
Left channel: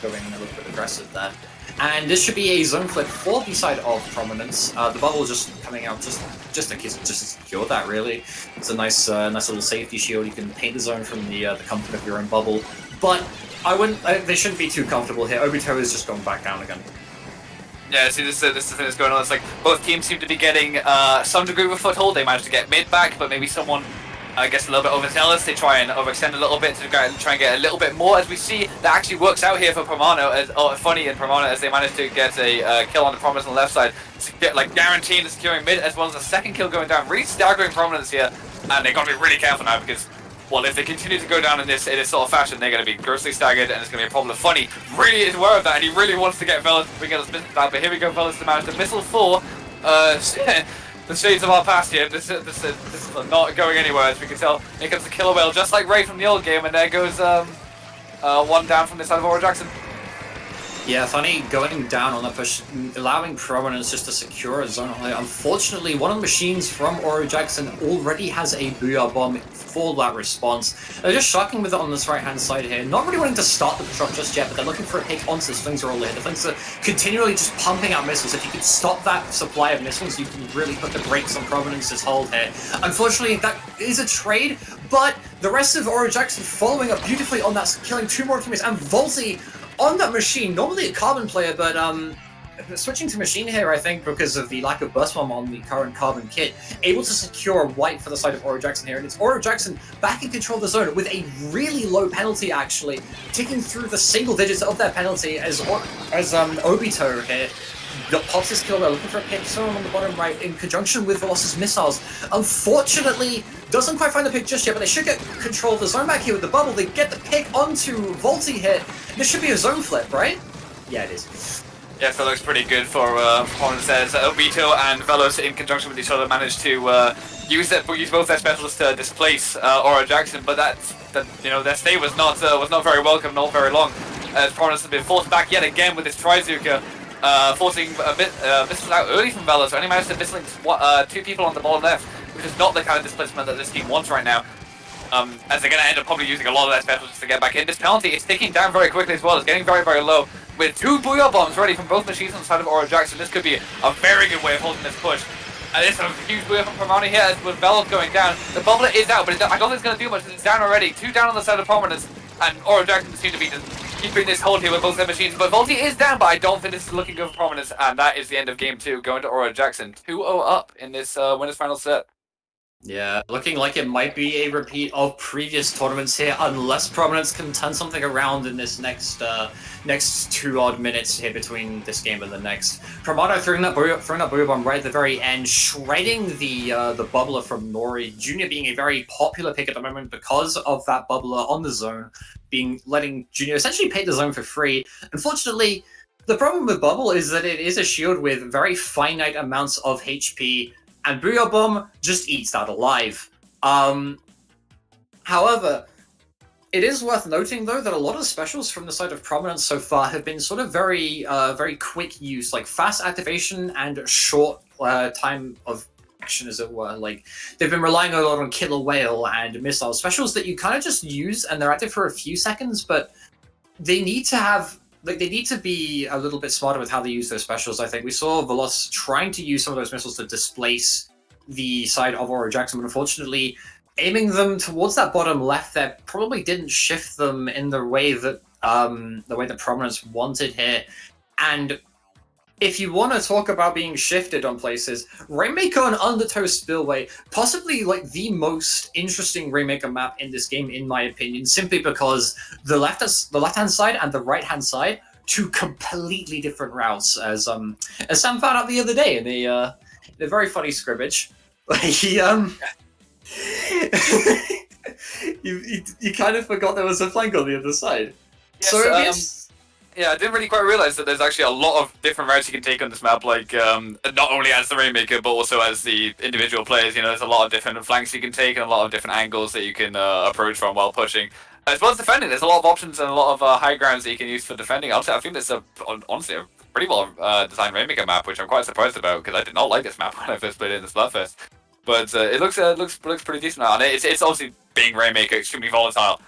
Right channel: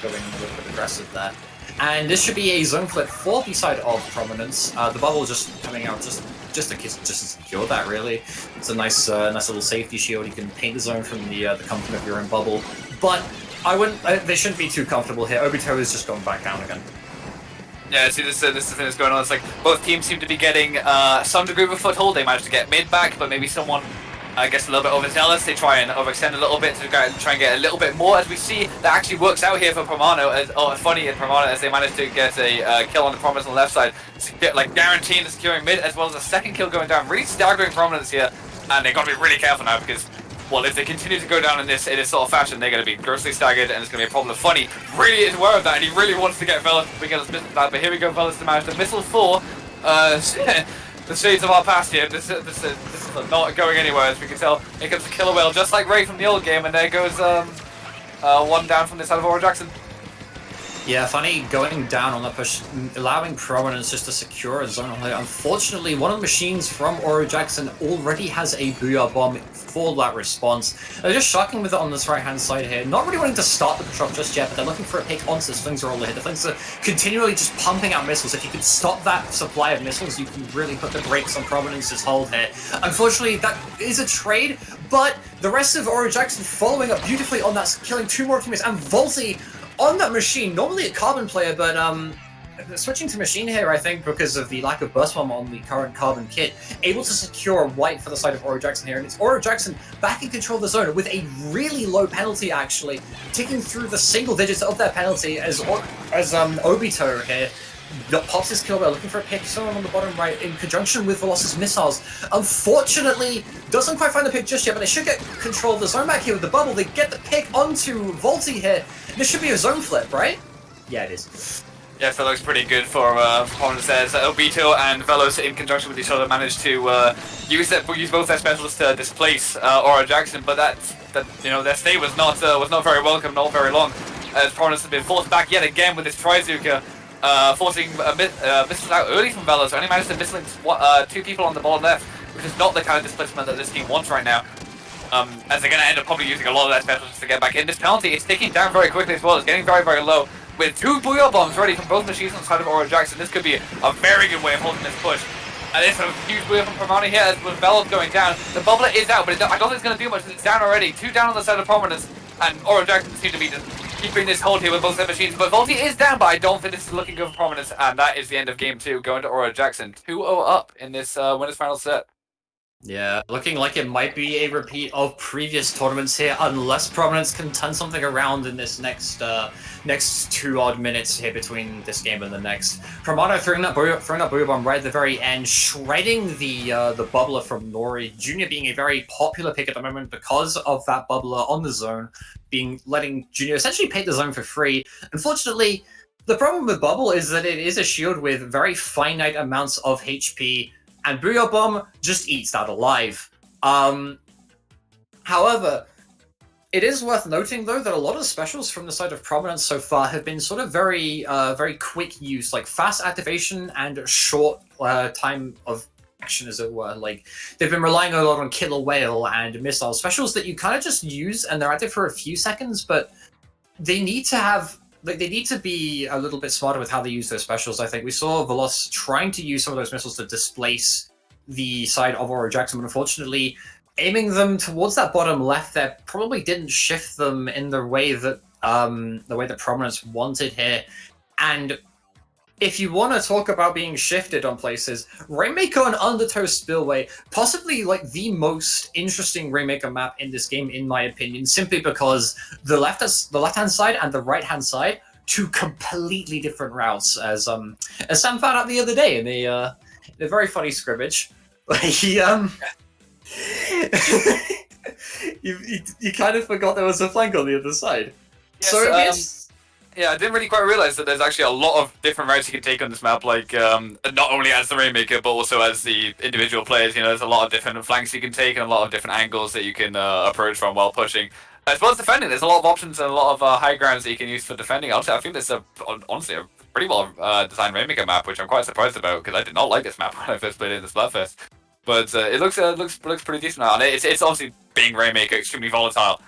going a little bit aggressive there. And this should be a zone flip for the side of Prominence. The bubble is just coming out just to secure that, really. It's a nice little safety shield. You can paint the zone from the comfort of your own bubble. But they shouldn't be too comfortable here. Obito is just going back down again. Yeah, see, this is the thing that's going on. It's like both teams seem to be getting some degree of a foothold. They managed to get mid back, but maybe someone gets a little bit overzealous. They try and overextend a little bit to try and get a little bit more. As we see, that actually works out here for Promano. Funny in Promano, as they managed to get a kill on the Prominence on the left side, guaranteeing the securing mid, as well as a second kill going down. Really staggering Prominence here, and they've got to be really careful now because, well, if they continue to go down in this sort of fashion, they're going to be grossly staggered, and it's going to be a problem. Funny really is aware of that, and he really wants to get Velas to get his business back. But here we go, Velas to manage the missile 4. The shades of our past here. This is not going anywhere, as we can tell. Here comes the killer whale, just like Ray from the old game, and there goes 1 down from this side of Aura Jackson. Yeah, funny going down on that push, allowing Prominence just to secure a zone. Unfortunately, one of the machines from Aura Jackson already has a Booyah Bomb for that response. They're just shocking with it on this right-hand side here. Not really wanting to start the truck just yet, but they're looking for a hit onto the Flings roller here. The Flings are continually just pumping out missiles. If you can stop that supply of missiles, you can really put the brakes on Prominence's hold here. Unfortunately, that is a trade, but the rest of Aura Jackson following up beautifully on that, killing 2 more teammates, and Volti on that machine, normally a Carbon player, but switching to machine here, I think, because of the lack of burst bomb on the current Carbon kit, able to secure a white for the side of Aura Jackson here, and it's Aura Jackson back in control of the zone with a really low penalty, actually, ticking through the single digits of their penalty as Obito here pops his kill. They're looking for a pick, someone on the bottom right, in conjunction with Velocity's missiles. Unfortunately, doesn't quite find the pick just yet, but they should get control of the zone back here with the bubble. They get the pick onto Volti here. This should be a zone flip, right? Yeah, it is. Yes, that looks pretty good for Prominence. Says Obito and Velos in conjunction with each other managed to use both their specials to displace Aura Jackson, but their stay was not very welcome, not very long. As Prominence has been forced back yet again with this Trizuka. Forcing a bit missiles out early from Velos. Only managed to mislink 2 people on the bottom left, which is not the kind of displacement that this team wants right now. As they're going to end up probably using a lot of their specials to get back in. This penalty is ticking down very quickly as well. It's getting very, very low. With 2 Booyah Bombs ready from both machines on the side of Aura Jackson, this could be a very good way of holding this push. And it's a huge Booyah from Promano here with Velos going down. The bubbler is out, but I don't think it's going to do much. It's down already. 2 down on the side of Prominence, and Aura Jackson seem to be just keeping this hold here with both their machines. But Volti is down, but I don't think this is looking good for Prominence, and that is the end of game 2, going to Aura Jackson. 2-0 up in this winners final set. Yeah, looking like it might be a repeat of previous tournaments here, unless Prominence can turn something around in this next 2 odd minutes here between this game and the next. Promano throwing that booyah bomb right at the very end, shredding the bubbler from Nori. Junior being a very popular pick at the moment because of that bubbler on the zone, letting Junior essentially paint the zone for free. Unfortunately, the problem with Bubble is that it is a shield with very finite amounts of HP, and Booyah Bomb just eats that alive. However, it is worth noting, though, that a lot of specials from the side of Prominence so far have been sort of very quick use, like fast activation and short time of action, as it were. Like, they've been relying a lot on Killer Whale and missile specials that you kind of just use, and they're active for a few seconds, but they need to have... Like, they need to be a little bit smarter with how they use their specials, I think. We saw Veloz trying to use some of those missiles to displace the side of Aura Jackson, but unfortunately, aiming them towards that bottom left there probably didn't shift them in the way that Prominence wanted here. And if you want to talk about being shifted on places, Rainmaker and Undertow Spillway, possibly like the most interesting Rainmaker map in this game, in my opinion, simply because the left-hand side and the right-hand side, two completely different routes, as Sam found out the other day in a very funny scrimmage. He you kind of forgot there was a flank on the other side. Yes, So yeah, I didn't really quite realize that there's actually a lot of different routes you can take on this map, like not only as the Rainmaker, but also as the individual players. You know, there's a lot of different flanks you can take and a lot of different angles that you can approach from while pushing. As well as defending, there's a lot of options and a lot of high grounds that you can use for defending. I think this is honestly a pretty well designed Rainmaker map, which I'm quite surprised about because I did not like this map when I first played it in the Splatfest. But it looks pretty decent now, and it's obviously being Rainmaker extremely volatile.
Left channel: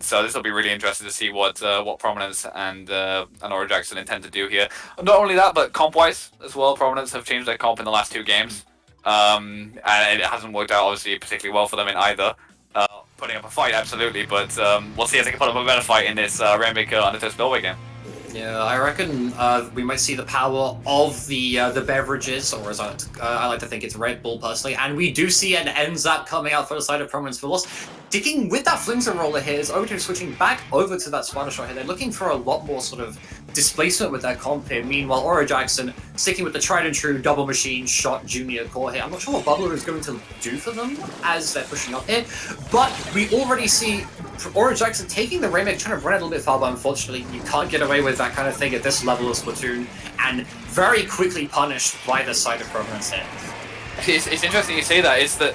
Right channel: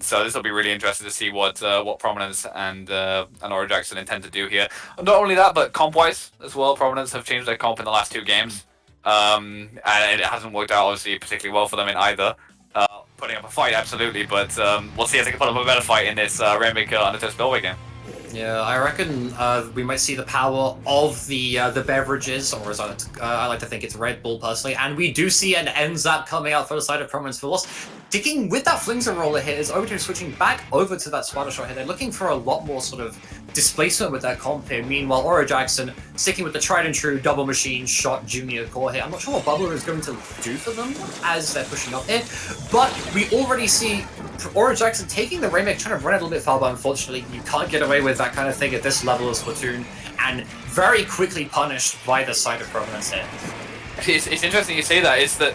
So this will be really interesting to see what Prominence and Aura Jackson intend to do here. Not only that, but comp-wise as well. Prominence have changed their comp in the last 2 games, and it hasn't worked out obviously particularly well for them in either. Putting up a fight, absolutely, but we'll see if they can put up a better fight in this Rainmaker Undertow Spillway game. Yeah, I reckon we might see the power of the beverages, or as I like to think it's Red Bull personally, and we do see an NZAP coming out for the side of Prominence Veloz. Sticking with that Flingser roller here, is Overton switching back over to that Splattershore here. They're looking for a lot more sort of displacement with their comp here. Meanwhile, Aura Jackson sticking with the tried and true double machine shot junior core here. I'm not sure what Bubbler is going to do for them as they're pushing up here, but we already see Aura Jackson taking the Rainmaker, trying to run it a little bit far, but unfortunately you can't get away with that kind of thing at this level of Splatoon, and very quickly punished by the side of Prominence here. It's interesting you say that. It's that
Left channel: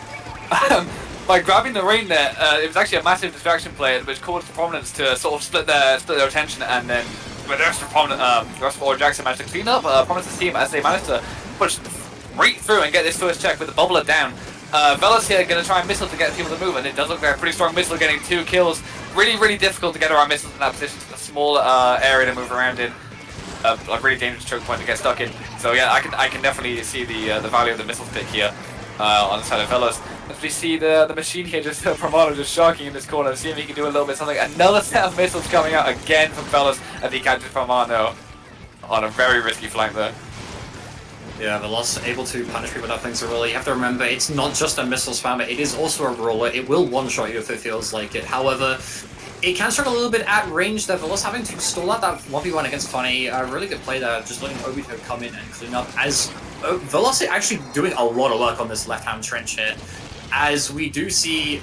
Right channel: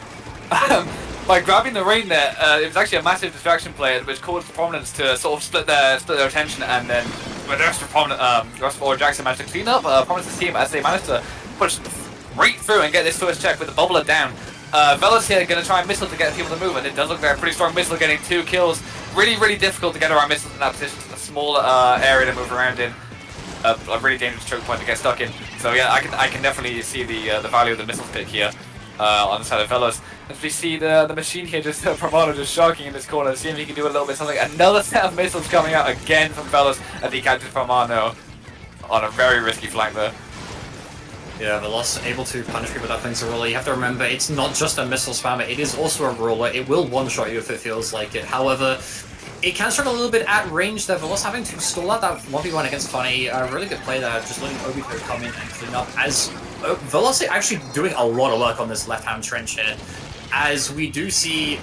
by grabbing the rain there, it was actually a massive distraction play, which caused the Prominence to sort of split their attention, and then when the rest of Aura Jackson managed to clean up Prominence's team as they managed to push right through and get this first check with the bubbler down. Veloz here going to try and missile to get people to move, and it does look like a pretty strong missile, getting 2 kills. Really, really difficult to get around missiles in that position. It's a small area to move around in. A really dangerous choke point to get stuck in. So yeah, I can definitely see the value of the missile pick here on the side of Veloz. As we see the machine here, just Promano just shocking in this corner, see if he can do a little bit something. Another set of missiles coming out again from Veloz, and he catches Promano on a very risky flank there. Yeah, Veloz able to punish people with that Flingser roller. You have to remember, it's not just a missile spammer, it is also a roller. It will one-shot you if it feels like it. However, it can struggle a little bit at range there. Veloz having to stall out that 1v1 against Tourney. A really good play there, just letting Obito come in and clean up. As Veloz actually doing a lot of work on this left-hand trench here. As we do see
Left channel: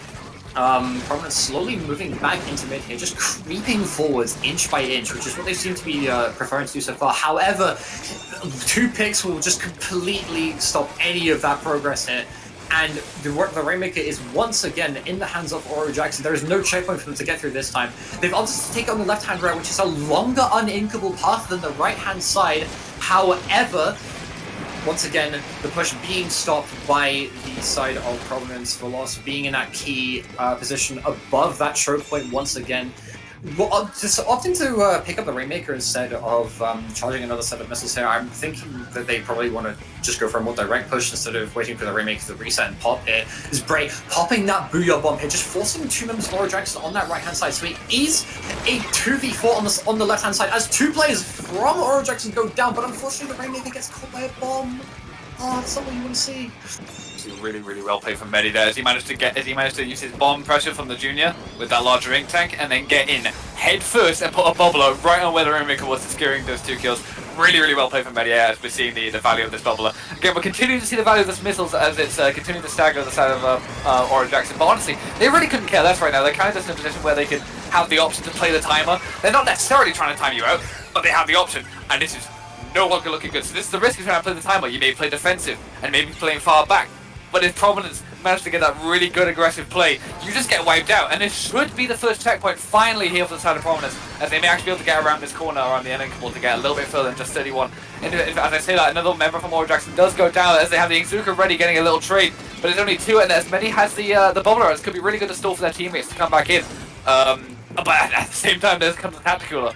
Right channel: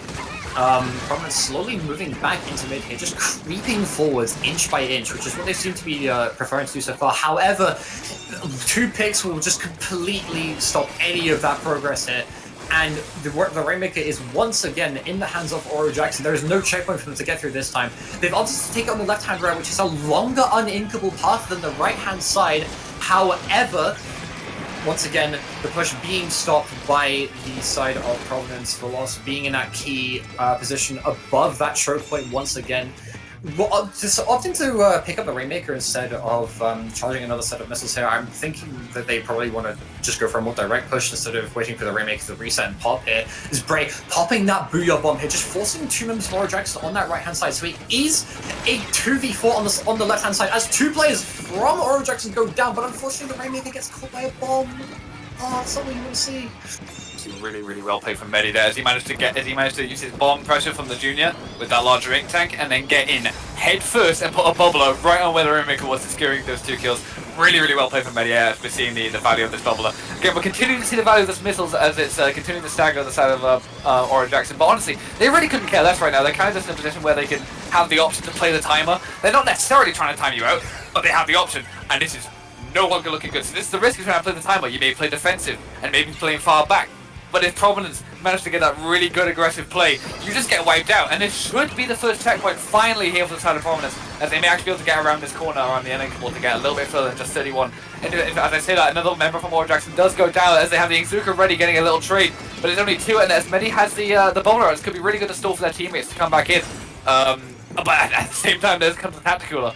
Prominence slowly moving back into mid here, just creeping forwards inch by inch, which is what they seem to be preferring to do so far. However, 2 picks will just completely stop any of that progress here. And the Rainmaker is once again in the hands of Aura Jackson. There is no checkpoint for them to get through this time. They've opted to take on the left-hand route, which is a longer uninkable path than the right-hand side. However, once again, the push being stopped by the side of Prominence. Veloz being in that key position above that choke point once again. Well, just opting to pick up the Rainmaker instead of charging another set of missiles here, I'm thinking that they probably want to just go for a more direct push instead of waiting for the Rainmaker to reset and pop here. Is Bray popping that Booyah Bomb here, just forcing 2 members of Aura Jackson on that right-hand side. So he is a 2v4 on the left-hand side as 2 players from Aura Jackson go down, but unfortunately the Rainmaker gets caught by a bomb. Oh, that's something you want to see. Really, really well played from Medi there as he managed to use his bomb pressure from the junior with that larger ink tank and then get in head first and put a bubbler right on where the Rainmaker was, securing those 2 kills. Really, really well played from Medi as we're seeing the value of this bubbler. Again, we're continuing to see the value of this missiles as it's continuing to stagger on the side of Aura Jackson. But honestly, they really couldn't care less right now. They're kind of just in a position where they can have the option to play the timer. They're not necessarily trying to time you out, but they have the option, and this is no longer looking good. So this is the risk of trying to play the timer. You may play defensive and maybe playing far back. But if Prominence managed to get that really good aggressive play, you just get wiped out. And this should be the first checkpoint finally here for the side of Prominence, as they may actually be able to get around this corner around the ending wall to get a little bit further than just 31. And as I say that, another member from Aura Jackson does go down as they have the Inkzuka ready, getting a little trade. But there's only 2, and as many has the bubbler. This could be really good to stall for their teammates to come back in. But at the same time, there's comes the Tacticooler.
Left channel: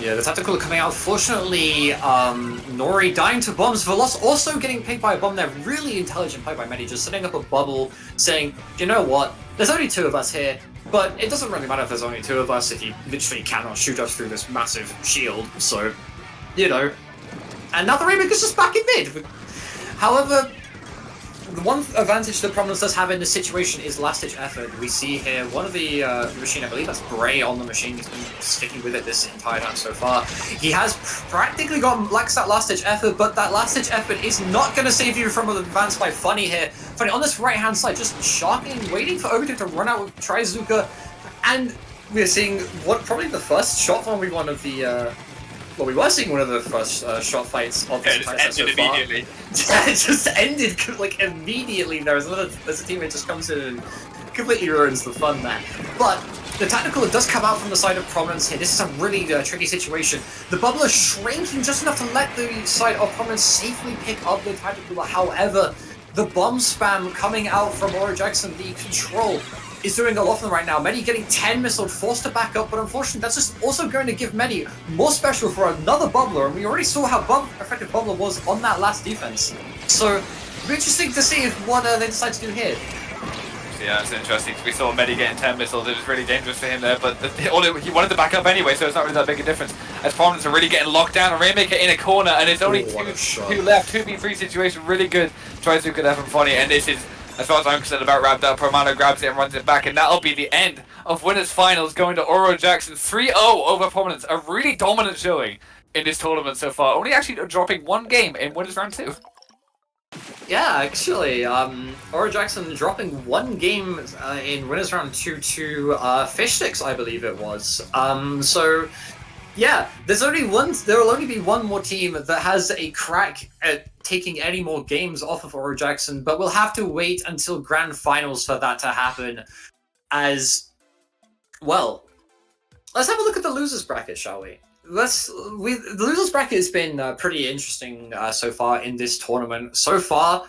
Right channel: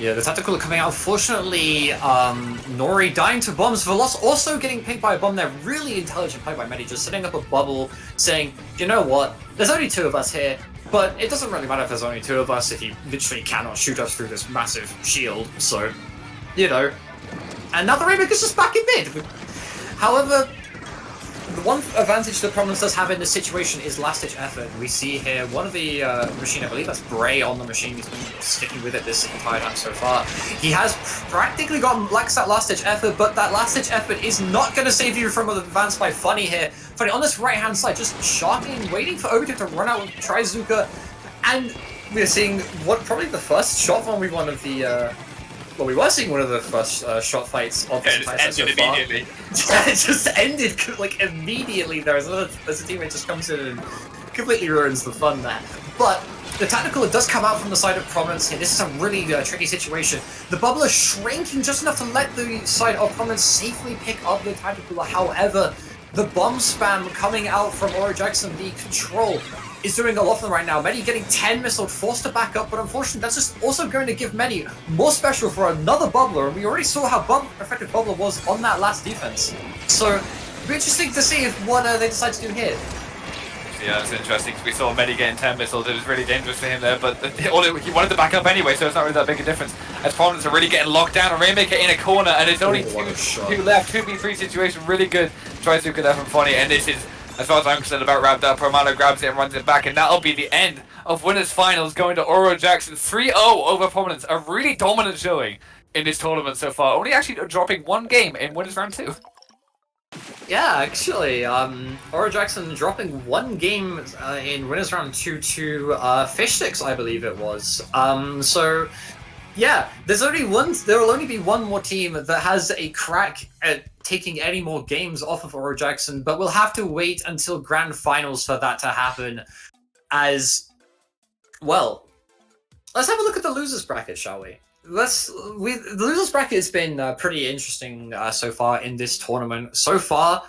Yeah, the Tactical coming out. Unfortunately, Nori dying to bombs. Veloz also getting picked by a bomb there. Really intelligent play by Medi, just setting up a bubble, saying, you know what, there's only 2 of us here, but it doesn't really matter if there's only 2 of us if he literally cannot shoot us through this massive shield, so, you know. And now the Rainmaker's just back in mid. However, the one advantage that Prominence does have in this situation is last-ditch effort. We see here one of the machine, I believe that's Bray on the machine, he's been sticking with it this entire time so far. He has practically gotten that last-ditch effort, but that last-ditch effort is not going to save you from an advance by Funny here. Funny on this right-hand side, just sharking, waiting for Obito to run out with Trizuka, and we're seeing probably the first shot on one of the well, we were seeing one of the first shot fights of this entire set so far. Immediately. It just ended like immediately. There's a teammate just comes in and completely ruins the fun there. But the Tactical does come out from the side of Prominence here. This is a really tricky situation. The bubbler shrinking just enough to let the side of Prominence safely pick up the Tactical. However, the bomb spam coming out from Aura Jackson, the control, is doing a lot for them right now. Medi getting 10 missile, forced to back up, but unfortunately that's just also going to give Medi more special for another bubbler, and we already saw how effective bubbler was on that last defense. So, it'll be interesting to see what they decide to do here. Yeah, it's interesting because we saw Medi getting 10 missiles. It was really dangerous for him there, but he wanted to back up anyway, so it's not really that big a difference. As Prominence are really getting locked down, a Rainmaker in a corner, and it's only 2 left. 2v3 situation, really good. Tries to get that from Funny, and this is, as far as I'm concerned, about wrapped up. Promano grabs it and runs it back, and that'll be the end of Winners Finals, going to Aura Jackson 3-0 over Prominence. A really dominant showing in this tournament so far. Only actually dropping 1 game in Winners Round 2. Yeah, actually, Aura Jackson dropping 1 game in Winners Round 2 to Fish Sticks, I believe it was. So, yeah, there will only be 1 more team that has a crack at taking any more games off of Aura Jackson, but we'll have to wait until Grand Finals for that to happen. As well, let's have a look at the losers bracket, shall we? The losers bracket has been pretty interesting so far in this tournament. So far,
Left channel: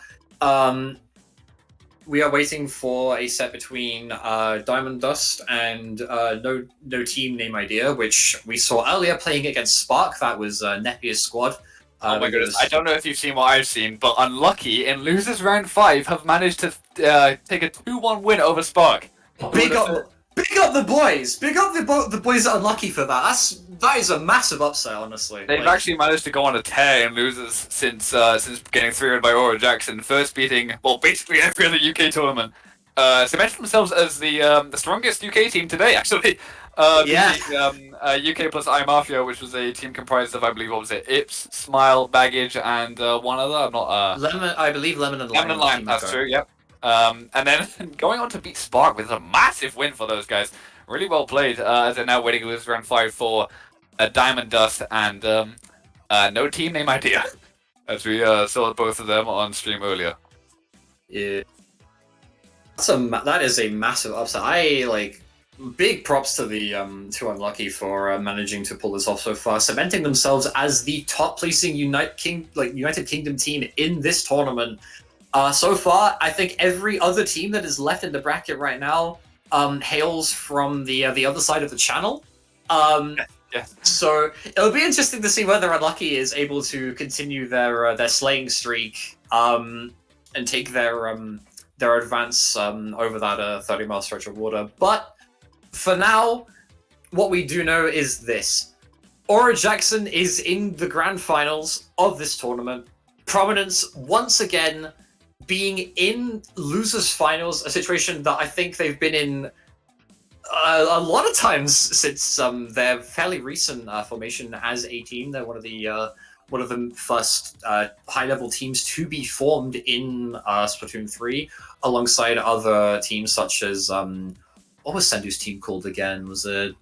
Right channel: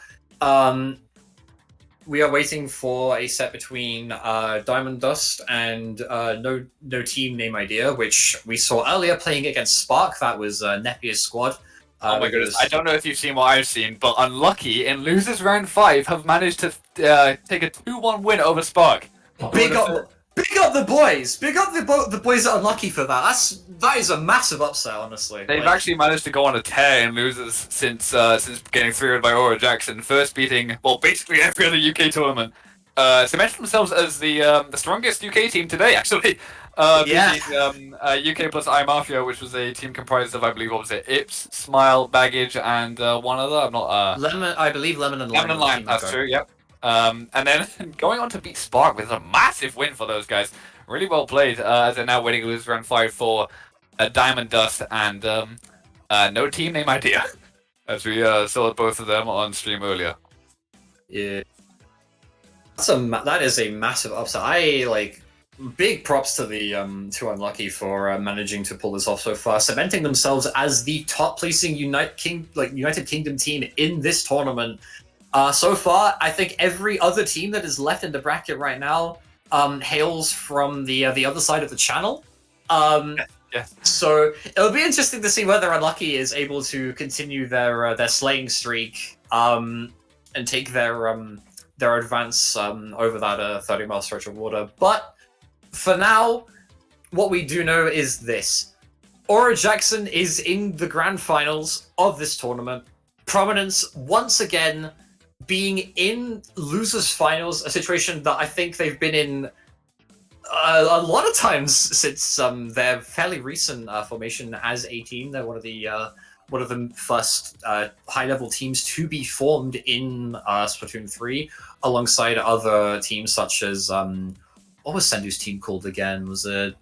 we are waiting for a set between Diamond Dust and no team name idea, which we saw earlier playing against Spark. That was Nepier's squad. Oh my goodness, I don't know if you've seen what I've seen, but Unlucky in Losers Round 5 have managed to take a 2-1 win over Spark. Big up the boys! Big up the boys that are Unlucky for that. That is a massive upset, honestly. They've actually managed to go on a tear in losers since getting 3-0 by Aura Jackson, first beating, well, basically every other UK tournament. Cemented themselves as the strongest UK team today, actually. Beating UK plus iMafia, which was a team comprised of, I believe, what was it? Ips, Smile, Baggage, and one other. I'm not. Lemon, I believe Lemon and Lime. Lemon and Lime, that's true. Yep. And then going on to beat Spark with a massive win for those guys. Really well played, as they're now winning losers round 5 for Diamond Dust and no team name idea, as we saw both of them on stream earlier. Yeah, that is a massive upset. Big props to the to Unlucky for managing to pull this off so far, cementing themselves as the top placing United Kingdom team in this tournament. So far, I think every other team that is left in the bracket right now hails from the other side of the channel. Yes. So it'll be interesting to see whether Unlucky is able to continue their slaying streak and take their advance over that 30-mile stretch of water. But for now, what we do know is this: Aura Jackson is in the grand finals of this tournament. Prominence once again being in losers finals, a situation that I think they've been in a lot of times since their fairly recent formation as a team. They're one of the first high-level teams to be formed in Splatoon 3, alongside other teams such as what was Sendu's team called again? Was it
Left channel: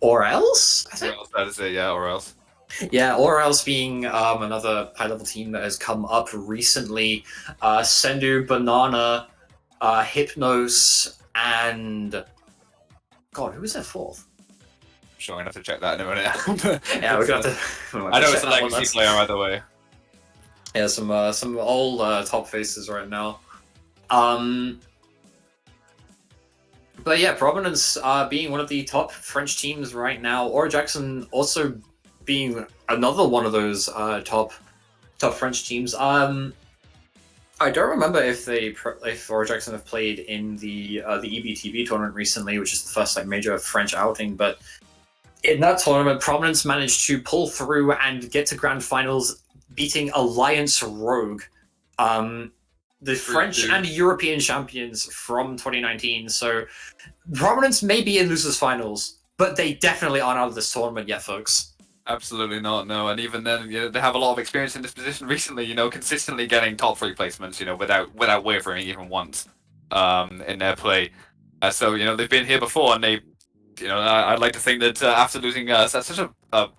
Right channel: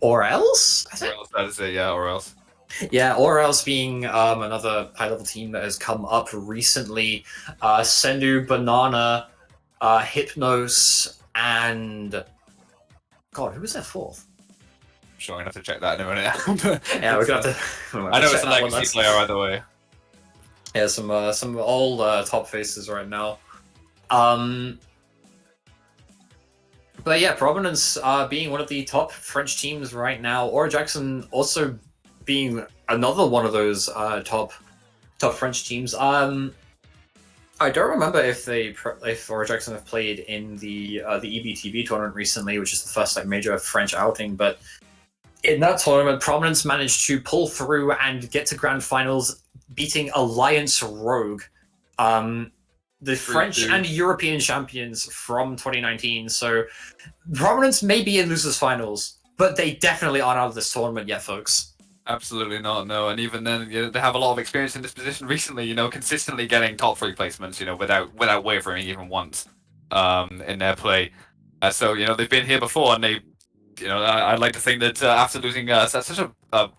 Or Else? I think. Or else, that is it, yeah, or else. Yeah, Or Else being another high-level team that has come up recently. Sendu, Banana, Hypnos, and God, who was their fourth? Sure, I'm gonna have to check that in a minute. Yeah, we're gonna have to. I know it's a legacy player either way. Yeah, some old top faces right now. But yeah, Prominence being one of the top French teams right now. Aura Jackson also being another one of those top French teams. I don't remember if Aura Jackson have played in the EBTB tournament recently, which is the first like major French outing. But in that tournament, Prominence managed to pull through and get to grand finals, beating Alliance Rogue, the French and European champions from 2019. So Prominence may be in losers finals, but they definitely aren't out of this tournament yet, folks. Absolutely not, no. And even then, they have a lot of experience in this position recently, consistently getting top 3 placements, without wavering even once in their play. So, they've been here before, and they, I'd like to think that after losing such a,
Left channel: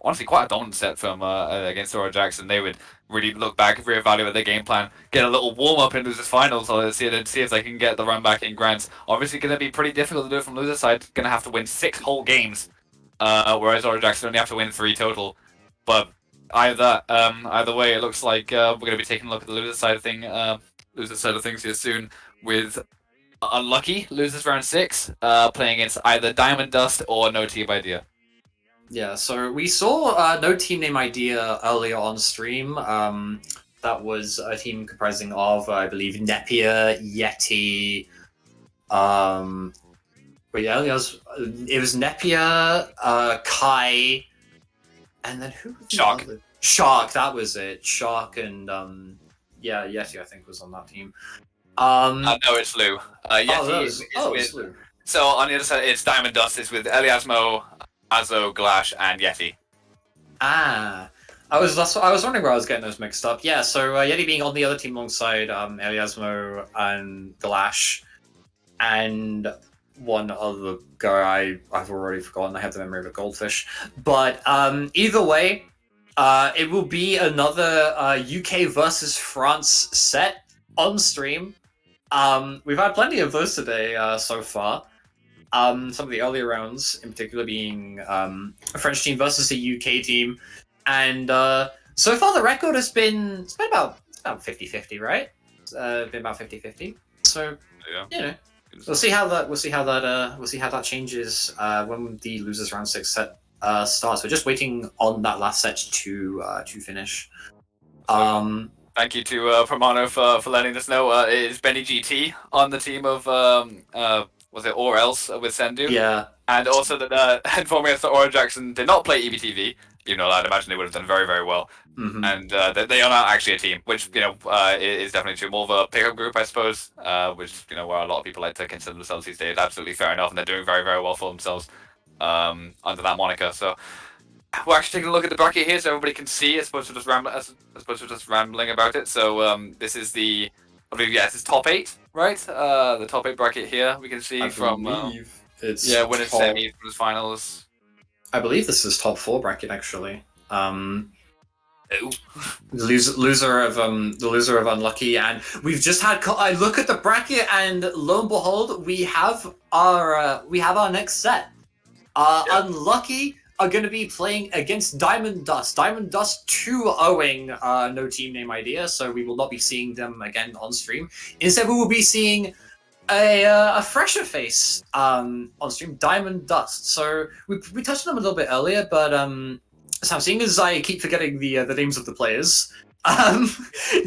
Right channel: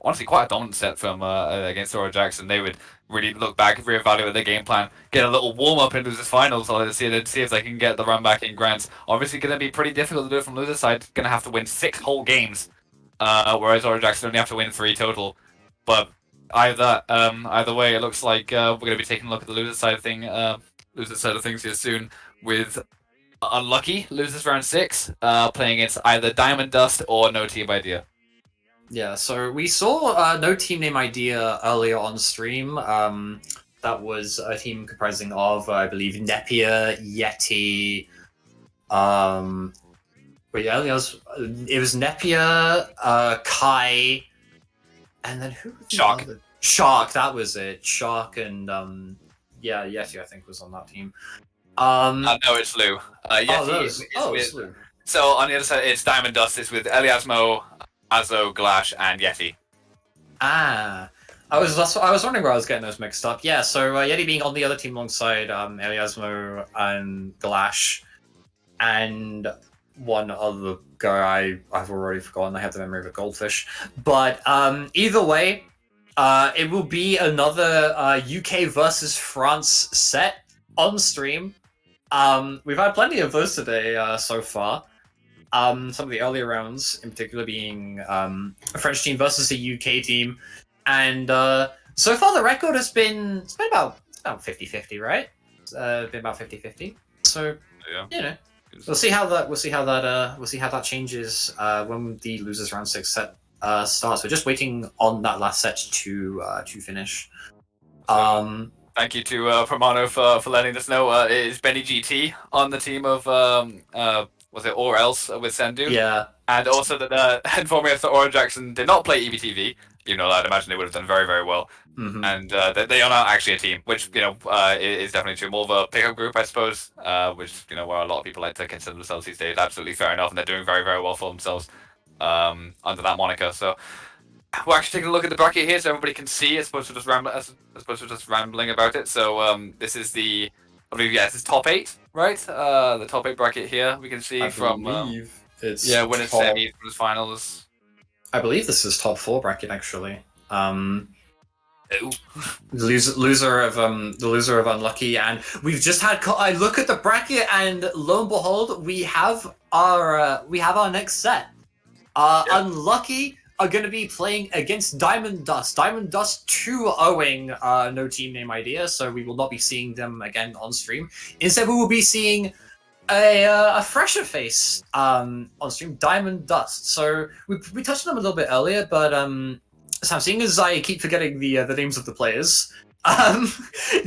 honestly, quite a dominant set from against Aura Jackson, they would really look back, reevaluate their game plan, get a little warm-up in losers finals, or see if they can get the run back in grands. Obviously, going to be pretty difficult to do it from loser side. Going to have to win 6 whole games. Whereas Aura Jackson only have to win 3 total. But either way, it looks like we're going to be taking a look at the loser side of things here soon with Unlucky losers round 6, playing against either Diamond Dust or No Team Idea. Yeah, so we saw No Team Name Idea earlier on stream. That was a team comprising of, I believe, Nepier, Yeti. Wait, yeah, it was Nepier, Kai, and then who? Was Shark. Shark, that was it. Shark and yeah, Yeti I think was on that team. No, it's Lou. Yeti it's Lou. So on the other side, it's Diamond Dust. It's with Eliasmo, Azo, Glash, and Yeti. Ah, I was wondering where I was getting those mixed up. Yeah, so Yeti being on the other team alongside Eliasmo and Glash, and one other guy I've already forgotten. I have the memory of a goldfish. But either way, it will be another UK versus France set on stream. We've had plenty of those today so far. Some of the earlier rounds, in particular, being a French team versus a UK team. And so far, the record has been about 50-50, right? It's been about 50-50. So Yeah. We'll see how that changes when the losers round 6 set starts. We're just waiting on that last set to finish. Thank you to Promano for letting us know. It is Benny GT on the team of was it Or Else with Sendu? Yeah. And also that informing us that Aura Jackson did not play EBTV, even though I'd imagine they would have done very, very well. Mm-hmm. And they are not actually a team, which is definitely too more of a pickup group, I suppose. Which where a lot of people like to consider themselves these days. Absolutely fair enough, and they're doing very, very well for themselves under that moniker. So we're actually taking a look at the bracket here, so everybody can see. As opposed to just rambling about it. So this is this is top 8, right? The top 8 bracket here. We can see from it's winners, semis, winners, finals. I believe this is top 4 bracket actually. Loser of Unlucky, and we've just had. I look at the bracket, and lo and behold, we have our next set. Unlucky are going to be playing against Diamond Dust. Diamond Dust 2-0ing No Team Name Idea, so we will not be seeing them again on stream. Instead, we will be seeing a fresher face on stream, Diamond Dust. So we touched on them a little bit earlier, but Sam, seeing as I keep forgetting the names of the players, do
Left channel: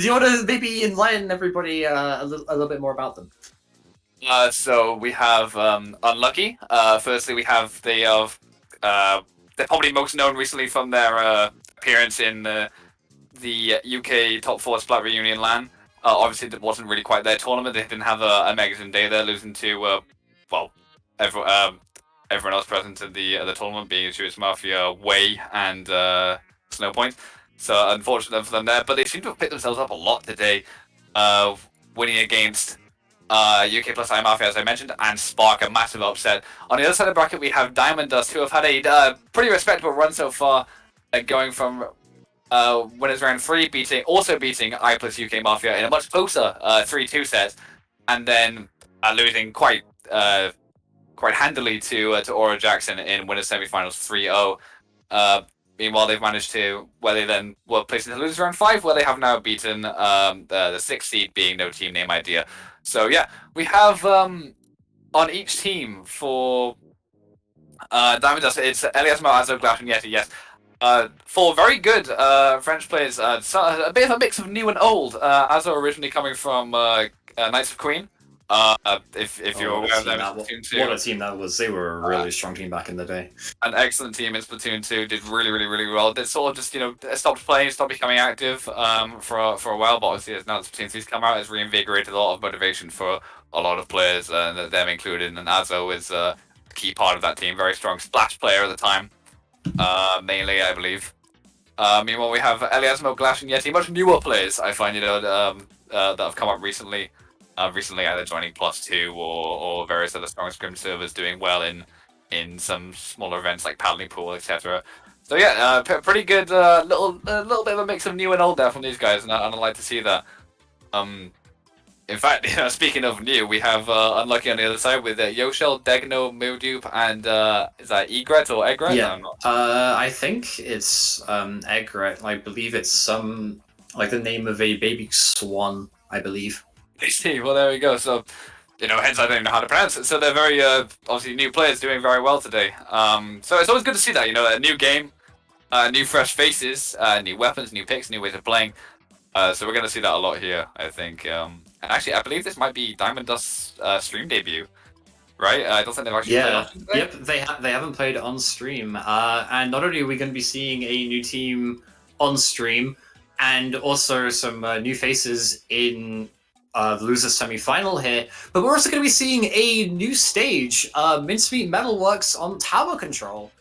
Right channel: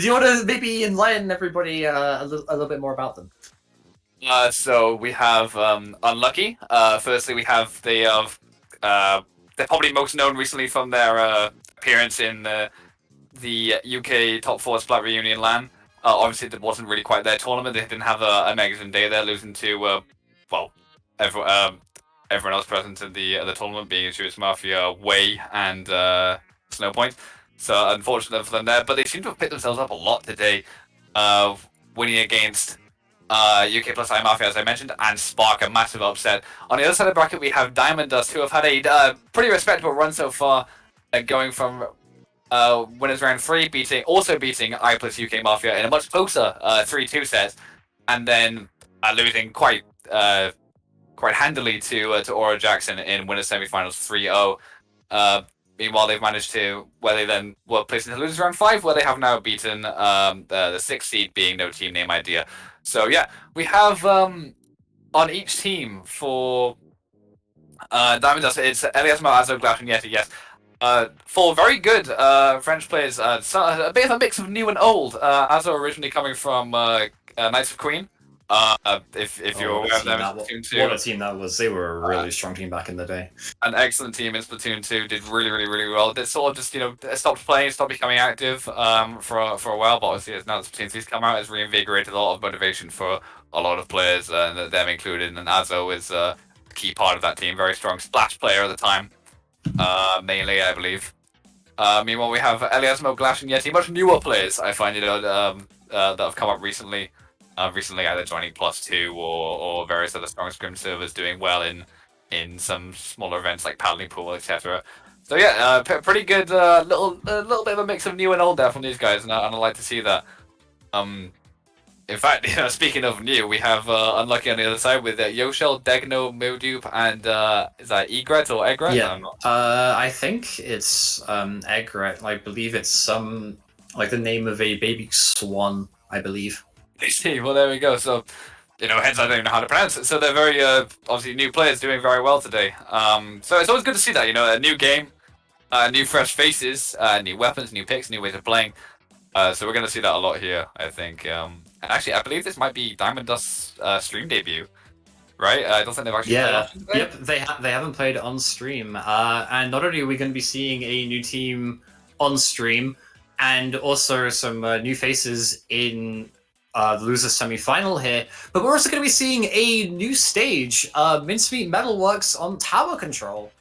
you want to maybe enlighten everybody a little bit more about them? So we have Unlucky. Firstly, we have they're probably most known recently from their appearance in the UK top 4 Splat Reunion LAN. Obviously, it wasn't really quite their tournament. They didn't have a magazine day there, losing to everyone else present in the tournament, being Insurance Mafia, Way, and Snowpoint. So unfortunate for them there, but they seem to have picked themselves up a lot today, winning against UK plus I Mafia, as I mentioned, and Spark, a massive upset. On the other side of the bracket, we have Diamond Dust, who have had a pretty respectable run so far, going from winners round 3, also beating I plus UK Mafia in a much closer 3-2 set, and then losing quite handily to Aura Jackson in winners semifinals 3-0. Meanwhile, they've managed to, where they then were placed into losers round 5, where they have now beaten the 6th seed, being no team name idea. So yeah, we have on each team for Diamond Dust, it's Eliasmo, Azo, Glash, and Yeti, yes. 4 very good French players, a bit of a mix of new and old. Azo originally coming from Knights of Queen. If you're aware of them, Splatoon 2. What a team that was! They were a really strong team back in the day. An excellent team in Splatoon 2, did really well. They sort of just stopped playing, stopped becoming active for a while. But obviously, now that Splatoon 2's come out, it's reinvigorated a lot of motivation for a lot of players, and them included. And Azo is a key part of that team. Very strong splash player at the time, mainly I believe. Meanwhile, we have Eliasmo, Glash, and Yeti, much newer players. I find that have come up recently. Recently either joining +2 or various other strong scrim servers, doing well in some smaller events like Paddling Pool, etc. So yeah, pretty good little bit of a mix of new and old there from these guys, and I like to see that. In fact, speaking of new, we have Unlucky on the other side with Yoshel, Degno, Modupe, and is that Egret or Egret? Yeah, I think it's Egret. I believe it's some like the name of a baby swan, I believe. I see. Well, there we go. So, hence I don't even know how to pronounce it. So they're very obviously new players doing very well today. So it's always good to see that. A new game, new fresh faces, new weapons, new picks, new ways of playing. So we're going to see that a lot here, I think. And actually, I believe this might be Diamond Dust's stream debut, right? I don't think they've actually played on. Yep, they haven't played on stream. And not only are we going to be seeing a new team on stream, and also some new faces in the loser semi-final here, but we're also going to be seeing a new stage, Mincemeat Metalworks on tower control.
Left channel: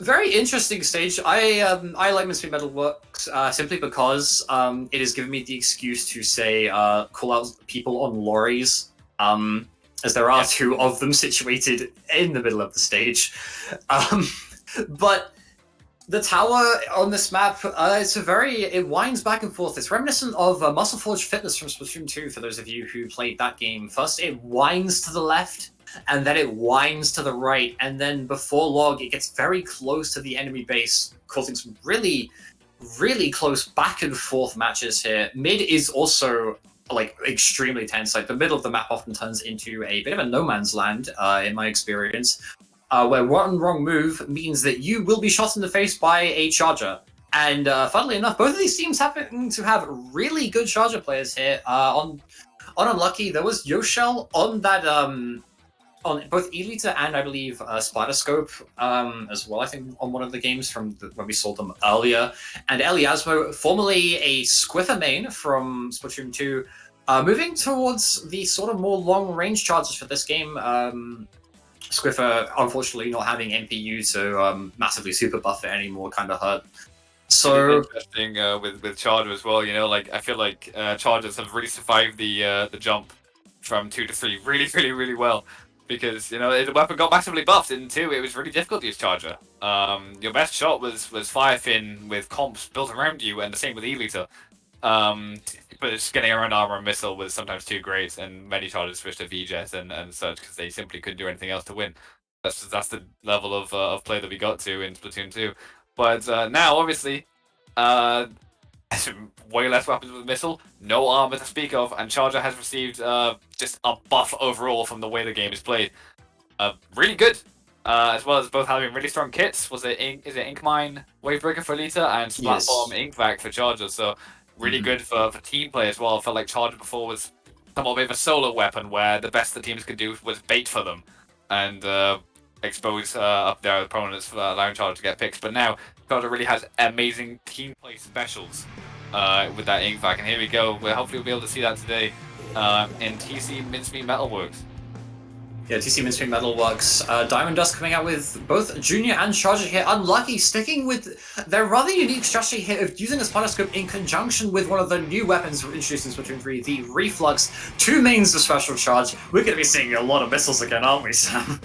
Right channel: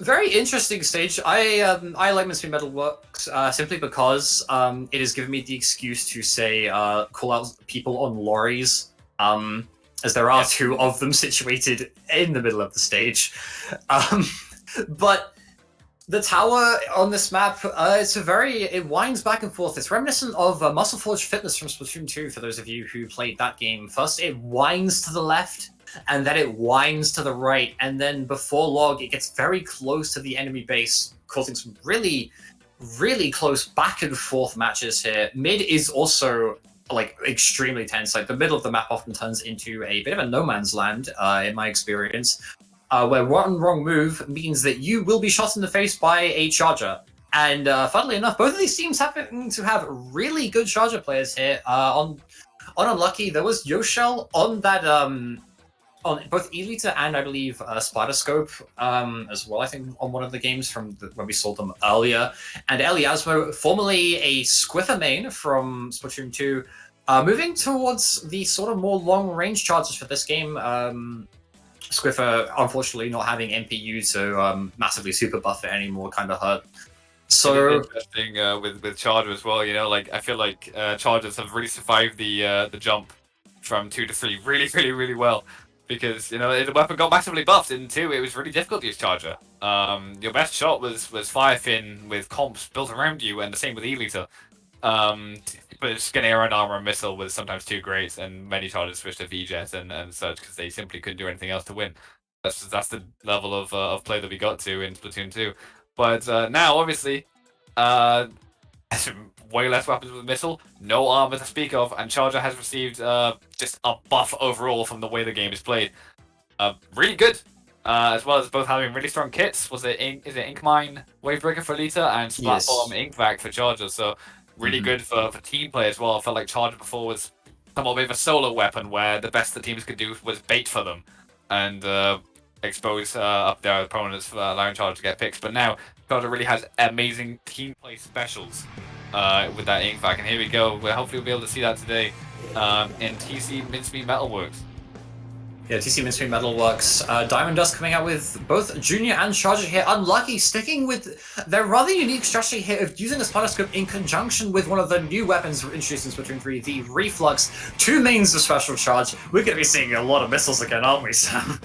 Very interesting stage. I like Mincemeat Metalworks simply because it has given me the excuse to say call out people on lorries, as there are 2 of them situated in the middle of the stage. But the tower on this map, it winds back and forth. It's reminiscent of Muscle Forge Fitness from Splatoon 2, for those of you who played that game. First, it winds to the left, and then it winds to the right, and then before long, it gets very close to the enemy base, causing some really, really close back and forth matches here. Mid is also extremely tense. Like the middle of the map often turns into a bit of a no man's land, in my experience. Where one wrong move means that you will be shot in the face by a charger. And funnily enough, both of these teams happen to have really good charger players here. On Unlucky, there was Yoshel on that on both Elita and I believe Splatterscope as well. I think on one of the games from when we saw them earlier. And Eliasmo, formerly a Squiffer main from Splatoon 2, moving towards the sort of more long range charges for this game. Squiffer, unfortunately, not having NPU to massively super buff it anymore kind of hurt. So interesting with Charger as well. I feel like Chargers have really survived the jump from 2 to 3 really well, because the weapon got massively buffed in 2. It was really difficult to use Charger. Your best shot was Firefin with comps built around you, and the same with Elita. But just getting around armor and missile was sometimes too great, and many chargers switched to VJet and such because they simply couldn't do anything else to win. That's the level of play that we got to in Splatoon 2. But now, obviously, way less weapons with missile, no armor to speak of, and Charger has received just a buff overall from the way the game is played. Really good. As well as both having really strong kits. Is it Inkmine Wavebreaker for Lita and Splatform Inkvac for Charger? So really good for team play as well. I felt like Charger before was somewhat of a solo weapon where the best the teams could do was bait for them and expose up their opponents for allowing Charger to get picks. But now Charger really has amazing team play specials with that ink vac, and here we go. Well, hopefully we'll be able to see that today in TC Mincemeat Metalworks. Yeah, TC Mincemeat Metalworks. Diamond Dust coming out with both Junior and Charger here. Unlucky, sticking with their rather unique strategy here of using a Splatterscope in conjunction with one of the new weapons introduced in Splatoon 3, the Reflux. 2 mains of Special Charge. We're going to be seeing a lot of missiles again, aren't we, Sam?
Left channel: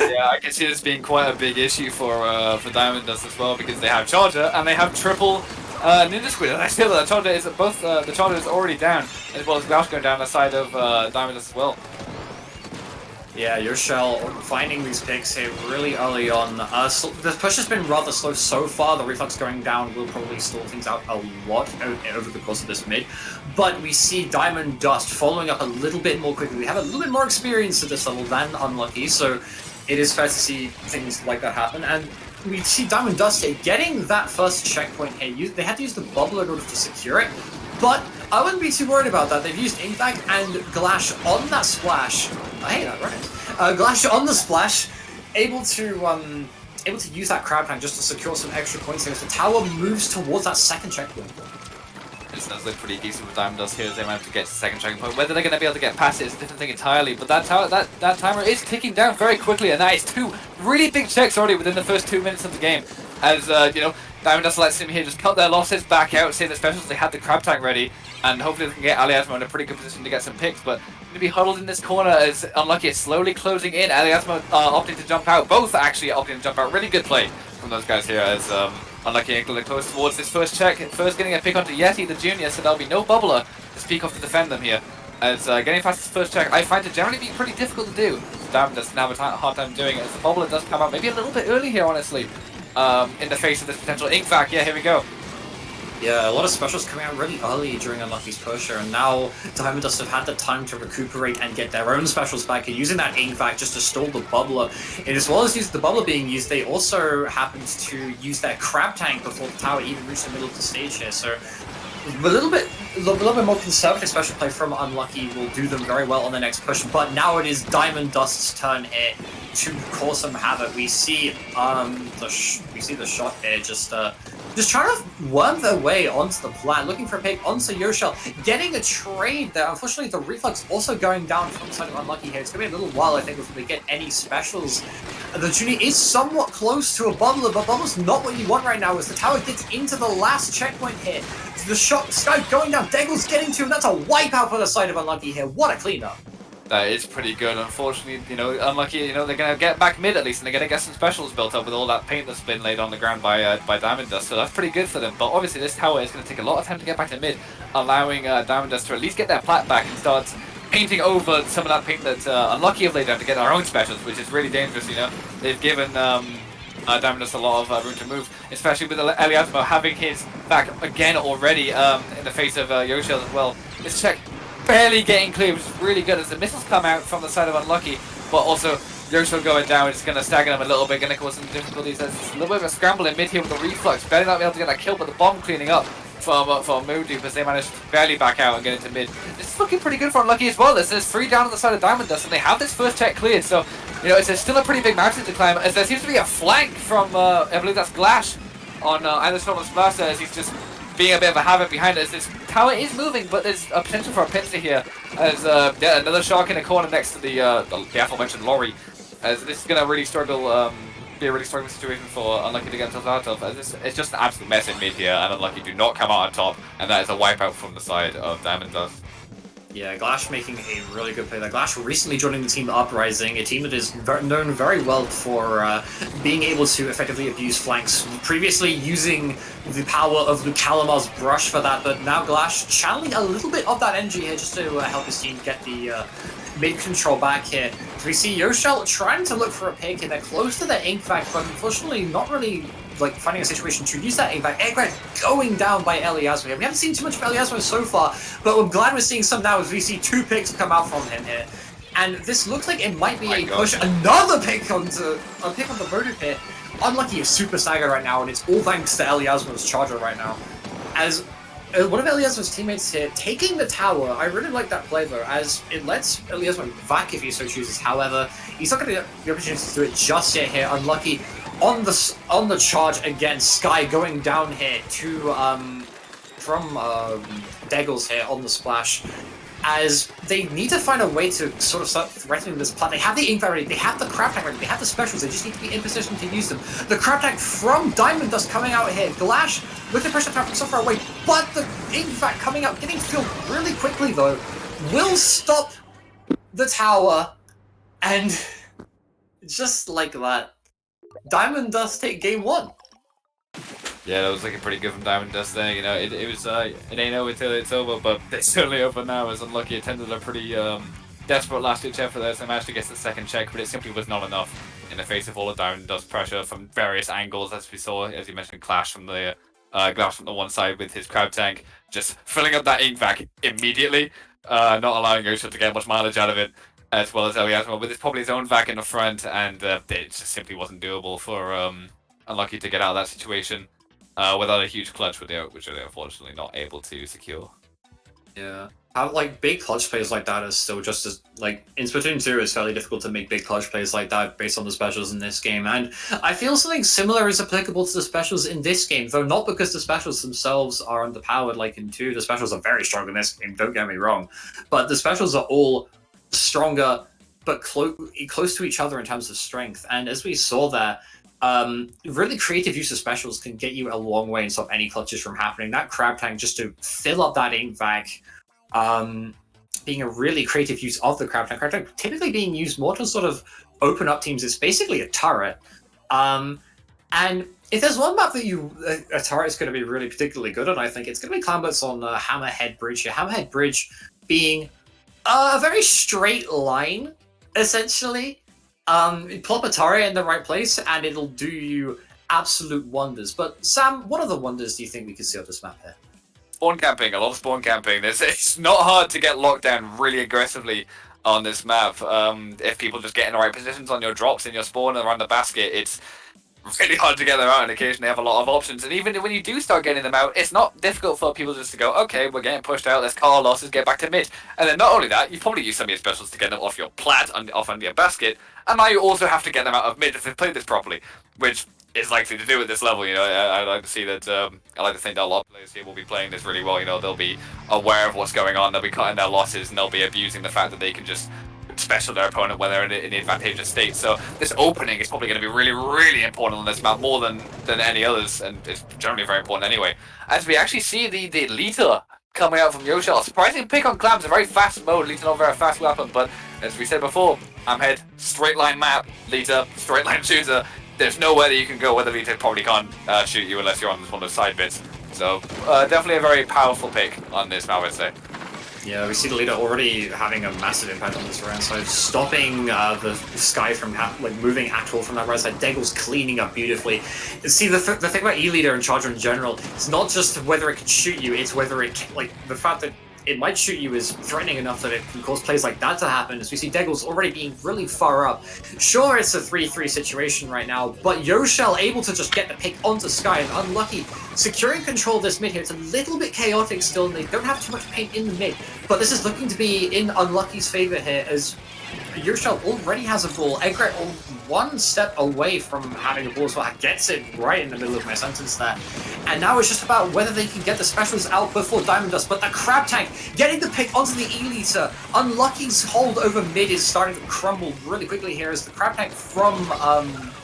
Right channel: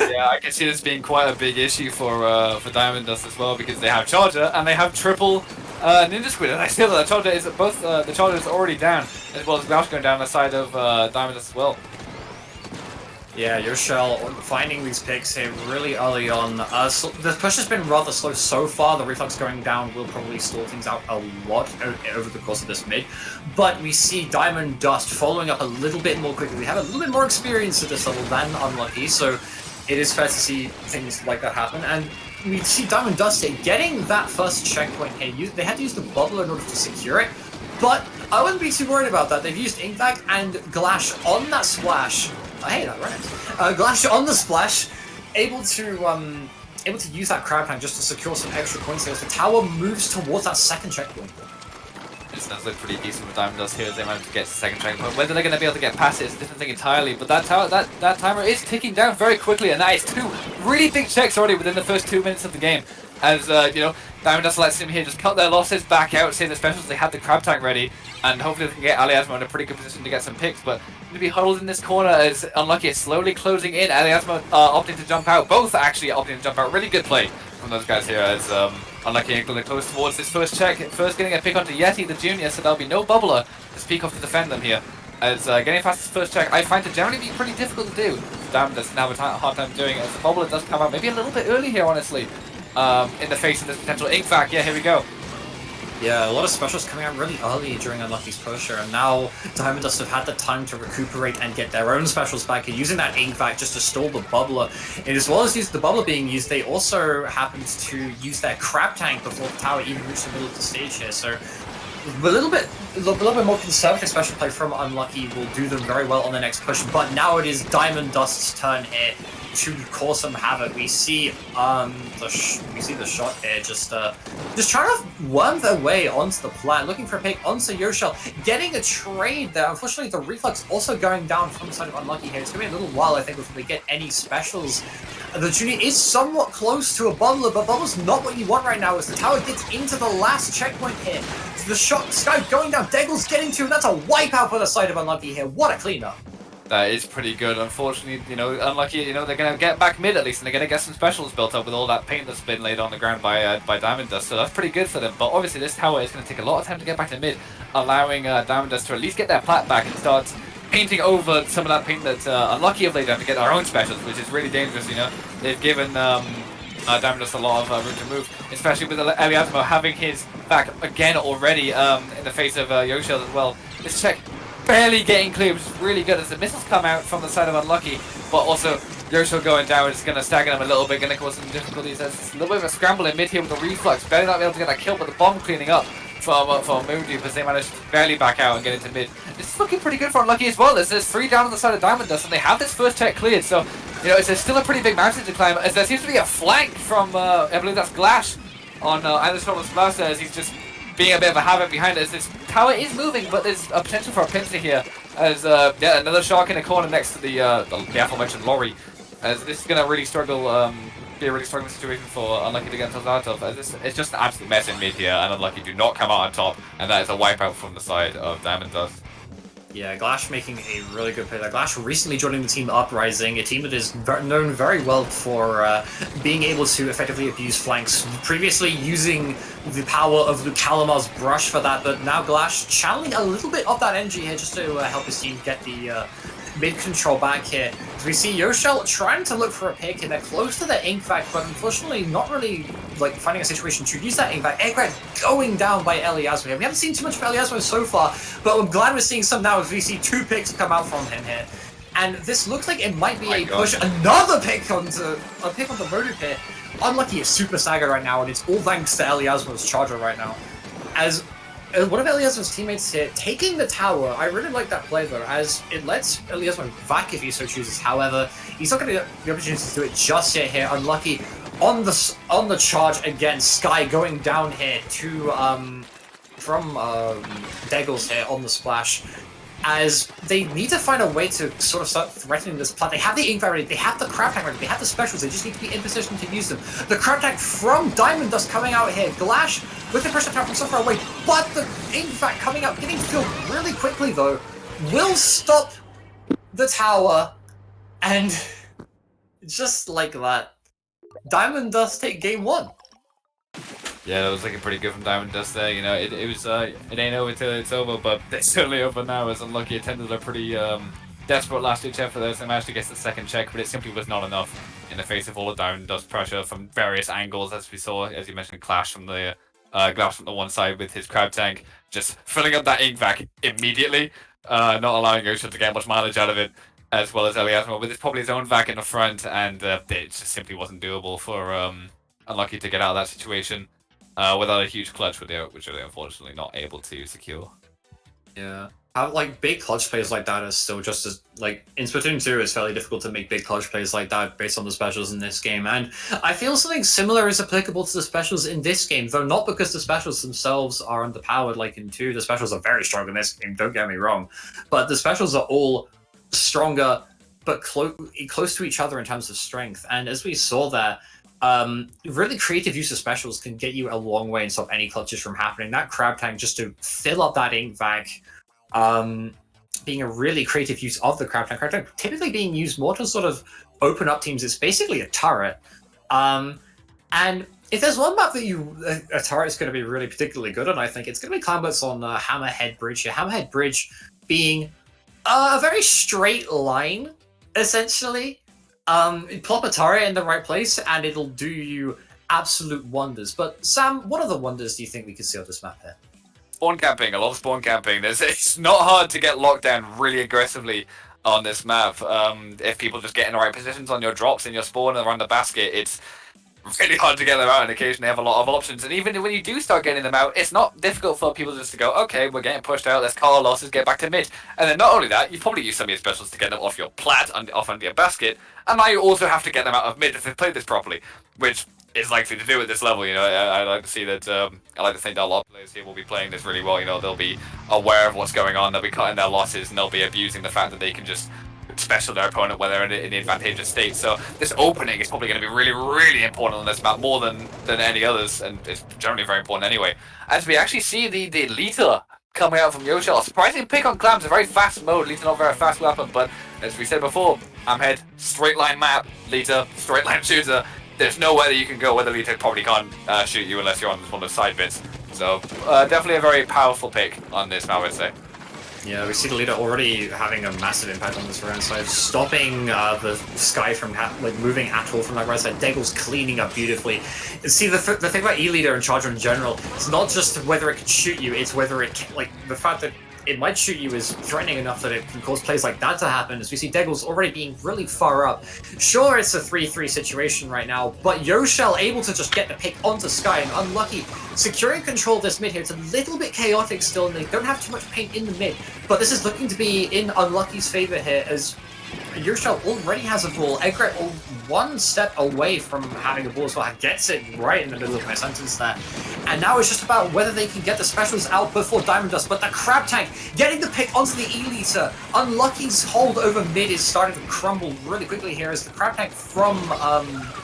Yeah, I can see this being quite a big issue for Diamond Dust as well, because they have Charger and they have triple Ninja Squid. And I feel that the Charger is the Charger is already down, as well as Gauch going down the side of Diamond Dust as well. Yeah, Yoshel finding these picks here really early on. The push has been rather slow so far. The Reflux going down will probably stall things out a lot over the course of this mid. But we see Diamond Dust following up a little bit more quickly. We have a little bit more experience at this level than Unlucky, so it is fair to see things like that happen. And we see Diamond Dust here getting that first checkpoint here. They had to use the bubble in order to secure it. But I wouldn't be too worried about that. They've used Inkbag and Glash on that splash. Hey, that right. Glash on the splash, able to use that crab tank just to secure some extra points here. So the tower moves towards that second checkpoint. This does look pretty decent with Diamond Dust here as they manage to get to the second checkpoint. Whether they're going to be able to get past it is a different thing entirely, but that timer is ticking down very quickly, and that is 2 really big checks already within the first 2 minutes of the game. As, Diamond Dust lets him here just cut their losses back out, save the specials, they have the crab tank ready, and hopefully they can get Aliasmo in a pretty good position to get some picks, but to be huddled in this corner as Unlucky is slowly closing in. Aliasmo opting to jump out, both actually opting to jump out. Really good play from those guys here as Unlucky and Glenn close towards this first check. First getting a pick onto Yeti, the junior, so there'll be no bubbler to speak of to defend them here. As getting past this first check, I find to generally be pretty difficult to do. Diamond doesn't have a hard time doing it, as the bubbler does come out maybe a little bit early here, honestly. In the face of this potential ink vac. Yeah, here we go. Yeah, a lot of specials coming out really early during Unlucky's pusher, and now Diamond Dust have had the time to recuperate and get their own specials back, and using that ink vac just to stall the bubbler. And as well as the bubbler being used, they also happened to use their crab tank before the tower even reached the middle of the stage here, so a little bit more conservative special play from Unlucky will do them very well on the next push, but now it is Diamond Dust's turn here to cause some havoc. We see the shot here just trying to worm their way onto the plant, looking for a pick onto Yoshel, getting a trade there. Unfortunately, the Reflux also going down from the side of Unlucky here. It's gonna be a little while, I think, before we get any specials. The Junie is somewhat close to a bubbler, but bubbler's not what you want right now as the tower gets into the last checkpoint here. So the shot, Sky going down, Deggle's getting to, and that's a wipeout for the side of Unlucky here. What a cleanup. That is pretty good. Unfortunately, Unlucky, they're going to get back mid at least, and they're going to get some specials built up with all that paint that's been laid on the ground by Diamond Dust, so that's pretty good for them. But obviously this tower is going to take a lot of time to get back to mid, allowing Diamond Dust to at least get their plat back and start painting over some of that paint that Unlucky have laid down to get their own specials, which is really dangerous, They've given Diamond Dust a lot of room to move, especially with Eliasmo having his back again already in the face of Yoshel as well. This check barely getting clear, which is really good as the missiles come out from the side of Unlucky, but also Yoshel going down is going to stagger them a little bit, going to cause some difficulties. There's a little bit of a scramble in mid here with the Reflux, barely not be able to get that kill, but the bomb cleaning up from Moondew as they managed to barely back out and get into mid. This is looking pretty good for Unlucky as well, as there's 3 down on the side of Diamond Dust, and they have this first check cleared, so it's still a pretty big mountain to climb, as there seems to be a flank from, I believe that's Glash on Anderson Splatter, as he's just being a bit of a havoc behind it, as this tower is moving, but there's a potential for a pincer here, as another shark in the corner next to the aforementioned lorry, as this is going to really struggle, be a really struggling situation for Unlucky to get themselves out of, as it's just an absolute mess in mid here, and Unlucky do not come out on top, and that is a wipeout from the side of Diamond Dust. Yeah, Glash making a really good play there. Glash recently joining the team Uprising, a team that is known very well for being able to effectively abuse flanks. Previously using the power of the Calamar's brush for that, but now Glash channeling a little bit of that energy here just to help his team get the mid control back here. So we see Yoshel trying to look for a pick, and they're close to the ink vac, but unfortunately not really finding a situation to use that ink vac. Eggrat going down by Eliasmo here. We haven't seen too much of Eliasmo so far, but I'm glad we're seeing some now as we see 2 picks come out from him here. And this looks like it might be a push. Another pick on the motive here. Unlucky is super staggered right now, and it's all thanks to Eliasmo's charger right now. As one of Eliasmo's teammates here taking the tower, I really like that play though, as it lets Eliasmo vac if he so chooses. However, he's not going to get the opportunity to do it just yet here. Unlucky on the charge again. Sky going down here to from Deggles here on the splash, as they need to find a way to sort of start threatening this plant. They have the ink ready, they have the crab tank ready, they have the specials, they just need to be in position to use them. The crab tank from Diamond Dust coming out here, Glash with the pressure attack from so far away, but the ink fact coming out, getting killed really quickly though, will stop the tower, and just like that, Diamond Dust take game 1. Yeah, that was looking pretty good from Diamond Dust there. You know, it was it ain't over till it's over, but it's certainly over now. As Unlucky attempted a pretty desperate last-ditch effort there, so they managed to get the second check, but it simply was not enough in the face of all the Diamond Dust pressure from various angles, as we saw, as you mentioned, Clash from the Glass from the one side with his crab tank, just filling up that ink vac immediately, not allowing Yoshi to get much mileage out of it, as well as Eliasmo with probably his own vac in the front, and it just simply wasn't doable for Unlucky to get out of that situation without a huge clutch, which they're unfortunately not able to secure. Yeah. Like, big clutch plays like that is still just as, like, in Splatoon 2, it's fairly difficult to make big clutch plays like that based on the specials in this game, and I feel something similar is applicable to the specials in this game, though not because the specials themselves are underpowered like in 2. The specials are very strong in this game, don't get me wrong, but the specials are all stronger, but close to each other in terms of strength, and as we saw there, really creative use of specials can get you a long way and stop any clutches from happening. That crab tank just to fill up that ink vac, being a really creative use of the crab tank. Crab tank typically being used more to sort of open up teams. It's basically a turret. And if there's one map that a turret is going to be really particularly good on, I think it's going to be Clambert's on Hammerhead Bridge here. Hammerhead Bridge being a very straight line, essentially. You plop a turret in the right place and it'll do you absolute wonders. But Sam, what other wonders do you think we could see on this map here? Spawn camping, a lot of spawn camping. It's not hard to get locked down really aggressively on this map. If people just get in the right positions on your drops in your spawn around the basket, it's really hard to get them out, and occasionally have a lot of options. And even when you do start getting them out, it's not difficult for people just to go, okay, we're getting pushed out, let's call our losses, get back to mid. And then not only that, you probably use some of your specials to get them off your plat, off under your basket, and now you also have to get them out of mid if they've played this properly, which is likely to do at this level. You know, I like to see that, I like to think that a lot of players here will be playing this really well. You know, they'll be aware of what's going on, they'll be cutting their losses, and they'll be abusing the fact that they can just special their opponent when they're in an advantageous state. So this opening is probably going to be really, really important on this map, more than any others, and it's generally very important anyway. As we actually see the Lita coming out from Yoshi, a surprising pick on Clams, a very fast mode. Lita not very fast weapon, but as we said before, Hammerhead, straight line map, Lita, straight line shooter. There's nowhere that you can go where the Lita probably can't shoot you unless you're on one of those side bits. So definitely a very powerful pick on this map, I'd say. Yeah, we see the leader already having a massive impact on this right side, stopping the Sky from moving at all from that right side. Deggles cleaning up beautifully. See, the thing about E-Leader and Charger in general, it's not just whether it can shoot you, it's whether it can, the fact that it might shoot you is threatening enough that it can cause plays like that to happen, as we see Deggles already being really far up. Sure, it's a 3-3 situation right now, but Yoshell able to just get the pick onto Sky, and Unlucky securing control of this mid here. It's a little bit chaotic still, and they don't have too much paint in the mid, but this is looking to be in Unlucky's favor here, as Yoshell already has a ball. Egret one step away from having the ball as well, gets it right in the middle of my sentence there. And now it's just about whether they can get the specials out before Diamond Dust, but the Crab Tank getting the pick onto the E-Liter. Unlucky's hold over mid is starting to crumble really quickly here as the Crab Tank from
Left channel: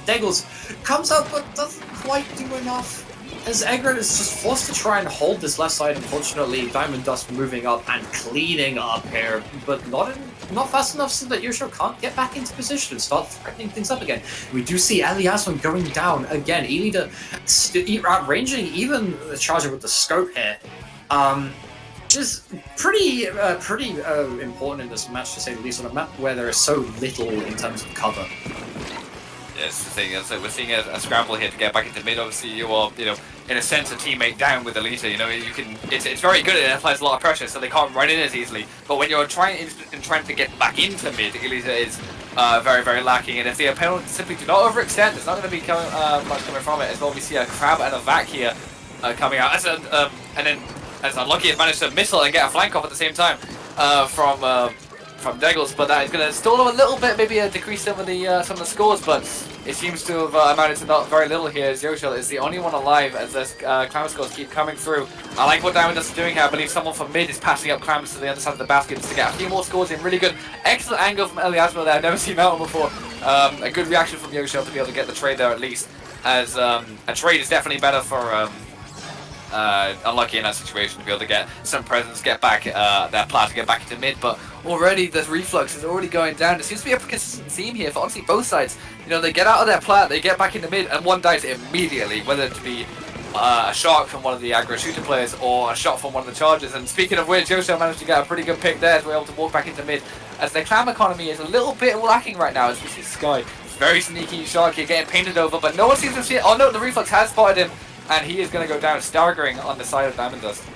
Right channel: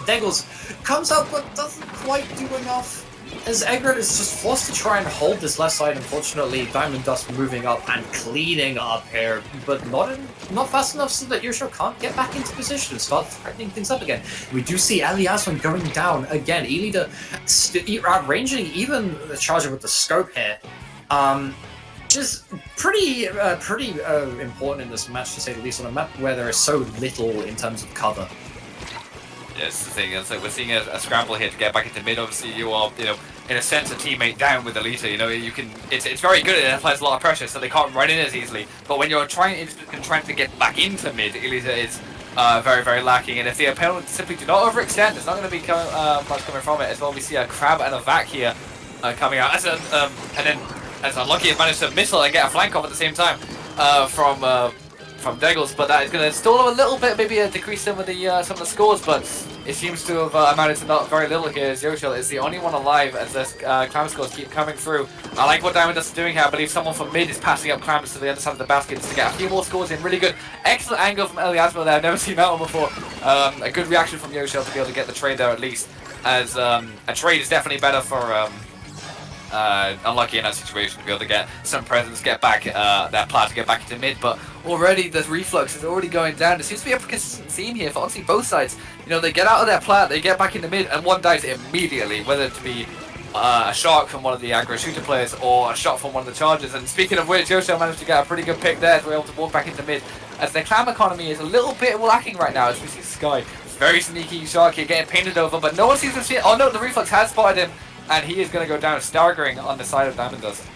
Deggles comes out but doesn't quite do enough. As Egret is just forced to try and hold this left side, unfortunately, Diamond Dust moving up and cleaning up here, but not fast enough so that Yoshio can't get back into position and start threatening things up again. We do see Eliasson going down again. Elida outranging even the Charger with the scope here. Just pretty important in this match, to say the least, on a map where there is so little in terms of cover. Yeah, it's the thing. It's like we're seeing a scramble here to get back into mid. Obviously, you are, in a sense, a teammate down with Elita. You can. It's very good and it applies a lot of pressure, so they can't run in as easily. But when you're trying to get back into mid, Elita is very, very lacking. And if the opponents simply do not overextend, there's not going to be much coming from it. As well, we see a Crab and a Vac here coming out. And then as Unlucky has managed to missile and get a flank off at the same time from Deggles, but that is going to stall them a little bit, maybe decrease some of the scores, but it seems to have amounted to not very little here. Yoshel is the only one alive as the clam scores keep coming through. I like what Diamond Dust is doing here. I believe someone from mid is passing up clams to the other side of the basket to get a few more scores in. Really good. Excellent angle from Eliasmo there. I've never seen that one before. A good reaction from Yoshel to be able to get the trade there at least. As a trade is definitely better for Unlucky in that situation to be able to get some presence, get back their plat to get back into mid, but already the reflux is already going down. There seems to be a consistent theme here for honestly both sides. You know, they get out of their plat, they get back into mid, and one dies immediately, whether it be a shot from one of the aggro shooter players or a shot from one of the chargers. And speaking of which, Yoshel managed to get a pretty good pick there, so we're able to walk back into mid, as their clam economy is a little bit lacking right now, as we see Sky. Very sneaky shot here, getting painted over, but no one seems to see it. Oh no, the reflux has spotted him, and he is going to go down staggering on the side of Diamond Dust.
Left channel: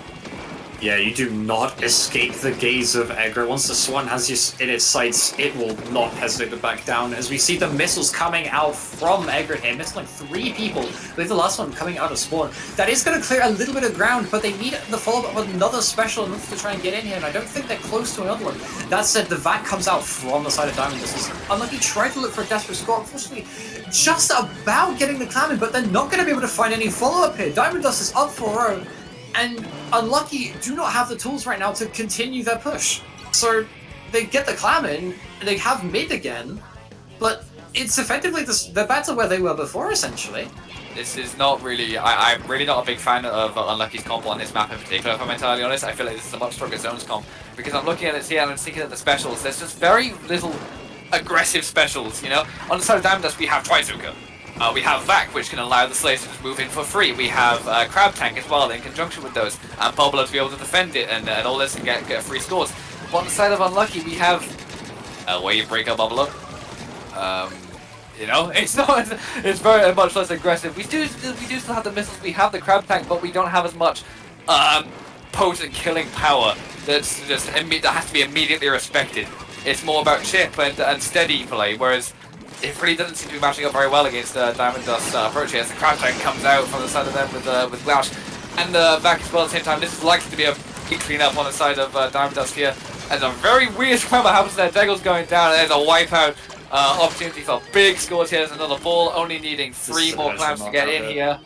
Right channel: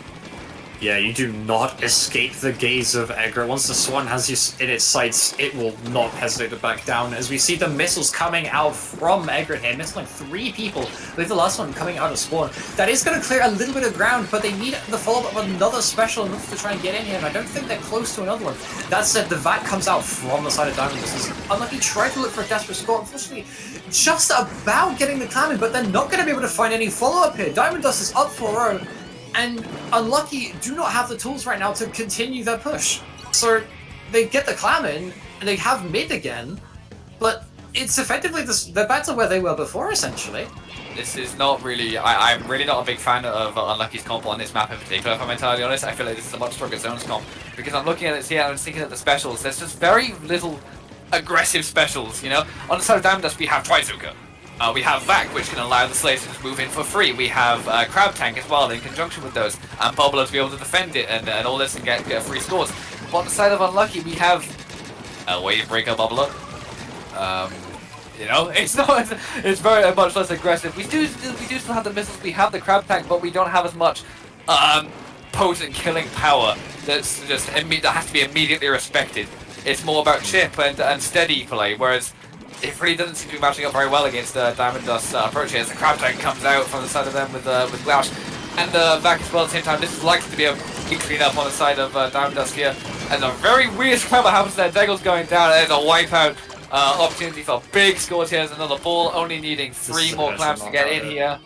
Yeah, you do not escape the gaze of Egret. Once the Swan has you in its sights, it will not hesitate to back down. As we see the missiles coming out from Egret here, missing like 3 people. I believe the last one coming out of spawn. That is going to clear a little bit of ground, but they need the follow-up of another special in order to try and get in here, and I don't think they're close to another one. That said, the VAT comes out from the side of Diamond Dust. Unlucky tried to look for a desperate score, unfortunately, just about getting the clam in, but they're not going to be able to find any follow-up here. Diamond Dust is up for her own. And Unlucky do not have the tools right now to continue their push. So they get the clam in, and they have mid again, but it's effectively they're back to where they were before, essentially. This is not really... I'm really not a big fan of Unlucky's comp on this map in particular, if I'm entirely honest. I feel like this is a much stronger zones comp, because I'm looking at it here and I'm thinking of the specials. There's just very little aggressive specials, you know? On the side of Diamond Dust, we have Trizuka. We have Vac, which can allow the Slayer to just move in for free. We have Crab Tank as well in conjunction with those, and Bubbler to be able to defend it and all this and get free scores. But on the side of Unlucky, we have a Wave Breaker Bubbler. You know, it's not. It's very much less aggressive. We do still have the missiles. We have the Crab Tank, but we don't have as much potent killing power that's just that has to be immediately respected. It's more about chip and steady play, whereas it really doesn't seem to be matching up very well against Diamond Dust approach here. As the Crab Tank comes out from the side of them with Glaush and Vac as well at the same time. This is likely to be a big clean up on the side of Diamond Dust here. As a very weird scramble happens there. Deggle's going down. There's a wipeout opportunity for big scores here. There's another ball, only needing 3 more clams to get in here.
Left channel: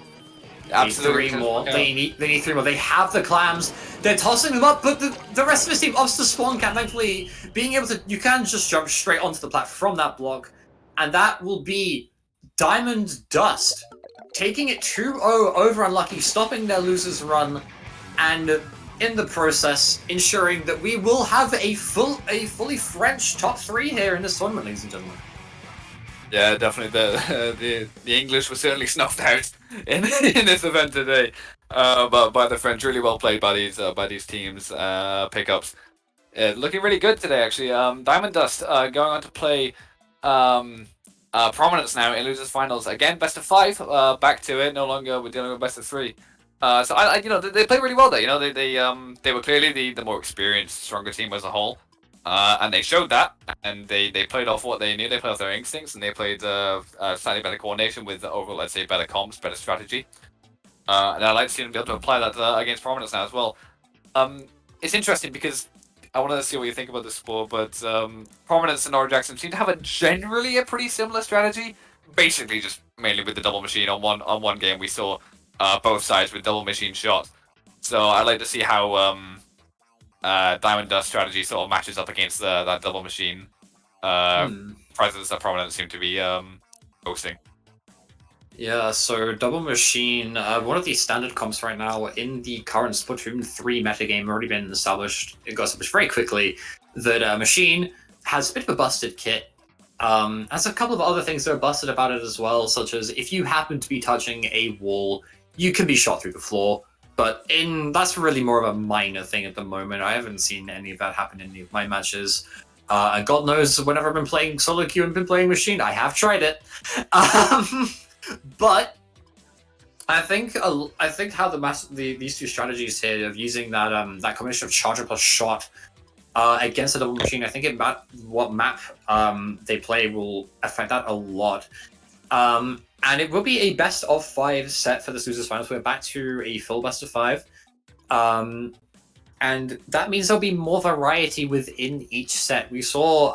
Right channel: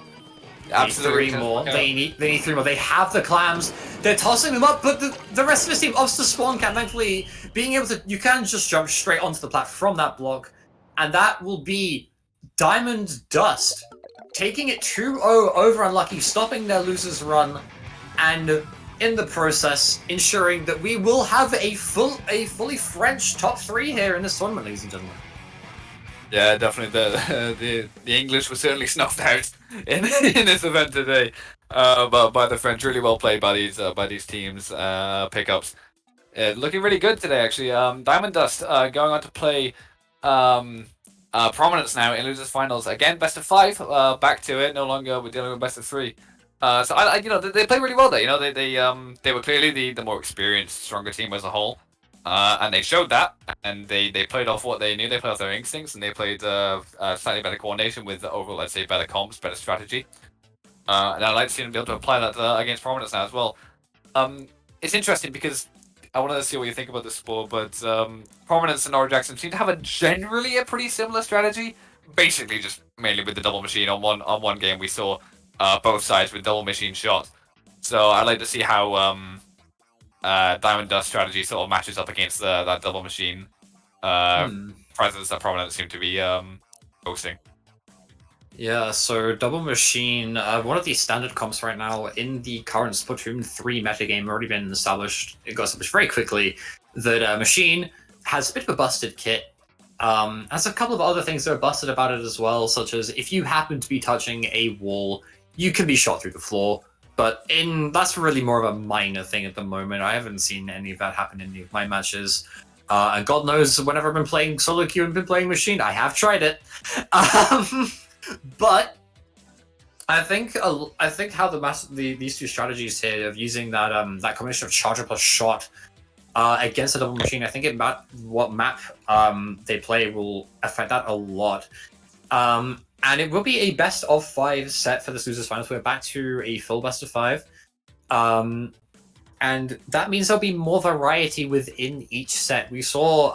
Absolutely. 3 more. They need 3 more. They have the clams. They're tossing them up, but the rest of the team opts to spawn camp. Thankfully, being able to, you can just jump straight onto the plat from that block, and that will be Diamond Dust taking it 2-0 over Unlucky, stopping their losers run, and in the process ensuring that we will have a fully French top 3 here in this tournament, ladies and gentlemen. Yeah, definitely. The English were certainly snuffed out in this event today, but by the French. Really well played by these teams. Pickups, looking really good today actually. Diamond Dust going on to play Prominence now in losers finals again. Best of 5. Back to it. No longer we're dealing with best of 3. So I you know, they played really well there. You know, they were clearly the more experienced, stronger team as a whole. And they showed that, and they played off what they knew. They played off their instincts, and they played slightly better coordination with overall, let's say, better comps, better strategy. And I'd like to see them be able to apply that against Prominence now as well. It's interesting because I wanted to see what you think about this sport, but Prominence and Nora Jackson seem to have generally a pretty similar strategy. Basically, just mainly with the double machine. On one game, we saw both sides with double machine shots. So I'd like to see how Diamond Dust strategy sort of matches up against that double machine presence that Prominence seem to be boasting. Yeah, so double machine, one of the standard comps right now in the current Splatoon 3 metagame already been established. It got established very quickly that machine has a bit of a busted kit. Has a couple of other things that are busted about it as well, such as if you happen to be touching a wall, you can be shot through the floor. But that's really more of a minor thing at the moment. I haven't seen any of that happen in any of my matches. And God knows, whenever I've been playing solo queue and been playing machine, I have tried it. But I think how these two strategies here of using that that combination of charger plus shot against a double machine, I think what map they play will affect that a lot. And it will be a best of 5 set for this losers finals. We're back to a full best of 5. And that means there'll be more variety within each set. We saw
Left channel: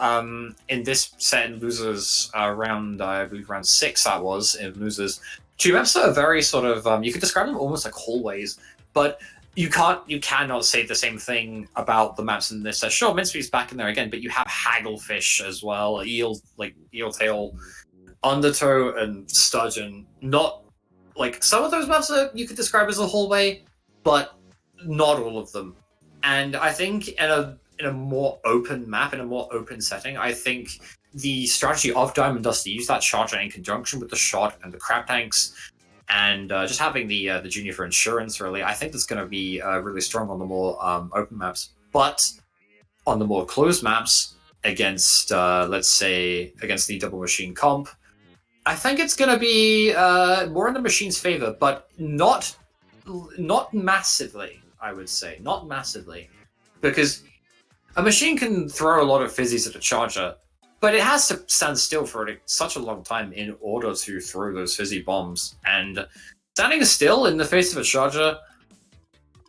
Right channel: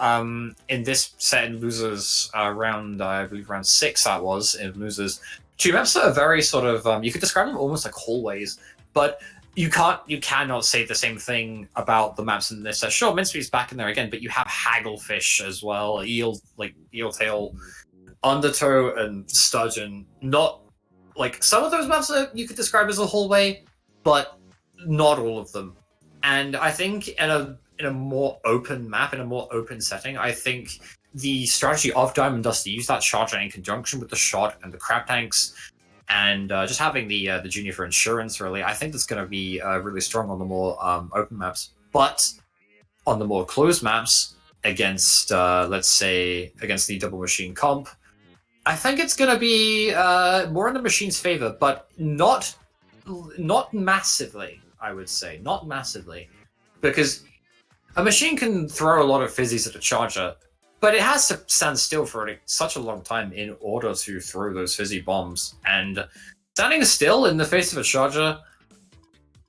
in this set in losers round, I believe round 6 that was in losers, two maps that are very sort of you could describe them almost like hallways, but you cannot say the same thing about the maps in this set. Sure, Minspeed's back in there again, but you have Hagglefish as well, Eel Tail, Undertow, and Sturgeon. Not like some of those maps that you could describe as a hallway, but not all of them. And I think in a more open map, in a more open setting, I think the strategy of Diamond Dust to use that charger in conjunction with the shot and the crab tanks, and just having the junior for insurance, really, I think that's going to be really strong on the more open maps. But on the more closed maps, against let's say against the double machine comp, I think it's going to be more in the machine's favor, but not massively. I would say not massively, because a machine can throw a lot of fizzies at a charger, but it has to stand still for such a long time in order to throw those fizzy bombs. And standing still in the face of a charger,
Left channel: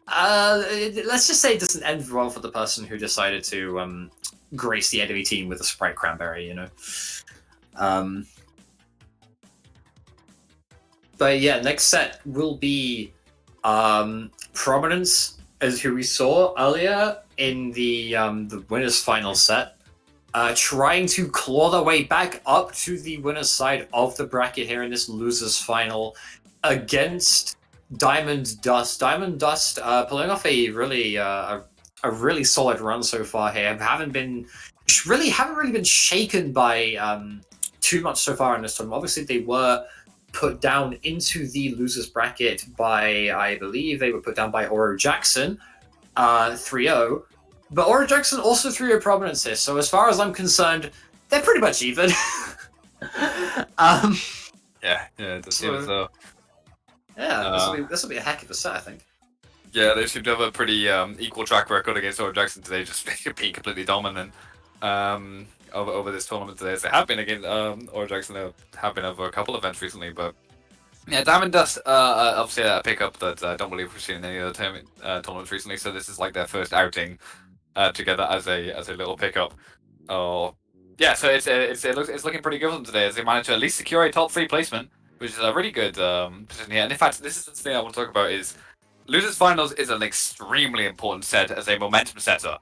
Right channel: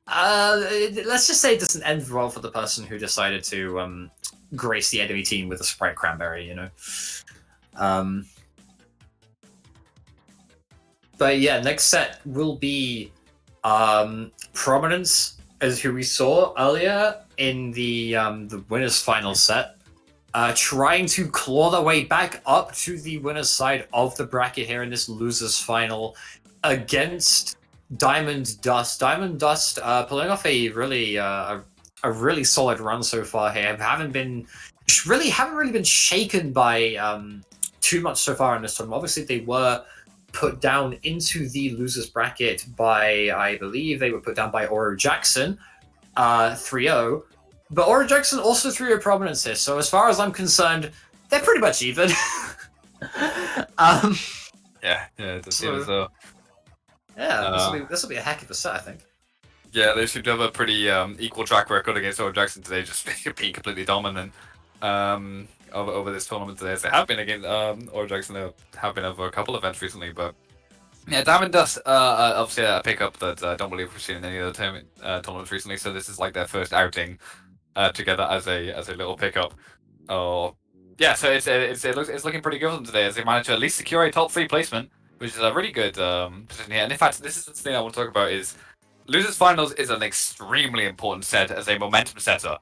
let's just say it doesn't end well for the person who decided to grace the enemy team with a Sprite Cranberry, you know. But yeah, next set will be Prominence, as who we saw earlier in the winners final set, trying to claw their way back up to the winner's side of the bracket here in this losers final against Diamond Dust. Diamond Dust pulling off a really solid run so far here. Haven't really been shaken by too much so far in this tournament. Obviously, they were put down into the losers bracket by, I believe they were put down by Oro Jackson 3-0, but Oro Jackson also 3-0 Prominence here, so as far as I'm concerned, they're pretty much even. Yeah, it does seem as though. Yeah, this will be a heck of a set, I think. Yeah, they seem to have a pretty equal track record against Oro Jackson today, just being completely dominant over this tournament today. As they have been against Oro Jackson, have been over a couple of events recently, but yeah, Diamond Dust obviously a pickup that I don't believe we've seen in any other tournaments recently. So this is like their first outing together as a little pickup. Oh, yeah. So it's looking pretty good for them today, as they managed to at least secure a top 3 placement, which is a really good position here. And in fact, this is the thing I want to talk about is losers finals is an extremely important set as a momentum setter.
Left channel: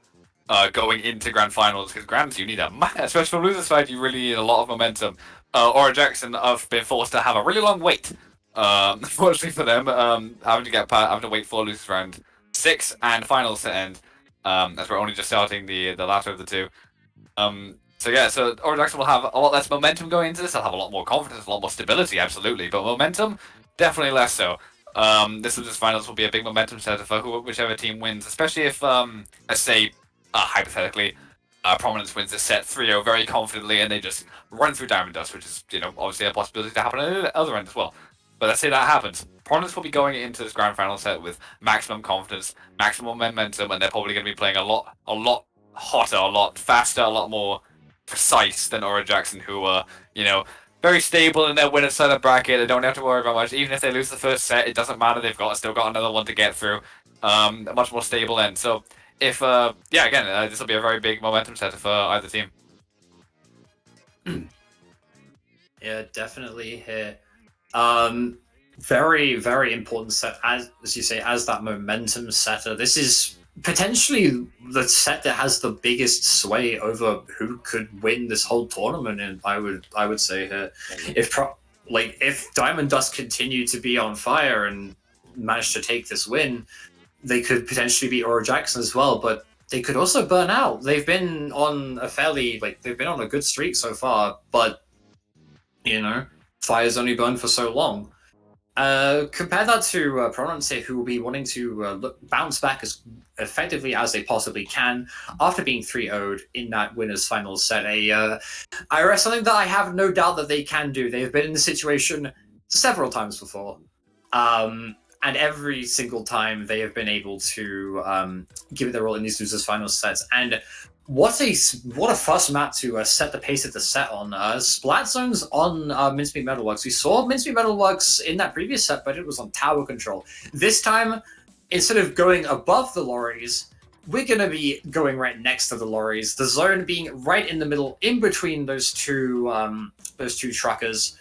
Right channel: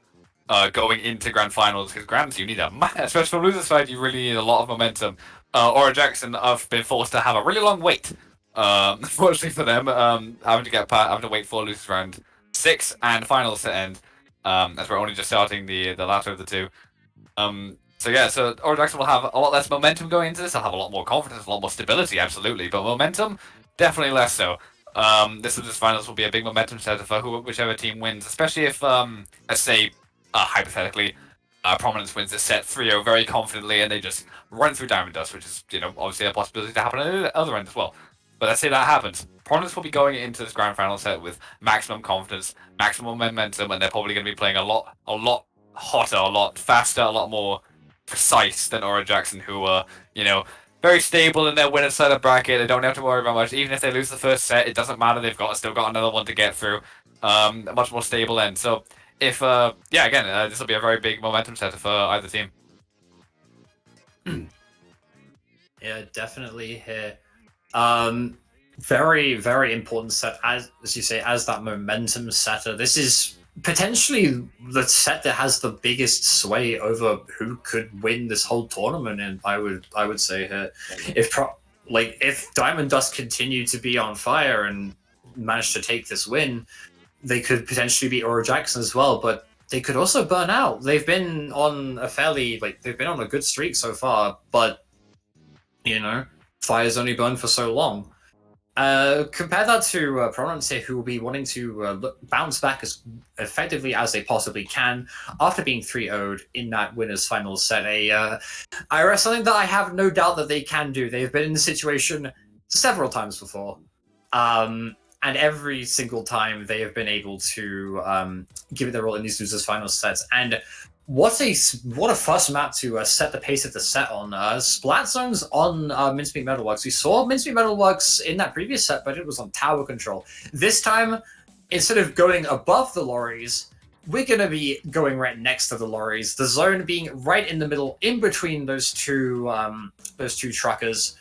Going into grand finals, because grands you need especially from losers side, you really need a lot of momentum. Oro Jackson have been forced to have a really long wait. Unfortunately for them, having to wait for losers round 6 and finals to end, as we're only just starting the latter of the two. So Oro Jackson will have a lot less momentum going into this. They'll have a lot more confidence, a lot more stability, absolutely, but momentum definitely less so. This losers finals will be a big momentum setter for whichever team wins, especially if let's say hypothetically Prominence wins this set 3-0 very confidently and they just run through Diamond Dust, which is obviously a possibility to happen at the other end as well. But let's say that happens. Prominence will be going into this grand final set with maximum confidence, maximum momentum, and they're probably going to be playing a lot hotter, a lot faster, a lot more precise than Oro Jackson, who are very stable in their winner's side of bracket. They don't have to worry about much. Even if they lose the first set, it doesn't matter. They've still got another one to get through. A much more stable end. So if this will be a very big momentum setter for either team. Yeah, definitely here. Very, very important set, as you say, as that momentum setter. This is potentially the set that has the biggest sway over who could win this whole tournament. And I would say here, if Diamond Dust continue to be on fire and manage to take this win, they could potentially beat Oro Jackson as well, but they could also burn out. They've been on a good streak so far, but fire's only burned for so long. Compare that to Prominence here, who will be wanting to bounce back as effectively as they possibly can after being 3-0'd in that winners final set. Something that I have no doubt that they can do. They have been in this situation several times before. And every single time they have been able to give it their all in these losers final sets. And what a first map to set the pace of the set on. Splat zones on Mincemeat Metalworks. We saw Mincemeat Metalworks in that previous set, but it was on tower control. This time, instead of going above the lorries, we're gonna be going right next to the lorries. The zone being right in the middle, in between those two truckers.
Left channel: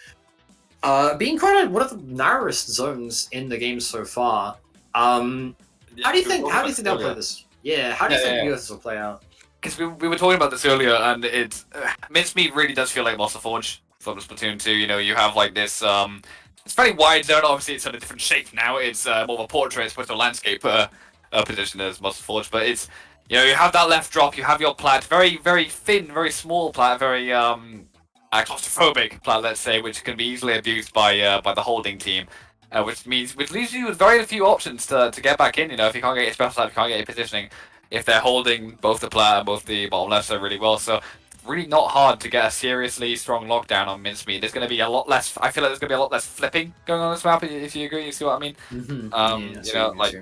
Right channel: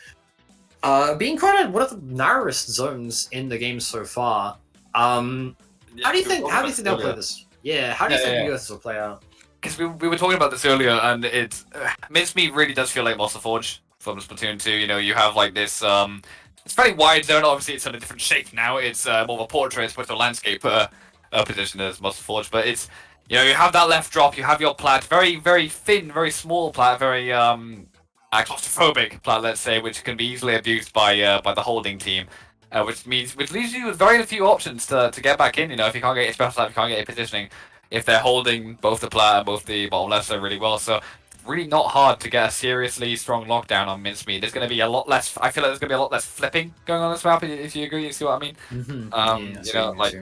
Being quite one of the narrowest zones in the game so far. How do you think they'll play this? Yeah, how do you think this will play out? Because we were talking about this earlier, and it's Mincemeat really does feel like Monster Forge from Splatoon 2. You know, you have like this it's very wide zone. Obviously, it's in a different shape now. It's more of a portrait as opposed to a landscape position as Monster Forge. But it's, you know, you have that left drop. You have your plat, very very thin, very small plat, very claustrophobic plat, let's say, which can be easily abused by the holding team. Which leaves you with very few options to get back in. You know, if you can't get your special plat, if you can't get your positioning, if they're holding both the plat and both the bottom left side really well. So really not hard to get a seriously strong lockdown on Mincemeat. There's going to be a lot less. I feel like there's going to be a lot less flipping going on this map. If you agree, you see what I mean? You know, like,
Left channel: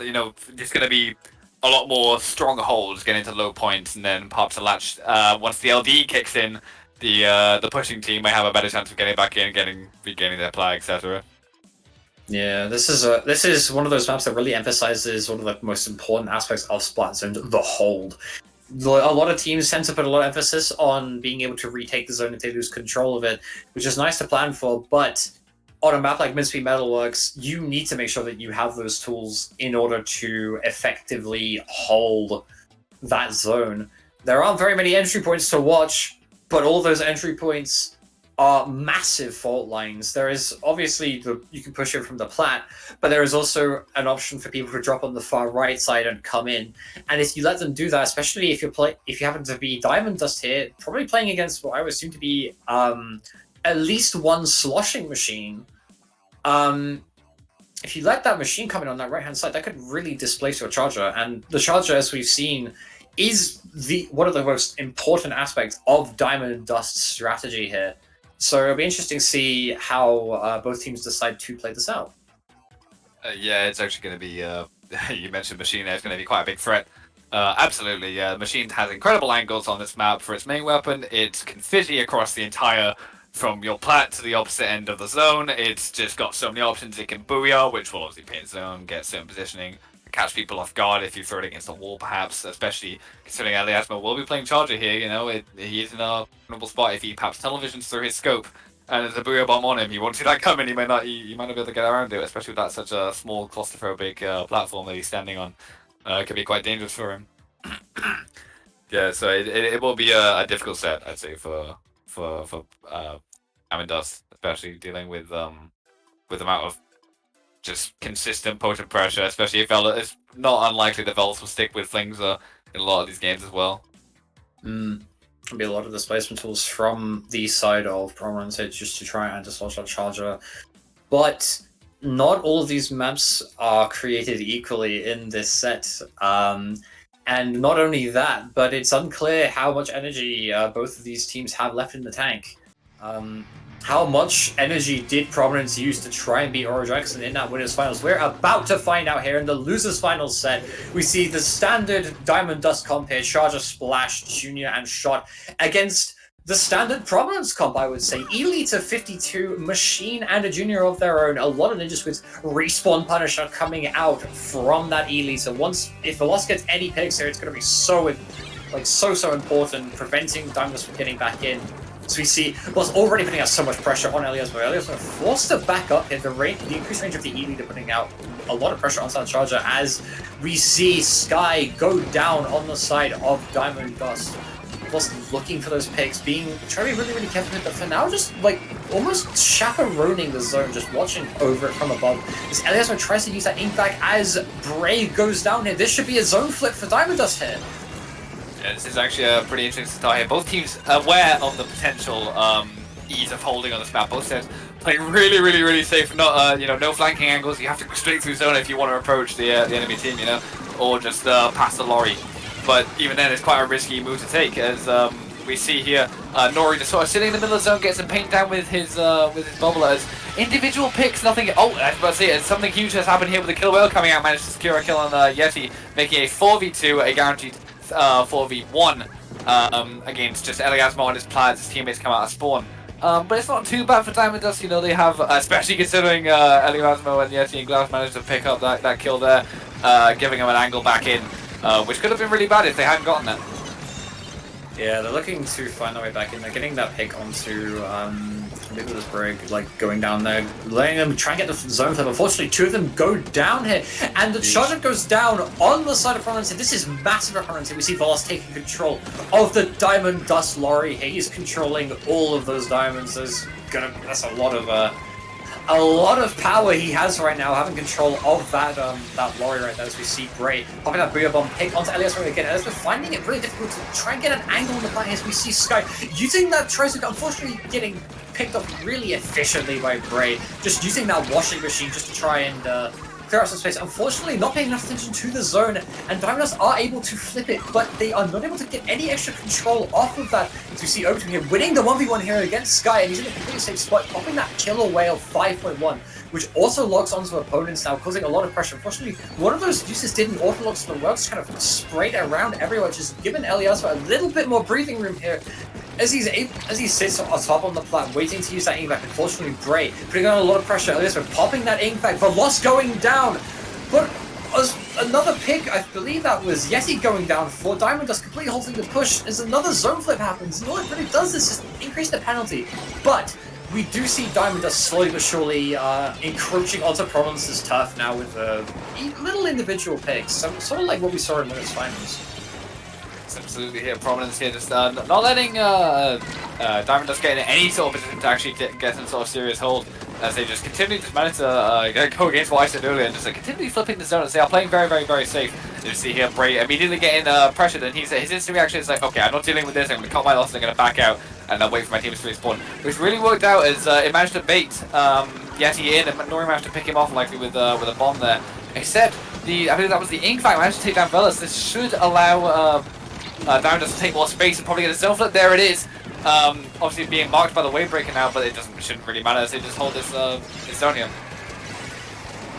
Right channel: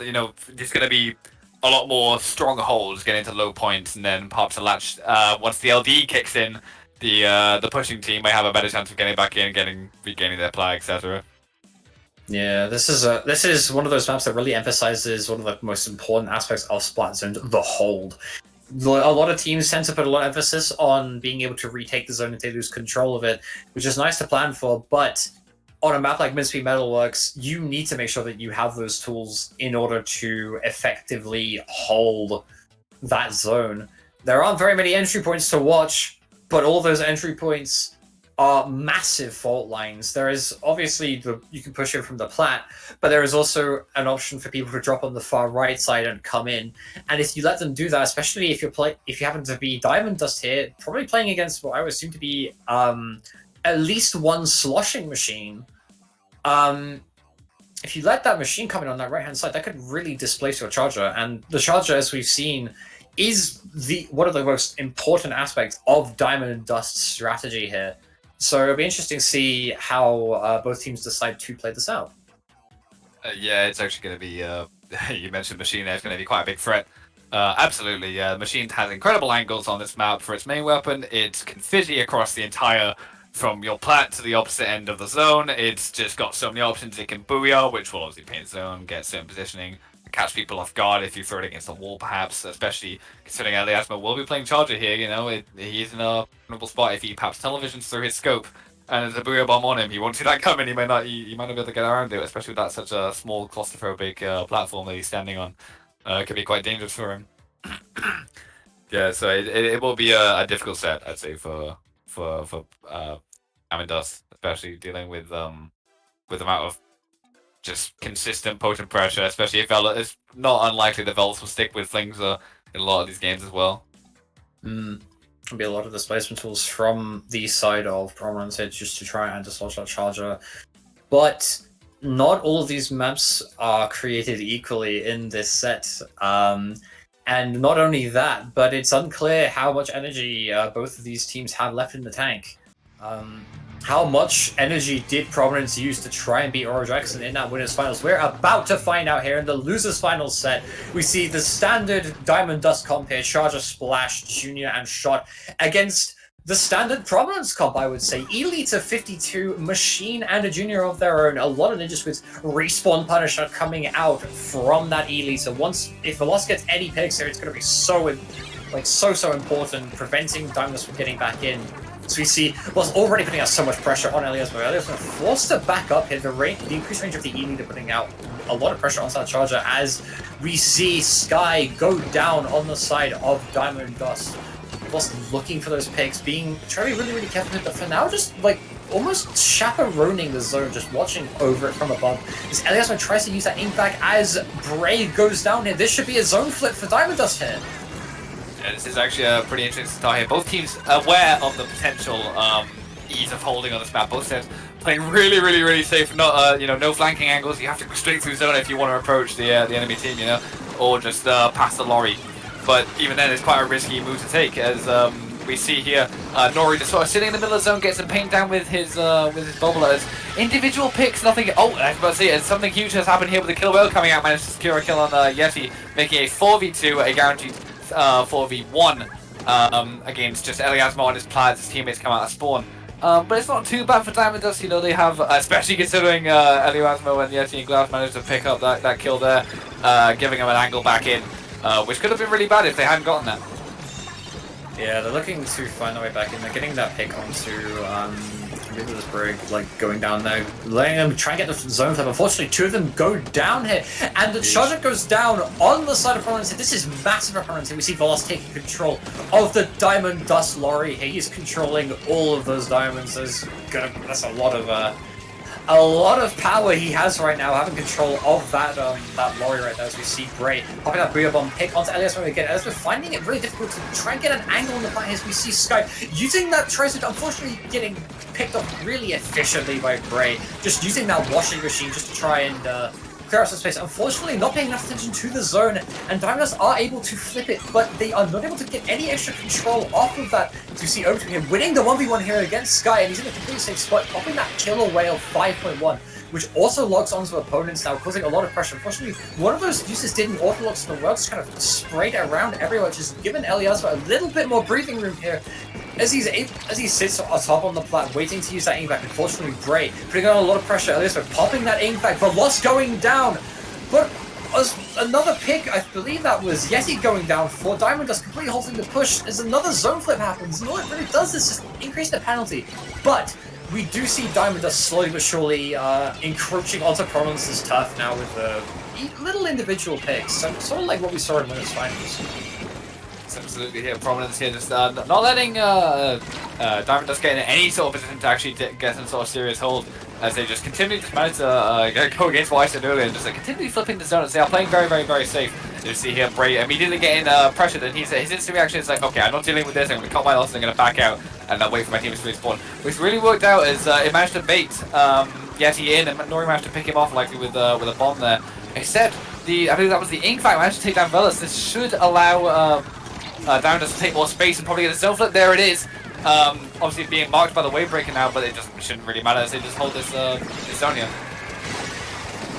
you know, there's going to be a lot more strong holds getting into low points, and then pop to latch. Once the LD kicks in, the pushing team may have a better chance of getting back in, regaining their plat, etc. Yeah, this is one of those maps that really emphasizes one of the most important aspects of Splat Zone, the hold. A lot of teams tend to put a lot of emphasis on being able to retake the zone if they lose control of it, which is nice to plan for, but on a map like Mincemeat Metalworks, you need to make sure that you have those tools in order to effectively hold that zone. There aren't very many entry points to watch, but all those entry points are massive fault lines. There is obviously you can push it from the plat, but there is also an option for people to drop on the far right side and come in. And if you let them do that, especially if you happen to be Diamond Dust here, probably playing against what I would assume to be at least one sloshing machine. If you let that machine come in on that right hand side, that could really displace your charger. And the charger, as we've seen, is one of the most important aspects of Diamond Dust's strategy here. So it'll be interesting to see how both teams decide to play this out. Yeah, it's actually going to be, you mentioned Machine there, it's going to be quite a big threat. Absolutely, yeah. Machine has incredible angles on this map for its main weapon. It's confetti across the entire, from your plat to the opposite end of the zone. It's just got so many options. It can booyah, which will obviously paint zone, get certain positioning, catch people off guard if you throw it against a wall, perhaps, especially considering Eliasmo will be playing Charger here. You know, he is in a vulnerable spot if he perhaps televisions through his scope and there's a booyah bomb on him. He won't see that coming. He might not be able to get around it, especially with that such a small claustrophobic platform that he's standing on. It could be quite dangerous for him. Yeah, so it will be a difficult set, I'd say, for Diamond Dust, especially dealing with the amount of just consistent potent pressure, especially if it's not unlikely the Velts will stick with Flings in a lot of these games as well. There'll be a lot of displacement tools from the side of Prominence just to try and dislodge that charger. But not all of these maps are created equally in this set. And not only that, but it's unclear how much energy both of these teams have left in the tank. How much energy did Prominence use to try and beat Oro Jackson in that winners finals? We're about to find out here in the losers finals set. We see the standard Diamond Dust comp here, Charger, Splash, Junior, and Shot against the standard Prominence comp, I would say. Elite of 52, Machine, and a Junior of their own. A lot of Ninja Squids, Respawn Punisher coming out from that Elite. So if the loss gets any picks here, it's going to be so important, preventing Diamond Dust from getting back in. So we see was already putting out so much pressure on Elias, but Elias was forced to back up here. The increased range of the E leader putting out a lot of pressure on that charger as we see Sky go down on the side of Diamond Dust. Was looking for those picks, trying to be really, really careful, but for now just like almost chaperoning the zone, just watching over it from above. As Elias tries to use that ink bag as Bray goes down here. This should be a zone flip for Diamond Dust here. Yeah, this is actually a pretty interesting start here. Both teams aware of the potential ease of holding on this map. Both sides playing really, really, really safe. Not no flanking angles. You have to go straight through zone if you want to approach the enemy team, or just past the lorry. But even then, it's quite a risky move to take, as we see here. Nori just sort of sitting in the middle of the zone, gets some paint down with his bubblers. Individual picks, nothing. Oh, I was about to say, and something huge has happened here with the killer whale coming out. Managed to secure a kill on Yeti, making a 4v2, a guaranteed 4v1 against just Eliasmo and his plans. His teammates come out of spawn. But it's not too bad for Diamond Dust. They have, especially considering Eliasmo and Yeti and Glass managed to pick up that kill there, giving him an angle back in. which could have been really bad if they hadn't gotten that. Yeah, they're looking to find their way back in. They're getting that pick onto Nicholas Brig, like going down there, letting them try and get the zone flip. Unfortunately, two of them go down here, and the charger goes down on the side of Prominence. This is massive for Prominence. We see Volos taking control of the Diamond Dust lorry. He's controlling all of those diamonds. That's a lot of power he has right now, having control of that lorry right there. As we see Bray popping that Booyah Bomb pick onto Elias again. Elias finding it really difficult to try and get an angle on the plan. As we see Sky using that tracer, unfortunately getting picked up really efficiently by Bray, just using that washing machine just to try and clear out some space. Unfortunately, not paying enough attention to the zone, and Diamonders are able to flip it, but they are not able to get any extra control off of that. To see Oak here winning the 1v1 here against Sky, and he's in a completely safe spot, popping that killer whale 5.1, which also locks onto opponents now, causing a lot of pressure. Unfortunately, one of those juices didn't auto-lock, so the well just kind of sprayed around everywhere, just giving Eliasva a little bit more breathing room here. As he sits atop on the plat, waiting to use that ink back. Unfortunately, Bray putting on a lot of pressure. Eliasva popping that ink back, but Lost going down. But another pick, I believe that was Yeti going down for Diamond Dust, completely halting the push as another zone flip happens. And all it really does is just increase the penalty. But we do see Diamond Dust slowly but surely encroaching onto Prominence's turf now with little individual picks. So, sort of like what we saw in those finals. Absolutely here, Prominence here, just not letting Diamond Dust get in any sort of position to actually get some sort of serious hold, as they just continue to manage to go against what I said earlier, and just continually flipping the zone, as they are playing very, very, very safe. You see here, Bray immediately getting pressured, and his instant reaction is like, okay, I'm not dealing with this, I'm going to cut my losses, I'm going to back out, and then wait for my team to respawn. Which really worked out, as it managed to bait Yeti in, and Nori managed to pick him off, likely with a bomb there. Except, I believe that was the Ink Fight managed to take down Velas. This should allow Diamond Dust to take more space and probably get a zone flip. There it is. Obviously being marked by the wave breaker now, but it shouldn't really matter as they just hold this zone here.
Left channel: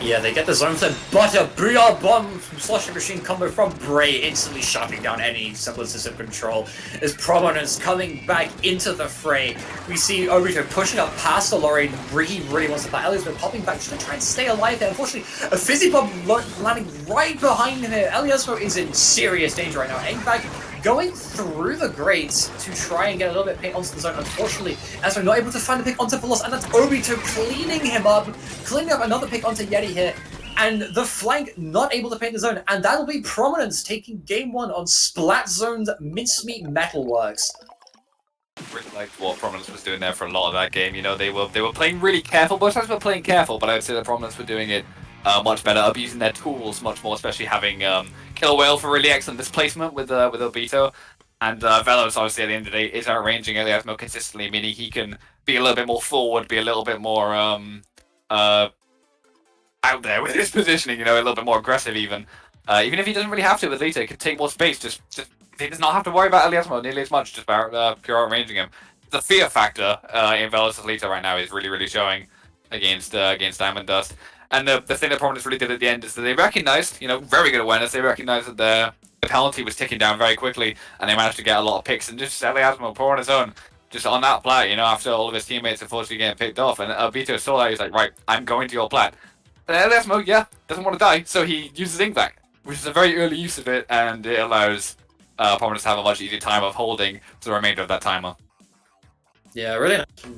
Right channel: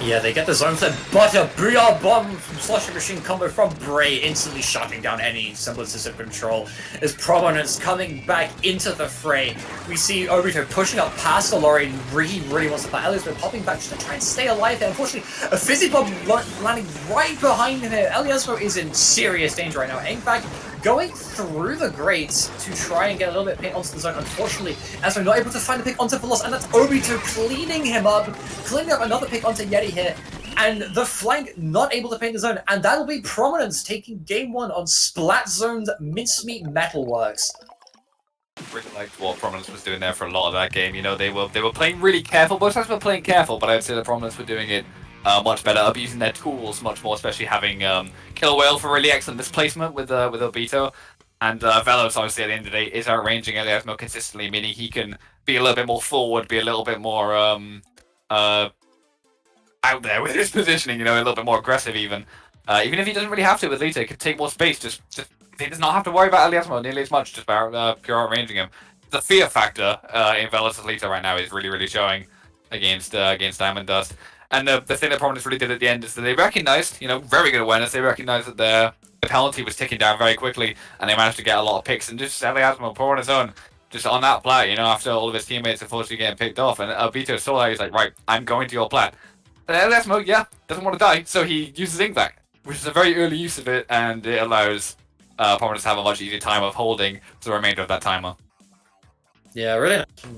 Yeah, they get the zone flip, but a Booyah Bomb from Slushing Machine combo from Bray, instantly shutting down any semblances of control. As Prominence coming back into the fray, we see Obito pushing up past the lorry. He really wants to play. Elias popping back just to try and stay alive there. Unfortunately, a Fizzy Bomb landing right behind him here. Eliasvo is in serious danger right now. Engback going through the grates to try and get a little bit of pick onto the zone. Unfortunately, as we're not able to find a pick onto Velos, and that's Obito cleaning him up, cleaning up another pick onto Yeti here, and the flank not able to paint the zone, and that'll be Prominence taking game one on Splat Zone's Mincemeat Metalworks. Really liked what Prominence was doing there for a lot of that game. You know, they were playing really careful. Both sides were playing careful, but I would say the Prominence were doing it much better, abusing their tools much more, especially having Killer Whale for really excellent displacement with Obito. And Velos, obviously, at the end of the day, is outranging Eliasmo consistently, meaning he can be a little bit more forward, be a little bit more out there with his positioning, you know, a little bit more aggressive even. Even if he doesn't really have to with Lita, he could take more space, just he does not have to worry about Eliasmo nearly as much, just by pure outranging him. The fear factor in Velos' Lita right now is really, really showing against Diamond Dust. And the thing that Prominence really did at the end is that they recognized, you know, very good awareness, they recognized that the penalty was ticking down very quickly, and they managed to get a lot of picks, and just Eliasmo pour on his own, just on that plat, you know, after all of his teammates unfortunately getting picked off, and Obito saw that, he's like, right, I'm going to your plat. And Eliasmo, yeah, doesn't want to die, so he uses Ink back, which is a very early use of it, and it allows Prominence to have a much easier time of holding the remainder of that timer. Yeah,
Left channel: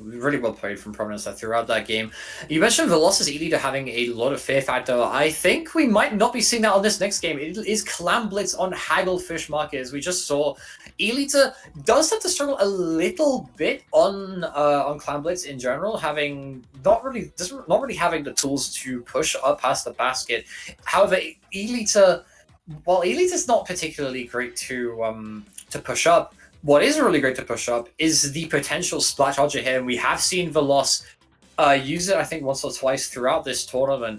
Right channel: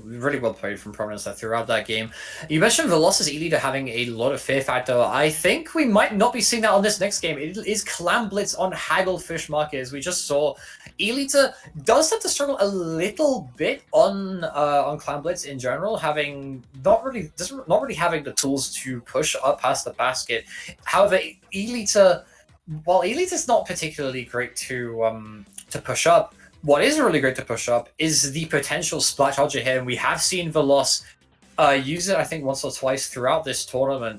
really well played from Prominence throughout that game. You mentioned Velocis E-Leader having a lot of fear factor. I think we might not be seeing that on this next game. It is Clam Blitz on Hagglefish Market, as we just saw. E-Leader does have to struggle a little bit on Clam Blitz in general, having not really having the tools to push up past the basket. However, E-Leader, while E-Leader's not particularly great to push up, what is really great to push up is the potential Splat Charger here, and we have seen Velos use it, I think, once or twice throughout this tournament.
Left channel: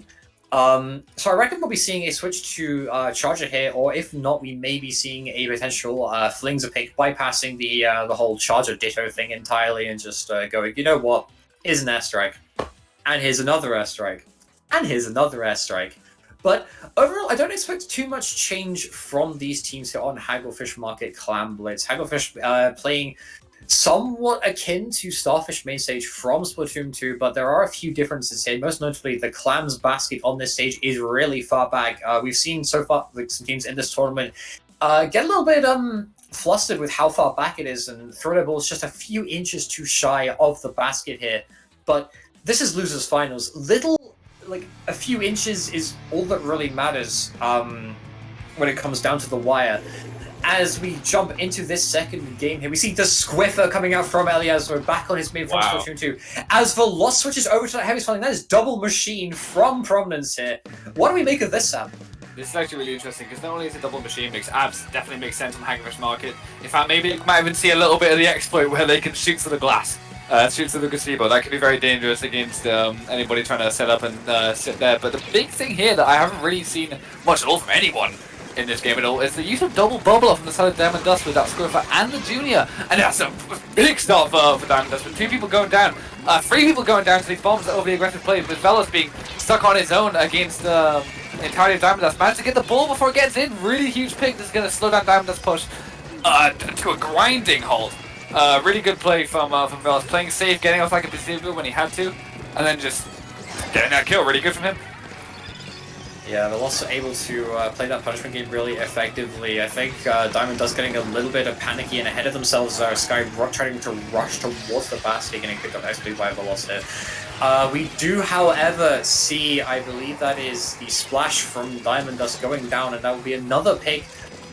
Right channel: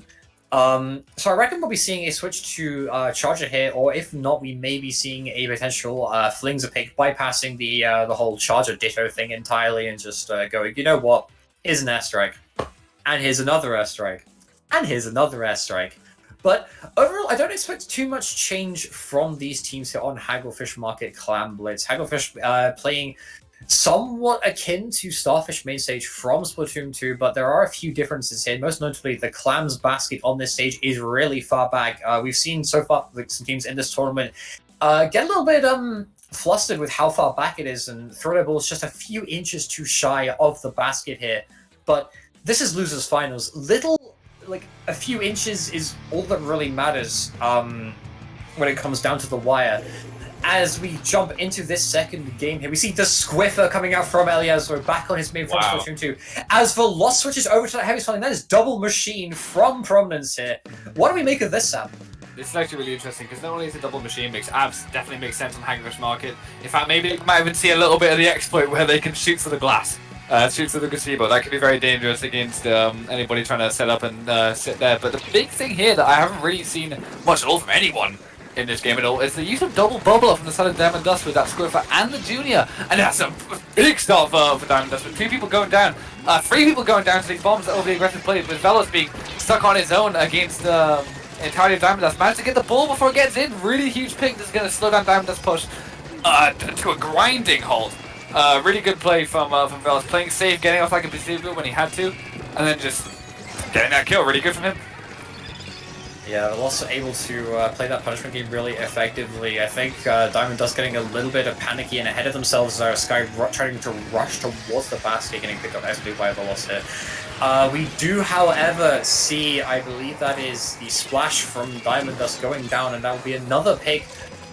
So I reckon we'll be seeing a switch to Charger here, or if not, we may be seeing a potential Flings a pick, bypassing the whole Charger Ditto thing entirely, and just going, you know what, here's an airstrike, and here's another airstrike, and here's another airstrike. But overall, I don't expect too much change from these teams here on Hagglefish Market Clam Blitz. Hagglefish playing somewhat akin to Starfish main stage from Splatoon 2, but there are a few differences here. Most notably, the Clams basket on this stage is really far back. We've seen so far like some teams in this tournament get a little bit flustered with how far back it is, and throw their balls just a few inches too shy of the basket here. But this is losers finals. Like a few inches is all that really matters when it comes down to the wire. As we jump into this second game here, we see the Squiffer coming out from Elias. We're back on his main from Splatoon 2. As the loss switches over to that heavy spelling, that is double machine from Prominence here. What do we make of this, Sam? This is actually really interesting because not only is it double machine, makes abs definitely makes sense on Hagfish Market. In fact, maybe you might even see a little bit of the exploit where they can shoot through the glass, shoot through the gazebo. That could be very dangerous against anybody trying to set up and sit there. But the big thing here that I haven't really seen much at all from anyone in this game at all is the use of double bubble from the side of Diamond Dust with that Squiffer and the Junior, and that's a big start for Diamond Dust with 2 people going down, 3 people going down to these bombs that overly aggressive play, with Velos being stuck on his own against entirely of Diamond Dust. Managed to get the ball before it gets in. Really huge pick that's going to slow down Diamond Dust push to a grinding halt. Really good play from Velos, playing safe, getting off like a gazebo when he had to, and then just getting that kill. Really good from him. Yeah, they're also able to play that punishment game really effectively. I think Diamond Dust getting a little bit of panicky and ahead of themselves. Sky trying to rush towards the basket, getting picked up nicely by Velocity. We do, however, see, I believe that is the splash from Diamond Dust going down, and that will be another pick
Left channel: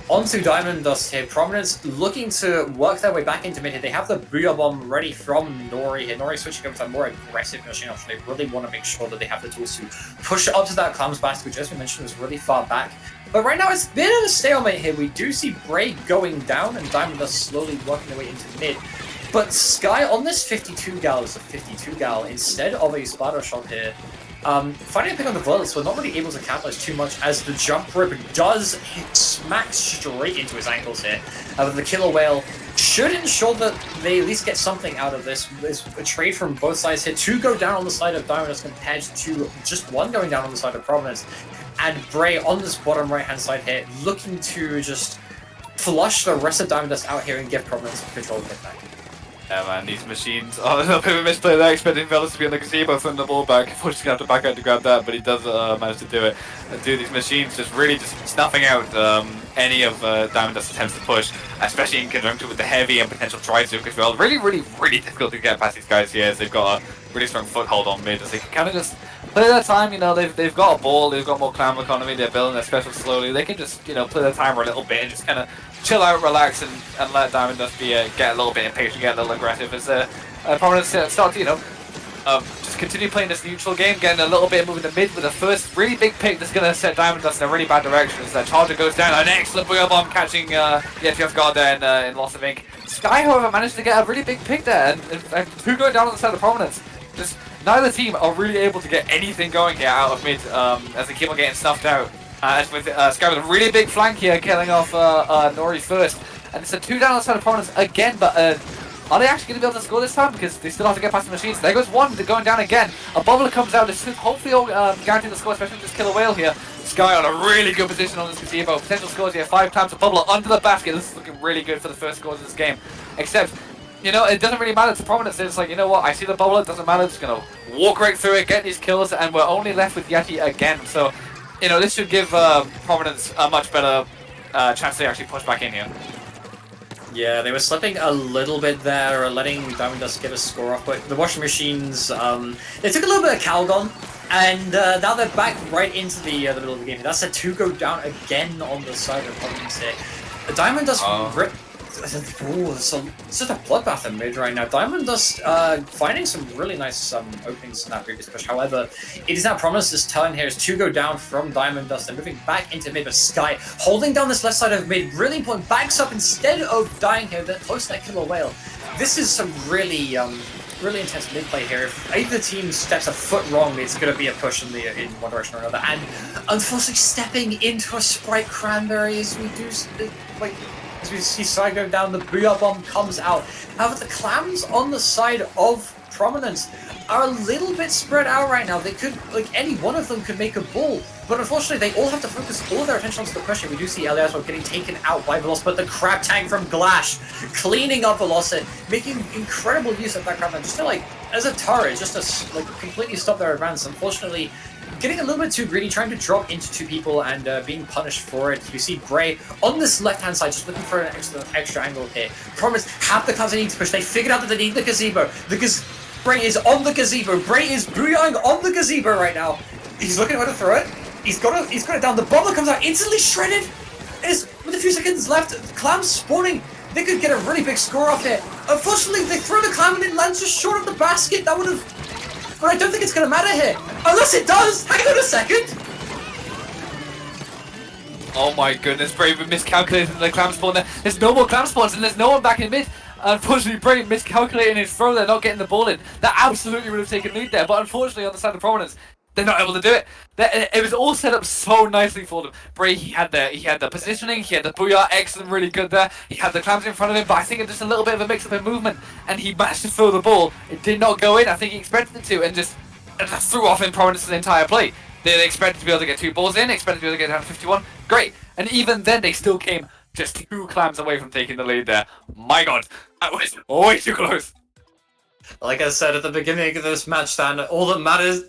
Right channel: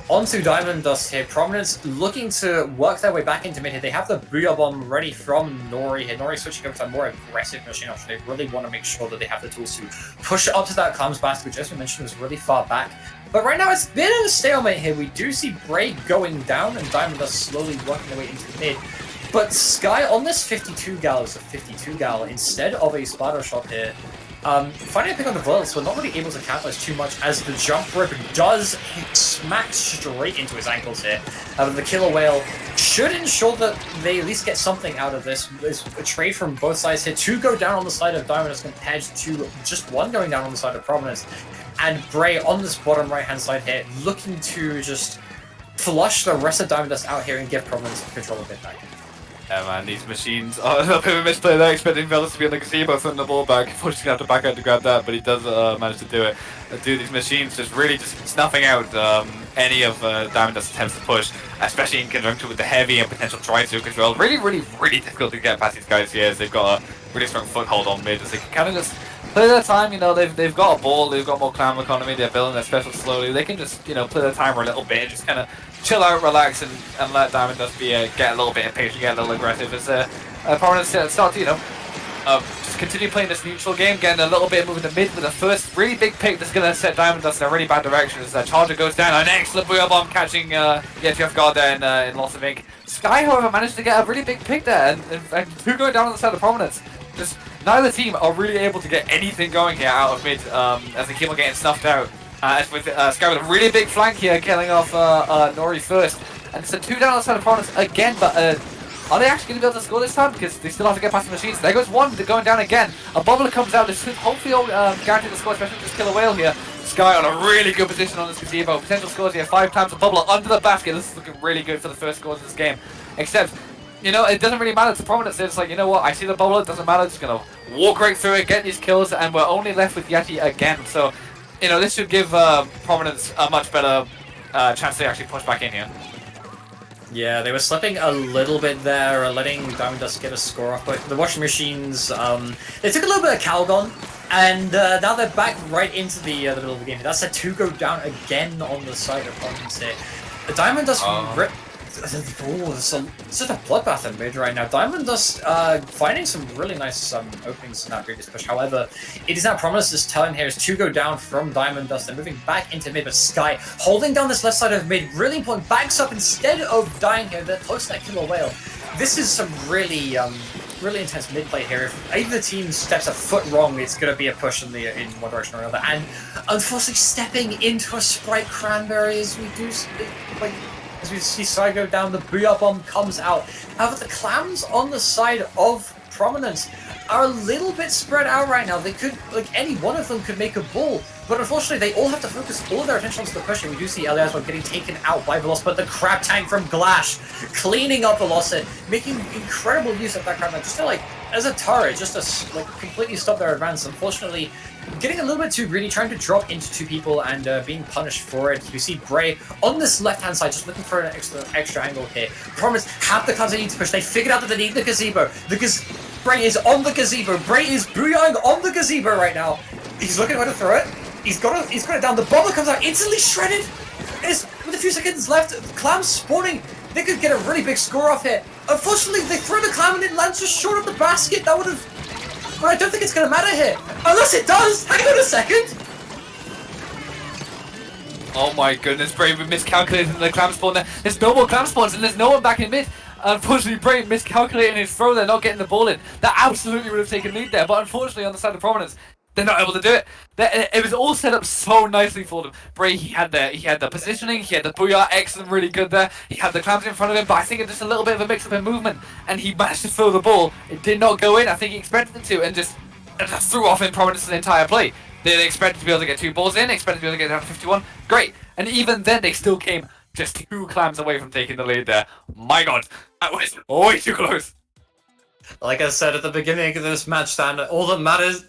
onto Diamond Dust here. Prominence looking to work their way back into mid here. They have the Booyah Bomb ready from Nori here. Nori switching over to a more aggressive machine option. They really want to make sure that they have the tools to push up to that Clams basket, which, as we mentioned, was really far back. But right now, it's a bit of a stalemate here. We do see Bray going down, and Diamond Dust slowly working their way into mid. But Sky on this 52 gal is a 52 gal instead of a Splattershore here. Finding a pick on the bullets, we're not really able to capitalize too much as the jump rip does smack straight into his ankles here. The Killer Whale should ensure that they at least get something out of this. There's a trade from both sides here. 2 go down on the side of Diamond compared to just 1 going down on the side of Prominence. And Bray on this bottom right hand side here looking to just flush the rest of Diamond Dust out here and give Prominence control of it back. Yeah, man, these machines. Oh, a little bit of a misplay there, expecting Velos to be on the gazebo, throwing the ball back. Unfortunately, going to have to back out to grab that, but he does manage to do it. Dude, these machines just really just snuffing out any of Diamond Dust's attempts to push, especially in conjunction with the heavy and potential try-to as well. Really, really, really difficult to get past these guys here, as they've got a really strong foothold on mid, as they can kind of just play their time. You know, they've got a ball, they've got more clam economy, they're building their special slowly. They can just, you know, play their timer a little bit and just kind of chill out, relax, and let Diamond Dust be get a little bit impatient, get a little aggressive as Prominence start to, you know, just continue playing this neutral game, getting a little bit moving to mid with the first really big pick that's going to set Diamond Dust in a really bad direction as Charger goes down. An excellent Booyah Bomb catching Yeti off guard there in Loss of Ink. Sky, however, managed to get a really big pick there, and 2 going down on the side of Prominence. Just neither team are really able to get anything going here out of mid as they keep on getting snuffed out. As with Sky with a really big flank here, killing off Nori first. And it's a 2 down on the side of Prominence again, but are they actually going to be able to score this time? Because they still have to get past the machines. There goes 1, they're going down again. A bubbler comes out, this should hopefully guarantee the score, especially just Killer Whale here. Sky on a really good position on this gazebo. Potential scores here, 5 times a bubbler under the basket. This is looking really good for the first scores of this game. Except, you know, it doesn't really matter to Prominence. It's like, you know what, I see the bubbler, it doesn't matter. Just going to walk right through it, get these kills, and we're only left with Yeti again. So, you know, this should give Prominence a much better chance to actually push back in here. Yeah, they were slipping a little bit there, letting Diamond Dust get a score off, but the washing machines, they took a little bit of Calgon, and now they're back right into the middle of the game. That's a 2 go down again on the side of Prominence here. The Diamond Dust rip. Ooh, it's just a bloodbath in mid right now. Diamond Dust finding some really nice openings in that previous push. However, it is now Prominence this turn here is 2 go down from Diamond Dust and moving back into mid. But Sky holding down this left side of mid, really important, backs up instead of dying here. They're close to that Killer Whale. This is some really intense mid play here. If either team steps a foot wrong, it's going to be a push in one direction or another. And unfortunately, stepping into a Sprite Cranberry as we do as we see Sky go down, the Booyah Bomb comes out. However, the Clams on the side of Prominence are a little bit spread out right now. They could, like, any one of them could make a ball, but unfortunately they all have to focus all of their attention onto the pressure. We do see Eliasmo getting taken out by Veloz, but the crab tank from Glash cleaning up Veloz, making incredible use of that crab tank, just to, like, as a turret, just to, like, completely stop their advance. Unfortunately, getting a little bit too greedy, trying to drop into two people and being punished for it. You see Bray on this left-hand side, just looking for an extra angle here. Prominence have the clans they need to push. They figured out that they need the gazebo. Bray is on the gazebo. Bray is booyahing on the gazebo right now. He's looking where to throw it. He's got it down. The bomber comes out instantly shredded. With a few seconds left, clams spawning. They could get a really big score off here. Unfortunately, they throw the clam and it lands just short of the basket. That would have. But I don't think it's going to matter here. Unless it does! Hang on a second! Oh my goodness, Brave miscalculated the clam spawn there. There's no more clam spawns and there's no one back in mid. Unfortunately, Brave miscalculating his throw there, not getting the ball in. That absolutely would have taken lead there, but unfortunately on the side of Prominence, they're not able to do it. It was all set up so nicely for them. Bray, he had the positioning, he had the booyah, excellent, really good there. He had the clams in front of him, but I think it was just a little bit of a mix-up in movement, and he managed to throw the ball. It did not go in. I think he expected it to, and just threw off in Prominence's entire play. They expected to be able to get 2 balls in, expected to be able to get down to 51. Great. And even then, they still came just 2 clams away from taking the lead there. My god, that was way too close. Like I said at the beginning of this match, Dan, all that matters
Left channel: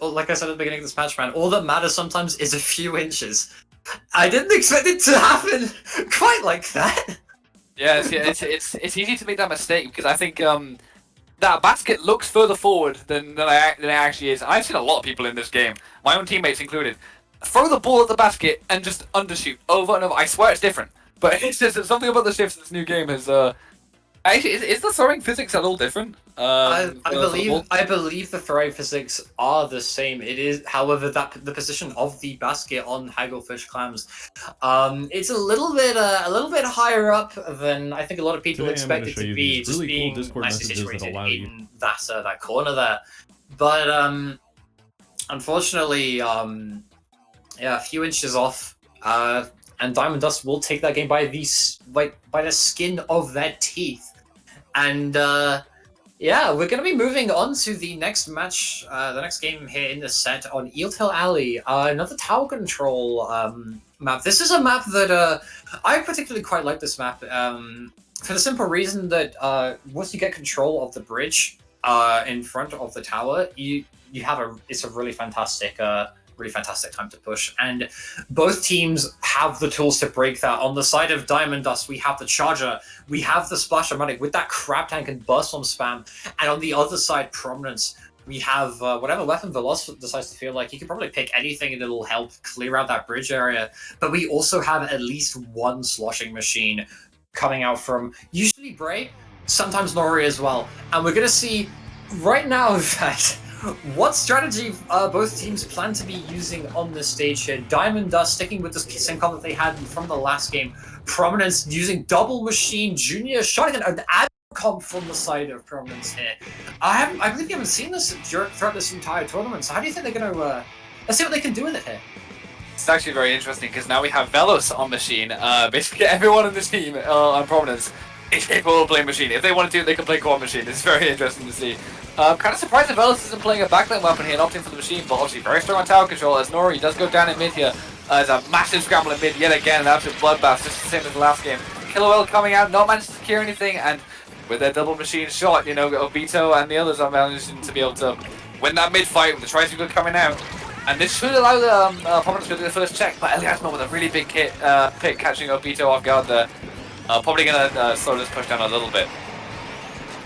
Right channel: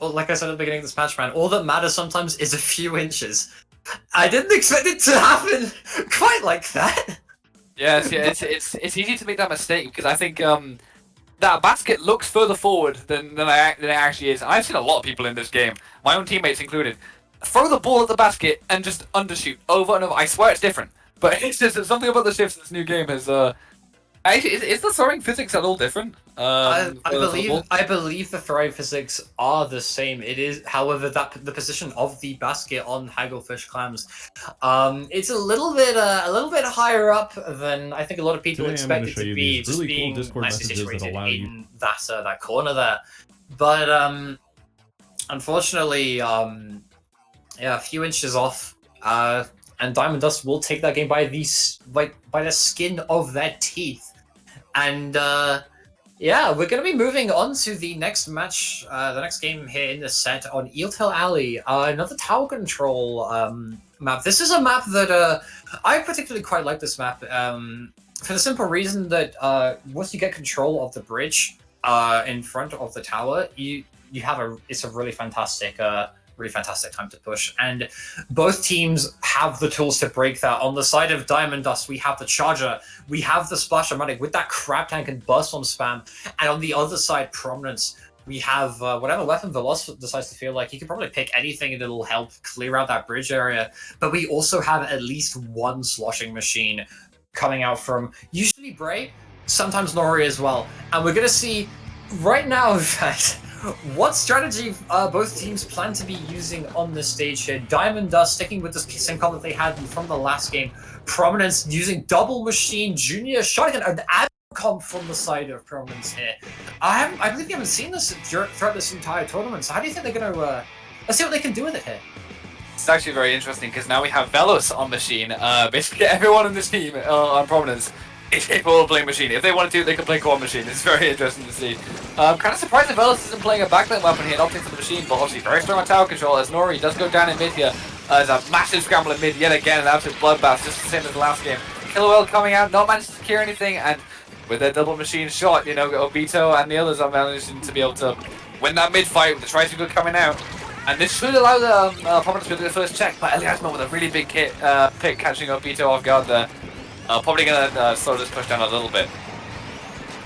sometimes is a few inches. I didn't expect it to happen quite like that. Yes, yeah, it's easy to make that mistake because I think that basket looks further forward than it actually is. I've seen a lot of people in this game, my own teammates included, throw the ball at the basket and just undershoot over and over. I swear it's different, but it's just something about the shifts in this new game has. Actually, is the throwing physics at all different? I believe the throwing physics are the same. It is, however, that the position of the basket on Hagglefish clams, it's a little bit higher up than I think a lot of people expect it to be. Just really being cool nicely situated in that corner there, but unfortunately, yeah, a few inches off. And Diamond Dust will take that game by the skin of their teeth. And yeah, we're going to be moving on to the next match, the next game here in the set on Eeltail Alley, another tower control map. This is a map that I particularly quite like this map for the simple reason that once you get control of the bridge in front of the tower, it's a really fantastic time to push, and both teams have the tools to break that. On the side of Diamond Dust, we have the Charger, we have the Splattershore with that crab tank and burst bomb spam, and on the other side, Prominence, we have whatever weapon Veloz decides to feel like. He can probably pick anything and it'll help clear out that bridge area, but we also have at least one sloshing machine coming out from usually Bray, sometimes Nori as well, and we're gonna see right now, in fact, what strategy both teams plan to be using on this stage here. Diamond Dust sticking with the same comp that they had from the last game. Prominence using double machine, junior shotgun, an ad comp from the side of Prominence here. I believe you haven't seen this throughout this entire tournament, so how do you think they're going to... let's see what they can do with it here. It's actually very interesting because now we have Veloz on machine. Basically everyone in this team on Prominence is capable of playing machine. If they want to, they can play core machine. It's very interesting to see. I'm kind of surprised that Veloz isn't playing a backline weapon here, opting for the machine, but obviously very strong on tower control as Nori does go down in mid here. There's a massive scramble in mid yet again, an absolute bloodbath, just the same as the last game. Killowell coming out, not managed to secure anything, and with their double machine shot, you know, Obito and the others are managing to be able to win that mid fight with the Tricycle coming out. And this should allow the Prominence to do the first check, but Eliasmo with a really big pick catching Obito off guard there. Probably gonna slow this push down a little bit.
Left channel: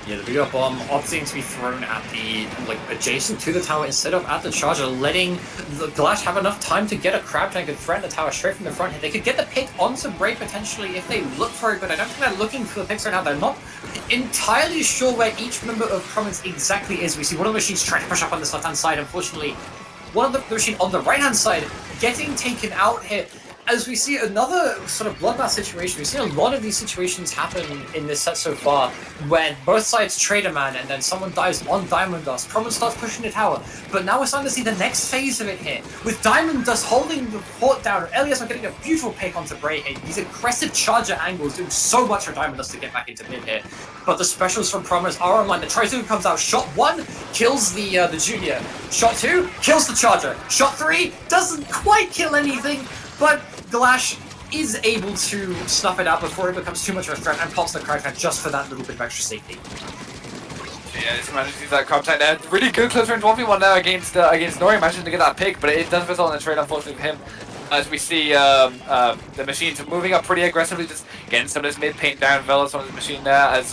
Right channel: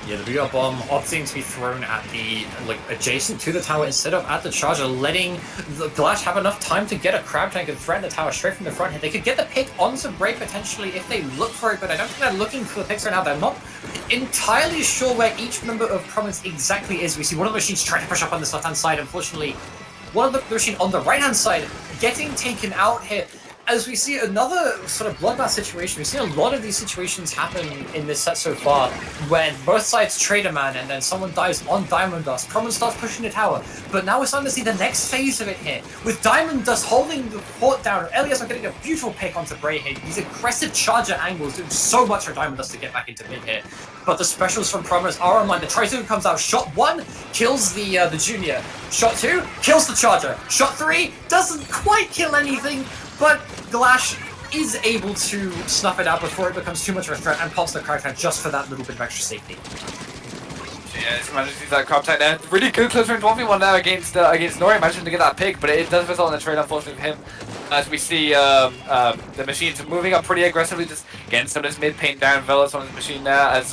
Yeah, the big bomb opting to be thrown at the adjacent to the tower instead of at the Charger, letting the Glash have enough time to get a crab tank and threaten the tower straight from the front here. They could get the pick onto Break potentially if they look for it, but I don't think they're looking for the picks right now. They're not entirely sure where each member of Prominence exactly is. We see one of the machines trying to push up on this left-hand side. Unfortunately, one of the machine on the right-hand side getting taken out here. as we see another sort of bloodbath situation, we've seen a lot of these situations happen in this set so far, when both sides trade a man and then someone dies on Diamond Dust. Prominence starts pushing the tower, but now we're starting to see the next phase of it here, with Diamond Dust holding the fort down. Elias are getting a beautiful pick onto Bray here. These aggressive charger angles doing so much for Diamond Dust to get back into mid here. But the specials from Prominence are online. The Triton comes out. Shot 1 kills the junior. Shot 2 kills the charger. Shot 3 doesn't quite kill anything, but Glash is able to snuff it out before it becomes too much of a threat and pops the crowd just for that little bit of extra safety. Yeah, just managed to use that crop tight there. Really good close range 1v1 now against Nori, managing to get that pick, but it does result in a trade unfortunately for him. As we see the machines moving up pretty aggressively, just getting some of this mid paint down. Velas on his machine there as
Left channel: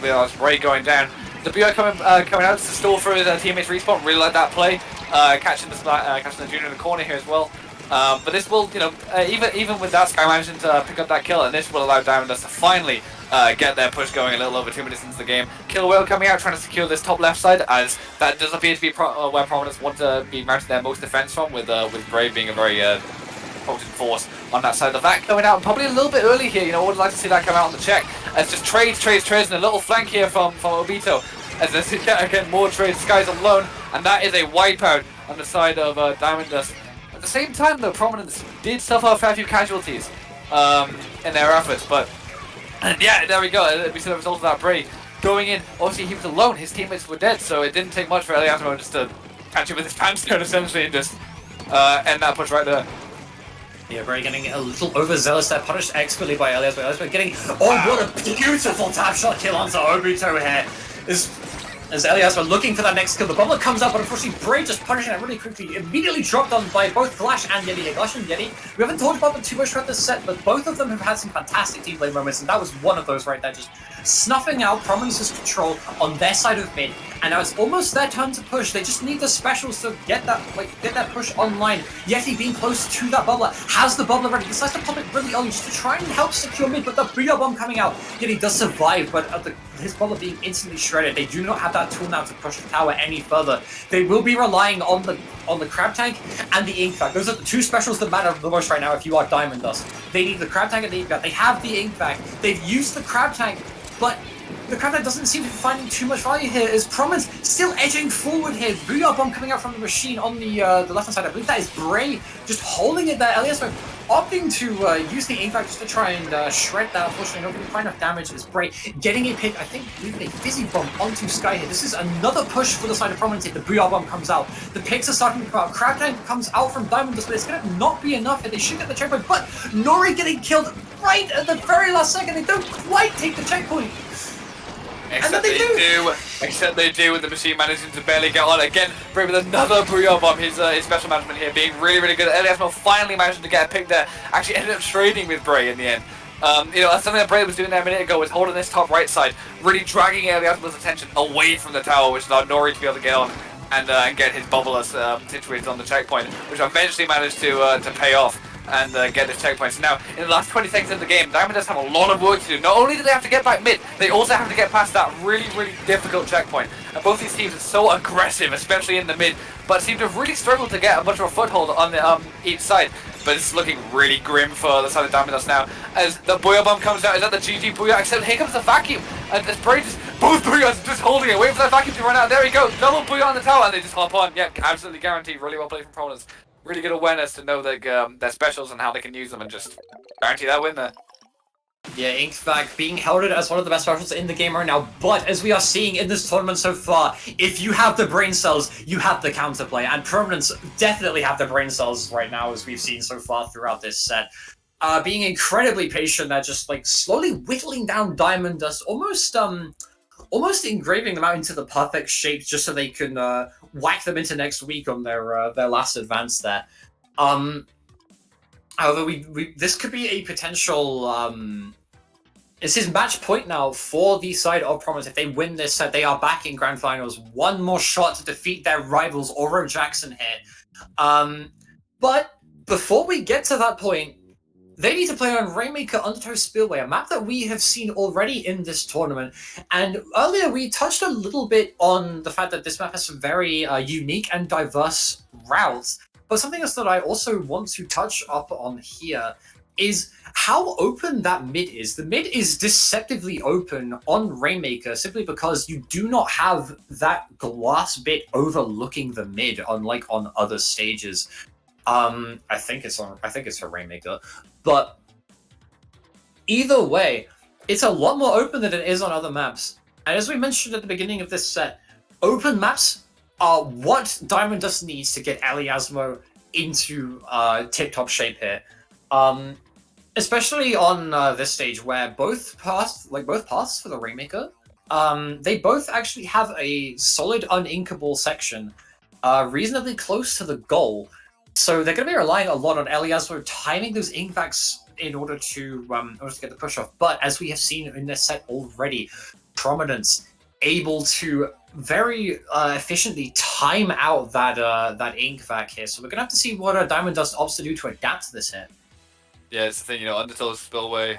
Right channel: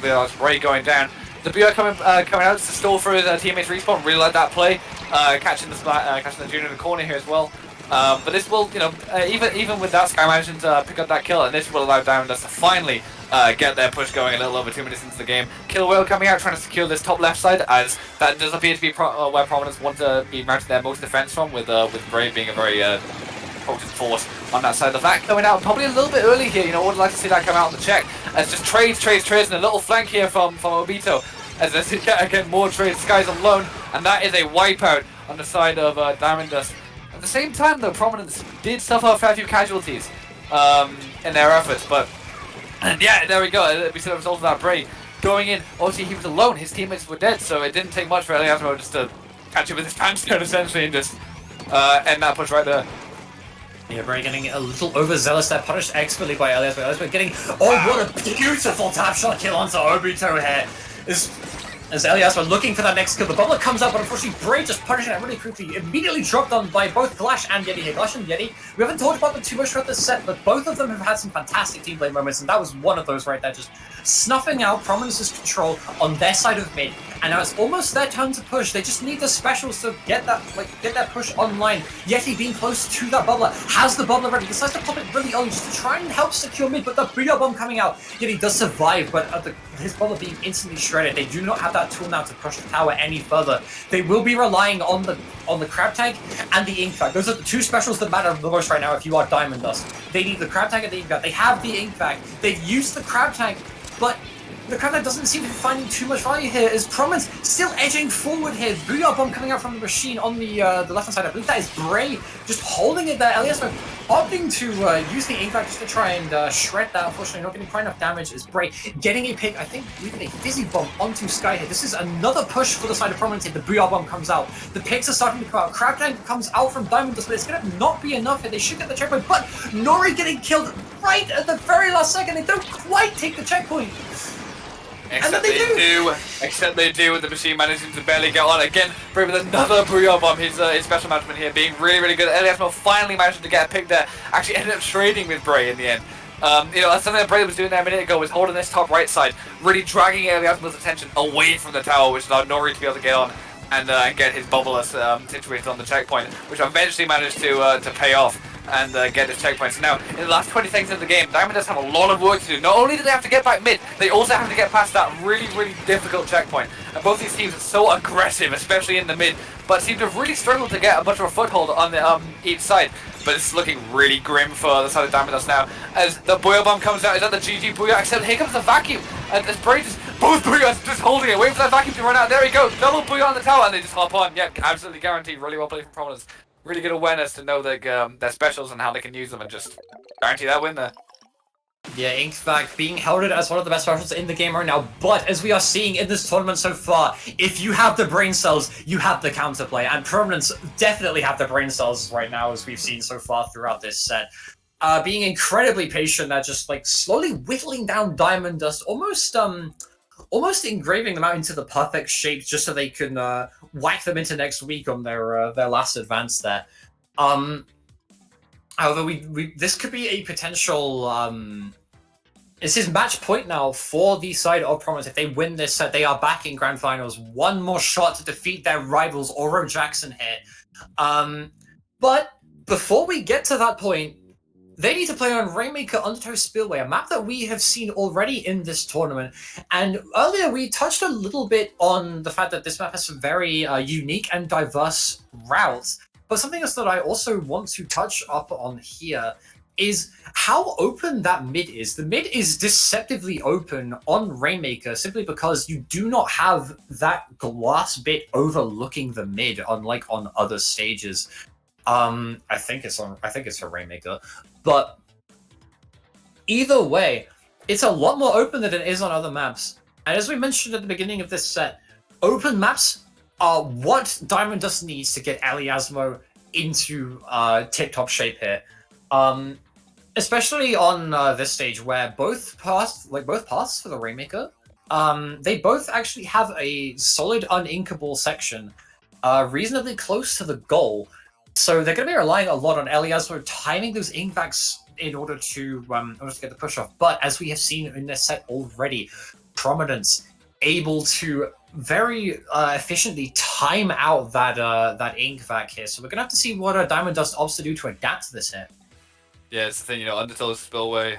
we are Bray going down. The BR coming out to stall for his teammates respawn. Really like that play, catching the junior in the corner here as well. But this will, even with that, Sky managing to pick up that kill, and this will allow Diamond Dust to finally get their push going a little over 2 minutes into the game. Killer Whale coming out, trying to secure this top left side, as that does appear to be where Prominence want to be mounting their most defense from, with Bray being a very potent force on that side. The VAC coming out probably a little bit early here. I would like to see that come out on the check. As just trades, and a little flank here from Obito. As this again more trades, Sky's alone, and that is a wipeout on the side of Diamond Dust. At the same time, though, Prominence did suffer a fair few casualties in their efforts, but yeah, there we go. We see the result of that Bray going in. Obviously, he was alone. His teammates were dead, so it didn't take much for Eliasmo just to catch him with his pants down, essentially, and just end that push right there. Yeah, Bray getting a little overzealous there, punished expertly by Elias, but getting, oh, what a beautiful tap shot kill onto Obito here. As Elias were looking for that next kill, the bubble comes up, but unfortunately Bray just punishing it really quickly, immediately dropped on by both Glash and Yeti. Glash and Yeti, we haven't talked about them too much throughout this set, but both of them have had some fantastic team play moments, and that was one of those right there, just snuffing out Prominence's control on their side of mid. And now it's almost their turn to push. They just need the specials to get that push online. Yeti being close to that bubbler, has the bubbler ready, decides to pop it really on just to try and help secure mid, but the BR bomb coming out. Yeti does survive, but his bubbler being instantly shredded. They do not have that tool now to push the tower any further. They will be relying on the crab tank and the ink bag. Those are the two specials that matter the most right now if you are Diamond Dust. They need the crab tank and the ink bag. They have the ink bag. They've used the crab tank, but the crab tank doesn't seem to be finding too much value here, as Prominence still edging forward here. Booyah bomb coming out from the machine on the left-hand side. I believe that is Bray just holding it there. Elias opting to use the ink bag just to try and shred that. Unfortunately, not doing quite enough damage. Is Bray getting a pick? I think leaving a fizzy bomb onto Sky here. This is another push for the side of Prominence here. The Booyah bomb comes out. The picks are starting to come out. Crab tank comes out from Diamond Dust, but it's going to not be enough here. They should get the checkpoint, but Nori getting killed right at the very last second. They don't quite take the checkpoint. Except they do, the machine managing to barely get on again. Bray with another Booyah bomb. His special management here being really, really good. Eliasmo finally managed to get a pick there. Actually ended up trading with Bray in the end. That's something that Bray was doing there a minute ago, was holding this top right side, really dragging Eliasmo's attention away from the tower, which allowed Nori to be able to get on and get his bubble situated on the checkpoint, which eventually managed to pay off and get his checkpoints. Now, in the last 20 seconds of the game, Diamond does have a lot of work to do. Not only do they have to get back mid, they also have to get past that really, really difficult checkpoint. And both these teams are so aggressive, especially in the mid, but seem to have really struggled to get a much of a foothold on the each side. But it's looking really grim for the side of Diamond Dust now. As the Booyah bomb comes out, is that the GG Booyah? Except here comes the vacuum. And as Bray both Booyahs just holding it, waiting for that vacuum to run out. There we go, double Booyah on the tower, and they just hop on. Yeah, absolutely guaranteed. Really well played from Prominence. Really good awareness to know their specials and how they can use them, and just guarantee that win there. Yeah, Ink's back, being heralded as one of the best specials in the game right now, but as we are seeing in this tournament so far, if you have the brain cells, you have the counterplay, and Prominence definitely have the brain cells right now, as we've seen so far throughout this set. Being incredibly patient at just slowly whittling down Diamond Dust, almost engraving them out into the perfect shape just so they can whack them into next week on their last advance there. However, this could be a potential. This is match point now for the side of Prominence. If they win this set, they are back in grand finals. One more shot to defeat their rivals, Oro Jackson here. But before we get to that point, they need to play on Rainmaker Undertow Spillway, a map that we have seen already in this tournament. And earlier we touched a little bit on the fact that this map has some very unique and diverse routes. But something else that I also want to touch up on here is how open that mid is. The mid is deceptively open on Rainmaker simply because you do not have that glass bit overlooking the mid, unlike on other stages. I think it's for Rainmaker, but either way, it's a lot more open than it is on other maps. And as we mentioned at the beginning of this set, open maps are what Diamond Dust needs to get Eliasmo into tip-top shape here. Especially on this stage where both paths for the Rainmaker, they both actually have a solid uninkable section, reasonably close to the goal. So they're going to be relying a lot on Eliasmo timing those ink vacs in order to get the push off. But as we have seen in this set already, Prominence able to very efficiently time out that ink vac here. So we're going to have to see what Diamond Dust opts to do to adapt to this hit. Yeah, it's the thing, Undertow Spillway,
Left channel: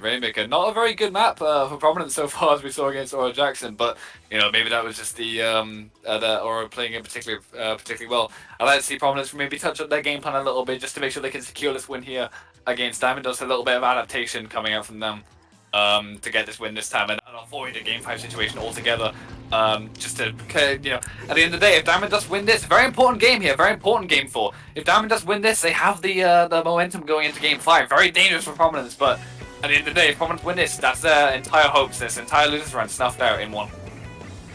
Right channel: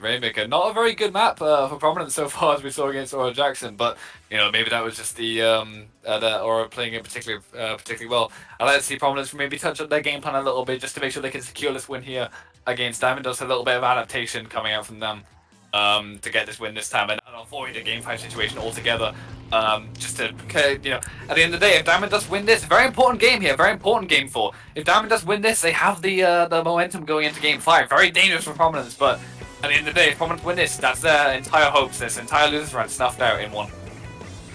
Rainmaker, not a very good map for Prominence so far as we saw against Aura Jackson, but, maybe that was just the Aura playing it particularly well. I'd like to see Prominence maybe touch up their game plan a little bit just to make sure they can secure this win here against Diamond Dust, a little bit of adaptation coming out from them to get this win this time and avoid a game 5 situation altogether. Just to, at the end of the day, if Diamond Dust win this, very important game here, very important game 4. If Diamond Dust win this, they have the momentum going into game 5. Very dangerous for Prominence, but at the end of the day, if Prominence win this, that's their entire hopes, this entire losers run snuffed out in one.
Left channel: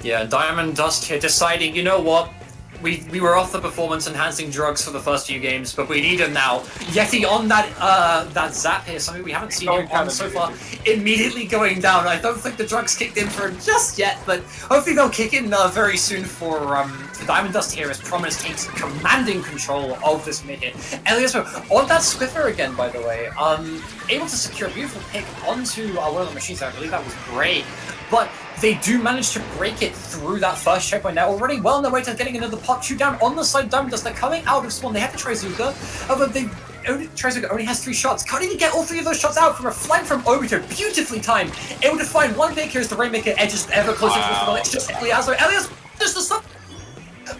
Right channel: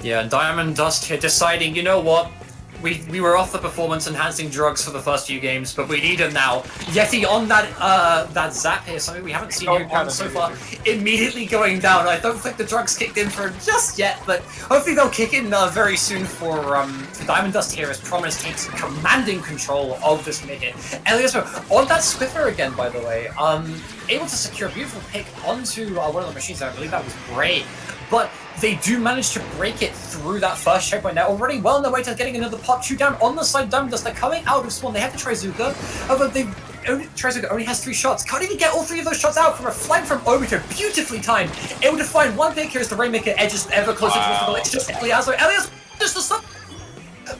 Yeah, and Diamond Dust here deciding, you know what? We were off the performance-enhancing drugs for the first few games, but we need them now. Yeti on that zap here, something we haven't seen him on so far, immediately going down. I don't think the drugs kicked in for him just yet, but hopefully they'll kick in very soon for Diamond Dust here as Prominence takes commanding control of this mid hit. Eliasmo on that Swiffer again, by the way, able to secure a beautiful pick onto one of the machines. I believe that was great. But they do manage to break it through that first checkpoint. They're already well on their way to getting another pot. 2 down on the side of Diamond Dust. They're coming out of spawn. They have to Trizuka. However, Trizuka only has 3 shots. Can't even get all 3 of those shots out from a flank from Obito. Beautifully timed. Able to find one pick here as the Rainmaker edges ever closer to the goal. It's just Eliasmo. Just the stop.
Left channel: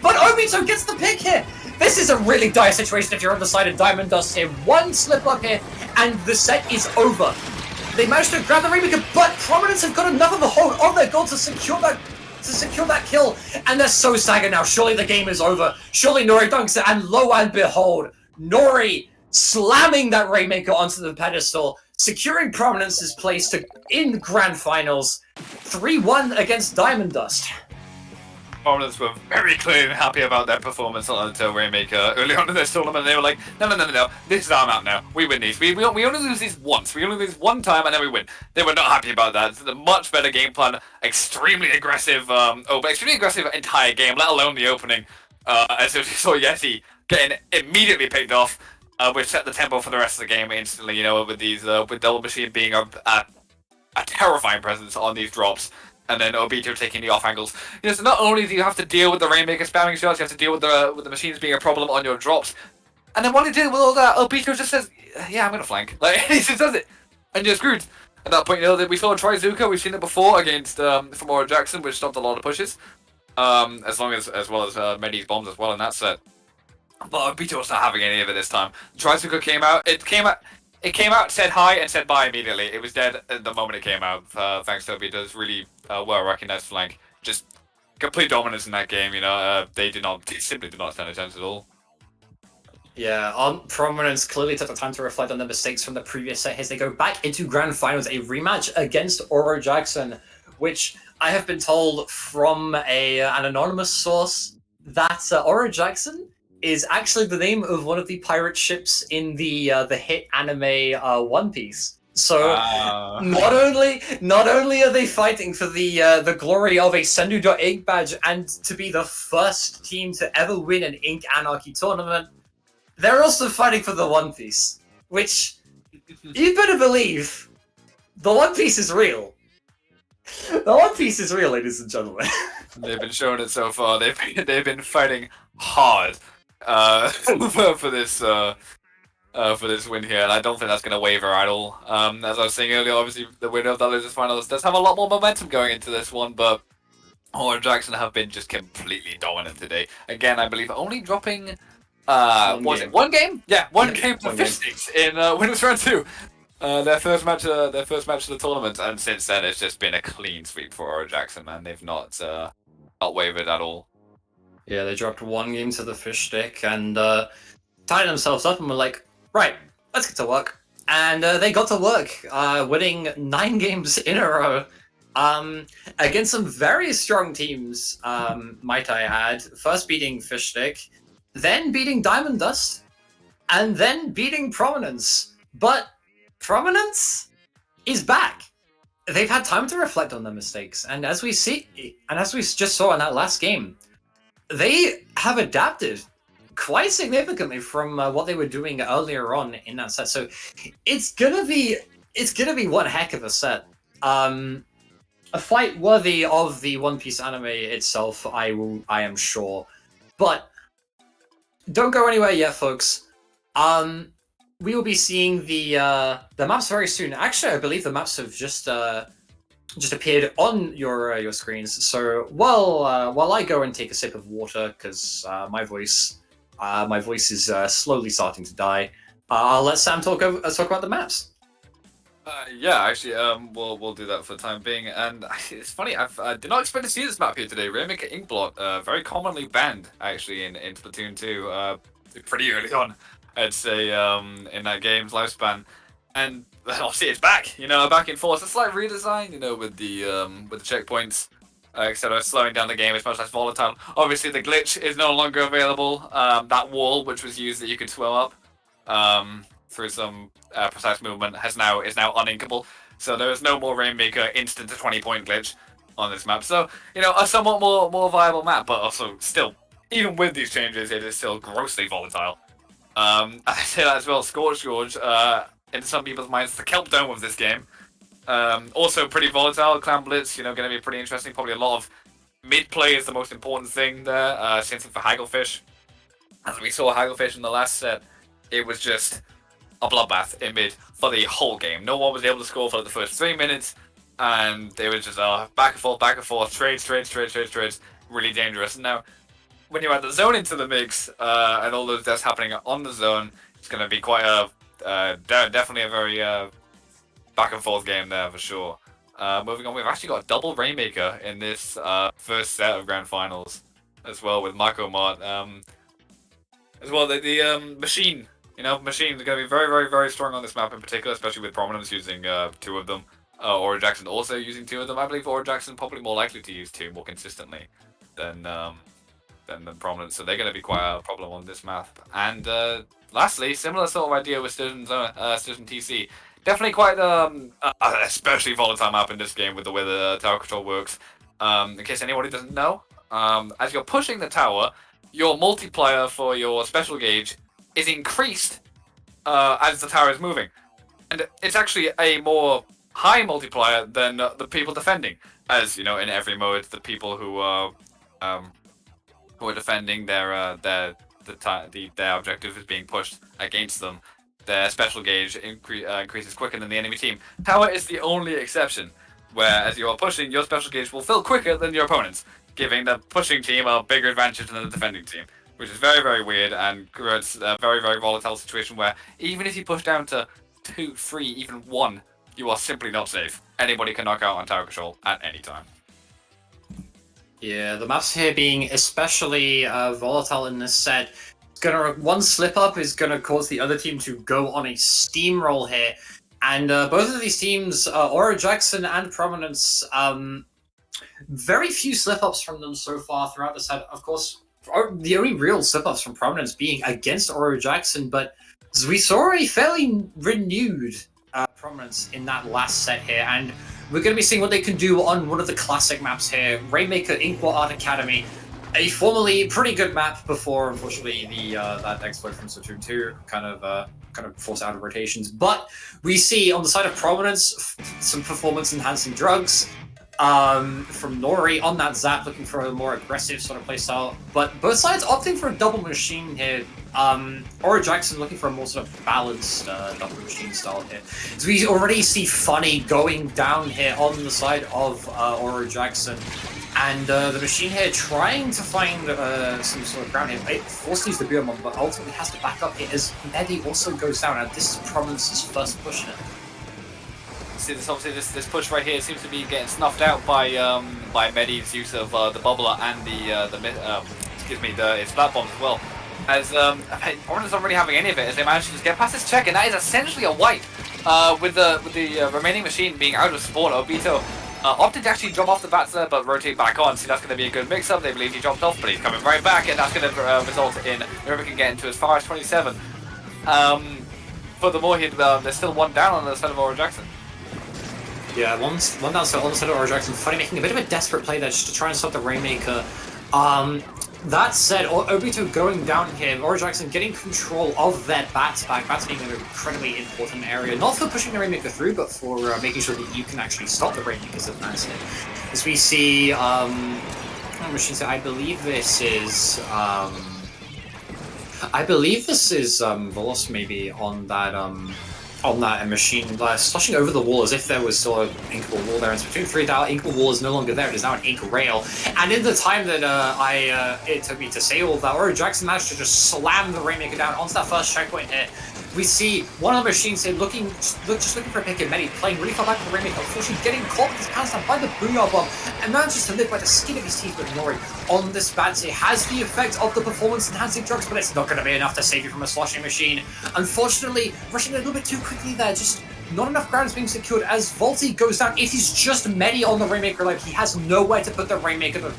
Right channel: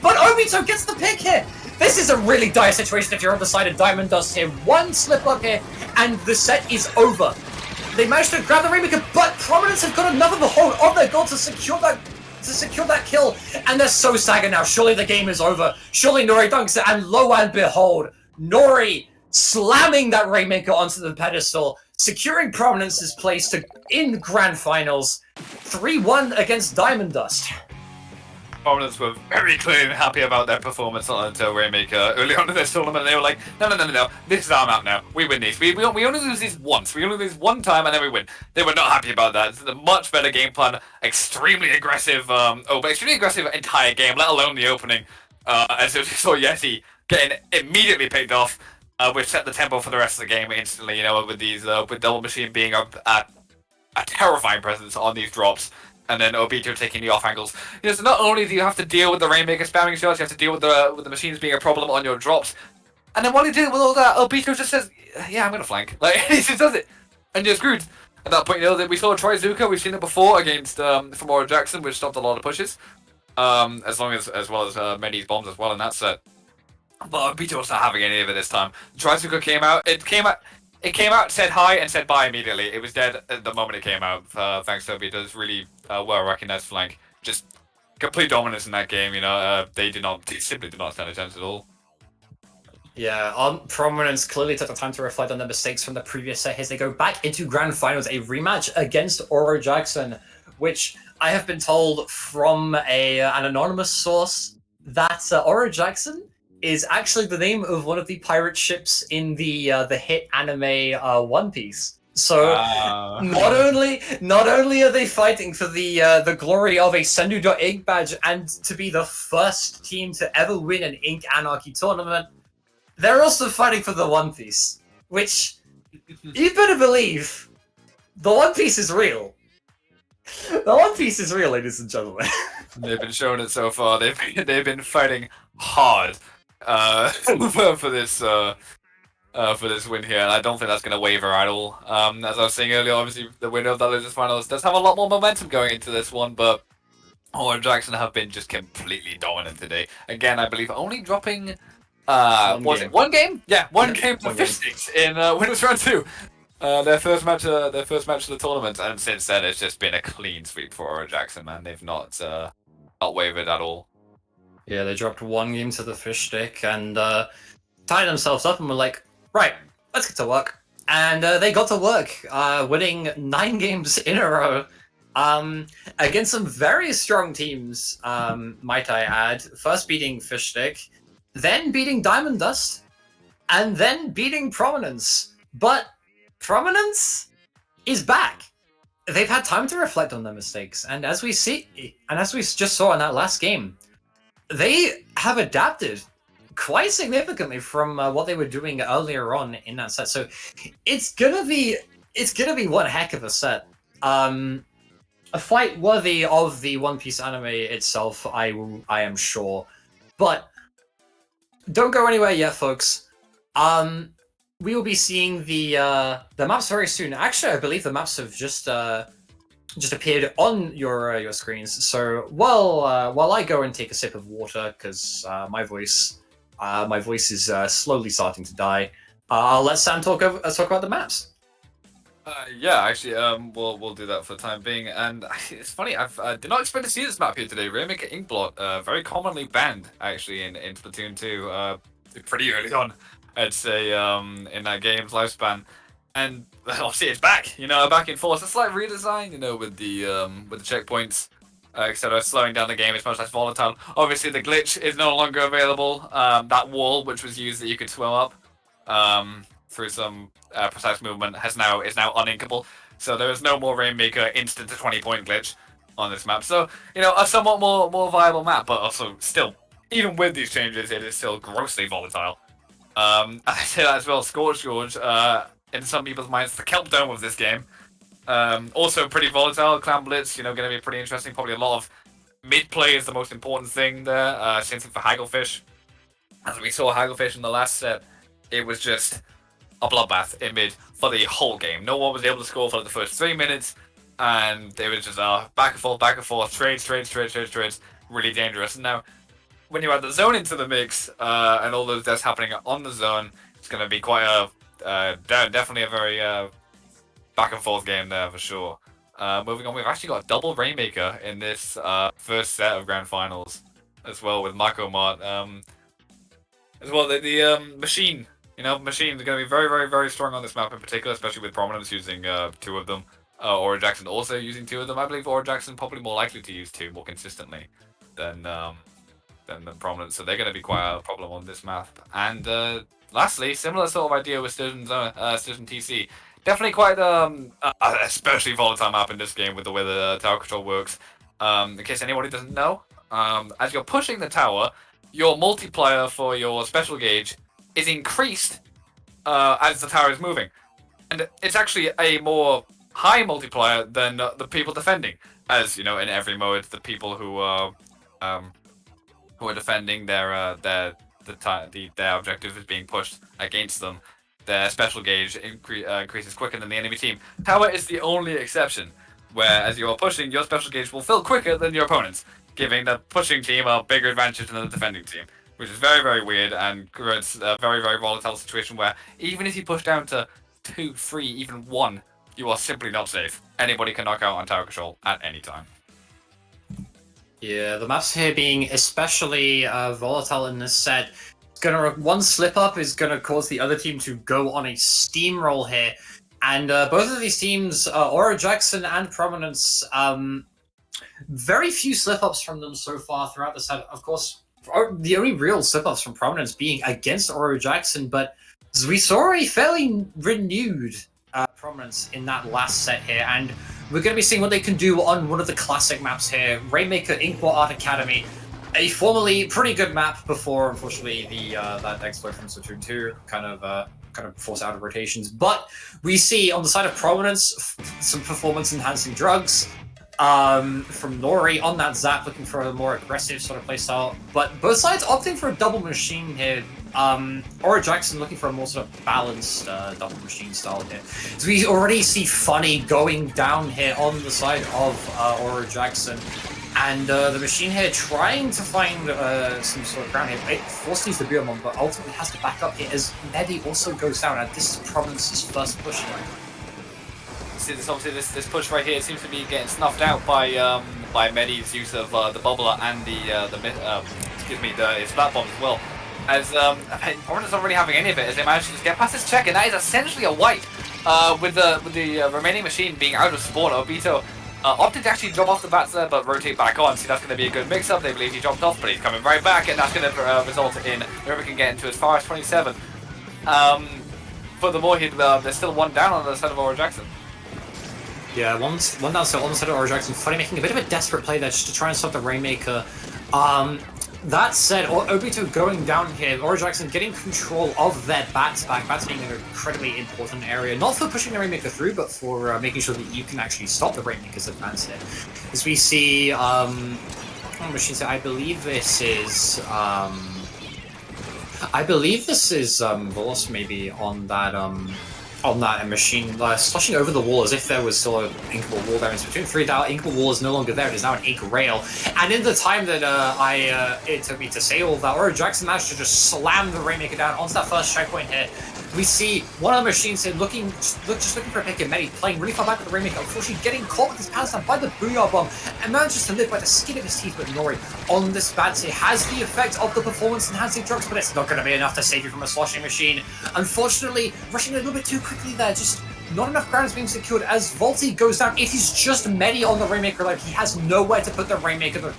But Obito gets the pick here. This is a really dire situation if you're on the side of Diamond Dust here. One slip up here, and the set is over. They managed to grab the Rainmaker, but Prominence have got another hold on their goal to secure that kill, and they're so staggered now. Surely the game is over. Surely Nori dunks it, and lo and behold, Nori slamming that Rainmaker onto the pedestal, securing Prominence's place in the grand finals, 3-1 against Diamond Dust. Prominence were very clearly happy about their performance on the Rainmaker early on in this tournament. They were like, no, this is our map now. We win these. We only lose these once. We only lose one time and then we win. They were not happy about that. It's a much better game plan. Extremely aggressive, extremely aggressive entire game, let alone the opening. And so we saw Yeti getting immediately picked off, which set the tempo for the rest of the game instantly, with these, with Double Machine being a terrifying presence on these drops. And then Obito taking the off angles. So not only do you have to deal with the Rainmaker spamming shots, you have to deal with the machines being a problem on your drops. And then while you deal with all that, Obito just says, "Yeah, I'm gonna flank." Like he just does it, and you're screwed. At that point, that we saw Trizuka. We've seen it before against from Aura Jackson, which stopped a lot of pushes. As well as Medi's bombs as well in that set. But Obito was not having any of it this time. Trizuka came out. It came out, said hi, and said bye immediately. It was dead at the moment it came out, thanks to Obito's really well-recognized flank. Just complete dominance in that game, they simply did not stand a chance at all. Yeah, Prominence clearly took the time to reflect on the mistakes from the previous set as they go back into Grand Finals, a rematch against Aura Jackson, which I have been told from an anonymous source that Aura Jackson is actually the name of one of the pirate ships in the hit anime One Piece. So not only are they fighting for the glory of a Sendu Ink badge and to be the first team to ever win an Ink Anarchy tournament, they're also fighting for the One Piece, which you better believe the One Piece is real. The One Piece is real, ladies and gentlemen. They've been showing it so far. They've been fighting hard for this win here, and I don't think that's going to waver at all. As I was saying earlier, obviously the winner of the Losers Finals does have a lot more momentum going into this one, but Aura Jackson have been just completely dominant today. Again, I believe only dropping Was it one game? Yeah, one game to one Fish Sticks in Winners Round 2. Their first match of the tournament, and since then it's just been a clean sweep for Aura Jackson, man. They've not wavered at all. Yeah, they dropped one game to the Fish Stick and tied themselves up and were like, right, let's get to work. And they got to work, winning 9 games in a row against some very strong teams, might I add. First beating Fish Stick, then beating Diamond Dust, and then beating Prominence. But Prominence is back. They've had time to reflect on their mistakes, and as we just saw in that last game, they have adapted quite significantly from what they were doing earlier on in that set. So it's gonna be one heck of a set. A fight worthy of the One Piece anime itself, I am sure. But don't go anywhere yet, folks. We will be seeing the maps very soon. Actually, I believe the maps have just appeared on your screens. So while I go and take a sip of water, because my voice is slowly starting to die, I'll let Sam talk about the maps. Yeah, actually, we'll do that for the time being. And it's funny, I did not expect to see this map here today. Rainmaker Inkblot, very commonly banned actually in Splatoon 2, pretty early on, I'd say, in that game's lifespan. And obviously it's back, back in force. A slight redesign, with the checkpoints, etc. Slowing down the game. It's much less volatile. Obviously the glitch is no longer available. That wall which was used that you could swim up through some precise movement is now uninkable. So there is no more Rainmaker instant to 20-point glitch on this map. So a somewhat more viable map, but also still, even with these changes, it is still grossly volatile. I say that as well. Scorch Gorge, in some people's minds, the kelp dome of this game. Also pretty volatile. Clan Blitz, going to be pretty interesting. Probably a lot of mid play is the most important thing there. Same thing for Hagglefish. As we saw Hagglefish in the last set, it was just a bloodbath in mid for the whole game. No one was able to score for the first 3 minutes, and they were just back and forth, trades, really dangerous. And now, when you add the zone into the mix, and all those deaths happening on the zone, it's going to be quite definitely a very back and forth game there for sure. Moving on, we've actually got a double Rainmaker in this first set of Grand Finals as well with Mako Mart. As well, the Machine. Machines are going to be very, very, very strong on this map in particular, especially with Prominence using 2 of them. Aura Jackson also using 2 of them. I believe Aura Jackson probably more likely to use 2 more consistently than Prominence, so they're going to be quite a problem on this map. And lastly, similar sort of idea with Sturgeon TC. Definitely quite especially volatile map in this game with the way the tower control works. In case anybody doesn't know, as you're pushing the tower, your multiplier for your special gauge is increased as the tower is moving, and it's actually a more high multiplier than the people defending. As in every mode, the people who are defending their objective is being pushed against them. Their special gauge increases quicker than the enemy team. Tower is the only exception, where as you are pushing, your special gauge will fill quicker than your opponent's, giving the pushing team a bigger advantage than the defending team. Which is very, very weird and creates a very, very volatile situation where even if you push down to 2, 3, even 1, you are simply not safe. Anybody can knock out on tower control at any time. Yeah, the maps here being especially volatile in this set. One slip up is gonna cause the other team to go on a steamroll here, and both of these teams, Aura Jackson and Prominence, very few slip ups from them so far throughout the set. Of course, the only real slip-ups from Prominence being against Aura Jackson, but we saw a fairly renewed Prominence in that last set here, and we're going to be seeing what they can do on one of the classic maps here, Rainmaker Inkblot Art Academy, a formerly pretty good map before, unfortunately, that exploit from Splatoon 2 kind of forced out of rotations. But we see on the side of Prominence some performance-enhancing drugs, from Nori on that Zap, looking for a more aggressive sort of playstyle, but both sides opting for a double machine here. Aura Jackson looking for a more sort of balanced double machine style here. So we already see Funny going down here on the side of Aura Jackson, And the machine here trying to find some sort of ground here. It forces the Beermon, but ultimately has to back up here as Medi also goes down. And this is Prominence's first push here. See, this push right here seems to be getting snuffed out by Medi's use of the bubbler and the splat bomb as well. As Prominence not really having any of it, as they manage to just get past this check, and that is essentially a wipe. With the remaining machine being out of spawn, Obito opted to actually drop off the bats there, but rotate back on. See, that's going to be a good mix-up. They believe he dropped off, but he's coming right back, and that's going to result in Rubik getting to as far as 27. Furthermore, there's still one down on the side of Aura Jackson. Yeah, one down so on the side of Aura Jackson. Funny, making a bit of a desperate play there just to try and stop the Rainmaker. That said, Obito going down here, Aura Jackson getting control of their bats back. Bats being an incredibly important area, not for pushing the Rainmaker through, but for making sure that you can actually stop the Rainmaker's advance here. As we see, machines, I believe this is Volos maybe on that machine, slushing over the wall as if there was still an inkable wall there. In Splatoon 3, that inkable wall is no longer there, it is now an ink rail. And in the time that it took me to say all that, Aura Jackson managed to just slam the Rainmaker down onto that first checkpoint here. We see one of the machines here just looking for a pick, and Medi playing really far back with the Rainmaker, unfortunately getting caught with his pants down by the Booyah Bomb, and manages to live by the skin of his teeth. But Nori on this bat here has the effect of the performance-enhancing drugs, but it's not going to be enough to save you from a sloshing machine. Unfortunately, rushing a little bit too quickly there, just not enough ground is being secured as Volti goes down. It is just Medi on the Rainmaker life. He has nowhere to put the Rainmaker. The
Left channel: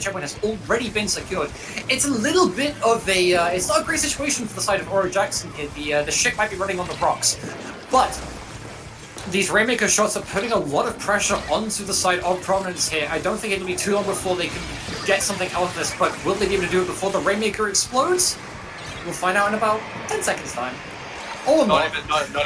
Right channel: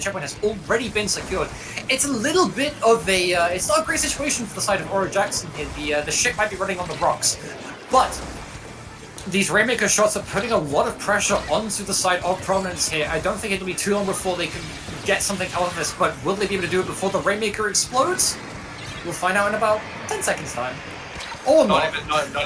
checkpoint has already been secured. It's a little bit of a... it's not a great situation for the side of Aura Jackson here. The ship might be running on the rocks. But these Rainmaker shots are putting a lot of pressure onto the side of Prominence here. I don't think it'll be too long before they can get something out of this, but will they be able to do it before the Rainmaker explodes? We'll find out in about 10 seconds time. Or not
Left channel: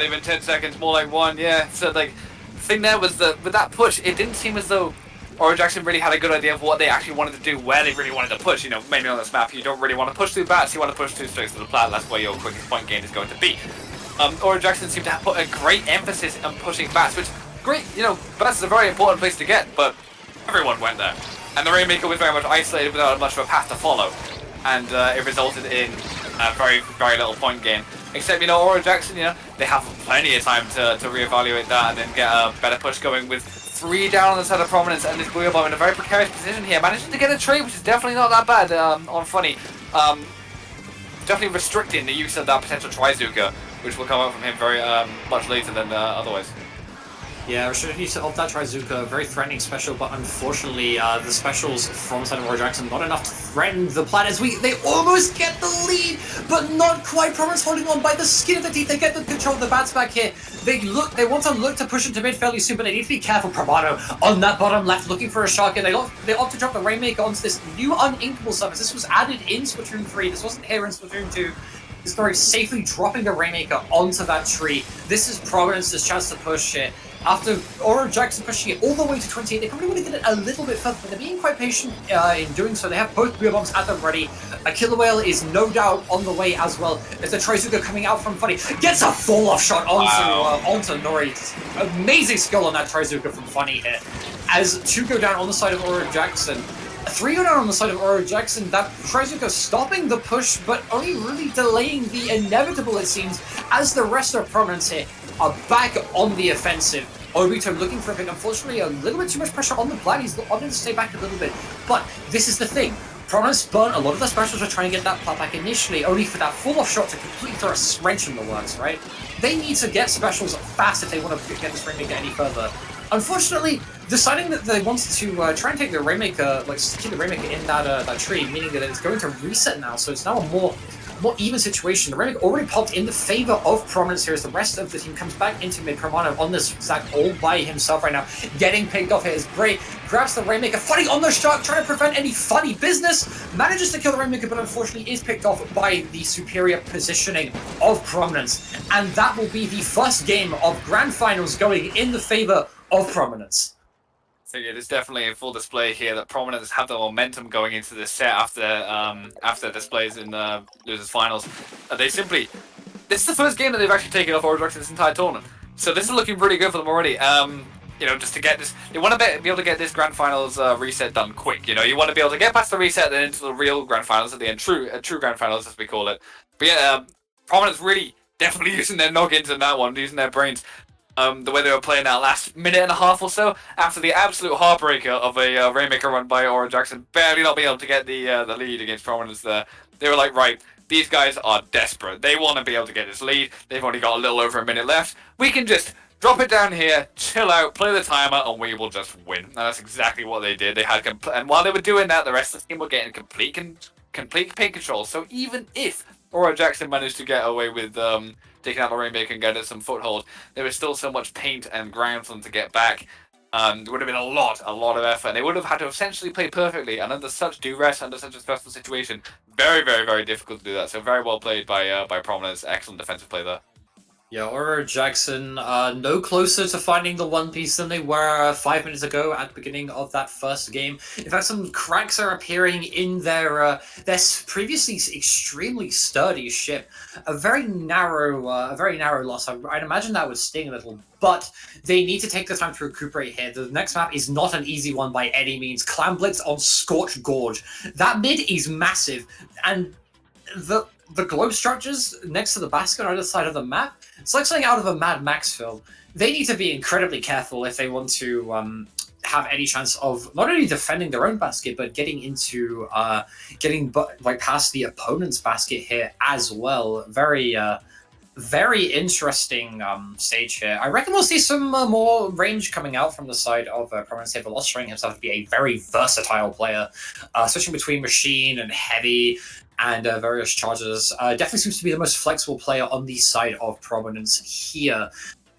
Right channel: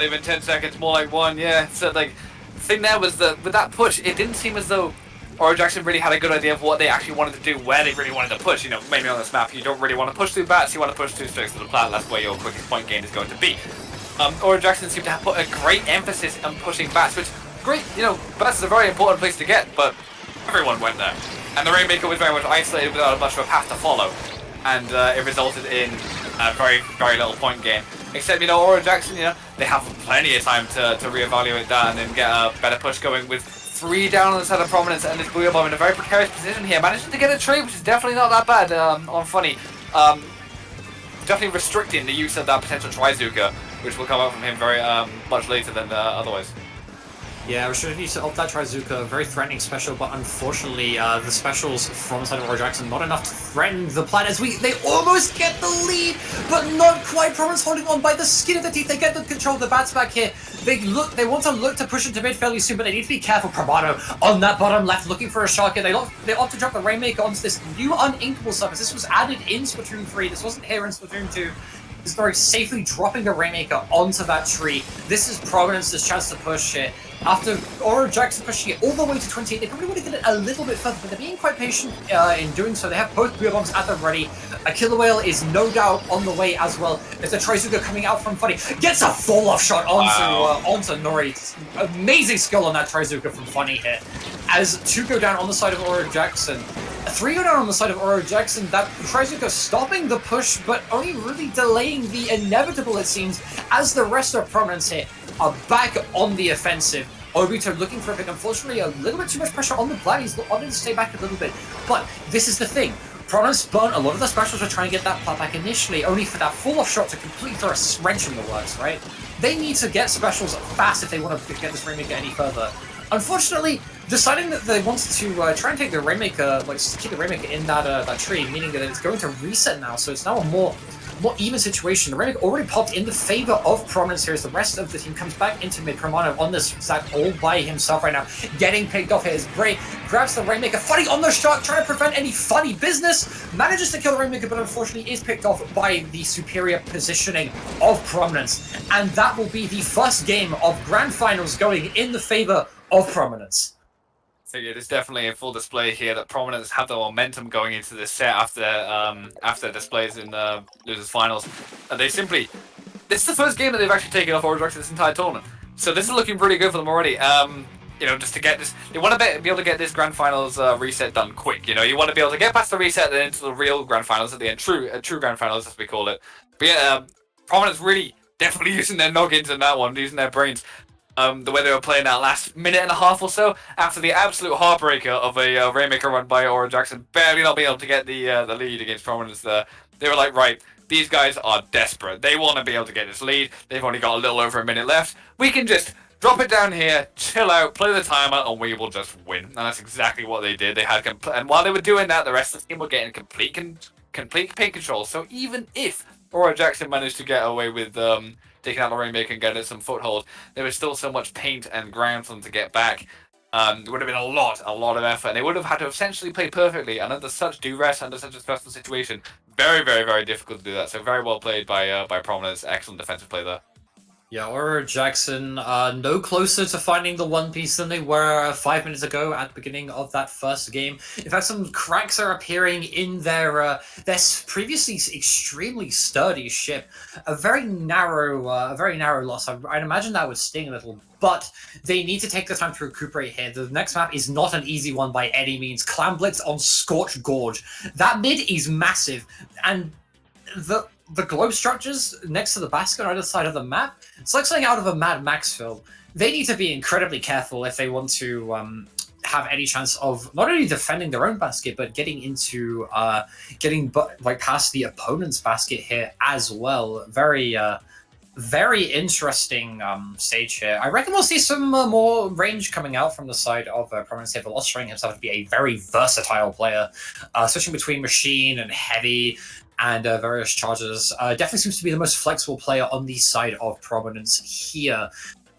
even 10 seconds, more like 1, yeah. So like, the thing there was that with that push, it didn't seem as though Aura Jackson really had a good idea of what they actually wanted to do, where they really wanted to push. You know, maybe on this map, you don't really want to push through bats, you want to push through straight to the plat, that's where your quickest point gain is going to be. Aura Jackson seemed to have put a great emphasis on pushing bats, which, great, you know, bats is a very important place to get, but everyone went there. And the Rainmaker was very much isolated without much of a path to follow. And it resulted in a very, very little point gain. Except, you know, Aura Jackson, you know, they have plenty of time to reevaluate that and then get a better push going with 3 down on the side of Prominence, and this Booyah Bomb in a very precarious position here. Managing to get a trade, which is definitely not that bad on Funny. Definitely restricting the use of that potential Trizuka, which will come up from him very much later than otherwise. Yeah, restricted use of that Trizuka, very threatening special, but unfortunately the specials from side of Aura Jackson not enough to threaten the plat as they almost get the lead, but not quite. Prominence holding on by the skin of their teeth. They get the control of the bats back here. They want to look to push into mid fairly soon, but they need to be careful. Promano on that bottom left looking for a shotgun. They opt to drop the Rainmaker onto this new uninkable surface. This was added in Splatoon 3. This wasn't here in Splatoon 2. Is very safely dropping the Rainmaker onto that tree. This is Prominence's chance to push it. After Aura Jackson pushing it all the way to 28, they probably would have done it a little bit further, but they're being quite patient in doing so. They have both Booyah Bombs at them ready. A Killer Whale is no doubt on the way as well. There's a Trizuka coming out from Funny. Gets a fall-off shot onto Nori. Amazing skill on that Trizuka from Funny here. As 2 go down on the side of Aura Jackson. 3 go down on the side of Aura Jackson. That Trizuka stopping the push, but only really delaying the inevitable, it seems, as the rest of Prominence here are back on the offensive. Obito looking for a pick. Unfortunately, a little bit too much pressure on the plat. He's opted to stay back a little bit. But this is the thing. Prominence burnt a lot of the specials were trying to get that plat back initially, only for that fall-off shot to completely throw a wrench in the works, right? They need to get specials fast if they want to get this Rainmaker any further. Unfortunately, deciding that they wanted to try and take the Rainmaker, keep the Rainmaker in that tree, meaning that it's going to reset now, so it's now a more even situation. The Rainmaker already popped in the favor of Prominence here as the rest of the team comes back into mid. Promano on this Zack all by himself right now, getting picked off here is great. Grabs the Rainmaker, Funny on the shot, trying to prevent any funny business. Manages to kill the Rainmaker, but unfortunately is picked off by the superior positioning of Prominence. And that will be the first game of Grand Finals going in the favor of Prominence. So it is definitely a full display here that Prominence have the momentum going into this set after displays in losers finals. This is the first game that they've actually taken off Aura Jackson this entire tournament. So this is looking pretty good for them already. you know, just to get this, they want to be able to get this grand finals reset done quick. You know, you want to be able to get past the reset then into the real grand finals at the end, true grand finals as we call it. But yeah, Prominence really definitely using their noggins in that one, using their brains. The way they were playing that last minute and a half or so after the absolute heartbreaker of a Rainmaker run by Aura Jackson, barely not being able to get the lead against Prominence there. They were like, right, these guys are desperate. They want to be able to get this lead. They've only got a little over a minute left. We can just drop it down here, chill out, play the timer, and we will just win. And that's exactly what they did. They had and while they were doing that, the rest of the team were getting complete paint control. So even if Aura Jackson managed to get away with taking out the Rainmaker and getting some foothold, there was still so much paint and ground for them to get back. It would have been a lot of effort. And they would have had to essentially play perfectly. And under such duress, under such a stressful situation, very, very, very difficult to do that. So very well played by Prominence. Excellent defensive play there. Yeah, Aura Jackson no closer to finding the one piece than they were 5 minutes ago at the beginning of that first game. In fact, some cracks are appearing in their previously extremely sturdy ship. A very narrow loss. I'd imagine that would sting a little, but they need to take the time to recuperate here. The next map is not an easy one by any means. Clam Blitz on Scorched Gorge. That mid is massive, and the globe structures next to the basket on either side of the map, it's like something out of a Mad Max film. They need to be incredibly careful if they want to have any chance of not only defending their own basket, but getting into past the opponent's basket here as well. Very interesting stage here. I reckon we'll see some more range coming out from the side of Prominence here. Veloz showing himself to be a very versatile player, switching between machine and heavy and various charges. Definitely seems to be the most flexible player on the side of Prominence here.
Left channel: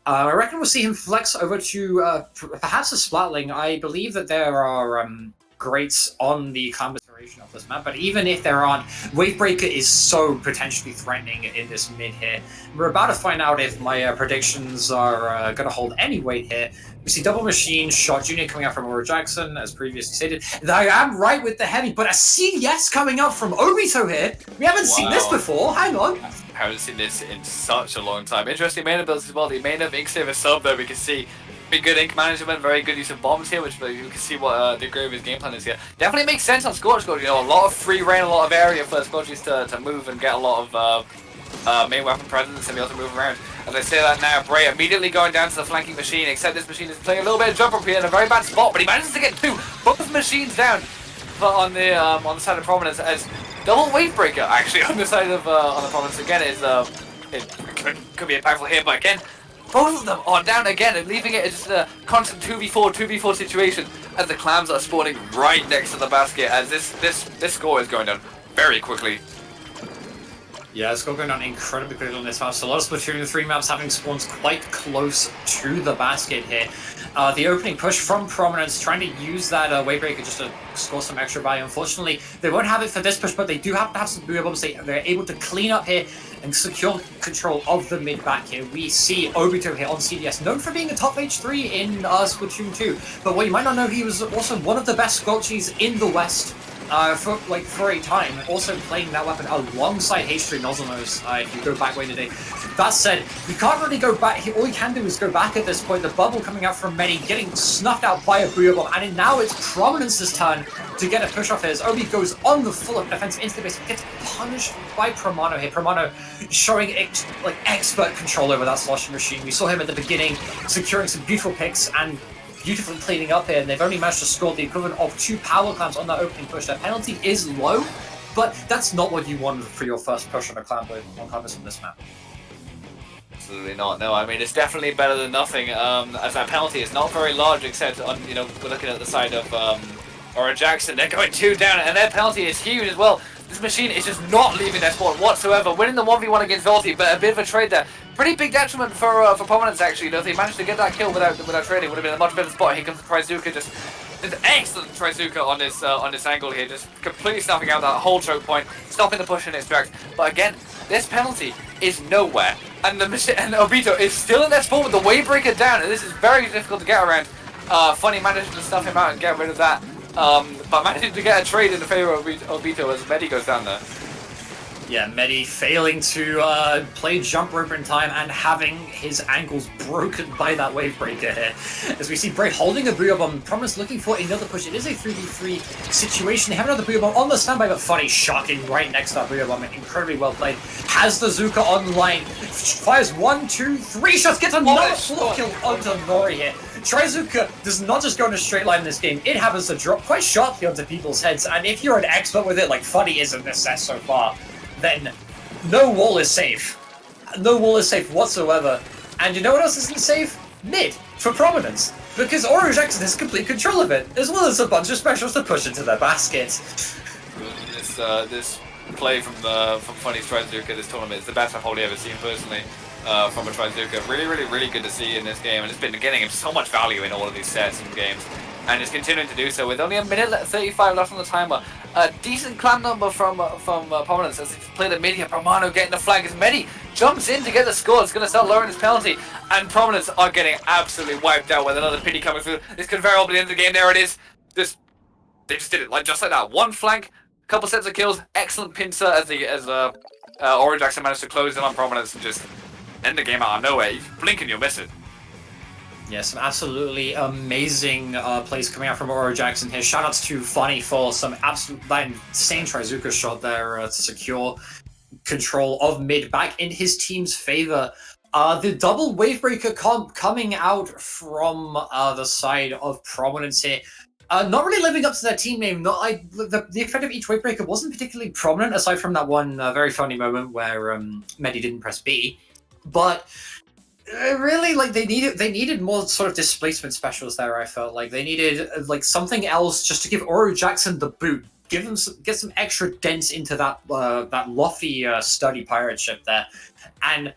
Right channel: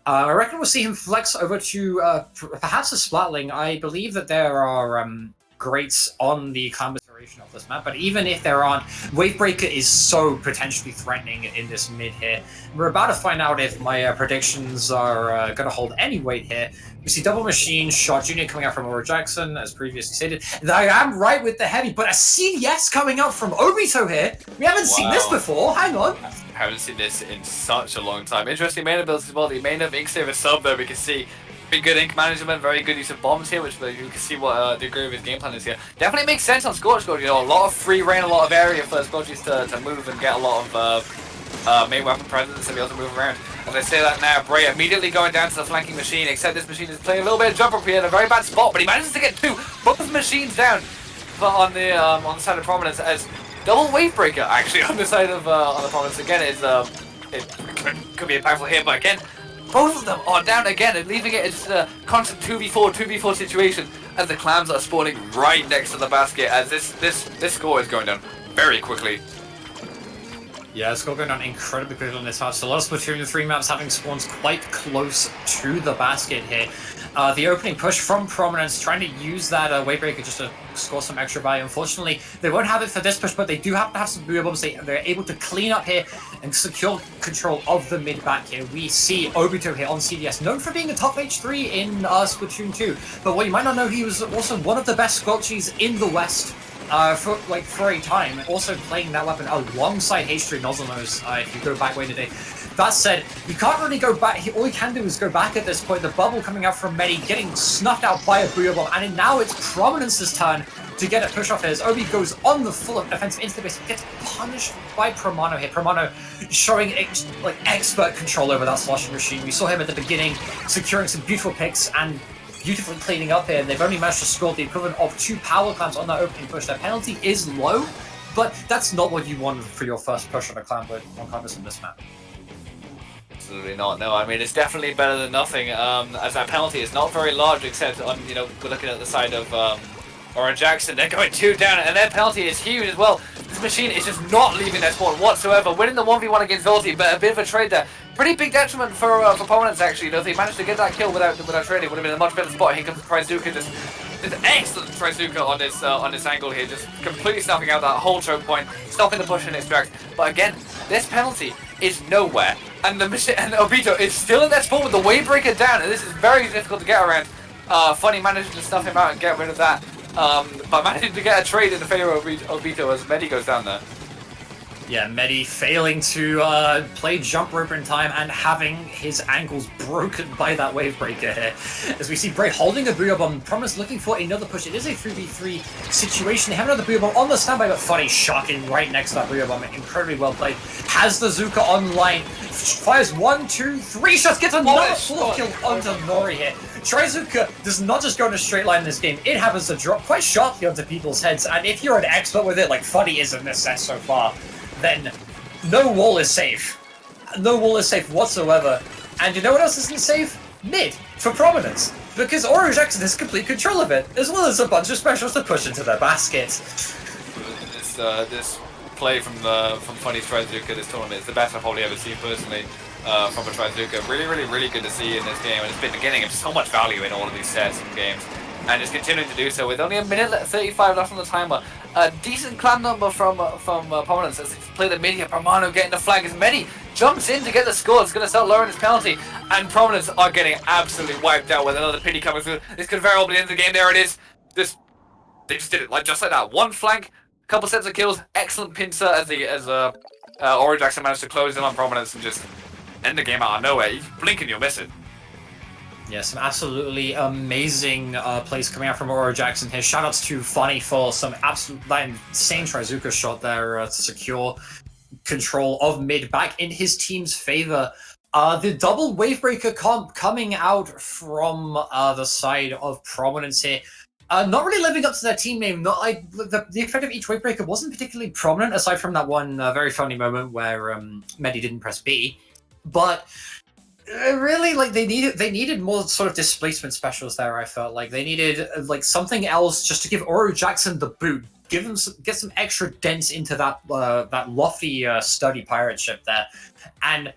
I reckon we'll see him flex over to perhaps a Splatling. I believe that there are greats on the clan iteration of this map, but even if there aren't, Wavebreaker is so potentially threatening in this mid here. We're about to find out if my predictions are going to hold any weight here. We see double machine shot Junior coming out from Aura Jackson, as previously stated. I am right with the heavy, but a CDS coming out from Obito here. We haven't seen this before. Hang on. I haven't seen this in such a long time. Interesting main abilities as well. The main of Ink Saver sub there, we can see very good ink management, very good use of bombs here, which you can see what the degree of his game plan is here. Definitely makes sense on Scorched Gorge. You know, a lot of free reign, a lot of area for Scorchies to move and get a lot of main weapon presence and be able to move around. As I say that now, Bray immediately going down to the flanking machine, except this machine is playing a little bit of jump up here in a very bad spot, but he manages to get both machines down on the side of Prominence, as double Wavebreaker actually on the side of on the Prominence again is it could be a powerful hit, but again, both of them are down again and leaving it as a constant 2v4 situation as the clams are spawning right next to the basket, as this score is going down very quickly. Yeah, it's going down incredibly quickly on this map. So a lot of Splatoon 3 maps having spawns quite close to the basket here. The opening push from Prominence, trying to use that Wavebreaker just to score some extra value. Unfortunately, they won't have it for this push, but they do have to have some they're able to clean up here and secure control of the mid back here. We see Obito here on CDS, known for being a top H3 in Splatoon 2. But what you might not know, he was also one of the best Scorchies in the West. For a time, also playing that weapon alongside H3 Nozzlenose, if you go back way today. That said, you can't really go back. All you can do is go back at this point. The bubble coming out from Medi, getting snuffed out by a Booyah Bomb, and now it's Prominence's turn to get a push off here. As Obi goes on the full offense into the base, gets punished by Promano here. Promano showing expert control over that sloshing machine. We saw him at the beginning, securing some beautiful picks and beautifully cleaning up here. They've only managed to score the equivalent of 2 power clams on that opening push. Their penalty is low, but that's not what you want for your first push on a clam with on canvas on this map. Absolutely not. No, I mean, it's definitely better than nothing, as that penalty is not very large, except on, you know, we're looking at the side of Aura Jackson. They're going 2 down, and their penalty is huge as well. This machine is just not leaving their spot whatsoever, winning the 1v1 against Volty, but a bit of a trade there. Pretty big detriment for Prominence, actually. You know, if they managed to get that kill without trading, it would have been a much better spot. Here comes Trizuka, just an excellent Trizuka on this angle here, just completely snuffing out that whole choke point, stopping the push and extract. But again, this penalty is nowhere, and Obito is still in their spot with the Wavebreaker down, and this is very difficult to get around. Funny managing to snuff him out and get rid of that, but managing to get a trade in the favor of Obito as Medi goes down there. Yeah, Medi failing to play jump rope in time and having his ankles broken by that wave breaker here. As we see Bray holding a Booyah Bomb, Prominence looking for another push. It is a 3v3 situation. They have another Booyah Bomb on the standby, but Funny shocking right next to that Booyah Bomb. Incredibly well played. Has the Zuka online. Fires 1, 2, 3 shots. Gets another full kill onto Nori here. Trizuka does not just go in a straight line in this game. It happens to drop quite sharply onto people's heads. And if you're an expert with it, like Funny is in this set so far, then no wall is safe. No wall is safe whatsoever. And you know what else isn't safe? Mid, for Prominence. Because Oro Jackson has complete control of it, as well as a bunch of specials to push into their basket. This play from Funny's Trizuka this tournament is the best I've probably ever seen personally from a Trizuka. Really good to see in this game, and it's been getting him so much value in all of these sets and games. And is continuing to do so with only a minute 35 left on the timer. A decent clan number from Prominence as they play the mid here. Romano getting the flag as Medi jumps in to get the score. It's going to start lowering his penalty. And Prominence are getting absolutely wiped out with another pity coming through. This could very well be the end of the game. There it is. They just did it just like that. One flank, couple sets of kills, excellent pincer as Oro Jackson managed to close in on Prominence and just end the game out of nowhere. You blink and you'll miss it. Yeah, some absolutely amazing plays coming out from Oro Jackson here. Shoutouts to Funny for some that insane Trizuka shot there to secure control of mid back in his team's favor. The double Wavebreaker comp coming out from the side of Prominence here. Not really living up to their team name. The effect of each Wavebreaker wasn't particularly prominent, aside from that one very funny moment where Medi didn't press B. But really, like they needed more sort of displacement specials there. I felt like they needed like something else just to give Oro Jackson the boot, get some extra dents into that lofty sturdy pirate ship there. And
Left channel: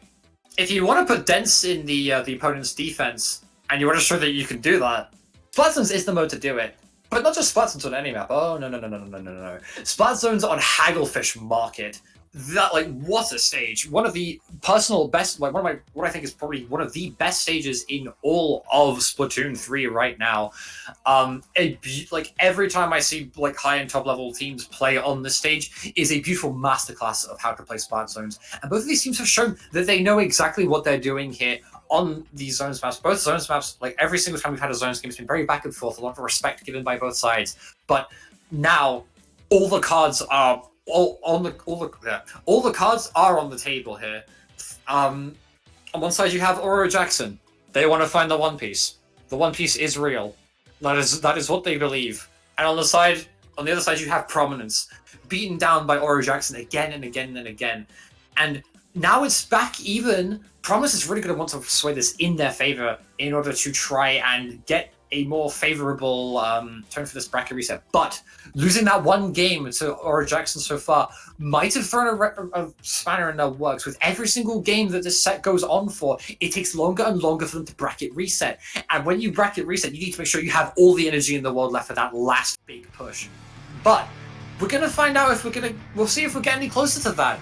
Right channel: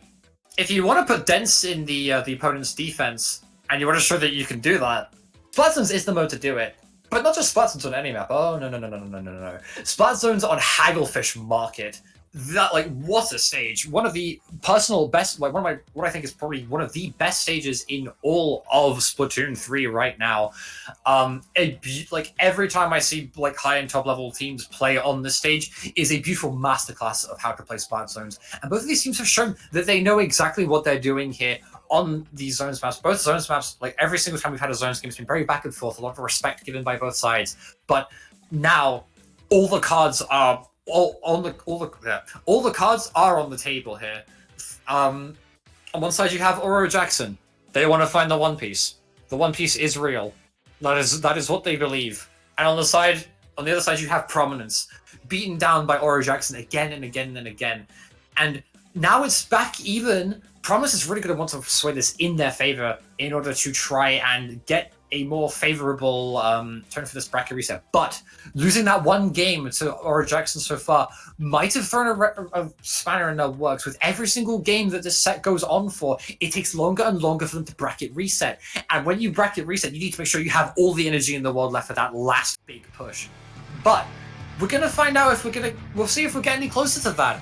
if you want to put dents in the opponent's defense and you want to show that you can do that, Splat Zones is the mode to do it. But not just Splat Zones on any map. Oh no. Splat Zones on Hagglefish Market. That, like, what a stage. One of the personal best, like, what I think is probably one of the best stages in all of Splatoon 3 right now. Like, every time I see, like, high-end top-level teams play on this stage is a beautiful masterclass of how to play Splat Zones. And both of these teams have shown that they know exactly what they're doing here on these Zones maps. Both Zones maps, like, every single time we've had a Zones game, it's been very back and forth, a lot of respect given by both sides. But now, all the cards are all the cards are on the table here. On one side you have Oro Jackson. They want to find the One Piece. The One Piece is real. That is what they believe. And on the other side you have Prominence, beaten down by Oro Jackson again and again and again. And now it's back even. Prominence is really going to want to sway this in their favor in order to try and get a more favorable turn for this bracket reset. But losing that one game to Oro Jackson so far might have thrown a spanner in their works. With every single game that this set goes on for, it takes longer and longer for them to bracket reset. And when you bracket reset, you need to make sure you have all the energy in the world left for that last big push. But we're going to find out if we'll see if we're getting any closer to that.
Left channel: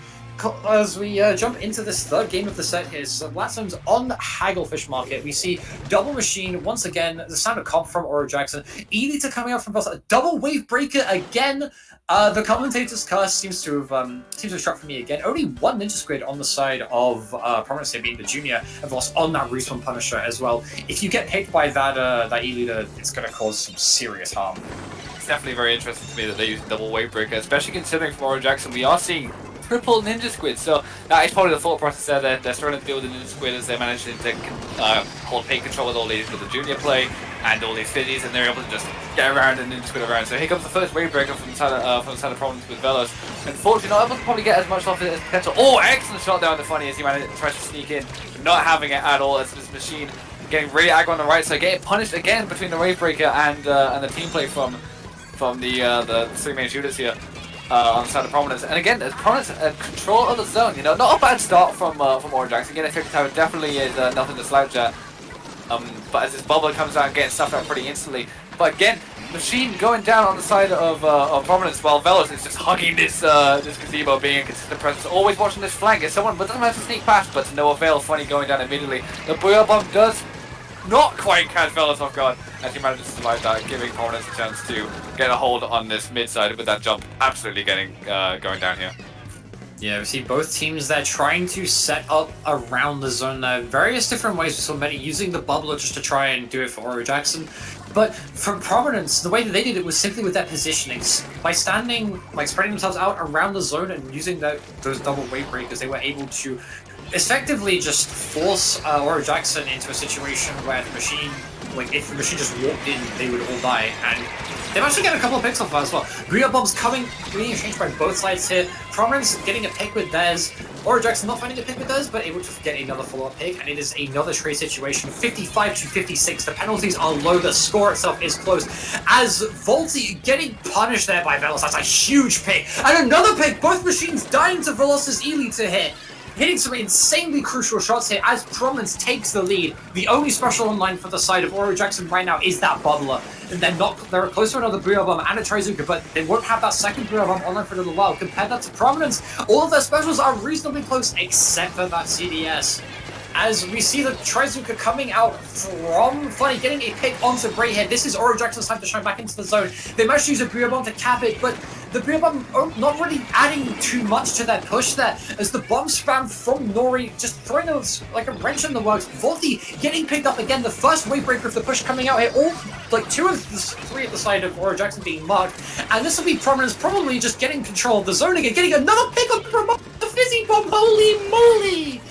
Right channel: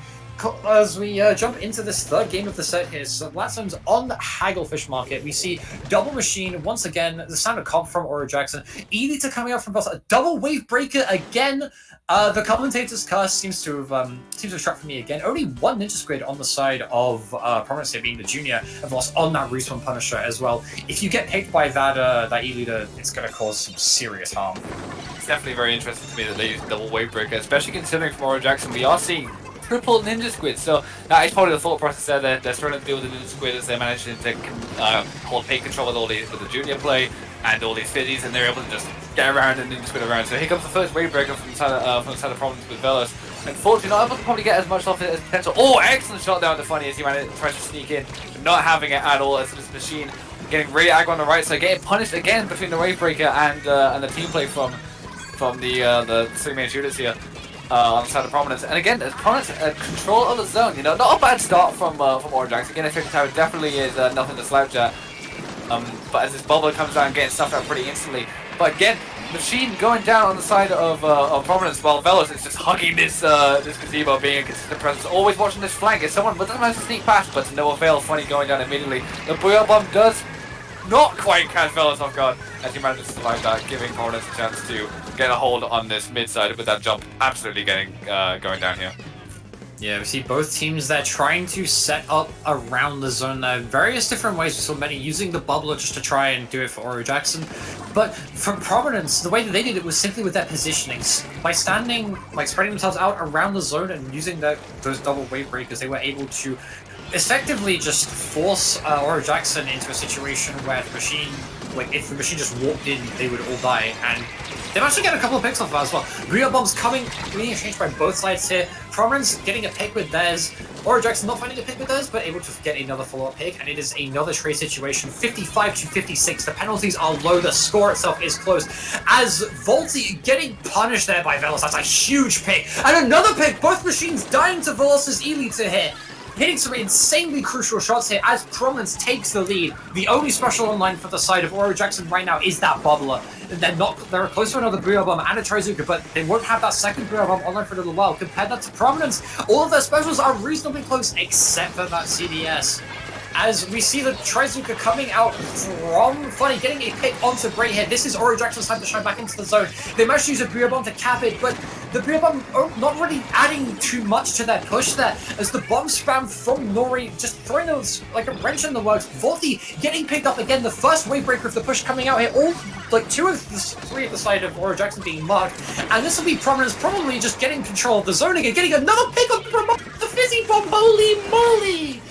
As we jump into this third game of the set here, Splat Zones on Hagglefish Market. We see Double Machine once again, the standard comp from Oro Jackson. Elita coming out from both. A double Wave Breaker again. The commentator's curse seems to have struck for me again. Only one Ninja Squid on the side of Prominence here, being the junior, have lost on that Respawn Punisher as well. If you get hit by that Elita, it's going to cause some serious harm. It's definitely very interesting to me that they use double Wave Breaker, especially considering from Oro Jackson we are seeing triple Ninja Squid, so that is probably the thought process there. They're starting to build the Ninja Squid as they manage to hold paint control with all these with the junior play and all these fiddies, and they're able to just get around and Ninja Squid around. So here comes the first Wave Breaker from the side of Prominence with Velos. Unfortunately, not able to probably get as much off it as potential. Oh, excellent shot down to Funny as he tries to sneak in, not having it at all as this machine getting really aggro on the right side, getting punished again between the Wave Breaker and the team play from the three main shooters here. On the side of Prominence, and again, Prominence control of the zone. You know, not a bad start from Oro Jackson. Again, I think tower definitely is nothing to slouch at. But as this bubble comes down, getting stuffed out pretty instantly. But again, Machine going down on the side of Prominence, while Velos is just hugging this gazebo, being a consistent presence, always watching this flank. As someone doesn't manage to sneak past, but to no avail. Funny going down immediately. The Booyah Bomb does not quite catch Velos off guard as he manages to survive that, giving Prominence a chance to get a hold on this mid side with that jump absolutely going down here. Yeah, we see both teams there trying to set up around the zone there. Various different ways for so many, using the bubbler just to try and do it for Oro Jackson. But from Prominence, the way that they did it was simply with their positionings. By standing, like spreading themselves out around the zone and using those double wave breakers, they were able to effectively just force Oro Jackson into a situation where the machine, like if the machine just walked in, they would all die. And they managed to get a couple of picks off as well. Real bombs being exchanged by both sides here. Prominence getting a pick with theirs. Oro Jackson not finding a pick with theirs, but able to get another follow-up pick. And it is another trade situation. 55 to 56. The penalties are low. The score itself is close. As Volty getting punished there by Velos. That's a huge pick. And another pick. Both machines dying to Velos' Ely to hit. Hitting some insanely crucial shots here as Prominence takes the lead. The only special online for the side of Oro Jackson right now is that bubbler. And they're close to another Booyah Bomb and a Trizuka, but they won't have that second Booyah Bomb online for a little while. Compare that to Prominence, all of their specials are reasonably close except for that CDS. As we see the Trizuka coming out from Funny, getting a pick onto Bray here. This is Oro Jackson's time to shine back into the zone. They managed to use a Booyah Bomb to cap it, but the Booyah Bomb not really adding too much to their push there, as the bomb spam from Nori just throwing like a wrench in the works. Volty getting picked up again, the first wave breaker of the push coming out here. All like three at the side of Oro Jackson being marked, and this will be Prominence probably just getting control of the zone again, getting another pick up from the Fizzy Bomb. Holy moly!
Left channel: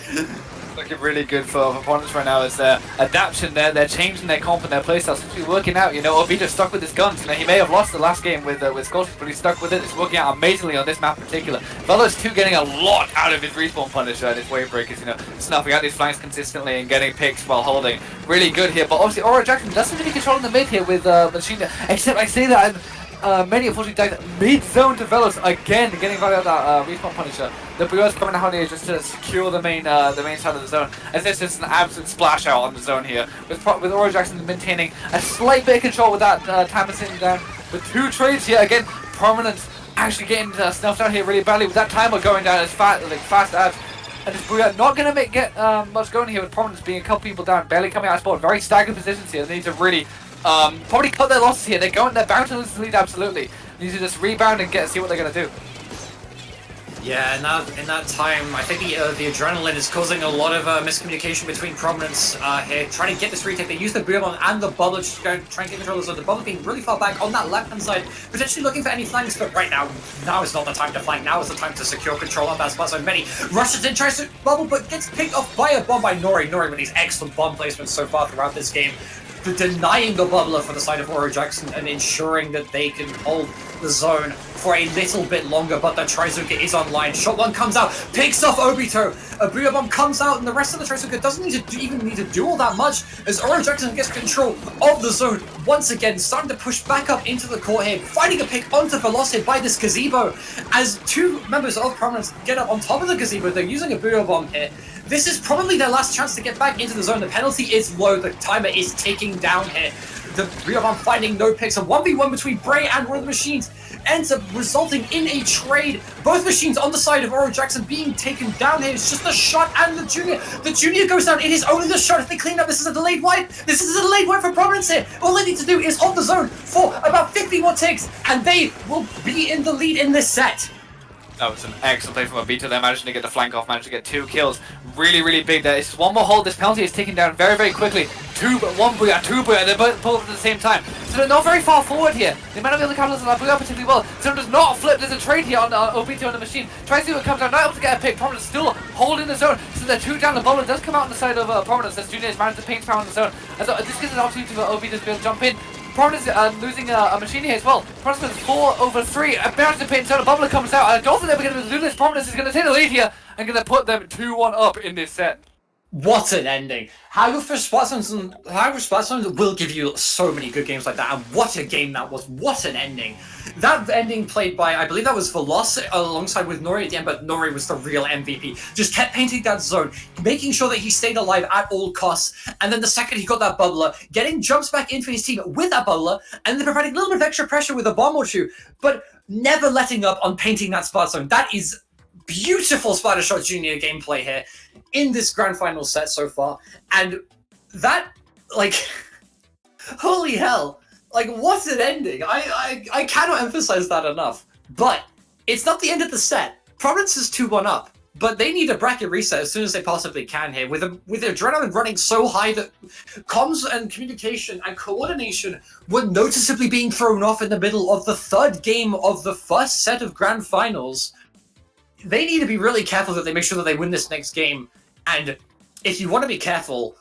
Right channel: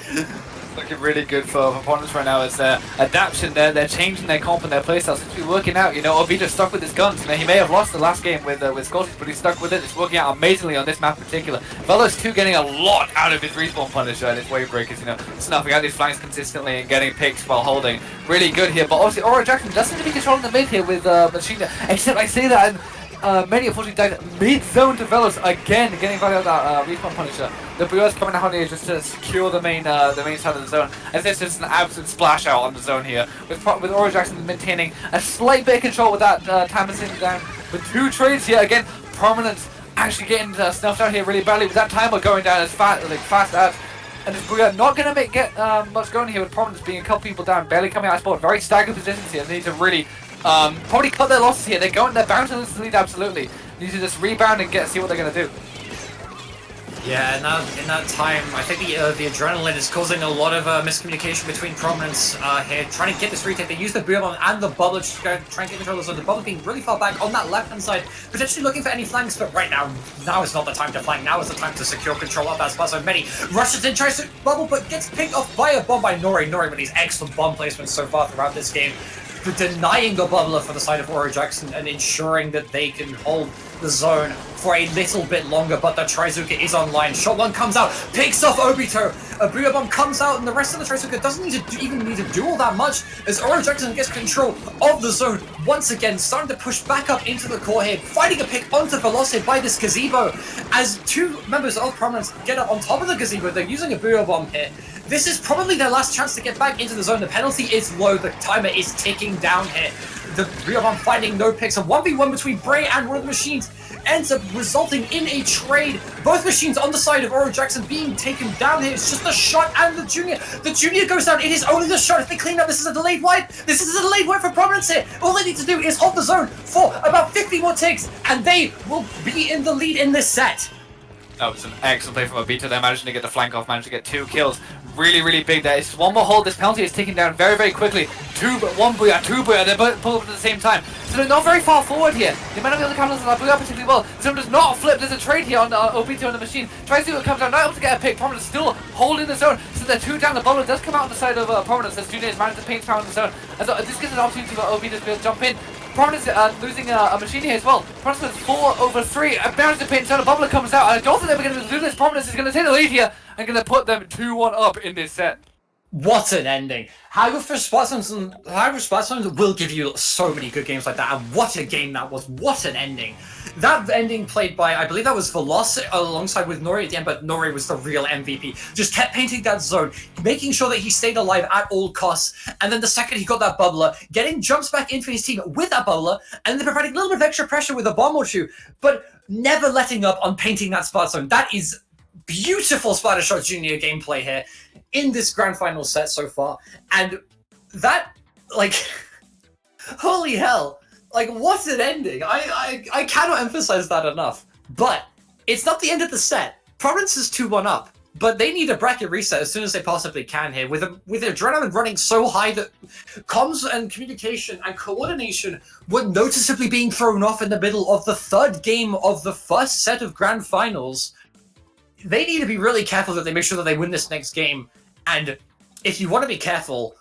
Looking really good for opponents right now. Is their adaptation there. They're changing their comp and their playstyle. It's actually working out. You know, Obito's stuck with his guns. Now, he may have lost the last game with Scorpius, but he's stuck with it. It's working out amazingly on this map in particular. Velos 2 getting a lot out of his respawn punisher and his wave breakers. You know, snuffing out these flanks consistently and getting picks while holding. Really good here. But obviously, Oro Jackson doesn't really control the mid here with Machine. Except I say that. Many unfortunately died mid-zone to Velos again, getting right out that respawn punisher. The Booyah's coming out here just to secure the main side of the zone. As this is an absolute splash out on the zone here, with Oro Jackson maintaining a slight bit of control with that Tampa sitting down. With 2 trades here again, Prominence actually getting snuffed out here really badly with that timer going down as fast as. And Booyah not going to get much going here with Prominence being a couple people down, barely coming out of spot. Very staggered positions here. They need to really probably cut their losses here. They're bound to lose the lead absolutely. They need to just rebound and see what they're going to do. Yeah, in that time, I think the adrenaline is causing a lot of miscommunication between Prominence here, trying to get this retake. They use the Booyah Bomb and the Bubble to try and get control of the zone. The Bubble being really far back on that left-hand side, potentially looking for any flanks, but right now is not the time to flank. Now is the time to secure control of that spot zone. Many rushes in, tries to bubble, but gets picked off by a bomb by Nori. Nori with these excellent bomb placements so far throughout this game, denying the bubbler for the side of Oro Jackson and ensuring that they can hold the zone for a little bit longer, but the Trizuka is online. Shot 1 comes out, picks off Obito. A Booyah Bomb comes out, and the rest of the Trizuka doesn't even need to do all that much, as Oro Jackson gets control of the zone once again, starting to push back up into the core here, finding a pick onto Velocity by this gazebo. As 2 members of Prominence get up on top of the gazebo, they're using a Booyah Bomb here. This is probably their last chance to get back into the zone. The penalty is low. The timer is ticking down here. The Booyah Bomb finding no picks. A 1v1 between Bray and one of the machines ends up resulting in a trade. Both machines on the side of Oro Jackson being taken down here. It's just the shot and the Junior. The Junior goes down. It is only the shot. If they clean up, this is a delayed wipe. This is a delayed wipe for Prominence here. All they need to do is hold the zone for about 50 more ticks, and they will be in the lead in this set. That was an excellent play from Obito there, managing to get the flank off, managed to get 2 kills. Really, really big there. It's 1 more hold. This penalty is ticking down very, very quickly. 1 Booyah, 2 Booyah, they're both at the same time. So they're not very far forward here. They might not be able to capitalize on that Booyah particularly well. So does not flip. There's a trade here on Obito on the machine. Tries to come down, not able to get a pick. Prominence still holding the zone. So they're 2 down. The bowler does come out on the side of Prominence. As Junior has managed to paint power on the zone. As this gives an opportunity for Obito to be able to jump in. Prominence losing a machine here as well. Prominence 4/3. A bounce to paint zone. A bubbler comes out. I don't think they're going to do this. Prominence is going to take the lead here and going to put them 2-1 up in this set. What an ending. However, Splattershore will give you so many good games like that, and what a game that was. What an ending. That ending played by, I believe that was Veloci alongside with Nori at the end, but Nori was the real MVP. Just kept painting that zone, making sure that he stayed alive at all costs, and then the second he got that bubbler, getting jumps back in for his team with that bubbler, and then providing a little bit of extra pressure with a bomb or 2, but never letting up on painting that spot zone. That is beautiful Splattershore Junior gameplay here in this grand final set so far, and that, like, holy hell. Like, what an ending. I cannot emphasize that enough. But it's not the end of the set. Prominence is 2-1 up, but they need a bracket reset as soon as they possibly can here. With adrenaline running so high that comms and communication and coordination were noticeably being thrown off in the middle of the third game of the first set of grand finals. They need to be really careful that they make sure that they win this next game. And if you want to be careful,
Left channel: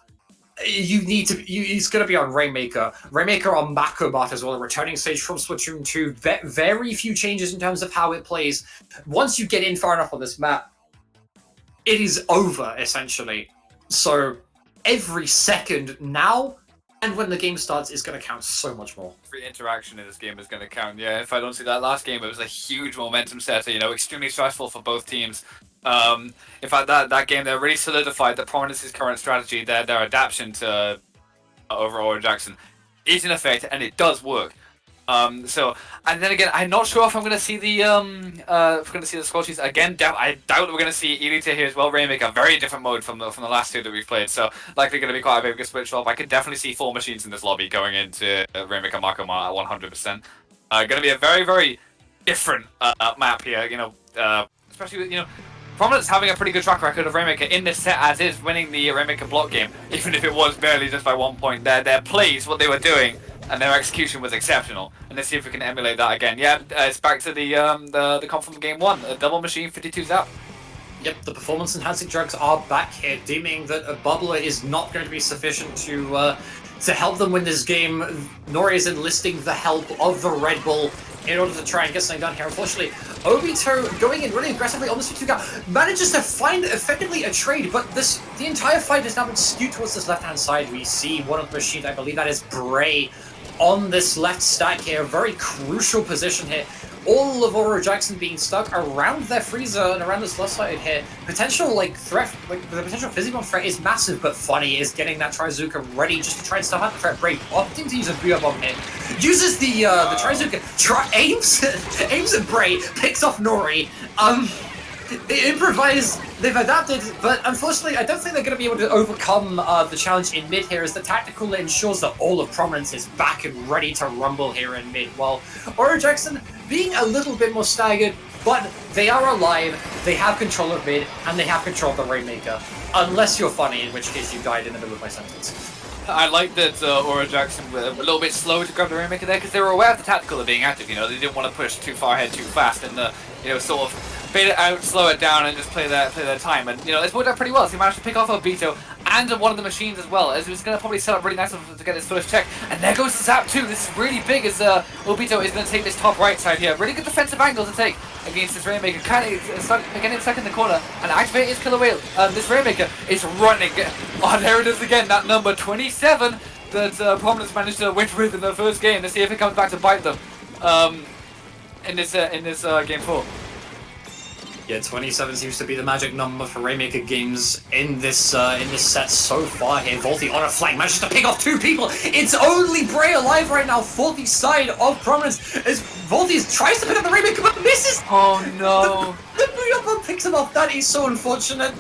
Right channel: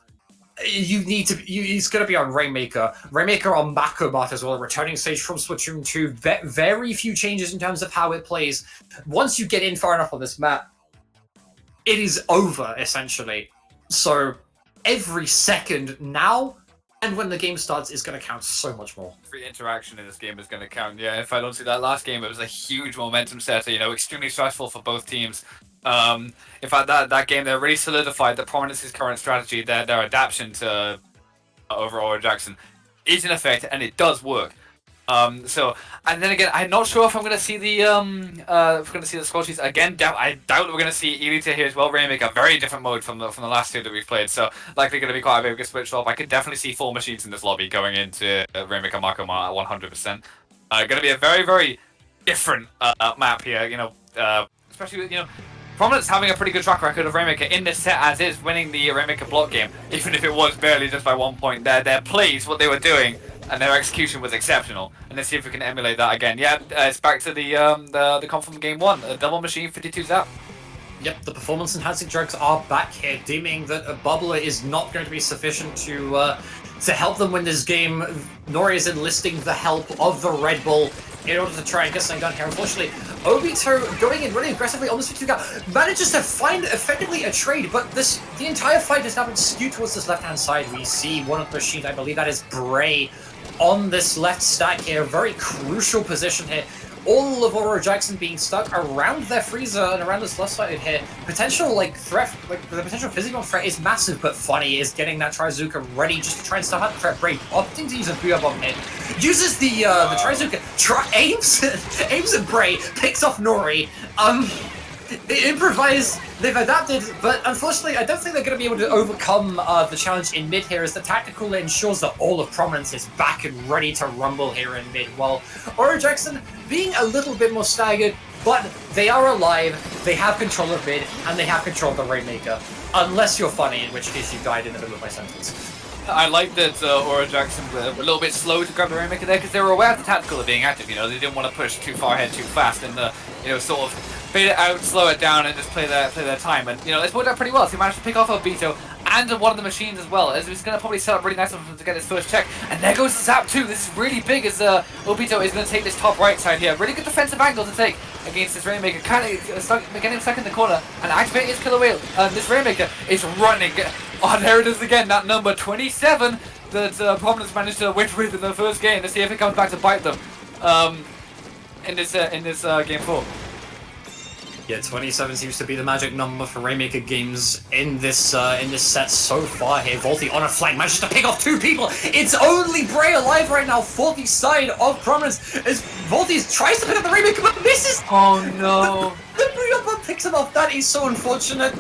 you need to. It's going to be on Rainmaker. Rainmaker on Macrobot as well, a returning stage from Splatoon 2. Very few changes in terms of how it plays. Once you get in far enough on this map, it is over, essentially. So every second now and when the game starts is going to count so much more. Every interaction in this game is going to count. Yeah, if I don't see that last game, it was a huge momentum setter, you know, extremely stressful for both teams. In fact, that game there really solidified that Prominence's current strategy, their adaptation to overall Jackson, is in effect, and it does work. So, and then again, I'm not sure if I'm going to see the squad sheets again. I doubt we're going to see Elita here as well. Rainmaker, a very different mode from the last two that we've played. So, likely going to be quite a big switch up. I could definitely see 4 machines in this lobby going into Rainmaker Marco at 100%. Going to be a very, very different map here. You know, especially with, you know, Prominence having a pretty good track record of Rainmaker in this set as is, winning the Rainmaker block game, even if it was barely just by 1 point. Their plays, what they were doing, and their execution was exceptional. And let's see if we can emulate that again. Yeah, it's back to the comp from game 1, a double machine 52 zap. Yep, the performance enhancing drugs are back here, deeming that a bubbler is not going to be sufficient to help them win this game. Nor is enlisting the help of the Red Bull in order to try and get something done here. Unfortunately, Obito going in really aggressively on this 2 manages to find effectively a trade, but the entire fight has now been skewed towards this left-hand side. We see one of the machines, I believe that is Bray, on this left stack here. Very crucial position here. All of Aurora Jackson being stuck around their freezer and around this left side here. Potential threat, the potential physical threat is massive, but Funny is getting that Trizuka ready just to try and stuff out the threat. Bray opting to use a Booyah Bomb here. Uses the Trizuka, aims at Bray, picks off Nori. They improvise, they've adapted, but unfortunately I don't think they're going to be able to overcome the challenge in mid here, as the tactical ensures that all of Prominence is back and ready to rumble here in mid, while Aurora Jackson being a little bit more staggered, but they are alive, they have control of mid, and they have control of the Rainmaker. Unless you're Funny, in which case you died in the middle of my sentence. I like that Aurora Jackson were a little bit slow to grab the Rainmaker there, because they were aware of the tactical of being active, you know, they didn't want to push too far ahead too fast and, you know, sort of bait it out, slow it down, and just play their time. And, you know, it's worked out pretty well, so he managed to pick off Obito and one of the machines as well, as he was going to probably set up really nice to get his first check. And there goes the Zap too. This is really big, as Obito is going to take this top right side here. Really good defensive angle to take against this Rainmaker. Kind of getting him stuck in the corner and activate his killer whale. This Rainmaker is running. Oh, there it is again, that number 27 that Prominence managed to win with in the first game. Let's see if it comes back to bite them in this game 4. Yeah, 27 seems to be the magic number for Rainmaker games in this set so far here. Volty on a flank manages to pick off 2 people. It's only Bray alive right now for the side of Prominence, as Volty tries to pick up the Rainmaker but misses. Oh no! The Booyah Bomb picks him off. That is so unfortunate.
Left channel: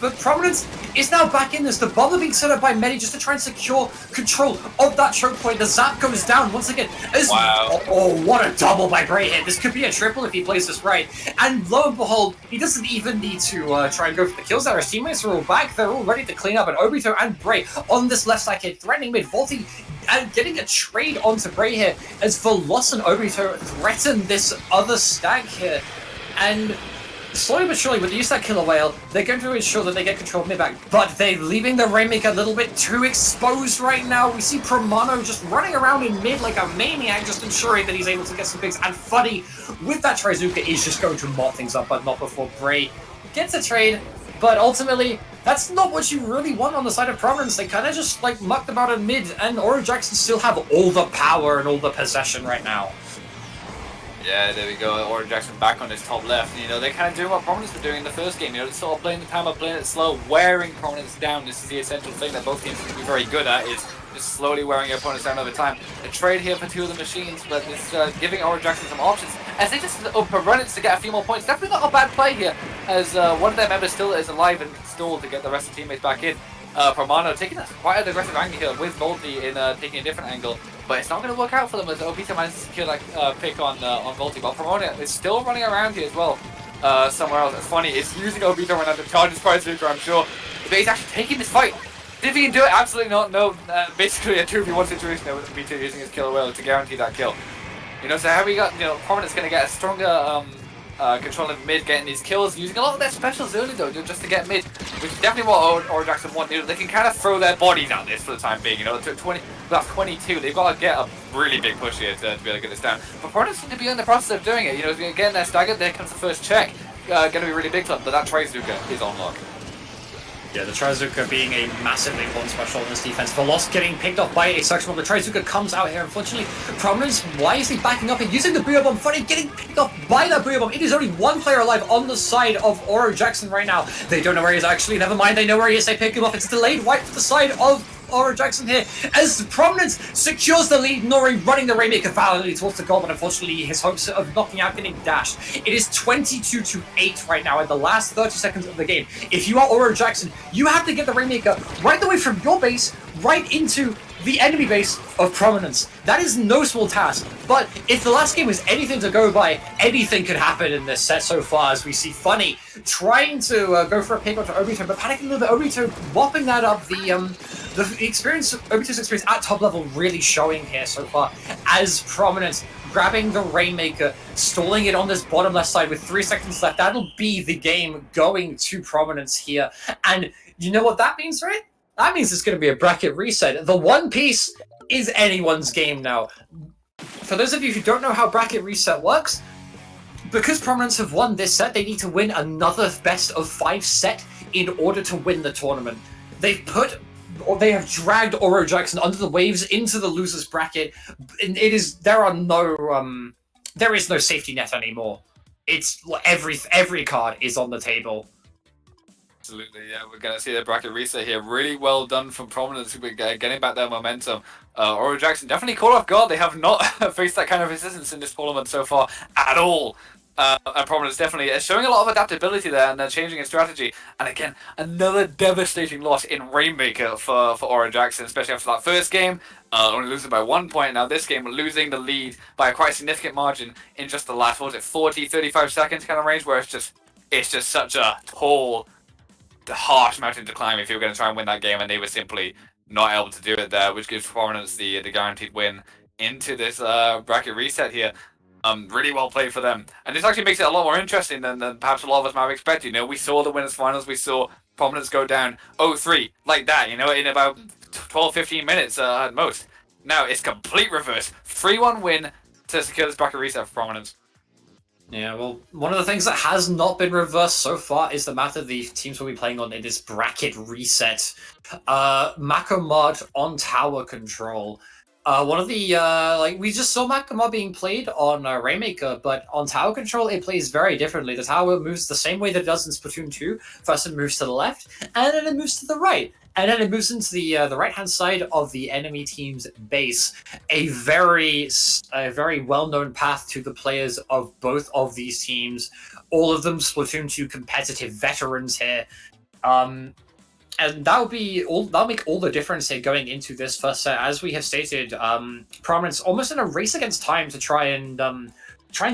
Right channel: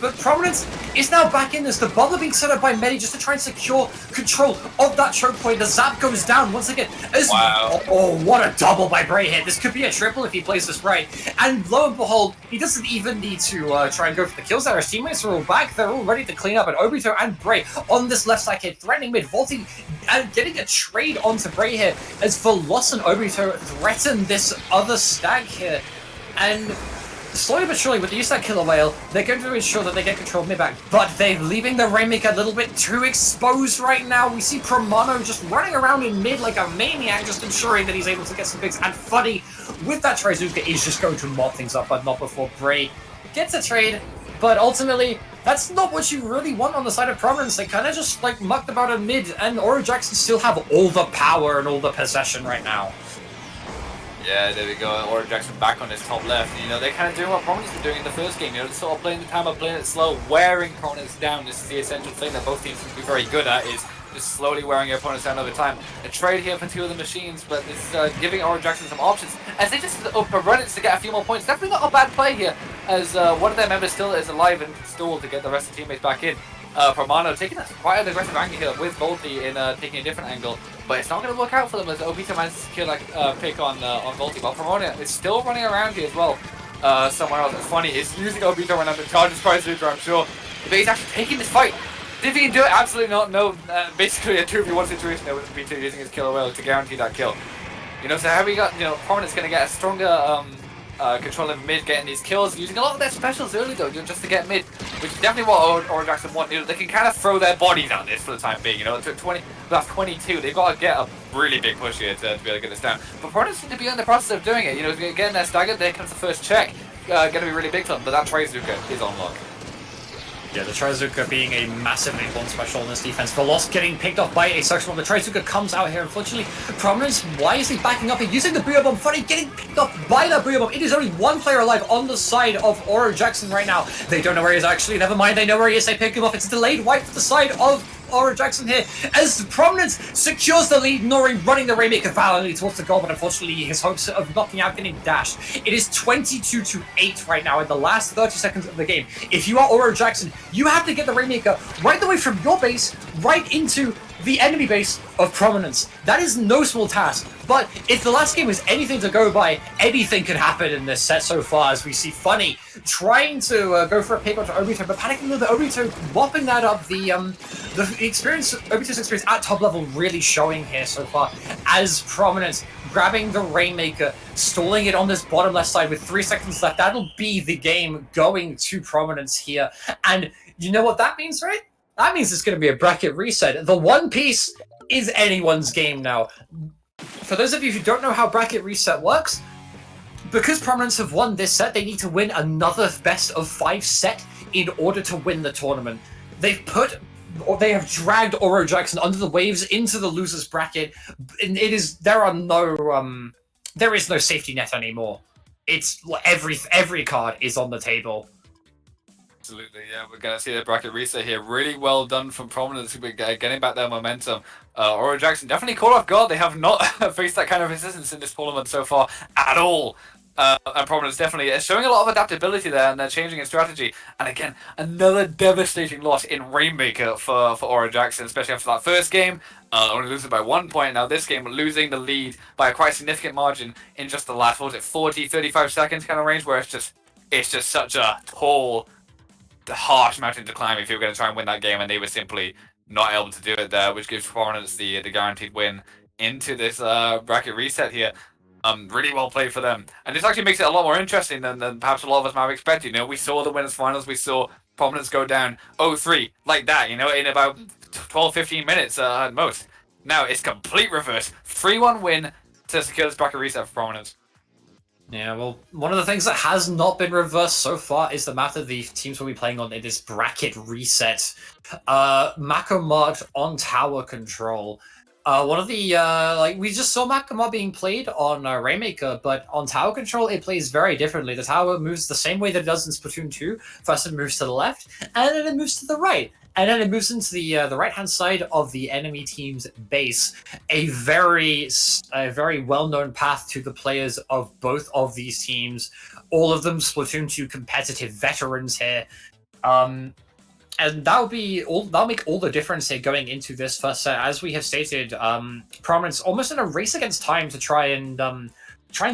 But Prominence is now back in this. The bubble being set up by Medi just to try and secure control of that choke point. The Zap goes down once again. Wow. Oh, what a double by Bray here. This could be a triple if he plays this right. And lo and behold, he doesn't even need to try and go for the kills there. His teammates are all back. They're all ready to clean up. And Obito and Bray on this left side here, threatening mid. Volty and getting a trade onto Bray here, as Veloz and Obito threaten this other stack here. And slowly but surely, with the use of that killer whale, they're going to ensure that they get control of mid back, but they're leaving the Rainmaker a little bit too exposed right now. We see Promano just running around in mid like a maniac, just ensuring that he's able to get some picks, and Funny with that Trizuka is just going to mop things up, but not before Bray gets a trade. But ultimately, that's not what you really want on the side of Prominence. They kind of just mucked about in mid, and Aurora Jackson still have all the power and all the possession right now. Yeah, there we go. Aurora Jackson back on his top left. You know, they're kind of doing what Prominence were doing in the first game. You know, they're sort of playing the timer, playing it slow, wearing Prominence down. This is the essential thing that both teams can be very good at, is just slowly wearing your opponents down over time. A trade here for 2 of the machines, but this is giving Aurora Jackson some options as they just run it to get a few more points. Definitely not a bad play here, as one of their members still is alive and stalled to get the rest of the teammates back in. Promano taking that quite an aggressive angle here with Volty in taking a different angle, but it's not going to work out for them as Obito manages to secure that pick on Volty. But Promano is still running around here as well, somewhere else. It's funny, it's using Obito right now to charge his Prizuka, I'm sure. But he's actually taking this fight. If he can do it, absolutely not. No, basically a 2v1 situation there with Obito using his killer whale to guarantee that kill. You know, so how we got, you know, Prominence going to get a stronger control in mid, getting these kills, using a lot of their specials early though, just to get mid, which is definitely what Aura Jackson want. You know, they can kind of throw their bodies at this for the time being. You know, to 20, that's 22. They've got to get a really big push here to be able to get this down. But Prominence seem to be in the process of doing it. You know, getting their staggered. There comes the first check. Going to be really big for them, but that Trizuka is on lock. Yeah, the Trizuka being a massively important special in this defense. Veloz getting picked up by a section, the Trizuka comes out here. Unfortunately, Prominence wisely backing up and using the Booyah Bomb. Funny, getting picked up by that Booyah Bomb. It is only one player alive on the side of Aura Jackson right now. They don't know where he is actually. Never mind, they know where he is. They pick him up. It's delayed wipe to the side of Aura Jackson here as Prominence secures the lead. Nori running the Rainmaker valiantly towards the goal, but unfortunately his hopes of knocking out getting dashed. It is 22-8 right now in the last 30 seconds of the game. If you are Aura Jackson, you have to get the Rainmaker right away from your base right into the enemy base of Prominence. That is no small task, but if the last game was anything to go by, anything could happen in this set so far, as we see Funny trying to go for a pick onto Obito, but panicking with the Obito, whopping that up. The experience, Obito's experience at top level really showing here so far, as Prominence grabbing the Rainmaker, stalling it on this bottom left side with 3 seconds left. That'll be the game going to Prominence here, and you know what that means, right? That means it's going to be a bracket reset. The One Piece is anyone's game now. For those of you who don't know how bracket reset works, because Prominence have won this set, they need to win another best of 5 set in order to win the tournament. They have dragged Aura Jackson under the waves into the losers bracket. And there is no safety net anymore. It's every card is on the table. Absolutely, yeah, we're going to see the bracket reset here. Really well done from Prominence, getting back their momentum. Aura Jackson definitely caught off guard. They have not faced that kind of resistance in this tournament so far at all. And Prominence definitely is showing a lot of adaptability there, and they're changing its strategy. And again, another devastating loss in Rainmaker for Aura Jackson, especially after that first game. Only losing by 1 point. Now this game, losing the lead by a quite significant margin in just the last, what was it, 40, 35 seconds kind of range, where it's just such a tall, harsh mountain to climb if you were going to try and win that game, and they were simply not able to do it there, which gives Prominence the guaranteed win into this bracket reset here. Really well played for them, and this actually makes it a lot more interesting than perhaps a lot of us might have expected. You know, we saw the winners finals, we saw Prominence go down 0-3 like that, you know, in about 12-15 minutes at most. Now it's complete reverse, 3-1 win to secure this bracket reset for Prominence. Yeah, well, one of the things that has not been reversed so far is the map that the teams will be playing on in this bracket reset. Makomod on tower control. One of the, we just saw Makomod being played on Rainmaker, but on tower control it plays very differently. The tower moves the same way that it does in Splatoon 2. First it moves to the left, and then it moves to the right. And then it moves into the right-hand side of the enemy team's base. A very well-known path to the players of both of these teams. All of them Splatoon 2 competitive veterans here. And that'll make all the difference here going into this first set. As we have stated, Prominence almost in a race against time to try and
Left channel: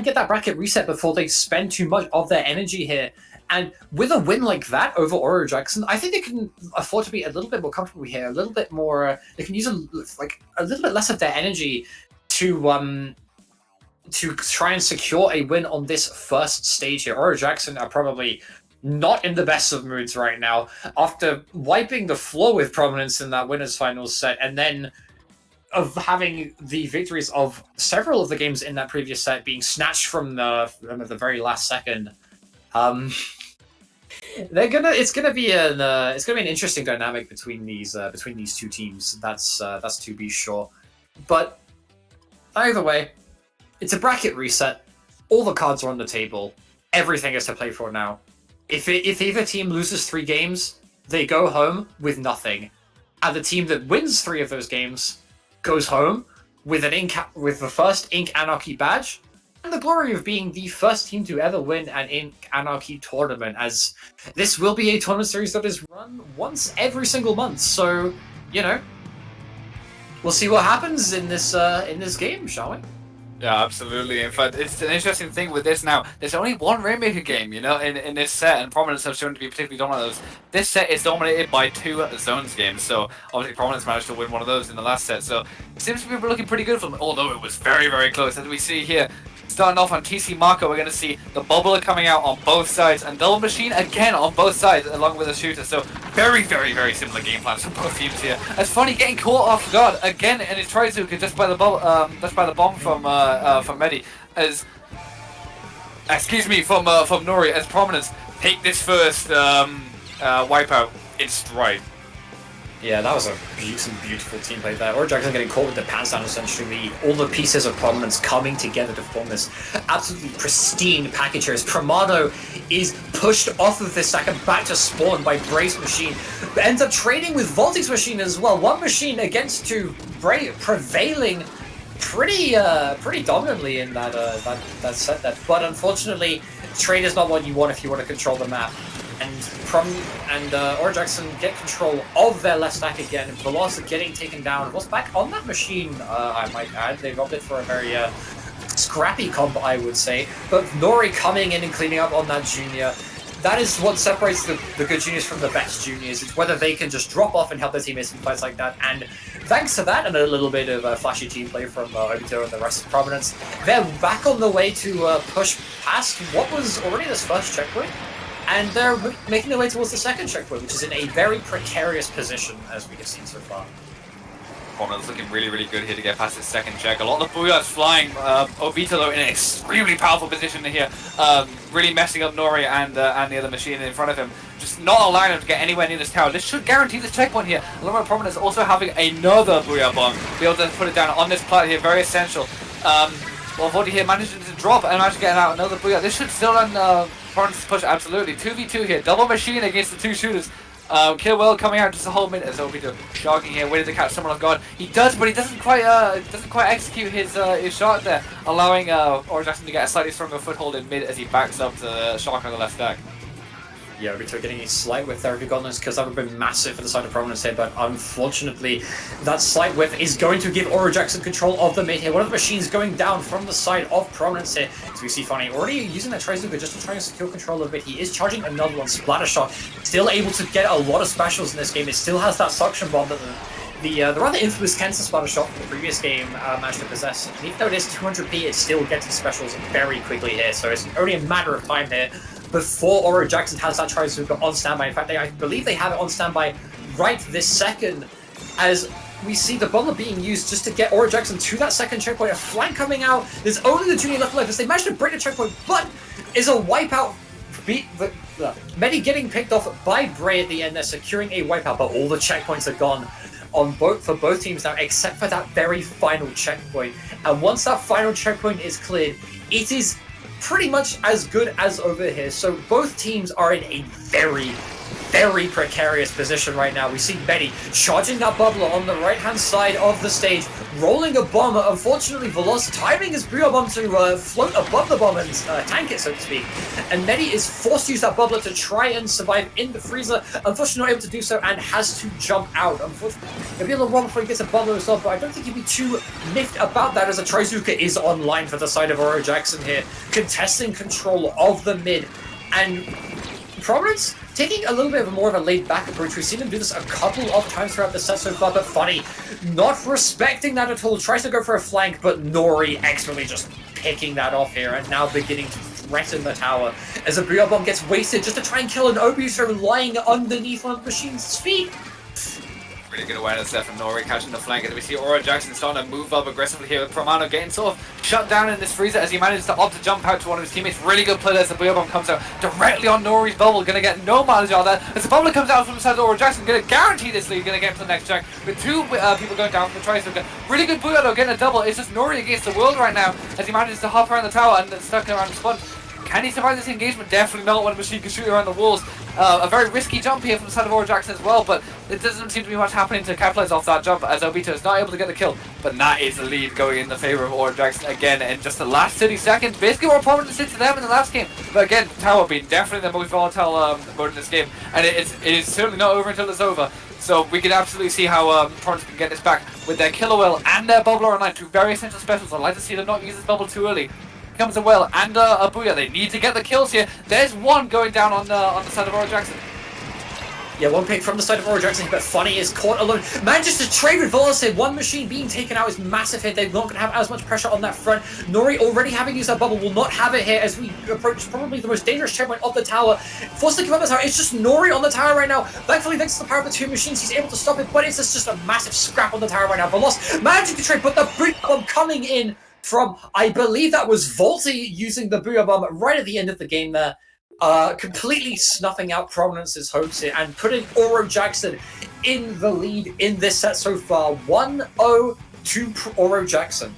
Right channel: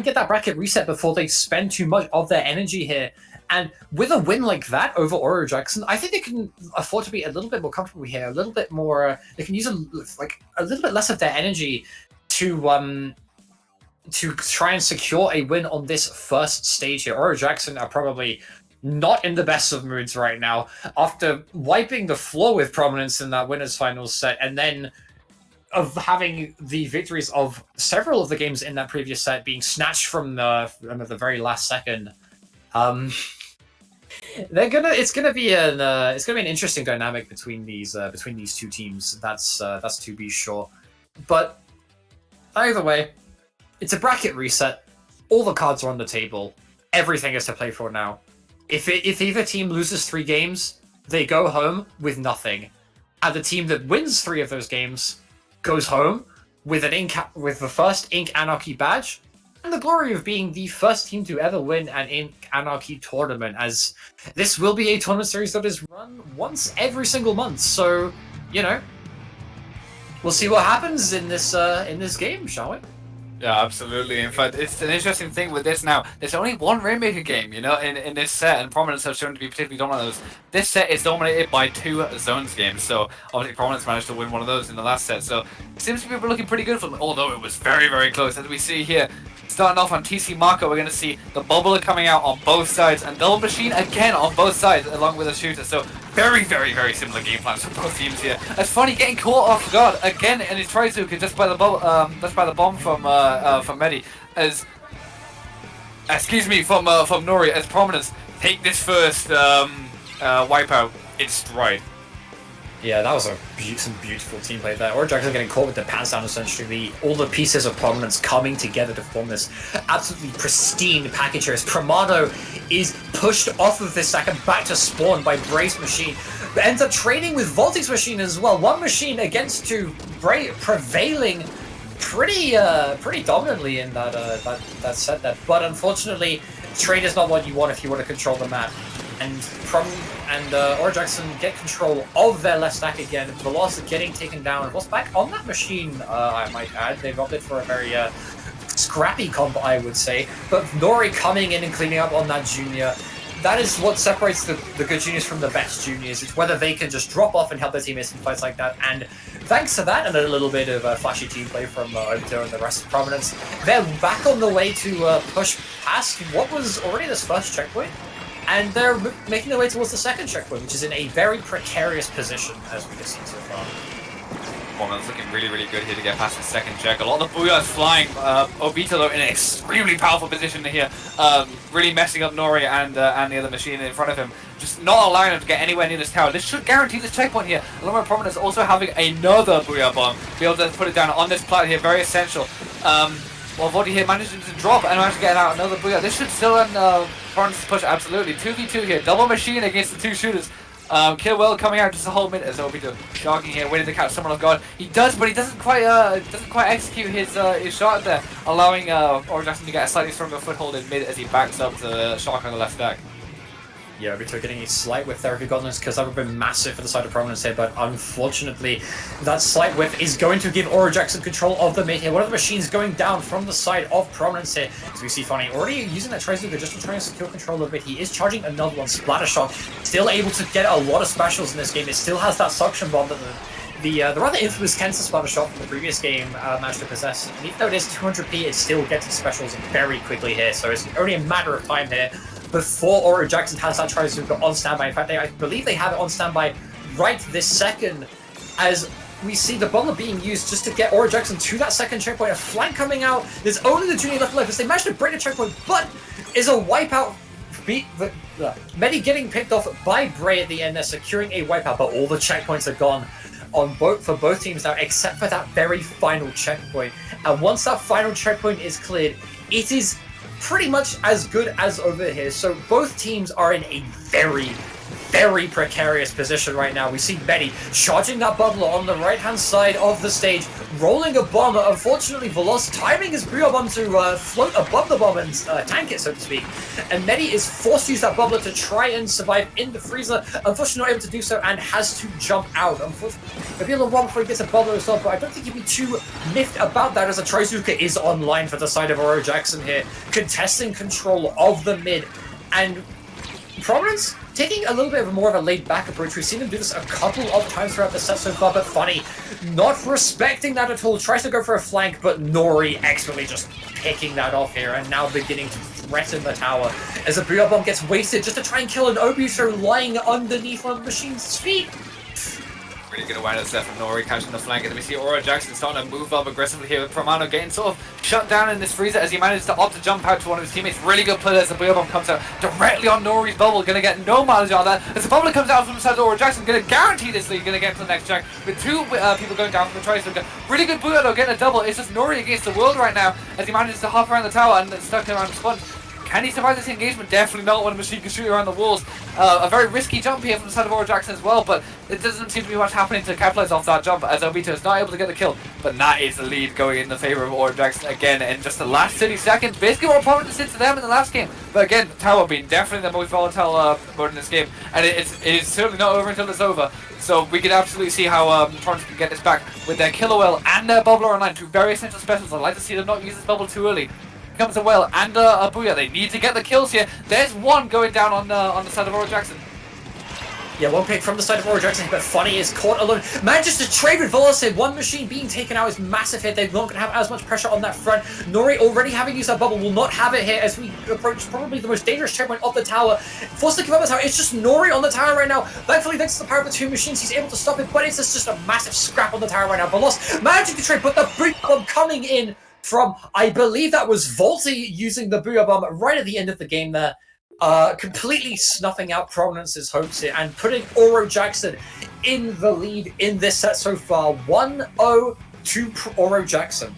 get that bracket reset before they spend too much of their energy here. And with a win like that over Aura Jackson, I think they can afford to be a little bit more comfortable here, a little bit more. They can use a little bit less of their energy to try and secure a win on this first stage here. Aura Jackson are probably not in the best of moods right now after wiping the floor with Prominence in that winners finals set, and then of having the victories of several of the games in that previous set being snatched from the very last second. It's gonna be an interesting dynamic between these two teams. That's to be sure. But either way, it's a bracket reset. All the cards are on the table. Everything is to play for now. If either team loses 3 games, they go home with nothing, and the team that wins 3 of those games goes home with the first Ink Anarchy badge. And the glory of being the first team to ever win an Ink Anarchy tournament, as this will be a tournament series that is run once every single month. So, you know, we'll see what happens in this game, shall we? Yeah, absolutely. In fact, it's an interesting thing with this now. There's only one Rainmaker game, you know, in this set, and Prominence have shown to be particularly dominant. This set is dominated by 2 zones games, so obviously Prominence managed to win one of those in the last set, so it seems to be looking pretty good for them, although it was very, very close. As we see here, starting off on TC Marco, we're going to see the Bubbler coming out on both sides, and Double Machine again on both sides, along with a shooter, so very, very, very similar game plans for both teams here. It's funny, getting caught off guard again in his Trizuka just by the bomb from Medi, as from Nori, as Prominence take this first wipeout in stride. Yeah, that was some beautiful team play there. Or Jackson getting caught with the pants down, essentially. All the pieces of Prominence coming together to form this absolutely pristine package here. As Primado is pushed off of this stack and back to spawn by Bray's machine. Ends up trading with Voltig's machine as well. One machine against 2. Bray prevailing pretty dominantly in that set there. But unfortunately, trade is not what you want if you want to control the map. And Aura Jackson get control of their left stack again. Veloz getting taken down. Veloz back on that machine, I might add. They've opted for a very scrappy comp, I would say. But Nori coming in and cleaning up on that junior. That is what separates the good juniors from the best juniors. It's whether they can just drop off and help their teammates in fights like that. And thanks to that and a little bit of flashy team play from Obito and the rest of Prominence, they're back on the way to push past what was already this first checkpoint. And they're making their way towards the second checkpoint, which is in a very precarious position, as we can see so far. Prominence looking really, really good here to get past the second check. A lot of the Booyahs flying. Obito, though, in an extremely powerful position here. Really messing up Nori and the other machine in front of him. Just not allowing him to get anywhere near this tower. This should guarantee this checkpoint here. Along with Prominence also having another Booyah bomb. Be able to put it down on this plat here. Very essential. Well, Vodi here managing to drop and managed to get out another Booyah. This should still end Prominence push, absolutely. 2v2 here. Double machine against the 2 shooters. Killwell coming out just to hold mid as Obito shocking here, waiting to catch someone on guard. He does, but he doesn't quite execute his shot there, allowing Aura Jackson to get a slightly stronger foothold in mid as he backs up to the shock on the left stack. Yeah, Obito getting a slight whiff there if you got this, because that would have been massive for the side of Prominence here, but unfortunately, that slight whiff is going to give Aura Jackson control of the mid here. One of the machines going down from the side of Prominence here. As we see Funny already using that Trizuka just to try and secure control of it. He is charging another one, Splattershore. Still able to get a lot of specials in this game. It still has that suction bomb that the rather infamous Kansas Splattershore from the previous game managed to possess. Even though it is 200p, it's still getting specials very quickly here, so it's only a matter of time here before Aura Jackson has that Trizuka on standby. In fact, I believe they have it on standby right this second, as we see the Butler being used just to get Aura Jackson to that second checkpoint. A flank coming out. There's only the junior left alive as they managed to break the checkpoint, but is a wipeout. Medi getting picked off by Bray at the end. They're securing a wipeout, but all the checkpoints are gone for both teams now, except for that very final checkpoint. And once that final checkpoint is cleared, it is pretty much as good as over here. So both teams are in a very, very precarious position right now. We see Betty charging that bubbler on the right-hand side of the stage, rolling a bomb. Unfortunately, Veloz timing his Booyah bomb to float above the bomb and tank it, so to speak. And Medi is forced to use that bubbler to try and survive in the freezer. Unfortunately, not able to do so and has to jump out. Unfortunately, he'll be able to run before he gets a bubbler himself, but I don't think he'll be too miffed about that, as a Trizuka is online for the side of Aura Jackson here, contesting control of the mid. And Prominence taking a little bit of more of a laid-back approach. We've seen him do this a couple of times throughout the set so far, but Funny not respecting that at all. Tries to go for a flank, but Nori expertly just picking that off here and now beginning to threaten the tower as a Booyah bomb gets wasted just to try and kill an Obito lying underneath one of the machine's feet. Really good awareness there from Nori catching the flank, and we see Aura Jackson starting to move up aggressively here with Promano getting sort of shut down in this freezer as he manages to opt to jump out to one of his teammates. Really good play as the Booyah bomb comes out directly on Nori's bubble, gonna get no mileage on that. As the bubble comes out from the side of Aura Jackson, gonna guarantee this lead, gonna get to the next check with 2 people going down from the Trizuka. Really good Booyah though, getting a double. It's just Nori against the world right now as he manages to hop around the tower and stuck around the spot. Can he survive this engagement? Definitely not when a machine can shoot around the walls. A very risky jump here from the side of Aura Jackson as well, but it doesn't seem to be much happening to capitalize off that jump as Obito is not able to get the kill. But that is the lead going in the favor of Aura Jackson again in just the last 30 seconds. Basically what Prominence did to them in the last game. But again, Tower being definitely the most volatile mode in this game, and it is certainly not over until it's over. So we can absolutely see how Prominence can get this back with their Killer Whale and their Bubbler online, two very essential specials. I'd like to see them not use this bubble too early. Comes a Whale and a Booyah. They need to get the kills here. There's one going down on the side of Aura Jackson. Yeah, one pick from the side of Aura Jackson, but Funny is caught alone. Manages to trade with Velocity. One machine being taken out is massive here. They're not going to have as much pressure on that front. Nori already having used that bubble will not have it here as we approach probably the most dangerous checkpoint of the tower. Forced to give up the tower. It's just Nori on the tower right now. Thankfully, thanks to the power of the two machines, he's able to stop it, but it's just a massive scrap on the tower right now. Veloz managing to trade, but the Booyah Bomb coming in from, I believe that was Volty using the Booyah Bomb right at the end of the game there. Completely snuffing out Prominence's hopes here and putting Aura Jackson in the lead in this set so far. 1-0 to Aura Jackson.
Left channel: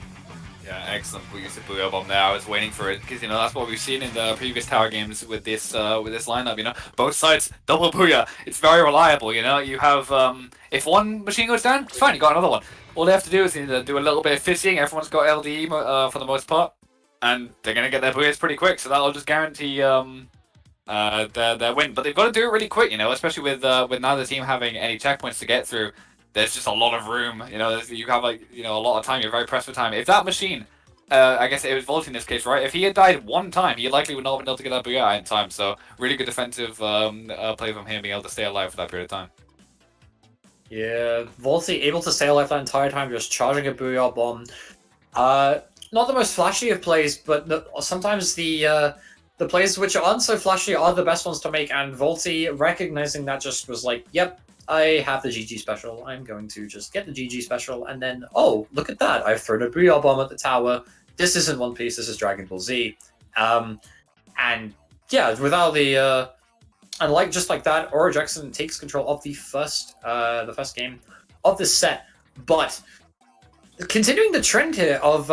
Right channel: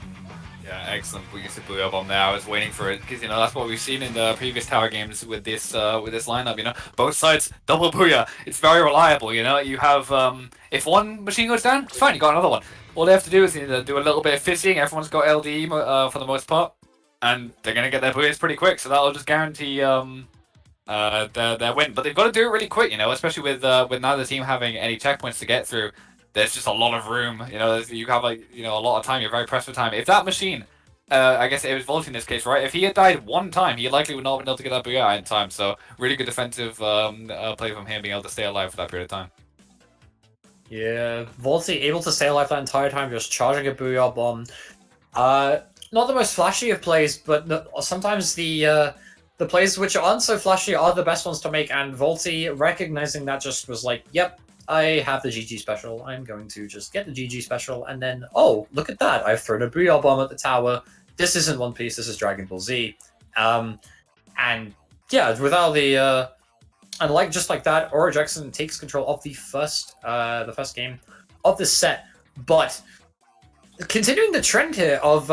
Yeah, excellent. We used the Booyah Bomb there. I was waiting for it because that's what we've seen in the previous tower games with this lineup. Both sides double Booyah. It's very reliable. You have if one machine goes down, it's fine. You got another one. All they have to do is do a little bit of fizzing. Everyone's got LDE for the most part, and they're gonna get their Booyahs pretty quick. So that'll just guarantee their win. But they've got to do it really quick. Especially with neither team having any checkpoints to get through. There's just a lot of room. You have a lot of time. You're very pressed for time. If that machine, I guess it was Volty in this case, right? If he had died one time, he likely would not have been able to get that Booyah in time. So really good defensive play from him, being able to stay alive for that period of time. Yeah, Volty able to stay alive that entire time, just charging a Booyah Bomb. Not the most flashy of plays, but sometimes the plays which aren't so flashy are the best ones to make, and Volty, recognizing that, just was like, yep, I have the GG special, I'm going to just get the GG special, and then, oh, look at that, I've thrown a Booyah Bomb at the tower. This isn't One Piece, this is Dragon Ball Z. And yeah, without the... And just like that, Aura Jackson takes control of the first game of this set. But continuing the trend here of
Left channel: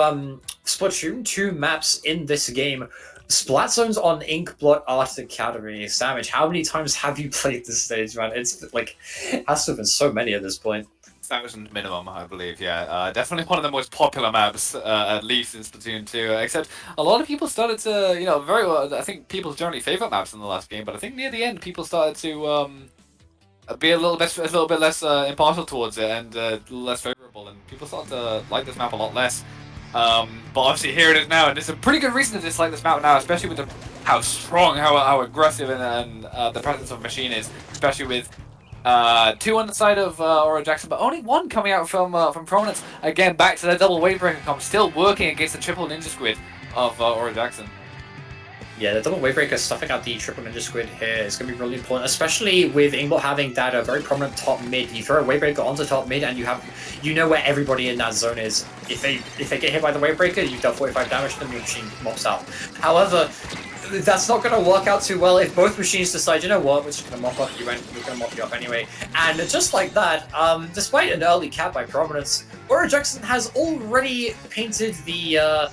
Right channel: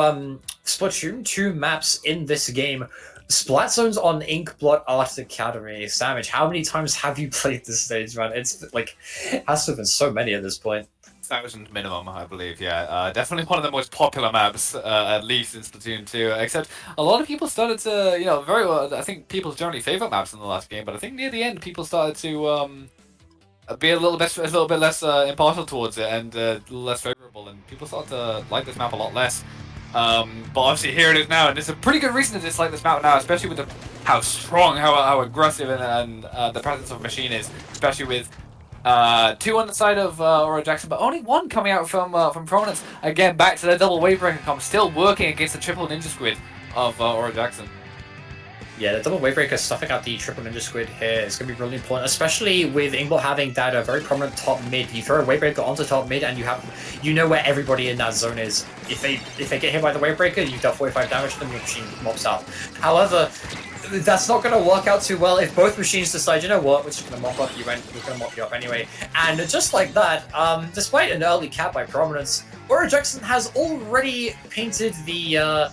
Splatoon 2 maps in this game, Splat Zones on Inkblot Art Academy. Savage, how many times have you played this stage, man? It's it has to have been so many at this point. 1,000 minimum, I believe, yeah. Definitely one of the most popular maps, at least in Splatoon 2, except a lot of people started to, very well, I think people's generally favourite maps in the last game, but I think near the end people started to be a little bit less impartial towards it and a little less favourable, and people started to like this map a lot less. But obviously here it is now, and there's a pretty good reason to dislike this map now, especially with how strong, how aggressive and the presence of Machine is, especially with two on the side of Aura Jackson, but only one coming out from Prominence. Again, back to the double wave breaker comp, still working against the triple ninja squid of Aura Jackson. Yeah, the double wave breaker stuffing out the triple ninja squid here is going to be really important, especially with Inkblot having that very prominent top mid. You throw a wave breaker onto top mid, and you know where everybody in that zone is. If they get hit by the wave breaker, you deal 45 damage to them, your machine mops out. However, that's not going to work out too well if both machines decide, you know what, we're just going to mop up you, and we're going to mop you up anyway. And just like that, despite an early cap by Prominence, Aura Jackson has already painted the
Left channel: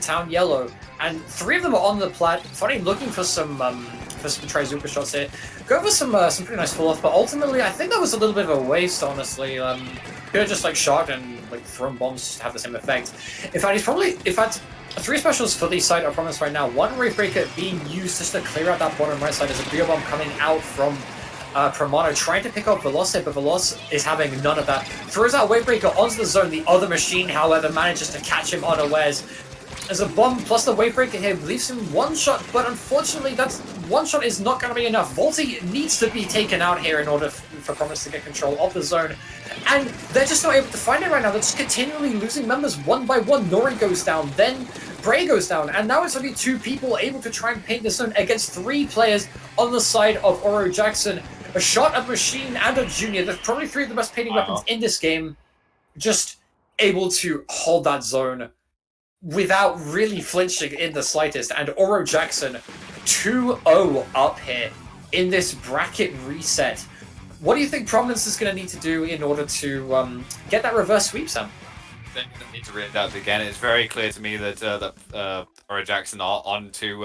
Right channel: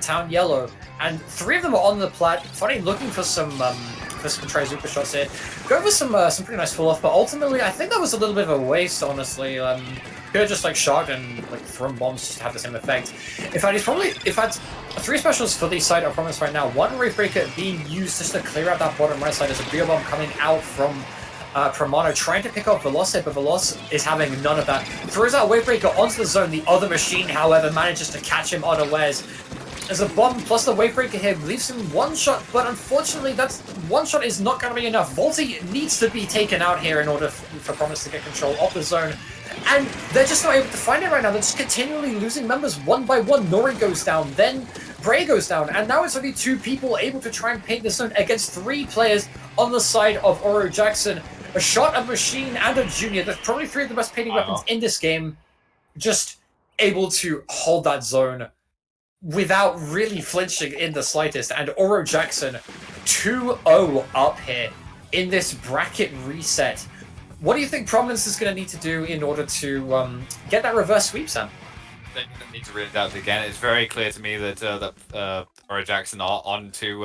town yellow, and 3 of them are on the plat. Funny, looking for some Trizuka shots here. Go for some pretty nice fall off, but ultimately I think that was a little bit of a waste, honestly. Could have just shot and thrown bombs to have the same effect. In fact, if had 3 specials for the side of Prominence right now. 1 wave breaker being used just to clear out that bottom right side. There's a Booyah Bomb coming out from Promano, trying to pick up Veloz, but Veloz is having none of that. Throws out wave breaker onto the zone. The other machine, however, manages to catch him unawares. As a bomb plus the wave breaker here leaves him 1 shot, but unfortunately that's 1 shot is not going to be enough. Volty needs to be taken out here in order for Prominence to get control of the zone, and they're just not able to find it right now. They're just continually losing members one by one. Nori goes down, then Bray goes down, and now it's only 2 people able to try and paint the zone against 3 players on the side of Aura Jackson. A shot, a machine, and a junior. There's probably 3 of the best painting weapons in this game, just able to hold that zone without really flinching in the slightest. And Aura Jackson 2-0 up here in this bracket reset. What do you think Prominence is going to need to do in order to get that reverse sweep, Sam? They need to readapt again. It's very clear to me that Ora Jackson are onto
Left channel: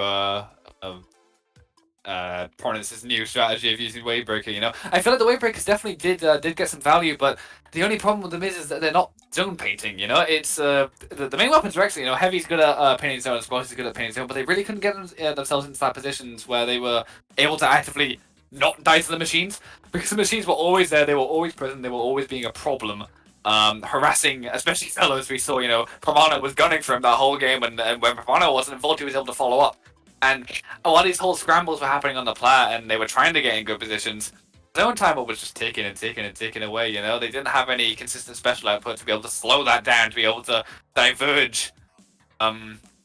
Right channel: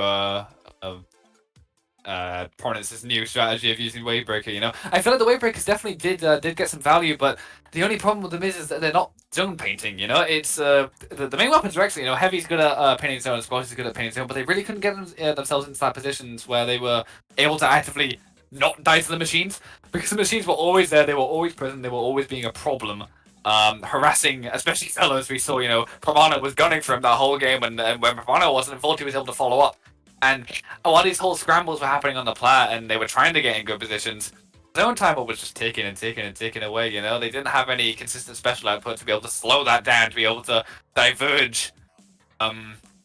Prominence's new strategy of using Wavebreaker. You know, I feel like the Wavebreakers definitely did get some value, but the only problem with them is that they're not zone painting. You know, it's the main weapons are excellent. You know, Heavy's good at painting zone, and Splash is good at painting zone, but they really couldn't get themselves into that positions where they were able to actively not die to the machines, because the machines were always there. They were always present. They were always being a problem. Harassing, especially fellows. We saw, you know, Prominence was gunning for him that whole game, and when Prominence wasn't, Volty was able to follow up. And while these whole scrambles were happening on the plat, and they were trying to get in good positions, zone timer was just taking and taking and taking away. You know, they didn't have any consistent special output to be able to slow that down, to be able to diverge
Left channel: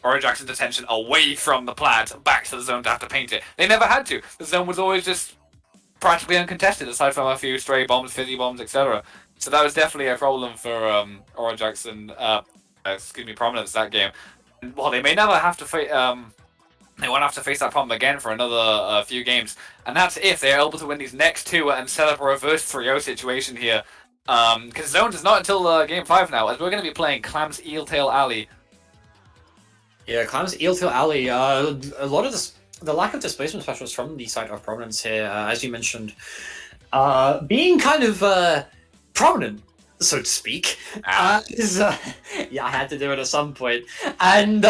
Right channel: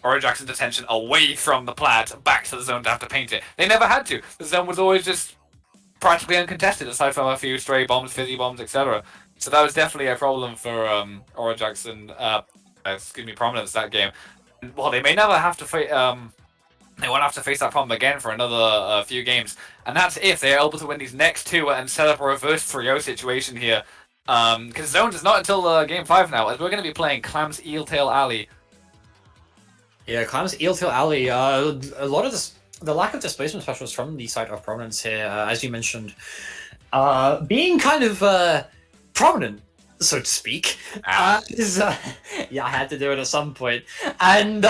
Ora Jackson's attention away from the plat back to the zone to have to paint it. They never had to. The zone was always just practically uncontested, aside from a few stray bombs, fizzy bombs, etc. So that was definitely a problem for Ora Jackson. Prominence that game. Well, they may never have to fight. They won't have to face that problem again for another few games, and that's if they're able to win these next two and set up a reverse 3-0 situation here. Because Zones is not until game 5 now, as we're going to be playing Clam's Eeltail Alley. Yeah, Clam's Eeltail Alley. A lot of this, the lack of displacement specials from the side of Prominence here, as you mentioned, being kind of prominent, so to speak. Yeah, I had to do it at some point, and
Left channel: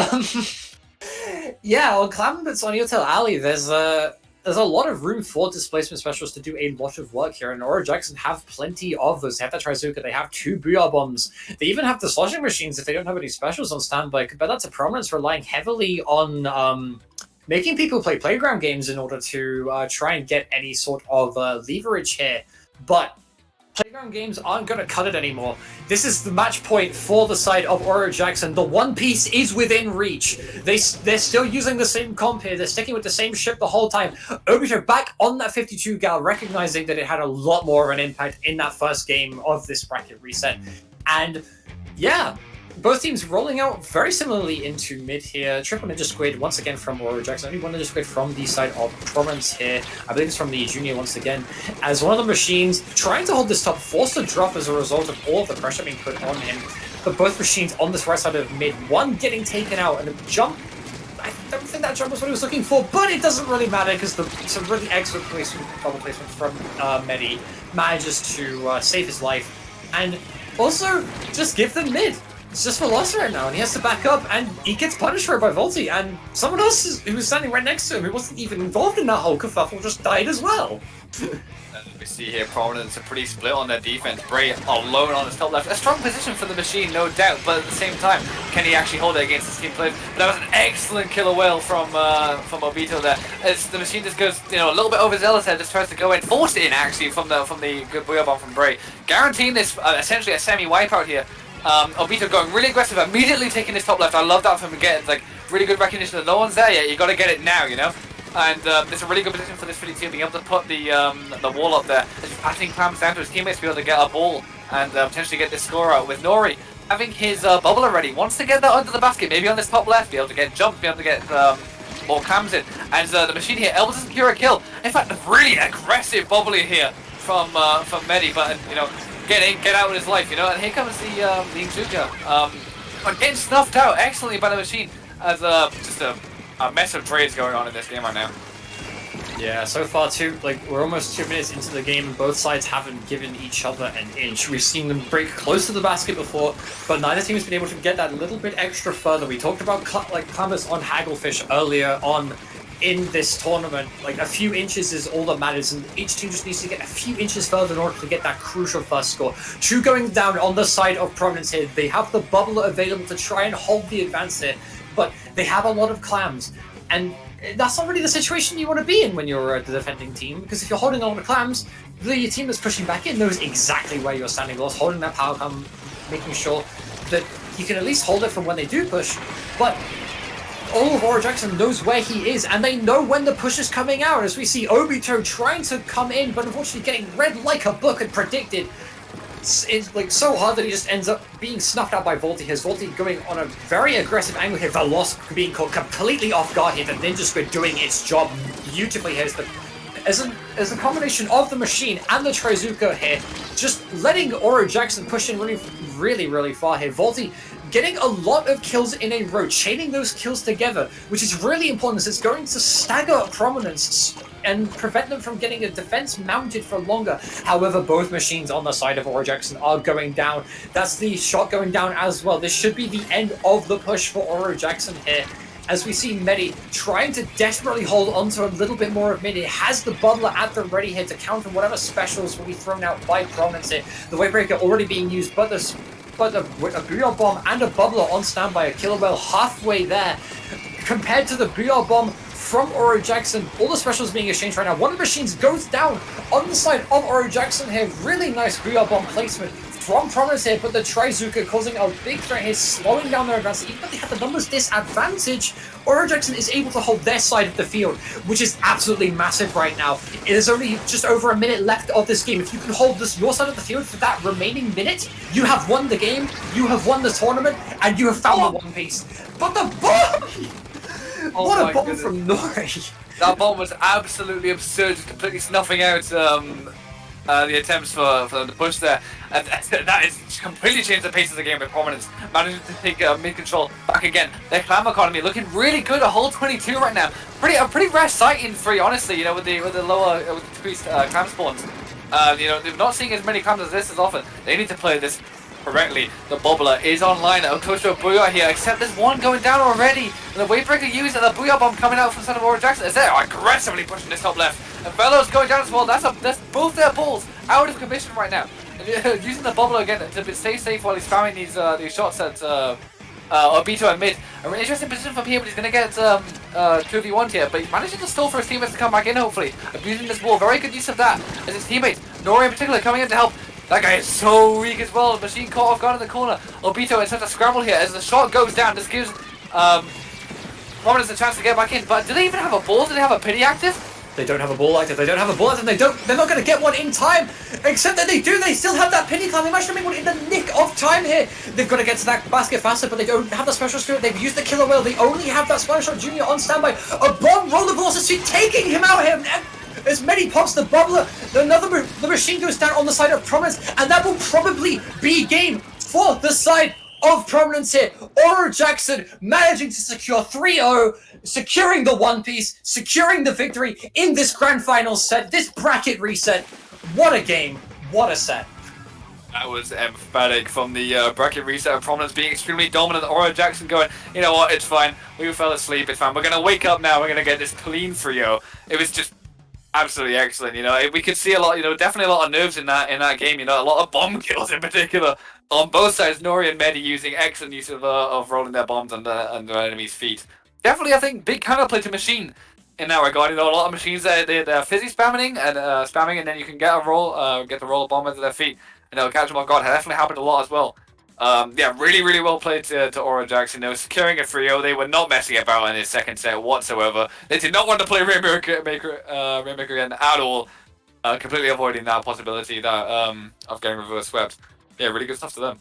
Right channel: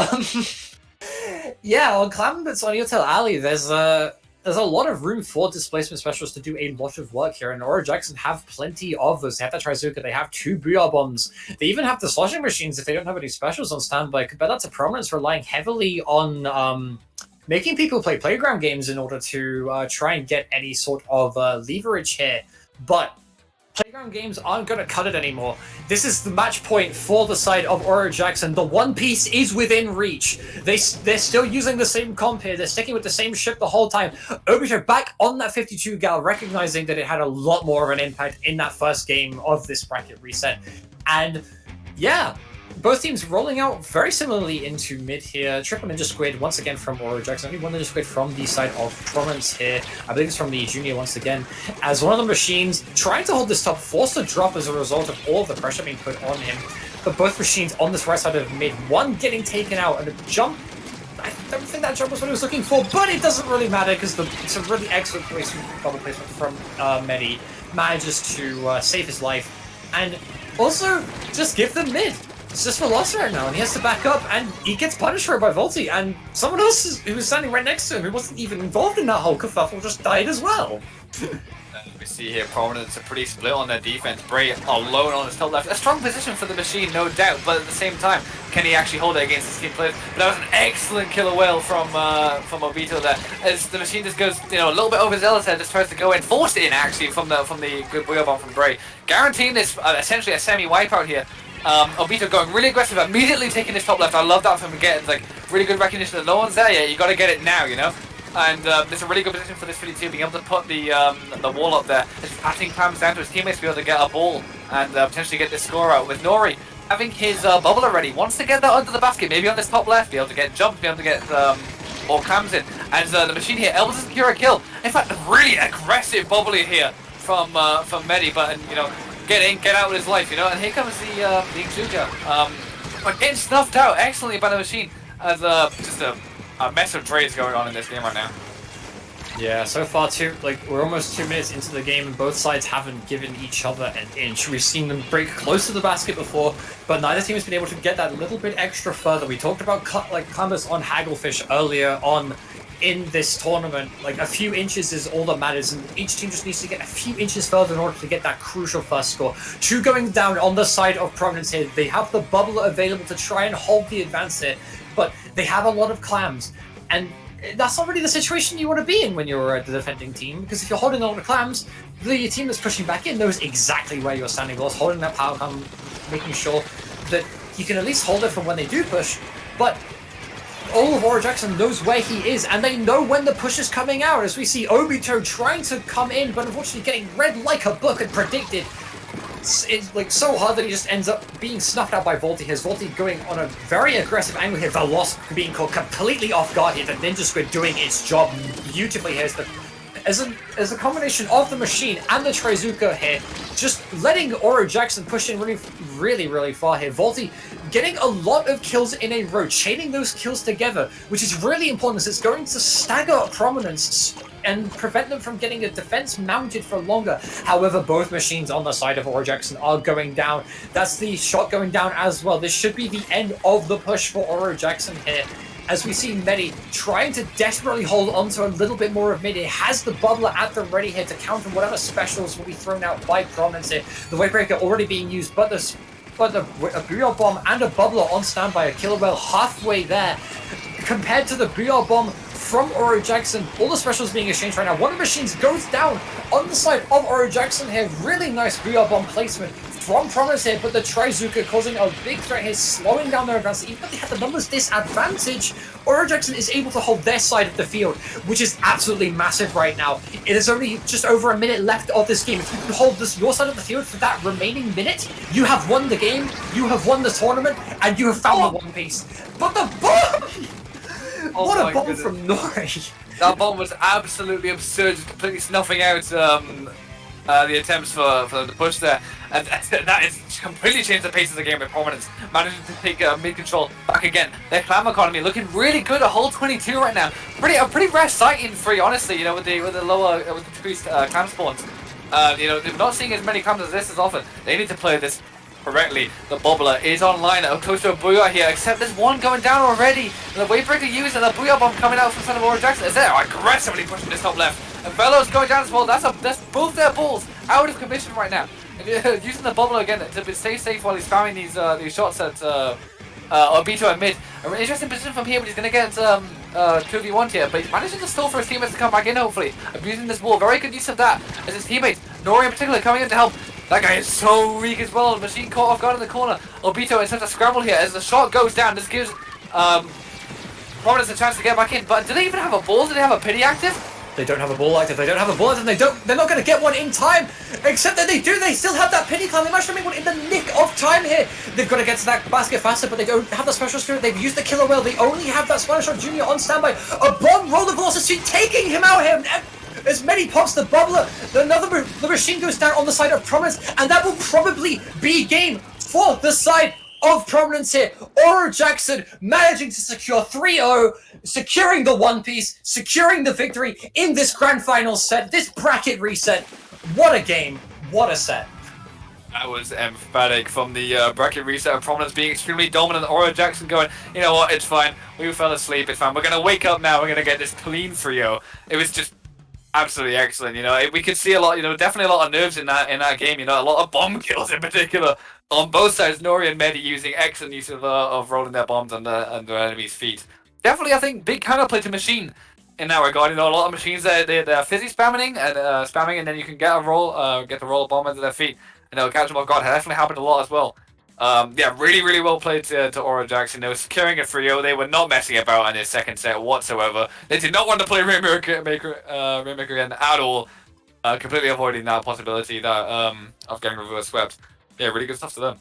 yeah, on Clam, but on Eeltail Alley, there's a lot of room for displacement specialists to do a lot of work here, and Ora Jackson have plenty of those. They have the Trizuka, they have 2 Booyah Bombs, they even have the sloshing machines if they don't have any specials on standby. But that's a Prominence relying heavily on making people play playground games in order to try and get any sort of leverage here. But playground games aren't going to cut it anymore. This is the match point for the side of Ora Jackson. The One Piece is within reach. They're still using the same comp here. They're sticking with the same ship the whole time. Obito back on that 52 gal, recognizing that it had a lot more of an impact in that first game of this bracket reset. And yeah, both teams rolling out very similarly into mid here. Triple Ninja Squid once again from Ora Jackson. Only one Ninja Squid from the side of Prominence here. I believe it's from the junior once again. As one of the machines trying to hold this top, forced to drop as a result of all of the pressure being put on him. But both machines on this right side of mid, one getting taken out and a jump. I don't think that jump was what he was looking for, but it doesn't really matter because it's a really excellent placement from Medi manages to save his life and also just give them mid. It's just for loss right now, and he has to back up, and he gets punished for it by Volty, and someone else who was standing right next to him, who wasn't even involved in that whole kerfuffle, just died as well. We see here Prominence are pretty split on their defense. Bray alone on his top left. A strong position for the machine, no doubt, but at the same time, can he actually hold it against the skin plate? That was an excellent killer whale from Obito there. As the machine just goes, you know, a little bit overzealous there, just tries to go in, forced it in actually from the good Booyah Bomb from Bray. Guaranteeing this essentially a semi-wipeout here. Obito going really aggressive, immediately taking his top left. I love that from him getting like really good recognition that no one's there yet. You got to get it now, you know. And it's a really good position for this Philly team, being able to put the wall up there. It's passing Clams down to his teammates to be able to get a ball and potentially get this score out. With Nori having his bubble already, wants to get that under the basket, maybe on this top left, be able to get jumped, be able to get more Clams in. And the machine here able to secure a kill. In fact, a really aggressive bubbly here from Medi, but you know. Get out with his life, you know, and here comes the Inkzuka. But getting snuffed out excellently by the machine as just a mess of trades going on in this game right now. Yeah, so far we're almost 2 minutes into the game and both sides haven't given each other an inch. We've seen them break close to the basket before, but neither team has been able to get that little bit extra further. We talked about Columbus on Hagglefish earlier on in this tournament. Like a few inches is all that matters, and each team just needs to get a few inches further in order to get that crucial first score. 2 going down on the side of Prominence here. They have the bubble available to try and hold the advance here, but they have a lot of clams, and that's not really the situation you want to be in when you're the defending team, because if you're holding a lot of clams, the team that's pushing back in knows exactly where you're standing, lost, holding that power clam, making sure that you can at least hold it for when they do push, but all of Ora Jackson knows where he is, and they know when the push is coming out, as we see Obito trying to come in, but unfortunately getting read like a book and predicted. It's like so hard that he just ends up being snuffed out by Volty. His Volty going on a very aggressive angle here. The loss being caught completely off guard here. The Ninja Squid doing its job beautifully here. As a combination of the machine and the Trizuka here, just letting Ora Jackson push in really really, really far here. Volty getting a lot of kills in a row, chaining those kills together, which is really important as it's going to stagger Prominence and prevent them from getting a defense mounted for longer. However, both machines on the side of Aura Jackson are going down. That's the shot going down as well. This should be the end of the push for Aura Jackson here. As we see Medi trying to desperately hold on to a little bit more of mid. It has the Bubbler at the ready here to counter whatever specials will be thrown out by Prominence here. The Wavebreaker already being used, but a Booyah Bomb and a Bubbler on standby. A Killer Whale halfway there. Compared to the Booyah Bomb from Aura Jackson, all the specials being exchanged right now. One of the machines goes down on the side of Aura Jackson here. Really nice Booyah Bomb placement from Prominence here, but the Trizuka causing a big threat here, slowing down their advance. Even though they have the numbers disadvantage, Aura Jackson is able to hold their side of the field, which is absolutely massive right now. It is only just over a minute left of this game. If you can hold your side of the field for that remaining minute, you have won the game, you have won the tournament, and you have found the One Piece. But the bomb! Oh what a bomb from Nori! That bomb was absolutely absurd, just completely snuffing out the attempts for them to push there. And that is completely changed the pace of the game with Prominence managing to take mid-control back again. Their clam economy looking really good, a whole 22 right now. A pretty rare sight in free, honestly, you know, with the decreased clam spawns. You know, they're not seeing as many clams as this as often. They need to play this correctly. The Bubbler is online, close to a Booyah here, except there's one going down already. And the Wavebreaker used and the Booyah Bomb coming out from the side of Aura Jackson. Is there aggressively pushing this top left. And Velo's going down as well. That's both their balls out of commission right now. And, using the Bubbler again to stay safe while he's spamming these shots at Obito and mid. An interesting position from here, but he's going to get 2v1 here. But he's managing to stall for his teammates to come back in, hopefully. Abusing this wall. Very good use of that as his teammates, Nori in particular, coming in to help. That guy is so weak as well. Machine caught off guard in the corner. Obito is such a scramble here as the shot goes down. This gives Prominence a chance to get back in. But do they even have a ball? Do they have a pity active? They don't have a ball active. They don't have a ball active. They're not going to get one in time. Except that they do. They still have that pity climb. They managed to make one in the nick of time here. They've got to get to that basket faster, but they don't have the special spirit. They've used the Killer Whale. They only have that Splattershore Junior on standby. A bomb roller velocity taking him out here. As many pops the Bubbler, the machine goes down on the side of Prominence, and that will probably be game for the side of Prominence here. Aura Jackson managing to secure 3-0, securing the One Piece, securing the victory in this grand final set, this bracket reset. What a game, what a set. That was emphatic from the bracket reset of Prominence being extremely dominant. Aura Jackson going, you know what, it's fine. We fell asleep, it's fine. We're going to wake up now, we're going to get this clean 3-0. It was just absolutely excellent, you know. We could see a lot, you know, definitely a lot of nerves in that game, you know, a lot of bomb kills in particular on both sides. Nori and Medi using excellent use of rolling their bombs under enemies' feet. Definitely, I think, big counterplay to Machine in that regard. You know, a lot of machines they're fizzy spamming and then you can get a roll, get the roll bomb under their feet, and they'll catch them off guard. That definitely happened a lot as well. Yeah, really well played to Aura Jackson. They were securing a 3-0. They were not messing about in this second set whatsoever. They did not want to play Rainmaker again at all. Completely avoiding that possibility of getting reverse swept. Yeah, really good stuff to them.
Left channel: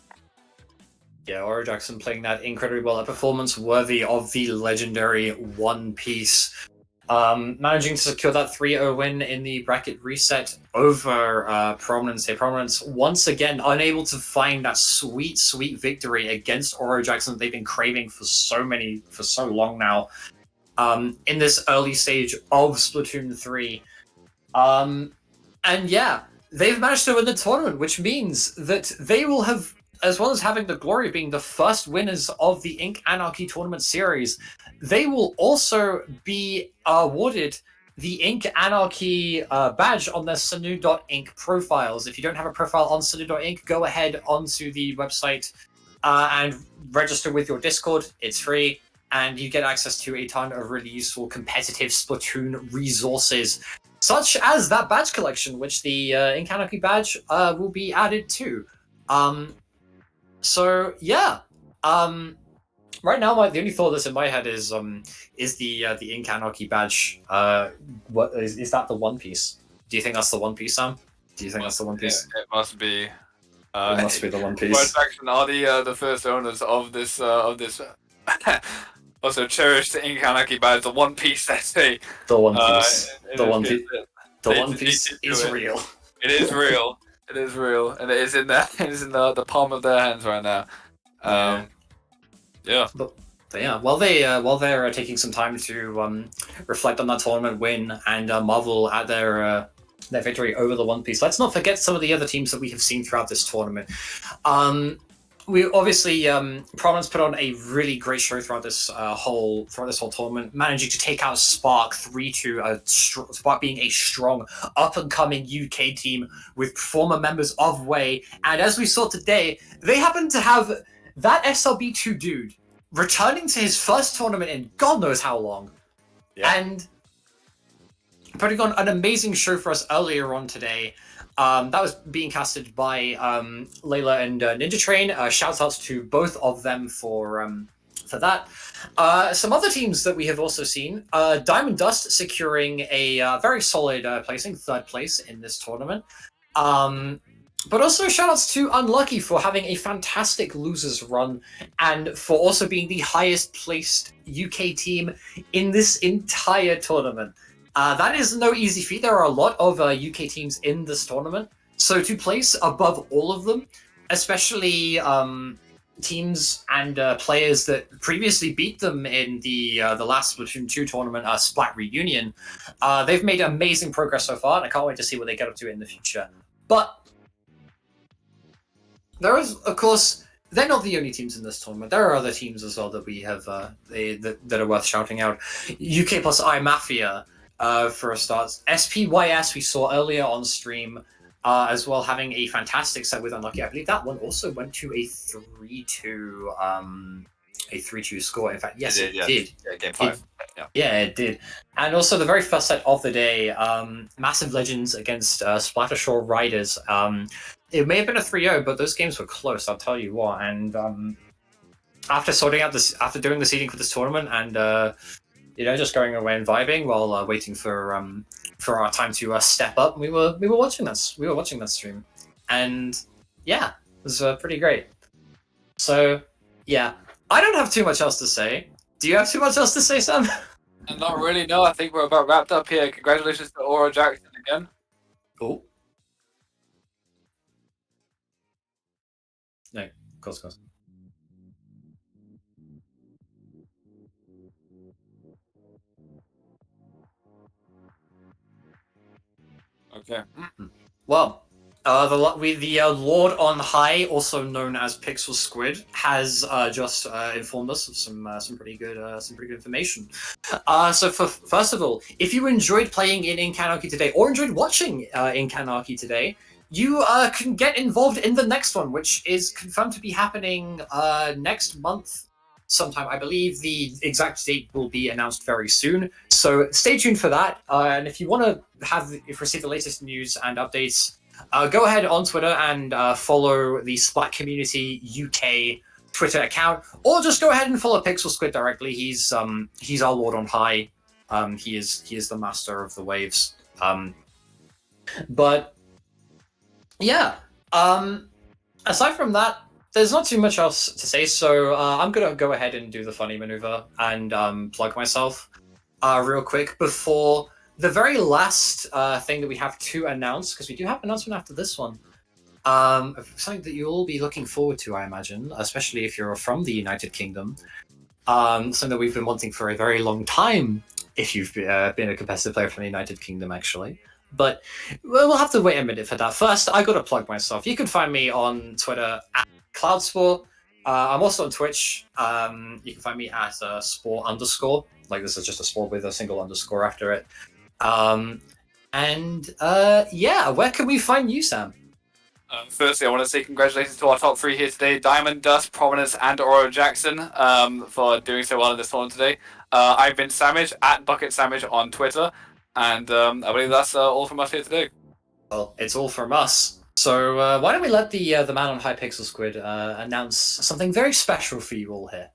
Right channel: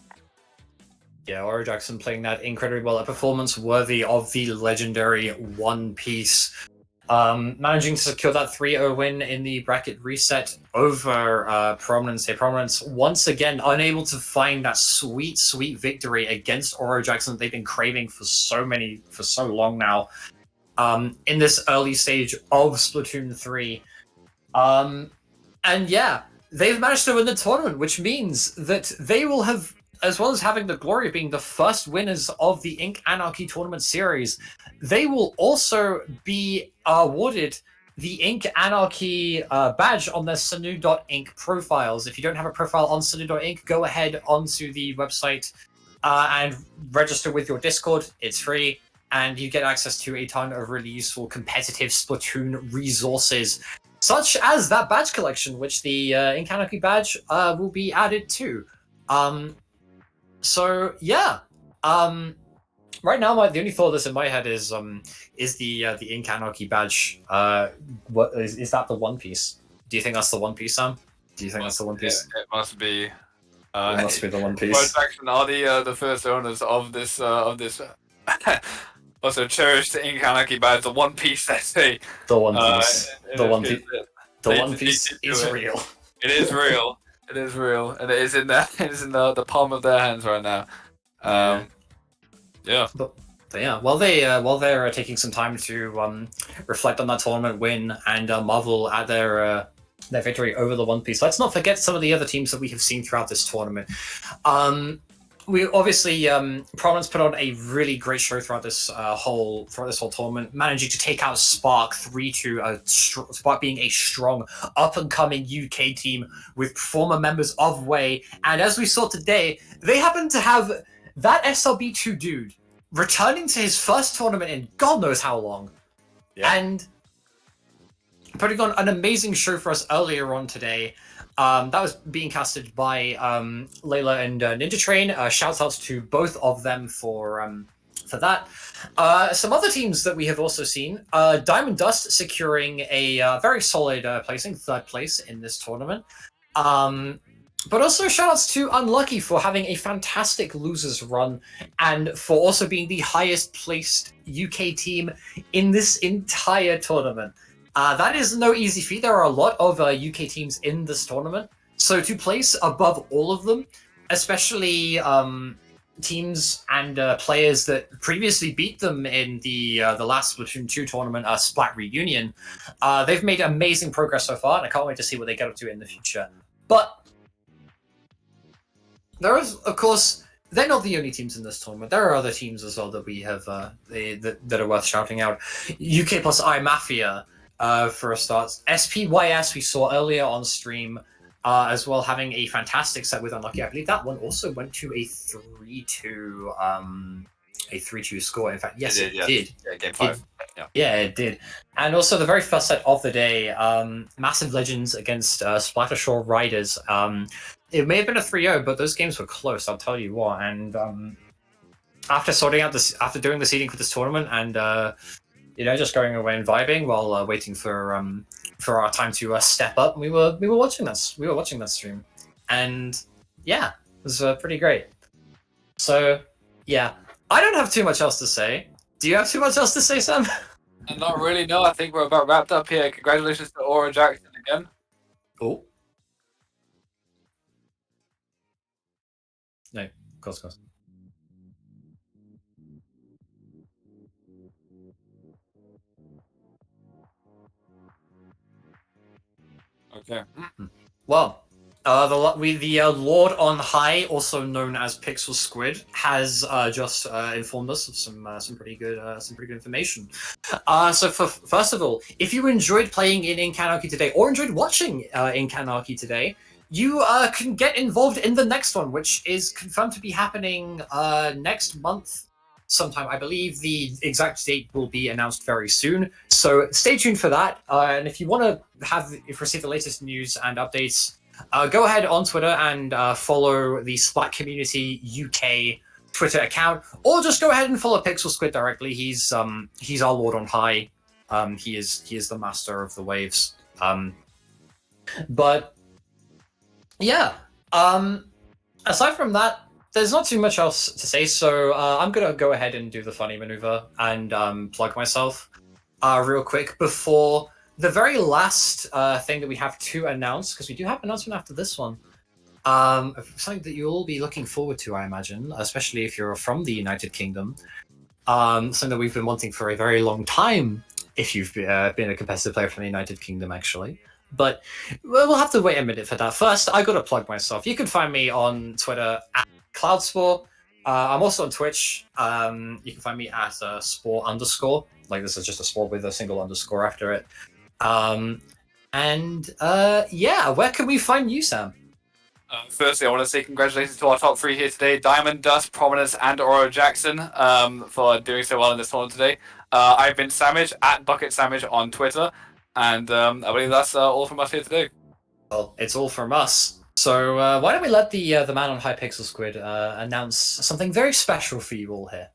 Yeah, Aura Jackson playing that incredibly well. A performance worthy of the legendary One Piece. Managing to secure that 3-0 win in the bracket reset over Prominence here. Prominence once again unable to find that sweet victory against Aura Jackson that they've been craving for so long now. In this early stage of Splatoon 3. And yeah, they've managed to win the tournament, which means that they will have, as well as having the glory of being the first winners of the Ink Anarchy tournament series, they will also be awarded the Ink Anarchy badge on their Sanu.ink profiles. If you don't have a profile on Sanu.ink, go ahead onto the website and register with your Discord. It's free, and you get access to a ton of really useful competitive Splatoon resources, such as that badge collection, which the Ink Anarchy badge will be added to. So yeah, right now the only thought that's in my head is the Ink Anarchy badge. What is that? The One Piece? Do you think that's the One Piece, Sam? Do you think that's the One Piece? Yeah, it must be. It must be the One Piece. First Action are the first owners of this also cherished the Ink Anarchy badge. The One Piece, they say. The One Piece. The One Piece. The One Piece is real. It is real. It is real, and it is in there. It is in the palm of their hands right now. Yeah. But yeah, while they're taking some time to reflect on that tournament win and marvel at their victory over the One Piece, let's not forget some of the other teams that we have seen throughout this tournament. We obviously Prominence put on a really great show throughout this whole tournament, managing to take out Spark 3-2. Spark being a strong up and coming UK team with former members of Way, and as we saw today, they happen to have that SLB2 dude returning to his first tournament in God knows how long, and putting on an amazing show for us earlier on today. That was being casted by Layla and Ninja Train. Shouts outs to both of them for that. Some other teams that we have also seen: Diamond Dust securing a very solid placing, third place in this tournament. But also shoutouts to Unlucky for having a fantastic losers run and for also being the highest placed UK team in this entire tournament. That is no easy feat. There are a lot of UK teams in this tournament, so to place above all of them, especially teams and players that previously beat them in the last Splatoon 2 tournament, Splat Reunion, they've made amazing progress so far, and I can't wait to see what they get up to in the future. But there is, of course, they're not the only teams in this tournament. There are other teams as well that we have that are worth shouting out. UK plus I Mafia, for a start. SPYS we saw earlier on stream, as well, having a fantastic set with Unlucky. I believe that one also went to a 3-2 score. In fact, yes, it did. Yeah, game 5. Yeah, it did. And also the very first set of the day, Massive Legends against Splattershore Riders. It may have been a 3-0, but those games were close, I'll tell you what. And after doing the seeding for this tournament and just going away and vibing while waiting for our time to step up, we were watching this. We were watching that stream, and yeah, it was pretty great. So yeah, I don't have too much else to say. Do you have too much else to say, Sam? Not really. No, I think we're about wrapped up here. Congratulations to Aura Jackson again. Oh. No, of course. Okay. Well, the Lord on High, also known as Pixel Squid, has just informed us of some pretty good information. So first of all, if you enjoyed playing in Ink Anarchy today, or enjoyed watching Ink Anarchy today, you can get involved in the next one, which is confirmed to be happening next month sometime. I believe the exact date will be announced very soon, so stay tuned for that. And if you want to receive the latest news and updates, go ahead on Twitter and follow the Splat Community UK Twitter account, or just go ahead and follow Pixel Squid directly. He's our Lord on High. He is the master of the waves. But yeah, aside from that, there's not too much else to say, so I'm going to go ahead and do the funny maneuver and plug myself real quick before the very last thing that we have to announce, because we do have an announcement after this one. Something that you'll all be looking forward to, I imagine, especially if you're from the United Kingdom. Something that we've been wanting for a very long time, if you've been a competitive player from the United Kingdom, actually. But we'll have to wait a minute for that. First, I got to plug myself. You can find me on Twitter at Cloudspore. I'm also on Twitch. You can find me at spore_. Like, this is just a spore with a single underscore after it. Yeah, where can we find you, Sam? Firstly, I want to say congratulations to our top 3 here today: Diamond Dust, Prominence, and Aura Jackson, for doing so well in this tournament today. I've been Samage at Bucket Samage on Twitter, and I believe that's all from us here today. Well, it's all from us. So why don't we let the man on High Pixel Squid announce something very special for you all here?